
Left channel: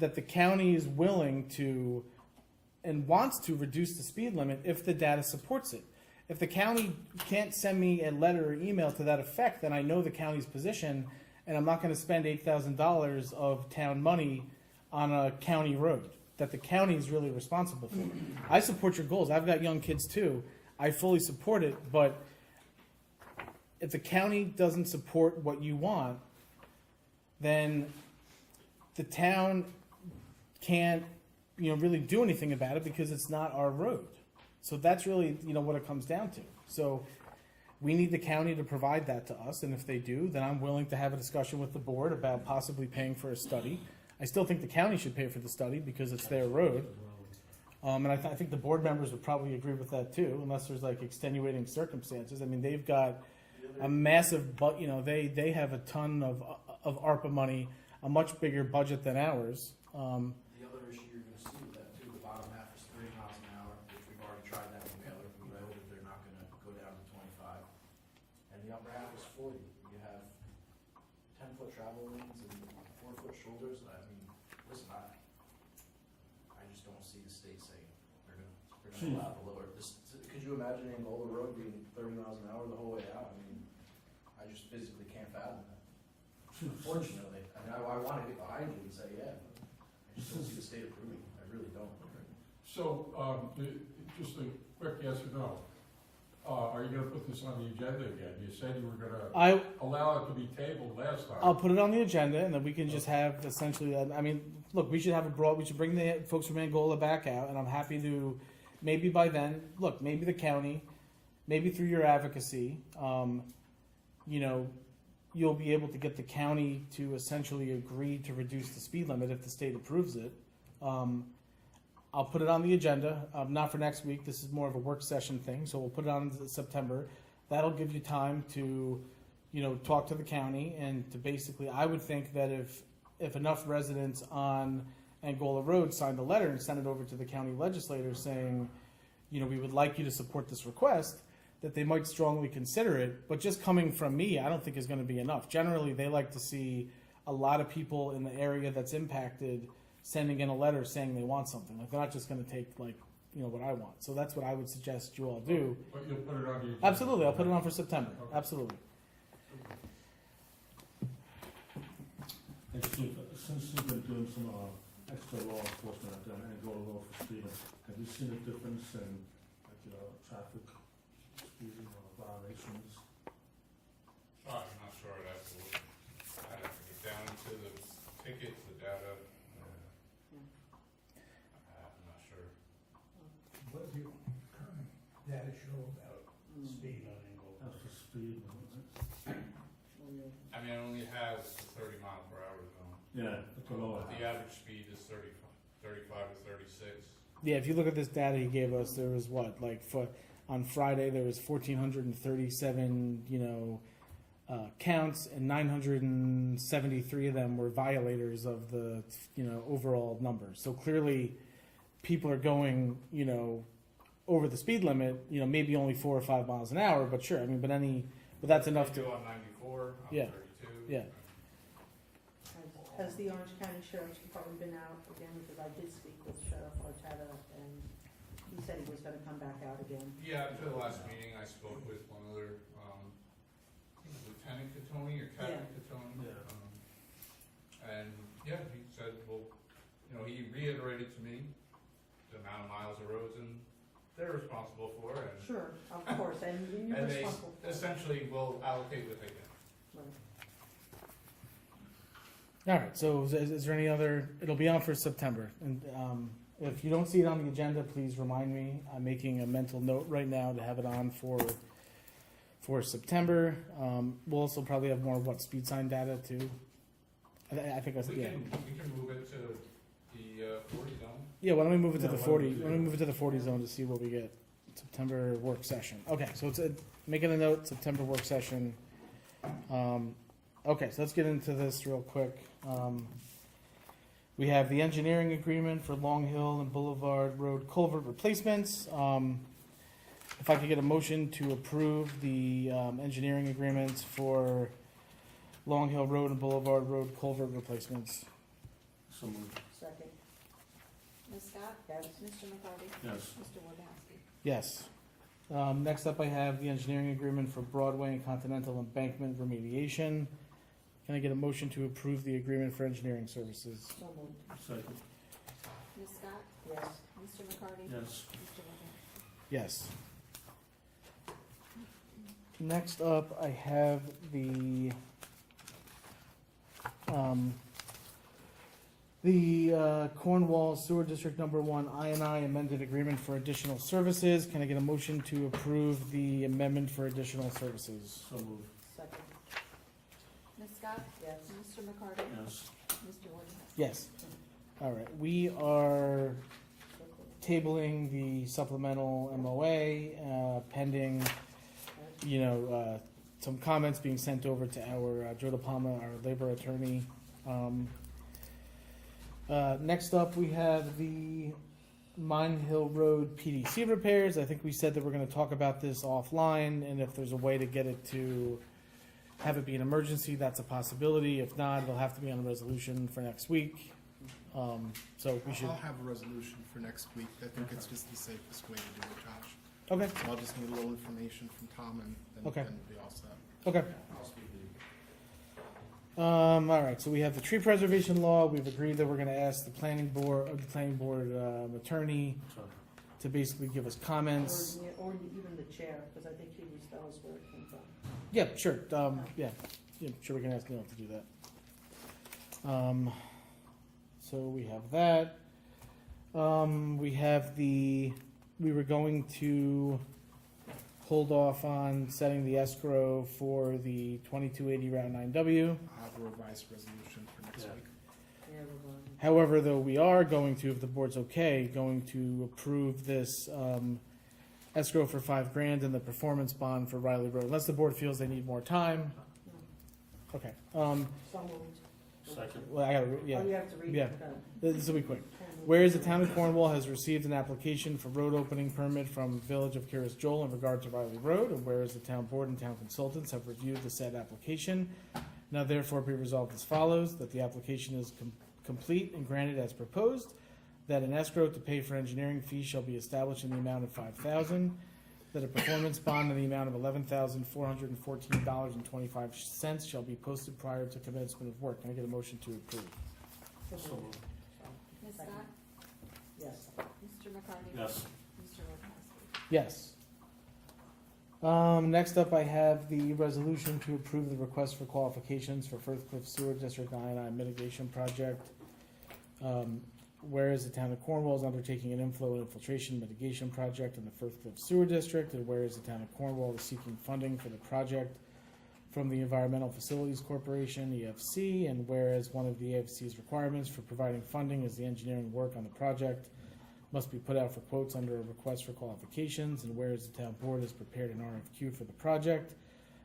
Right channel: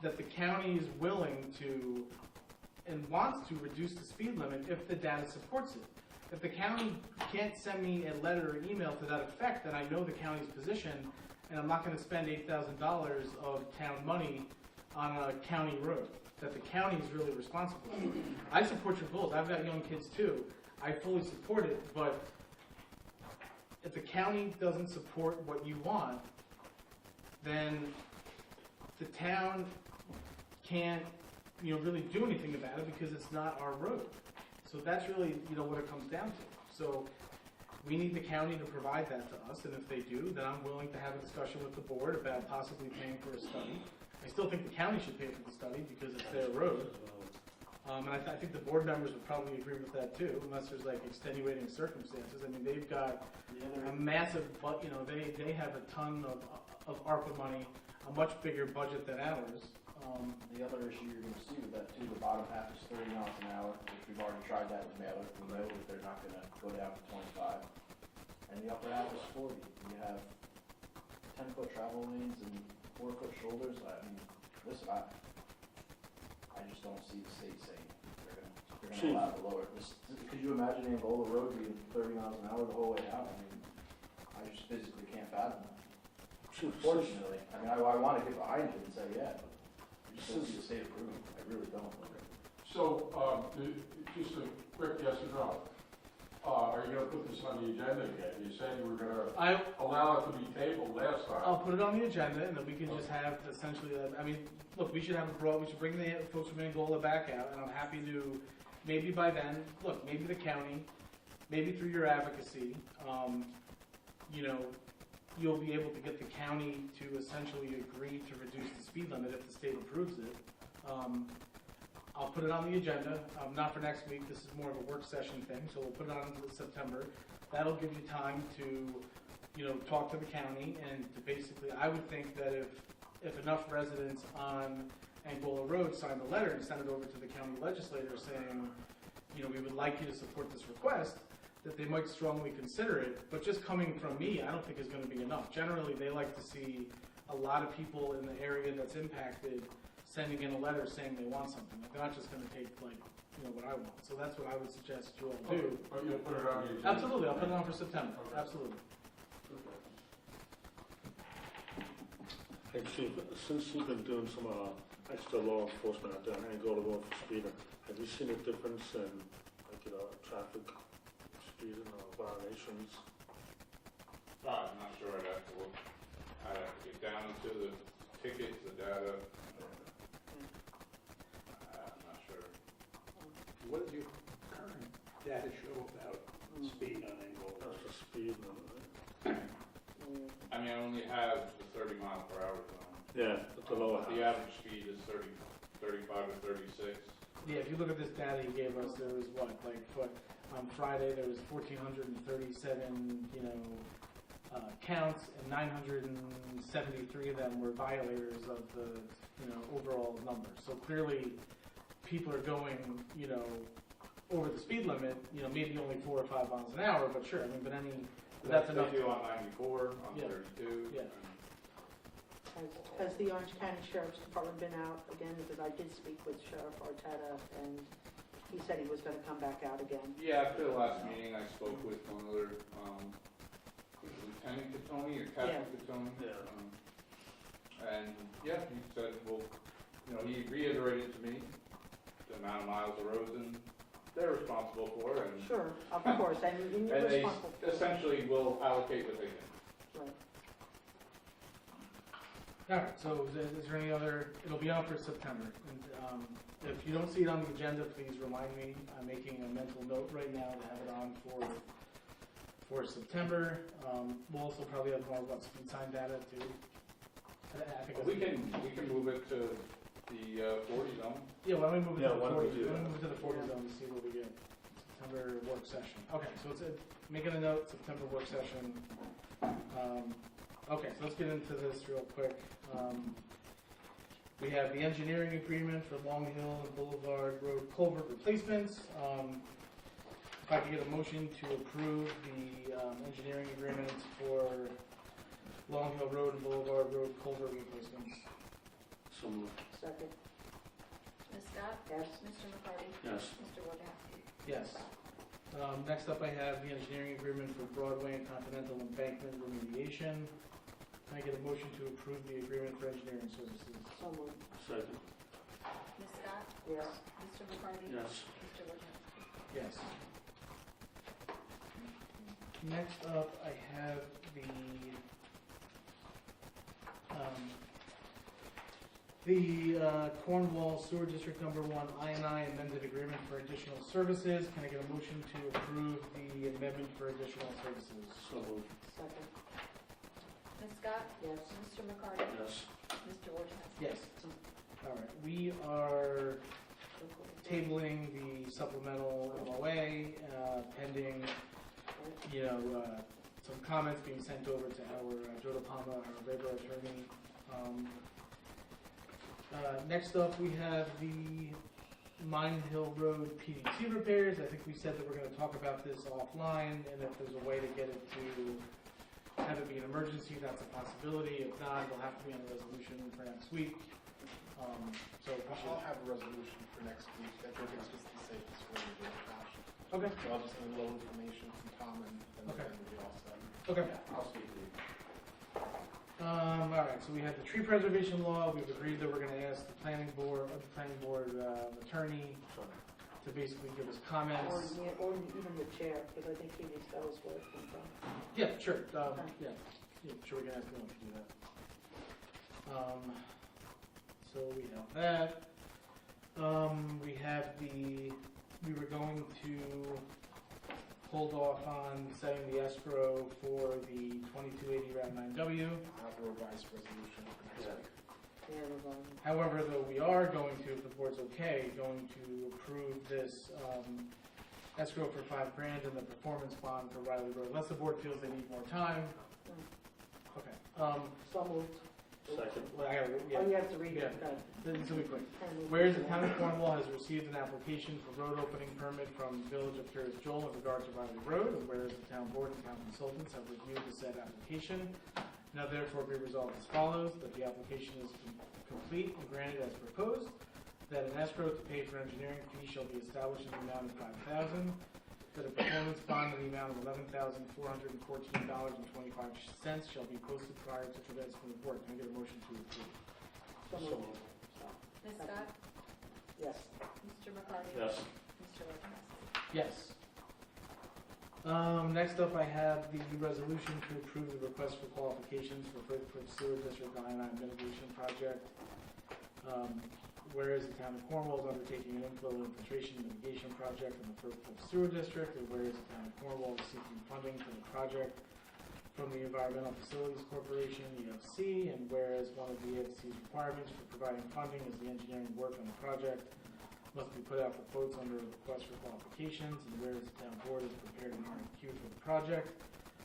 that the county is willing to and wants to reduce the speed limit if the data supports it. If the county can't send me a letter or email to that effect, then I know the county's position, and I'm not gonna spend $8,000 of town money on a county road that the county is really responsible for. I support your goals. I've got young kids too. I fully support it, but if the county doesn't support what you want, then the town can't, really do anything about it because it's not our road. So that's really, what it comes down to. So we need the county to provide that to us, and if they do, then I'm willing to have a discussion with the board about possibly paying for a study. I still think the county should pay for the study because it's their road. And I think the board members would probably agree with that too, unless there's like extenuating circumstances. I mean, they've got a massive, they have a ton of ARPA money, a much bigger budget than ours. The other issue you're gonna see with that too, the bottom half is 30 miles an hour, which we've already tried that with Mailer. We know that they're not gonna go down to 25. And the upper half is 40. You have 10-foot travel lanes and 4-foot shoulders. I mean, listen, I just don't see the state saying they're gonna allow the lower. Could you imagine Angola Road being 30 miles an hour the whole way down? I mean, I just physically can't fathom that. Unfortunately, I mean, I want to get behind you and say, yeah, but I just don't see the state approving. I really don't. So, just a quick yes or no. Are you gonna put this on the agenda again? You said you were gonna allow it to be tabled last time. I'll put it on the agenda, and then we can just have essentially. Look, we should have we should bring the folks from Angola back out, and I'm happy to. Maybe by then, look, maybe the county, maybe through your advocacy, you'll be able to get the county to essentially agree to reduce the speed limit if the state approves it. I'll put it on the agenda, not for next week, this is more of a work session thing, so we'll put it on in September. That'll give you time to, talk to the county and to basically, I would think that if enough residents on Angola Road signed a letter and sent it over to the county legislator saying, we would like you to support this request, that they might strongly consider it, but just coming from me, I don't think is gonna be enough. Generally, they like to see a lot of people in the area that's impacted sending in a letter saying they want something. Like, they're not just gonna take what I want. So that's what I would suggest you all do. But you'll put it on the agenda? Absolutely, I'll put it on for September, absolutely. Actually, since you've been doing some extra law enforcement out there on Angola Road for speeding, have you seen a difference in, traffic speeding or violations? I'm not sure, I'd have to look, I'd have to get down to the tickets, the data. I'm not sure. What does your current data show about speed on Angola? That's the speed limit, right? I mean, I only have the 30 mile per hour zone. Yeah, at the lower But the average speed is 35 to 36. Yeah, if you look at this data he gave us, there was on Friday there was 1,437, counts, and 973 of them were violators of the, overall number. So clearly, people are going, over the speed limit. Maybe only 4 or 5 miles an hour, but sure. But that's enough. They do on 94, on Yeah. 32. Yeah. Has the Orange County Sheriff's Department been out again? Because I did speak with Sheriff Arteta, and he said he was gonna come back out again. Yeah, after the last meeting, I spoke with one other, Lieutenant Catoni or Captain Catoni. And yeah, he said, well, he reiterated to me the amount of miles of roads and they're responsible for and. Sure, of course, and you're And they responsible for it. essentially will allocate what they can. Right. All right. So is there any other? It'll be on for September. And if you don't see it on the agenda, please remind me. I'm making a mental note right now to have it on for September. We'll also probably have more speed sign data too. I think We can move it to the 40 zone. Yeah, why don't we move it to Yeah, the why 40? don't we do Why don't we that? move it to the 40 zone to see what we get. September work session. Okay, so it's making a note. September work session. Okay, so let's get into this real quick. We have the engineering agreement for Long Hill and Boulevard Road culvert replacements. If I could get a motion to approve the engineering agreements for Long Hill Road and Boulevard Road culvert replacements. So moved. Second, Ms. Scott? yes. Mr. McCarty? Yes. Mr. Wojciechowski? Yes. Next up, I have the engineering agreement for Broadway and Continental Embankment remediation. Can I get a motion to approve the agreement for engineering services? So moved. Second. Ms. Scott? Yes. Mr. McCarty? Yes. Mr. Wojciechowski? Yes. Next up, I have the Cornwall Sewer District Number 1 I&I amended agreement for additional services. Can I get a motion to approve the amendment for additional services? So moved. Second, Ms. Scott? yes. Mr. McCarty? Yes. Mr. Wojciechowski? Yes. All right. We are tabling the supplemental MOA pending, some comments being sent over to our Joe DePalma, our labor attorney. Next up, we have the Mine Hill Road PDC repairs. I think we said that we're going to talk about this offline, and if there's a way to get it to have it be an emergency, that's a possibility. If not, it'll have to be on a resolution for next week. So we should. I'll have a resolution for next week. I think it's just the safest way to do it, Josh. Okay. So I'll just need a little information from Tom and then Okay. we'll be all set. Okay. I'll speak to you. All right. So we have the tree preservation law. We've agreed that we're going to ask the planning board attorney to basically give us comments. Or even the chair, because I think he was, that was where it came from. Yeah, sure. Yeah, sure. We can ask Neil to do that. So we have that. We were going to hold off on setting the escrow for the 2280 Route 9W. I'll have a revised resolution for next week. However, though, we are going to, if the board's okay, going to approve this escrow for $5,000 and the performance bond for Riley Road, unless the board feels they need more time. Okay. So moved. Second. Well, I gotta, yeah. Oh, you have to read Yeah. it. This will be quick. Whereas the town of Cornwall has received an application for road opening permit from Village of Curious Joel in regard to Riley Road, and whereas the town board and town consultants have reviewed the said application, now therefore be resolved as follows, that the application is complete and granted as proposed, that an escrow to pay for engineering fees shall be established in the amount of $5,000, that a performance bond in the amount of $11,414.25 shall be posted prior to commencement of work. Can I get a motion to approve? So moved. Ms. Scott? Yes. Mr. McCarty? Yes. Mr. Wojciechowski? Yes. Next up, I have the resolution to approve the request for qualifications for Firth Cliff Sewer District I&I mitigation project. Whereas the town of Cornwall is undertaking an inflow and infiltration mitigation project in the Firth Cliff Sewer District, and whereas the town of Cornwall is seeking funding for the project from the Environmental Facilities Corporation, EFC, and whereas one of the EFC's requirements for providing funding is the engineering work on the project must be put out for quotes under a request for qualifications, and whereas the town board has prepared an RFQ for the project,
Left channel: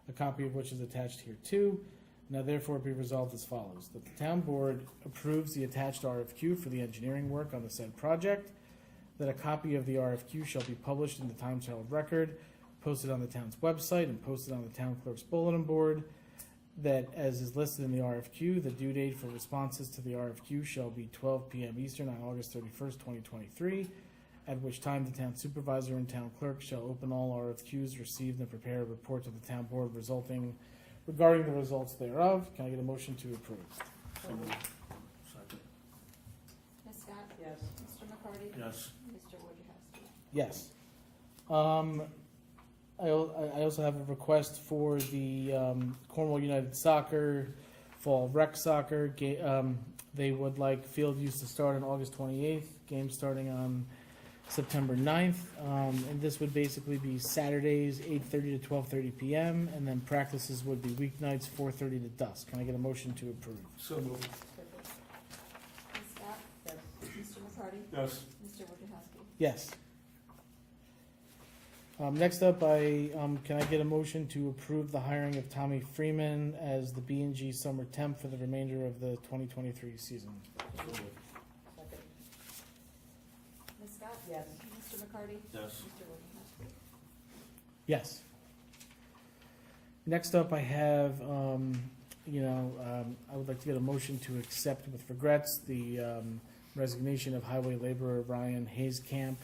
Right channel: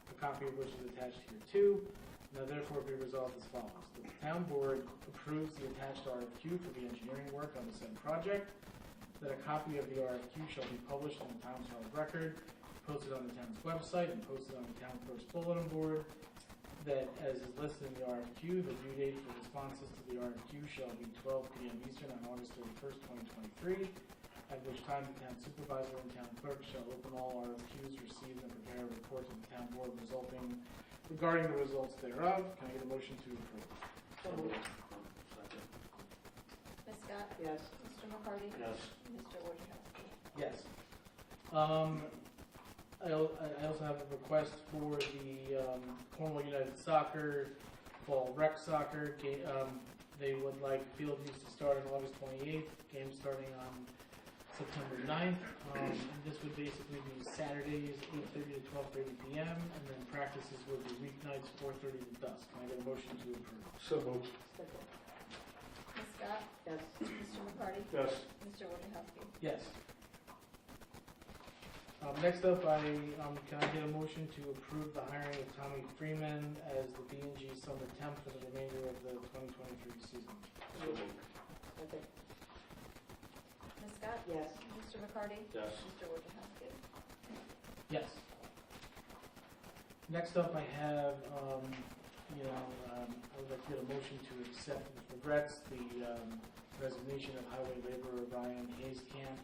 a copy of which is attached here too. Now therefore be resolved as follows, that the town board approves the attached RFQ for the engineering work on the said project, that a copy of the RFQ shall be published in the Times Herald Record, posted on the town's website, and posted on the town clerk's bulletin board, that as is listed in the RFQ, the due date for responses to the RFQ shall be 12 p.m. Eastern on August 31st, 2023, at which time the town supervisor and town clerk shall open all RFQs received and prepare a report to the town board regarding the results thereof. Can I get a motion to approve? So moved. Second. Ms. Scott? Yes. Mr. McCarty? Yes. Mr. Wojciechowski? Yes. I also have a request for the Cornwall United Soccer Fall Rec Soccer. They would like field use to start on August 28th, game starting on September 9th. And this would basically be Saturdays, 8:30 to 12:30 p.m. And then practices would be weeknights, 4:30 to dusk. Can I get a motion to approve? So moved. Ms. Scott? Yes. Mr. McCarty? Yes. Mr. Wojciechowski? Yes. Next up, can I get a motion to approve the hiring of Tommy Freeman as the B&G summer temp for the remainder of the 2023 season? So moved. Second. Ms. Scott? Yes. Mr. McCarty? Yes. Mr. Wojciechowski? Yes. Next up, I have, I would like to get a motion to accept with regrets the resignation of highway laborer Ryan Hayescamp.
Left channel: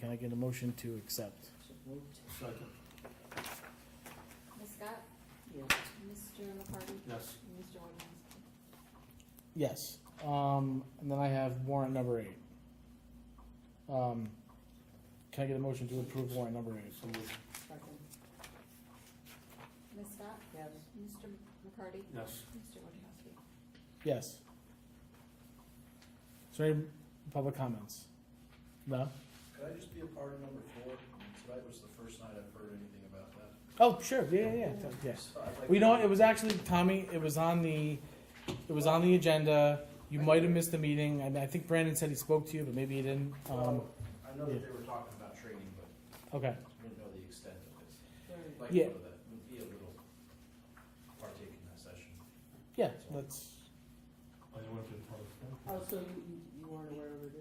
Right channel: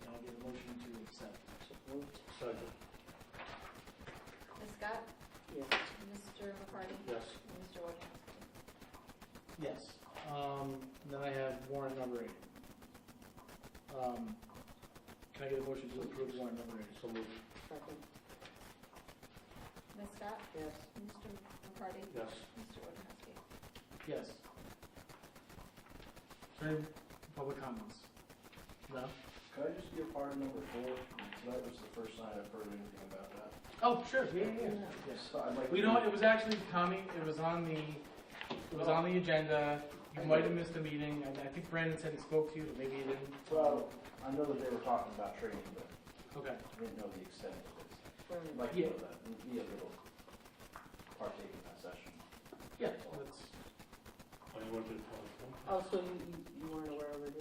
Can I get a motion to accept? Moved. Second. Ms. Scott? Yes. Mr. McCarty? Yes. Mr. Wojciechowski? Yes. And then I have warrant number 8. Can I get a motion to approve warrant number 8? So moved. Second. Ms. Scott? Yes. Mr. McCarty? Yes. Mr. Wojciechowski? Yes. Is there any public comments? No? Could I just be a part of number 4? Tonight was the first night I've heard anything about that. Oh, sure. Yeah. Yes. So I'd like We to- know it was actually Tommy. It was on the agenda. You might have missed the meeting, and I think Brandon said he spoke to you, but maybe he didn't. Well, I know that they were talking about training, but Okay. I didn't know the extent of it. I'd like Yeah. to know that, be a little partake in that session. Yeah. That's. Oh, you went to the public comment? Oh, so you weren't aware of it?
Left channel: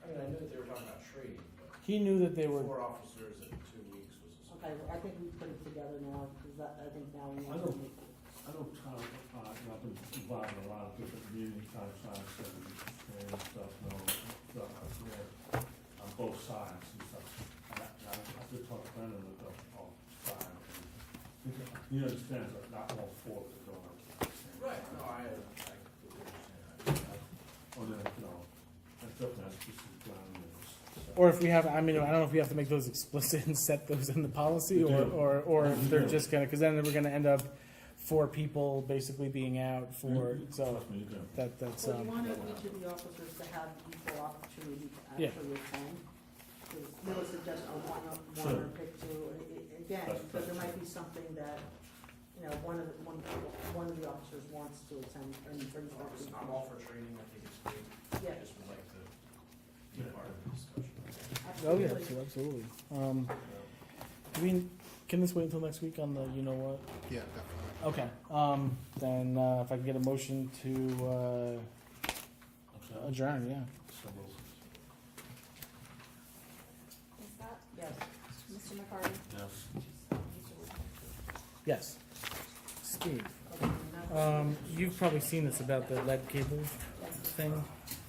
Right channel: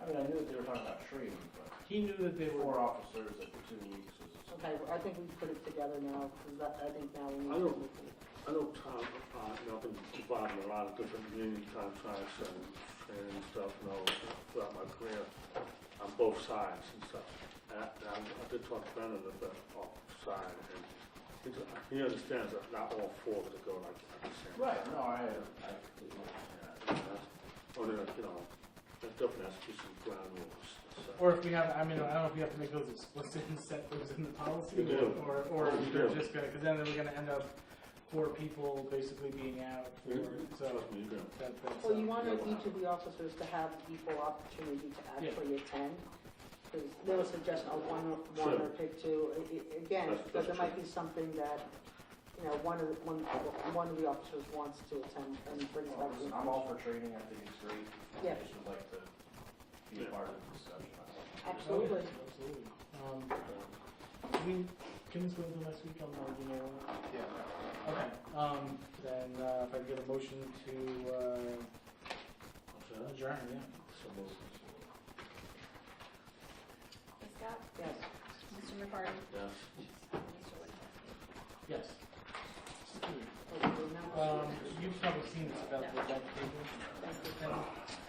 I mean, I knew that they were talking about training, but He knew that they were. 4 officers every 2 weeks was. Okay, I think we put it together now, because I think now we. I know Tom, I've been involved in a lot of different union contracts and stuff, throughout my career, on both sides and stuff. And I did talk to Brandon at the side, and he understands that not all 4 of it go like the same. Right, no, I completely understand that. Only like, there's different aspects of ground rules. So. Or if we have, I don't know if we have to make those explicit and set those in the policy, We do. or if We they're do. just gonna, because then we're gonna end up 4 people basically being out for, so Trust me, you do. that's. So you wanted each of the officers to have equal opportunity to Yeah. actually attend? There was suggestion of one or Sure. pick two, again, That's- but there that's might be something that, you know, one of the officers wants to attend and bring it back. to the I'm all for training, I think it's great. Yeah. I just would like to be a part of the discussion. Oh, yeah, Absolutely. absolutely. I mean, can this wait until next week on the, you know what? Yeah, definitely. Okay, then, if I can get a motion to, adjourn, yeah. Ms. Scott? Yes. Mr. McCarty? Yes. Mr. Wood? Yes. Steve, Remember- you've probably seen this about the lead cable thing.